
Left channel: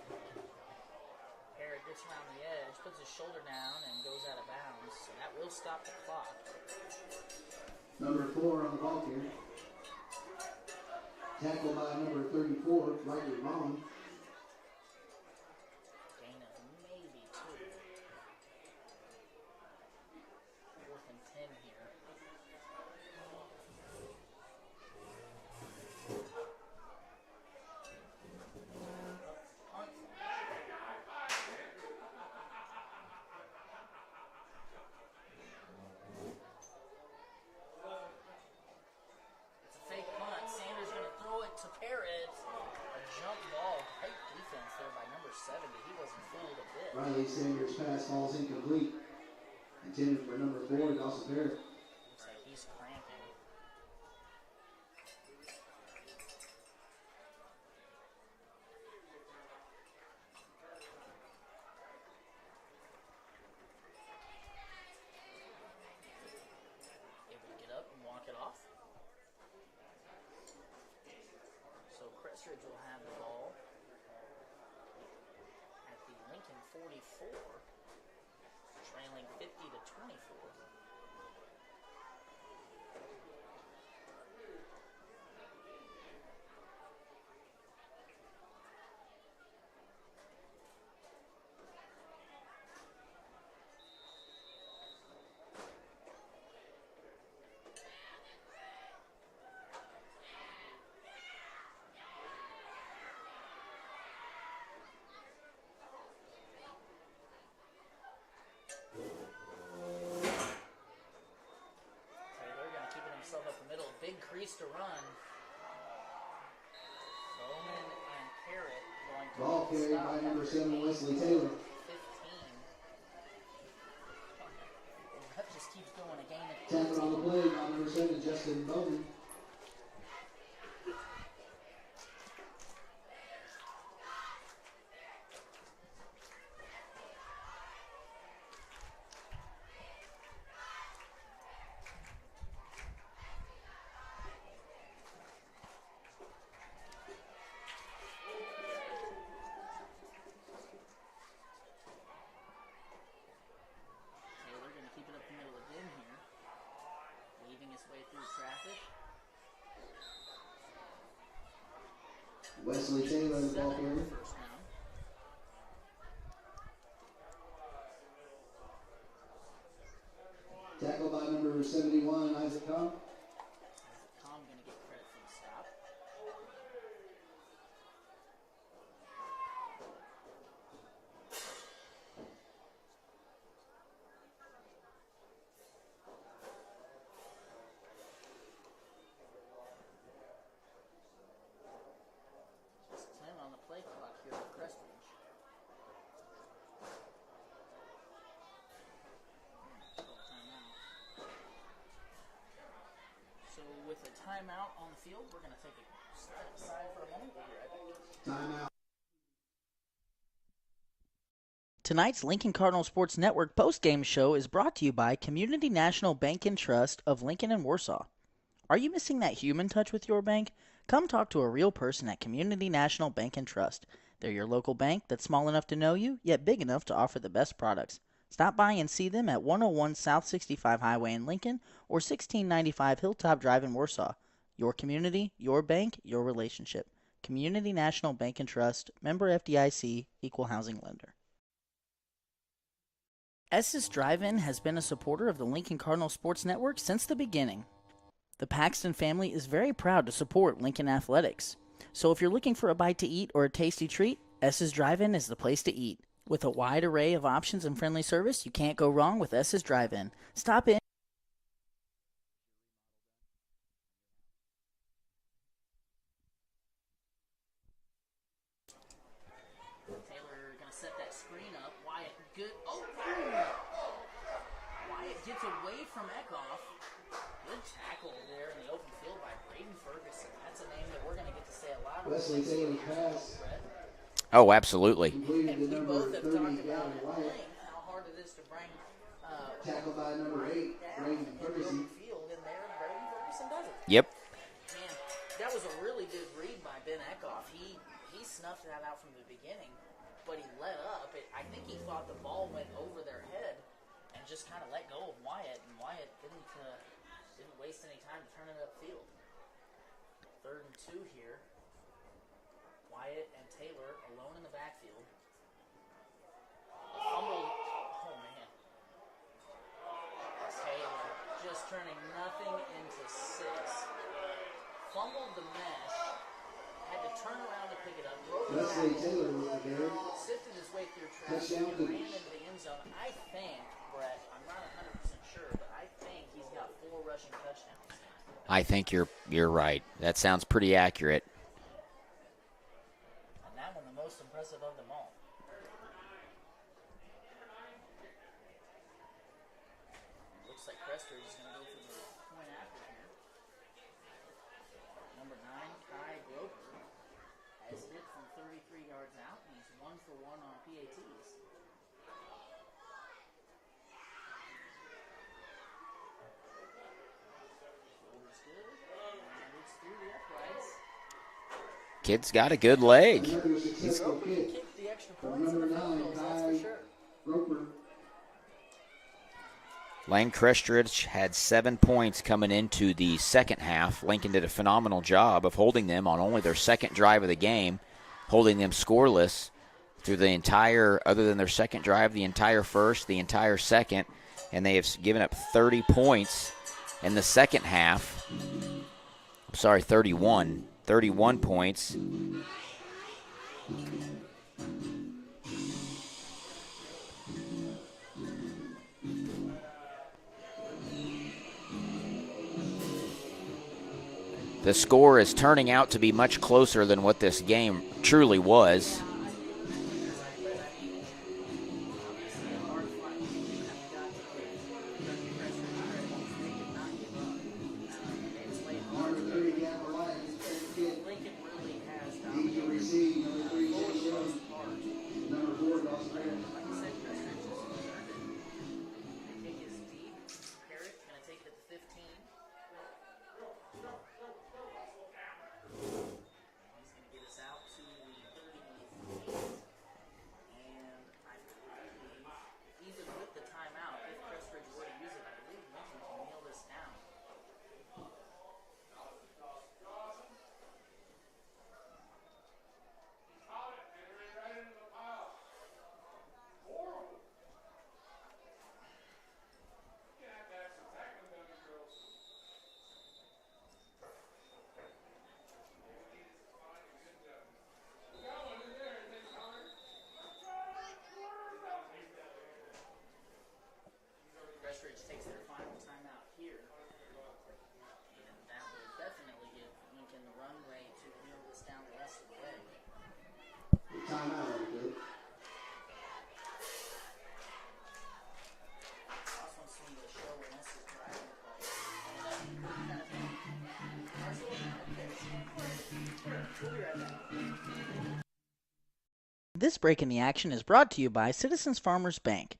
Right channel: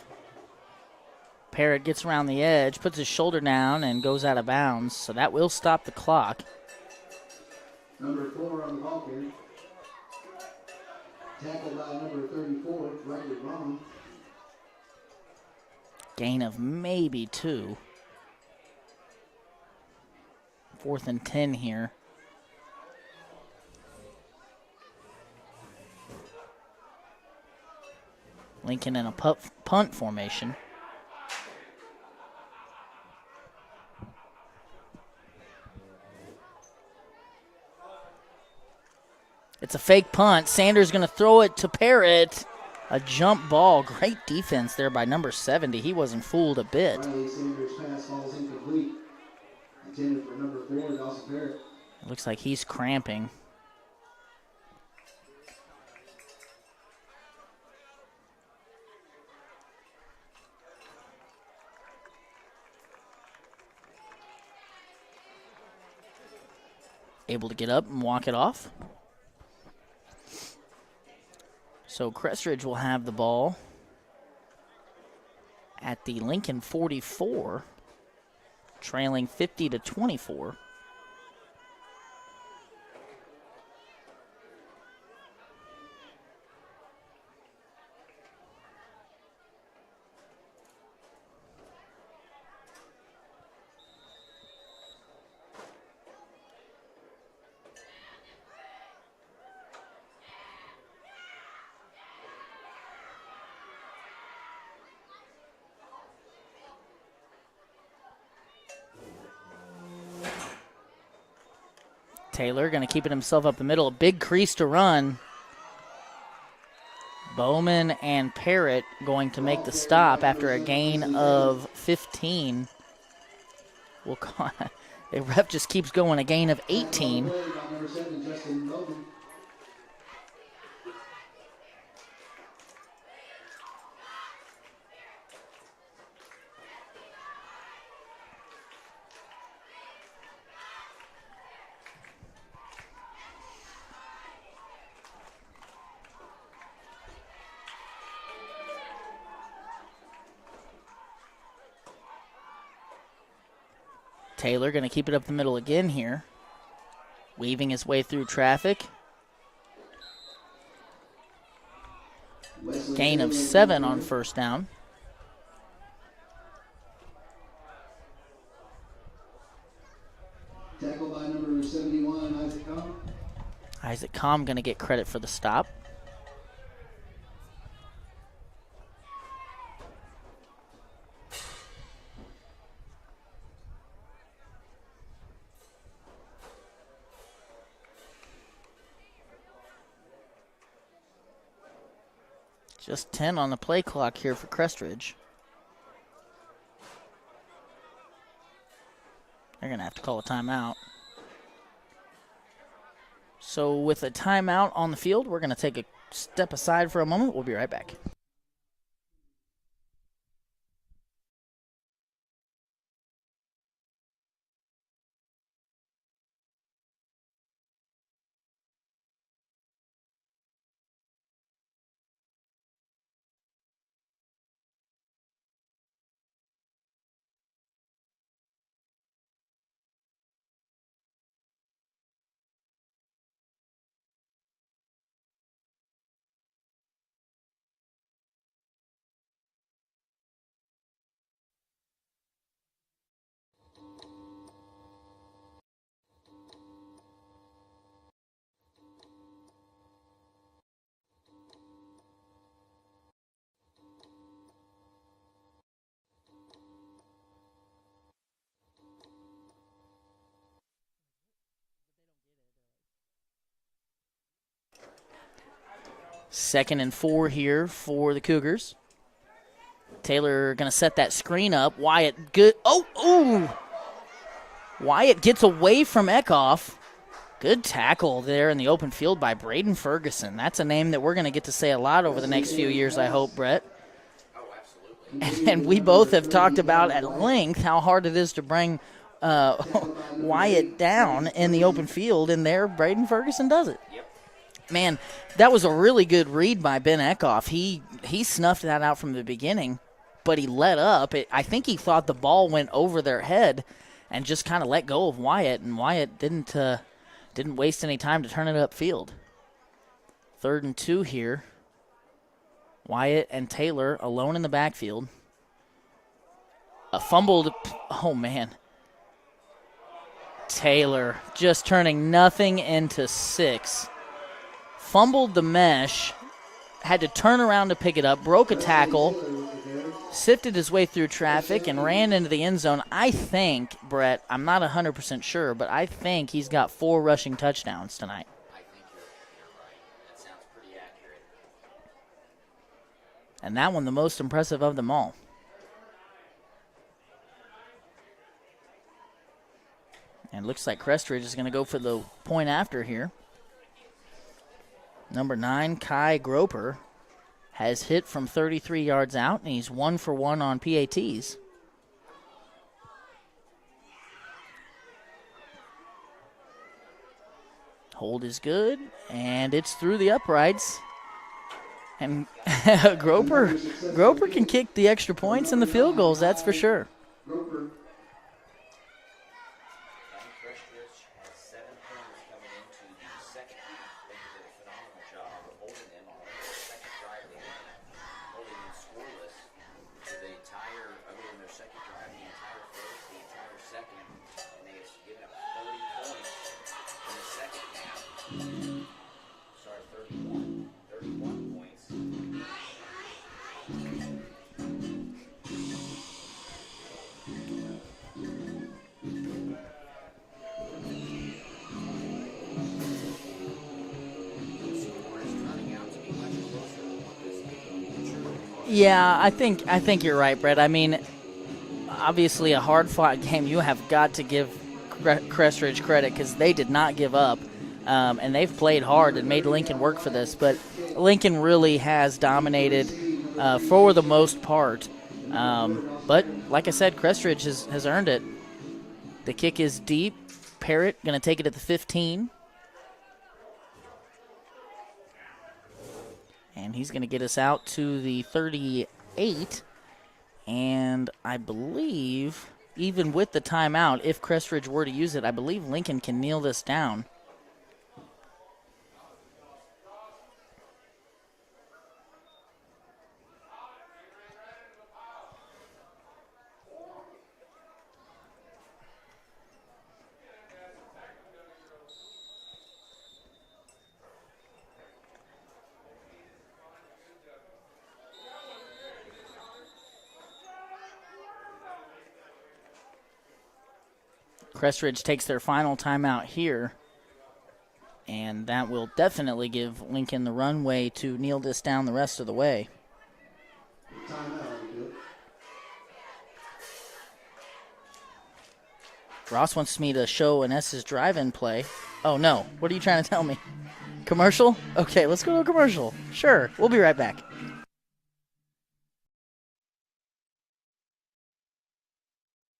Parrott gets around the edge, puts his shoulder down, and goes out of bounds. So that will stop the clock. Number 4 on the ball carry. Tackled by number 34, Roger Vaughn. Gain of maybe 2. 4th and 10 here. Lincoln in a punt formation. It's a fake punt. Sanders going to throw it to Parrott. A jump ball. Great defense there by number 70. He wasn't fooled a bit. Riley Sanders' pass falls incomplete. Intended for number 4, Dawson Parrott. Looks like he's cramping. Able to get up and walk it off. So Crest Ridge will have the ball at the Lincoln 44, trailing 50-24. Taylor going to keep it himself up the middle. A big crease to run. Bowman and Parrott going to make the stop after a gain of 15. The ref just keeps going, a gain of 18. Taylor going to keep it up the middle again here. Weaving his way through traffic. Gain of 7 on first down. Tackled by number 71, Isaac Comm. Isaac Comm going to get credit for the stop. Just 10 on the play clock here for Crest Ridge. They're going to have to call a timeout. So with a timeout on the field, we're going to take a step aside for a moment. We'll be right back. Tonight's Lincoln Cardinal Sports Network postgame show is brought to you by Community National Bank and Trust of Lincoln and Warsaw. Are you missing that human touch with your bank? Come talk to a real person at Community National Bank and Trust. They're your local bank that's small enough to know you, yet big enough to offer the best products. Stop by and see them at 101 South 65 Highway in Lincoln or 1695 Hilltop Drive in Warsaw. Your community, your bank, your relationship. Community National Bank and Trust, member FDIC, equal housing lender. Estes Drive-In has been a supporter of the Lincoln Cardinal Sports Network since the beginning. The Paxton family is very proud to support Lincoln Athletics. So if you're looking for a bite to eat or a tasty treat, S's Drive-In is the place to eat. With a wide array of options and friendly service, you can't go wrong with S's Drive-In. Stop in. Second and 4 here for the Cougars. Taylor going to set that screen up. Wyatt, good. Oh! Wyatt gets away from Eckhoff. Good tackle there in the open field by Braden Ferguson. That's a name that we're going to get to say a lot over the next few years, I hope, Brett. Oh, absolutely. And we both have talked about at length how hard it is to bring Wyatt down in the open field, and there Braden Ferguson does it. Yep. Man, that was a really good read by Ben Eckhoff. He snuffed that out from the beginning, but he let up. I think he thought the ball went over their head and just kind of let go of Wyatt, and Wyatt didn't waste any time to turn it upfield. 3rd and 2 here. Wyatt and Taylor alone in the backfield. A fumbled, oh man. Taylor just turning nothing into 6. Fumbled the mesh, had to turn around to pick it up, broke a tackle, sifted his way through traffic, and ran into the end zone. I think, Brett, I'm not 100% sure, but I think he's got 4 rushing touchdowns tonight. I think you're right. That sounds pretty accurate. And that one the most impressive of them all. And looks like Crest Ridge is going to go for the point after here. Number 9, Kai Groper, has hit from 33 yards out, and he's 1 for 1 on PATs. Hold is good, and it's through the uprights. And Kid's got a good leg. Groper can kick the extra points and the field goals, that's for sure. Lane Crest Ridge had 7 points coming into the second half. Lincoln did a phenomenal job of holding them on only their second drive of the game, holding them scoreless through the entire, other than their second drive, the entire first, the entire second, and they have given up 30 points in the second half. Sorry, 31 points. The score is turning out to be much closer than what this game truly was. Yeah, I think you're right, Brett. I mean, obviously a hard-fought game. You have got to give Crest Ridge credit because they did not give up, and they've played hard and made Lincoln work for this. But Lincoln really has dominated for the most part. But like I said, Crest Ridge has earned it. The kick is deep. Parrott going to take it at the 15. And he's going to get us out to the 38. And I believe, even with the timeout, if Crest Ridge were to use it, I believe Lincoln can kneel this down. Crest Ridge takes their final timeout here, and that will definitely give Lincoln the runway to kneel this down the rest of the way. Ross wants me to show an S's drive-in play. Oh, no. What are you trying to tell me? Commercial? Okay, let's go to a commercial. Sure, we'll be right back. This break in the action is brought to you by Citizens Farmers Bank.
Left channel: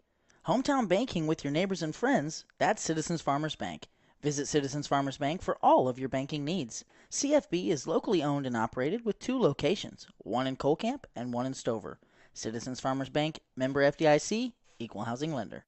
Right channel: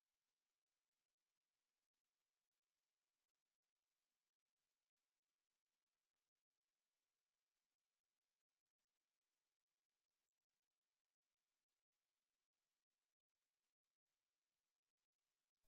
Hometown banking with your neighbors and friends, that's Citizens Farmers Bank. Visit Citizens Farmers Bank for all of your banking needs. CFB is locally owned and operated with 2 locations, one in Colcamp and one in Stover. Citizens Farmers Bank, member FDIC, equal housing lender.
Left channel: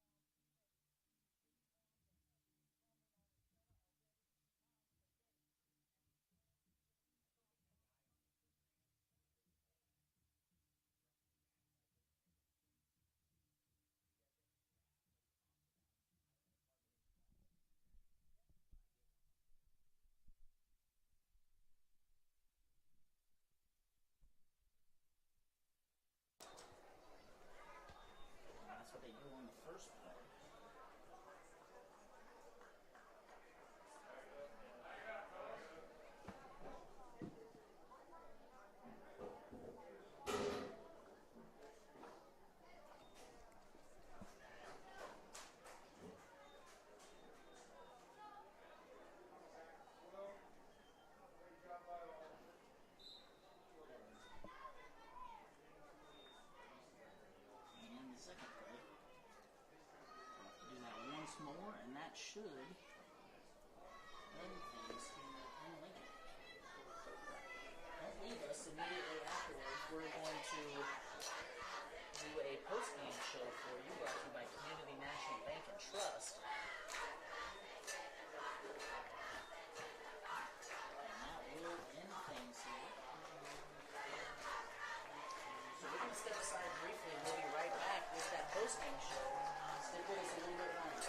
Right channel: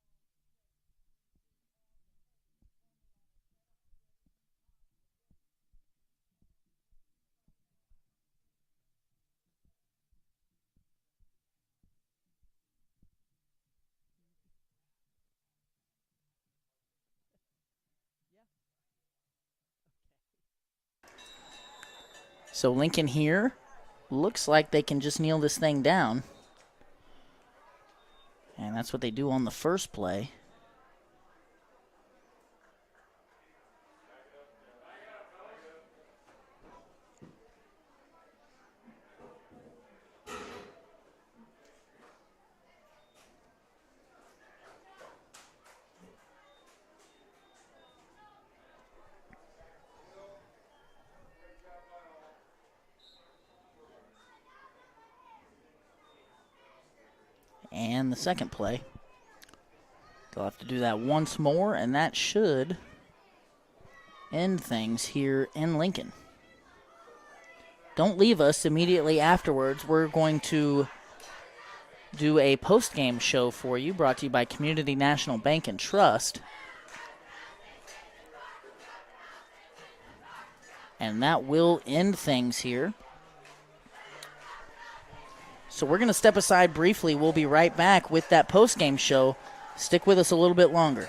So Lincoln here looks like they can just kneel this thing down. And that's what they do on the first play. And the second play. They'll have to do that once more, and that should end things here in Lincoln. Don't leave us. Immediately afterwards, we're going to do a post-game show for you, brought to you by Community National Bank and Trust. And that will end things here. So we're going to step aside briefly. We'll be right back with that post-game show. Stick with us a little bit longer.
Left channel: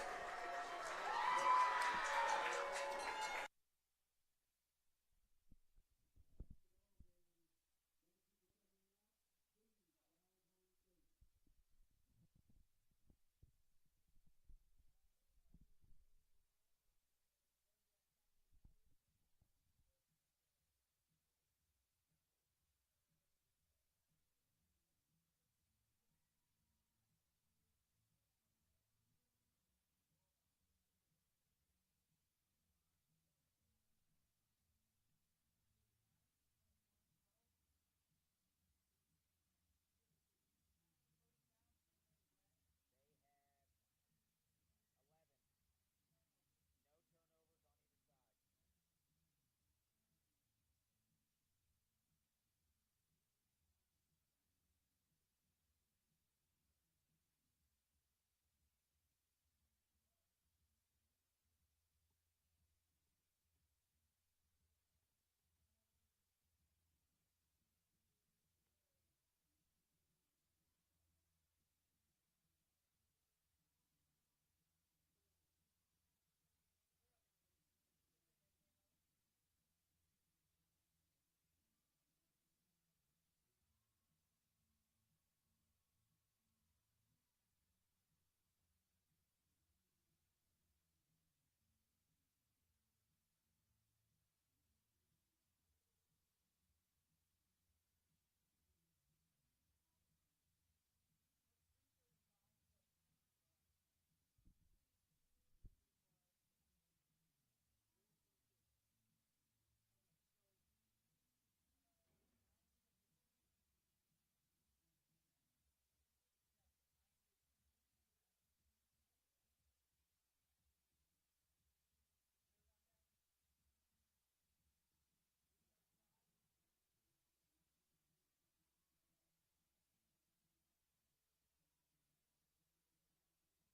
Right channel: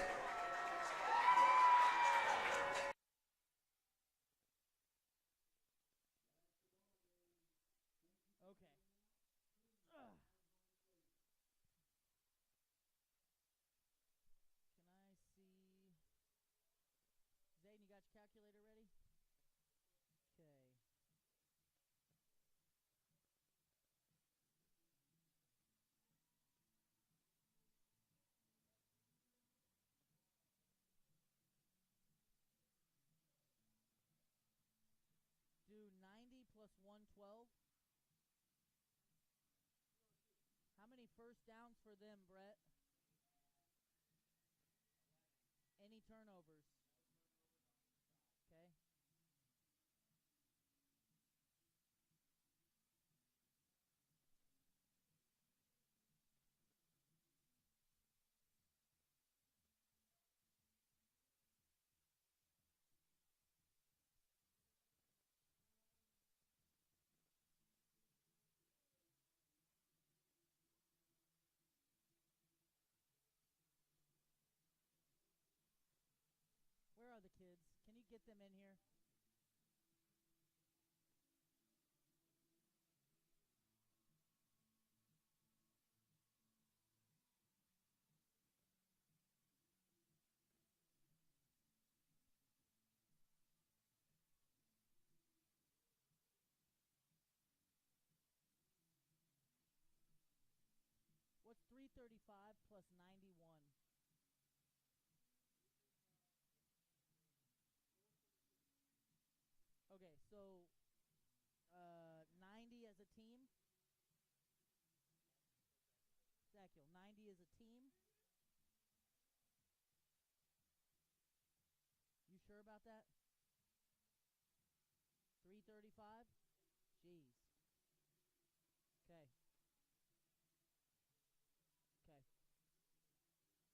Do 90 plus 112. How many first downs for them, Brett? Any turnovers? Okay. Where are the kids? Can you get them in here? What's 335 plus 91? Okay, so 90 as a team. Zakiel, 90 as a team. You sure about that? 335? Jeez. Okay.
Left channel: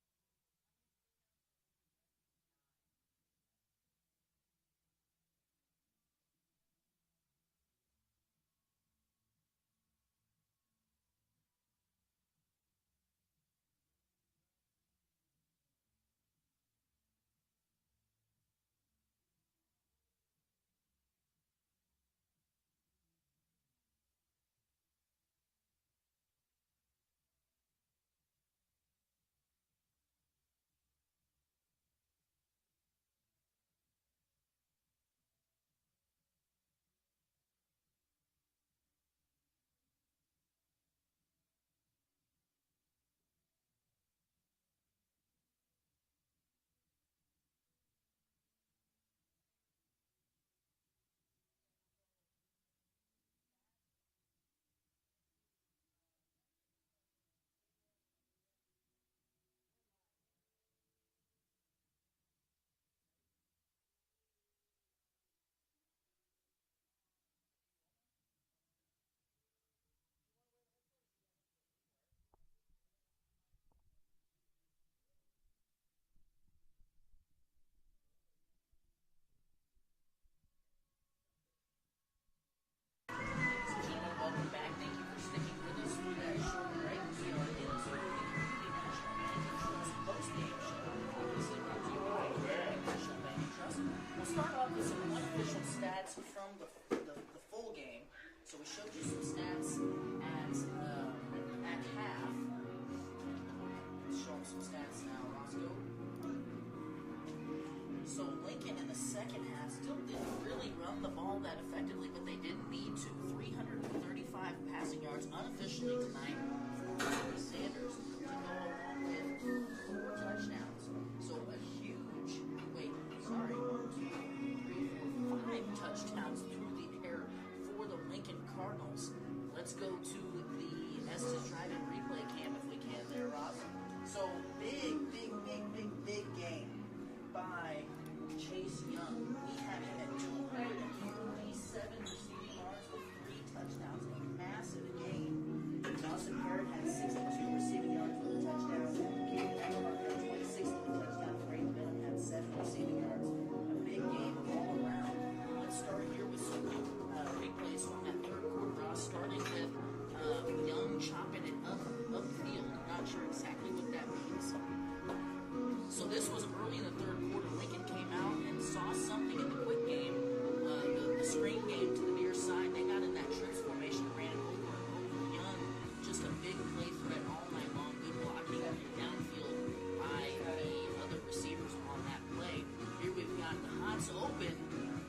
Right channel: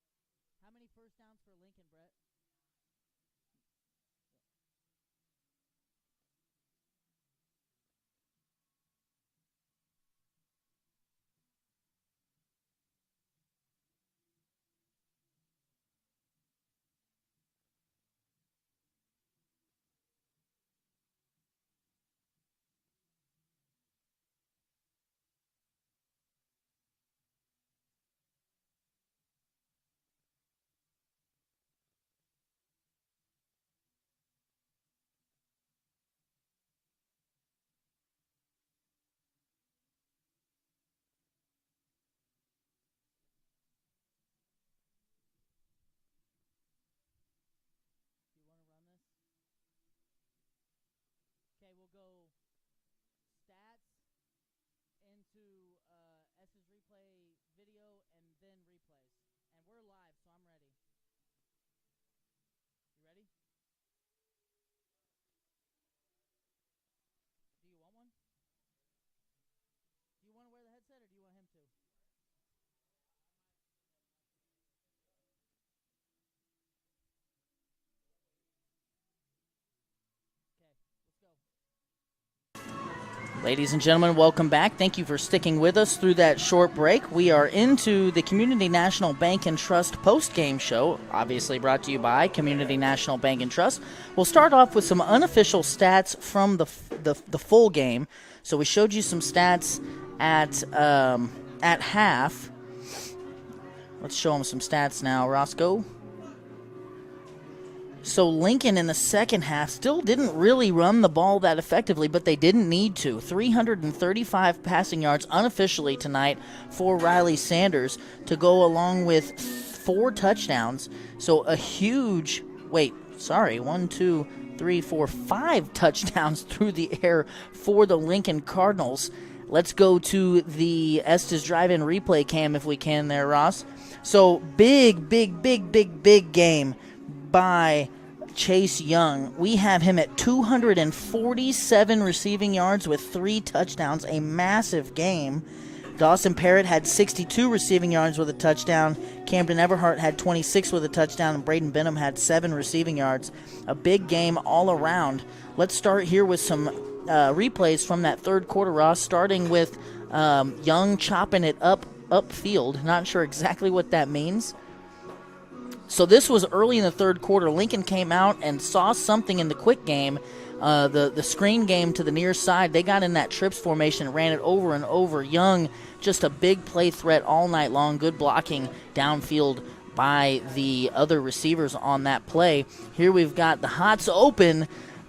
Okay. How many first downs for Lincoln, Brett? Ladies and gentlemen, welcome back. Thank you for sticking with us through that short break. We are into the Community National Bank and Trust post-game show, obviously brought to you by Community National Bank and Trust. We'll start off with some unofficial stats from the full game. So we showed you some stats at half. Let's show them some stats now. Roscoe. So Lincoln in the second half still didn't really run the ball that effectively, but they didn't need to. 335 passing yards unofficially tonight for Riley Sanders to go along with 4 touchdowns. So a huge, 5 touchdowns through the air for the Lincoln Cardinals. Let's go to the Estes Drive-In replay cam if we can there, Ross. So big game by Chase Young. We have him at 247 receiving yards with 3 touchdowns, a massive game. Dawson Parrott had 62 receiving yards with a touchdown. Camden Everhart had 26 with a touchdown, and Braden Benham had 7 receiving yards. A big game all around. Let's start here with some replays from that third quarter, Ross, starting with Young chopping it upfield. Not sure exactly what that means. So this was early in the third quarter. Lincoln came out and saw something in the quick game, the screen game to the near side. They got in that trips formation, ran it over and over. Young, just a big play threat all night long. Good blocking downfield by the other receivers on that play. Here we've got the Hots open.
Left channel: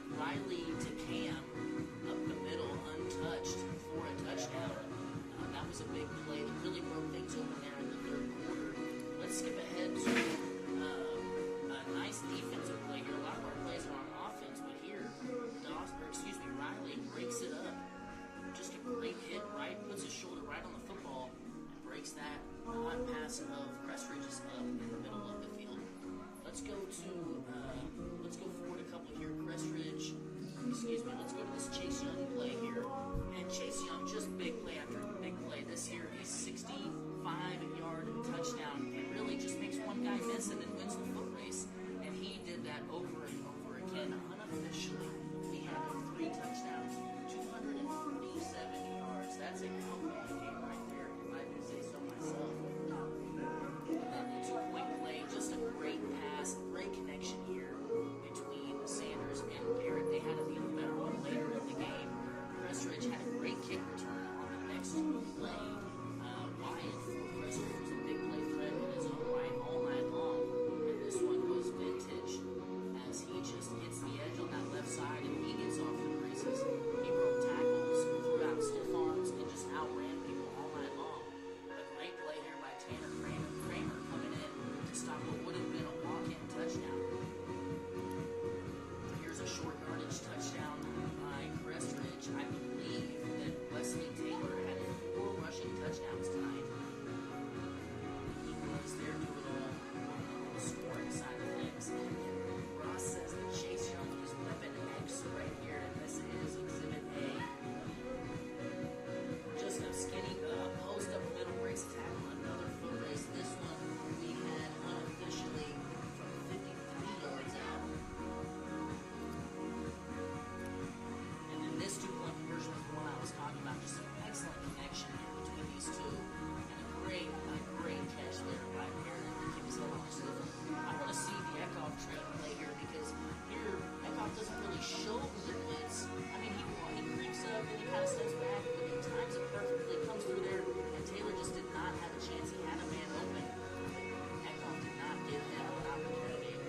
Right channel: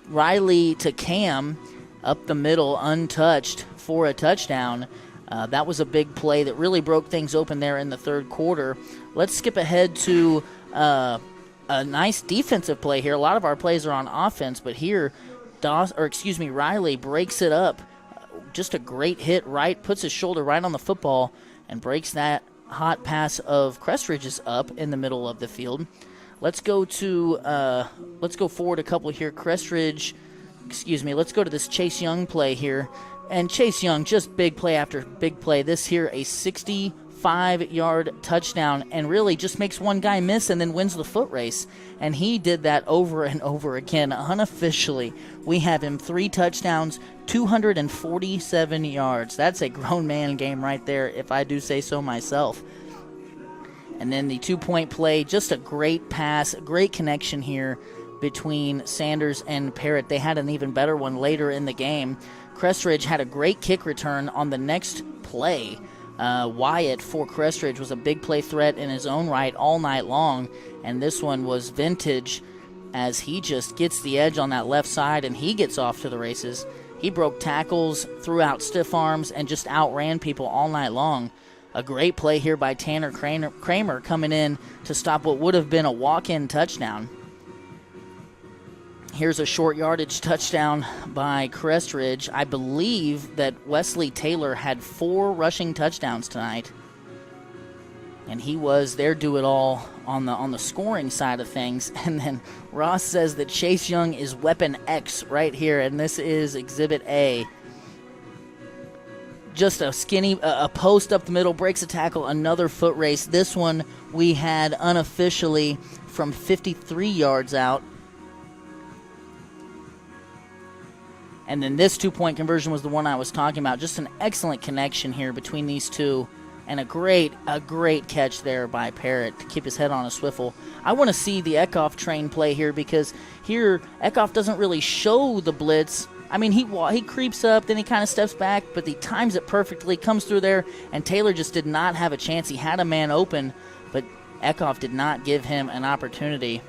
Riley to Cam up the middle, untouched for a touchdown. That was a big play that really broke things open there in the third quarter. Let's skip ahead to a nice defensive play here. A lot of our plays are on offense, but here, Riley breaks it up. Just a great hit, puts his shoulder right on the football and breaks that hot pass of Crest Ridge's up in the middle of the field. Let's go forward a couple here. Let's go to this Chase Young play here. And Chase Young, just big play after big play. This here, a 65-yard touchdown, and really just makes one guy miss and then wins the foot race. And he did that over and over again. Unofficially, we have him 3 touchdowns, 247 yards. That's a grown man game right there, if I do say so myself. And then the 2-point play, just a great pass, great connection here between Sanders and Parrott. They had an even better one later in the game. Crest Ridge had a great kick return on the next play. Wyatt for Crest Ridge was a big play threat in his own right all night long, and this one was vintage as he just gets the edge on that left side and he gets off to the races. He broke tackles, threw out stiff arms, and just outran people all night long. A great play here by Tanner Kramer coming in to stop what would have been a walk-in touchdown. Here's a short yardage touchdown by Crest Ridge. I believe that Wesley Taylor had 4 rushing touchdowns tonight, and he was their do-it-all on the scoring side of things. And then Ross says that Chase Young is Weapon X right here, and this is Exhibit A. Just a post up the middle, breaks a tackle, another foot race. This one we had unofficially from 53 yards out. And then this 2-point conversion was the one I was talking about. Just an excellent connection here between these two. And a great catch there by Parrott to keep his head on a swivel. I want to see the Kickoff train play here, because here Kickoff doesn't really show the blitz. I mean, he creeps up, then he kind of steps back, but he times it perfectly, comes through there, and Taylor just did not have a chance. He had a man open, but Kickoff did not give him an opportunity.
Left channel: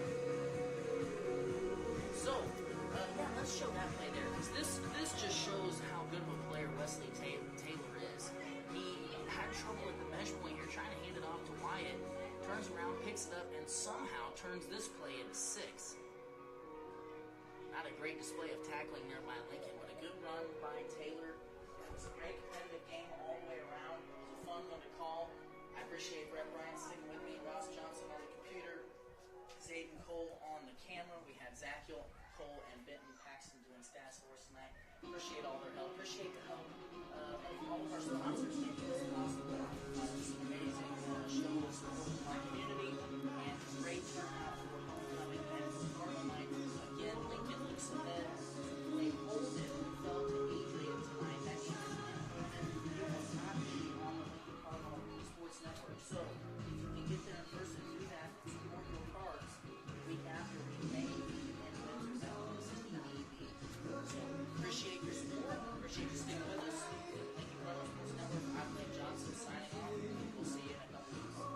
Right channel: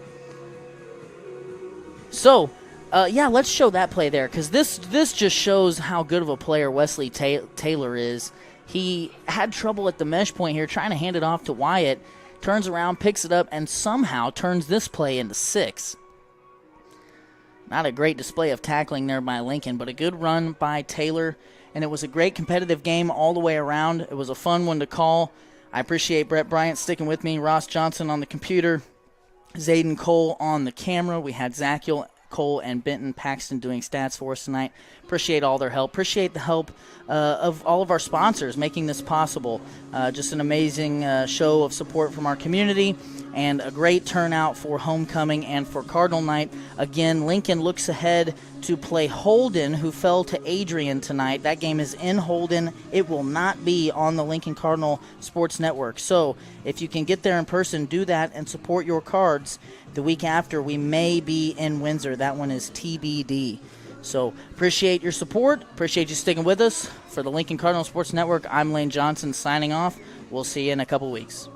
So, let's show that play there, because this just shows how good of a player Wesley Taylor is. He had trouble at the mesh point here, trying to hand it off to Wyatt, turns around, picks it up, and somehow turns this play into 6. Not a great display of tackling there by Lincoln, but a good run by Taylor, and it was a great competitive game all the way around. It was a fun one to call. I appreciate Brett Bryant sticking with me, Ross Johnson on the computer, Zayden Cole on the camera. We had Zachiel Cole and Benton Paxton doing stats for us tonight. Appreciate all their help. Appreciate the help of all of our sponsors making this possible. Just an amazing show of support from our community and a great turnout for homecoming and for Cardinal night. Again, Lincoln looks ahead to play Holden, who fell to Adrian tonight. That game is in Holden. It will not be on the Lincoln Cardinal Sports Network. So if you can get there in person, do that and support your Cards. The week after, we may be in Windsor. That one is TBD. So appreciate your support. Appreciate you sticking with us. For the Lincoln Cardinal Sports Network, I'm Lane Johnson signing off. We'll see you in a couple weeks.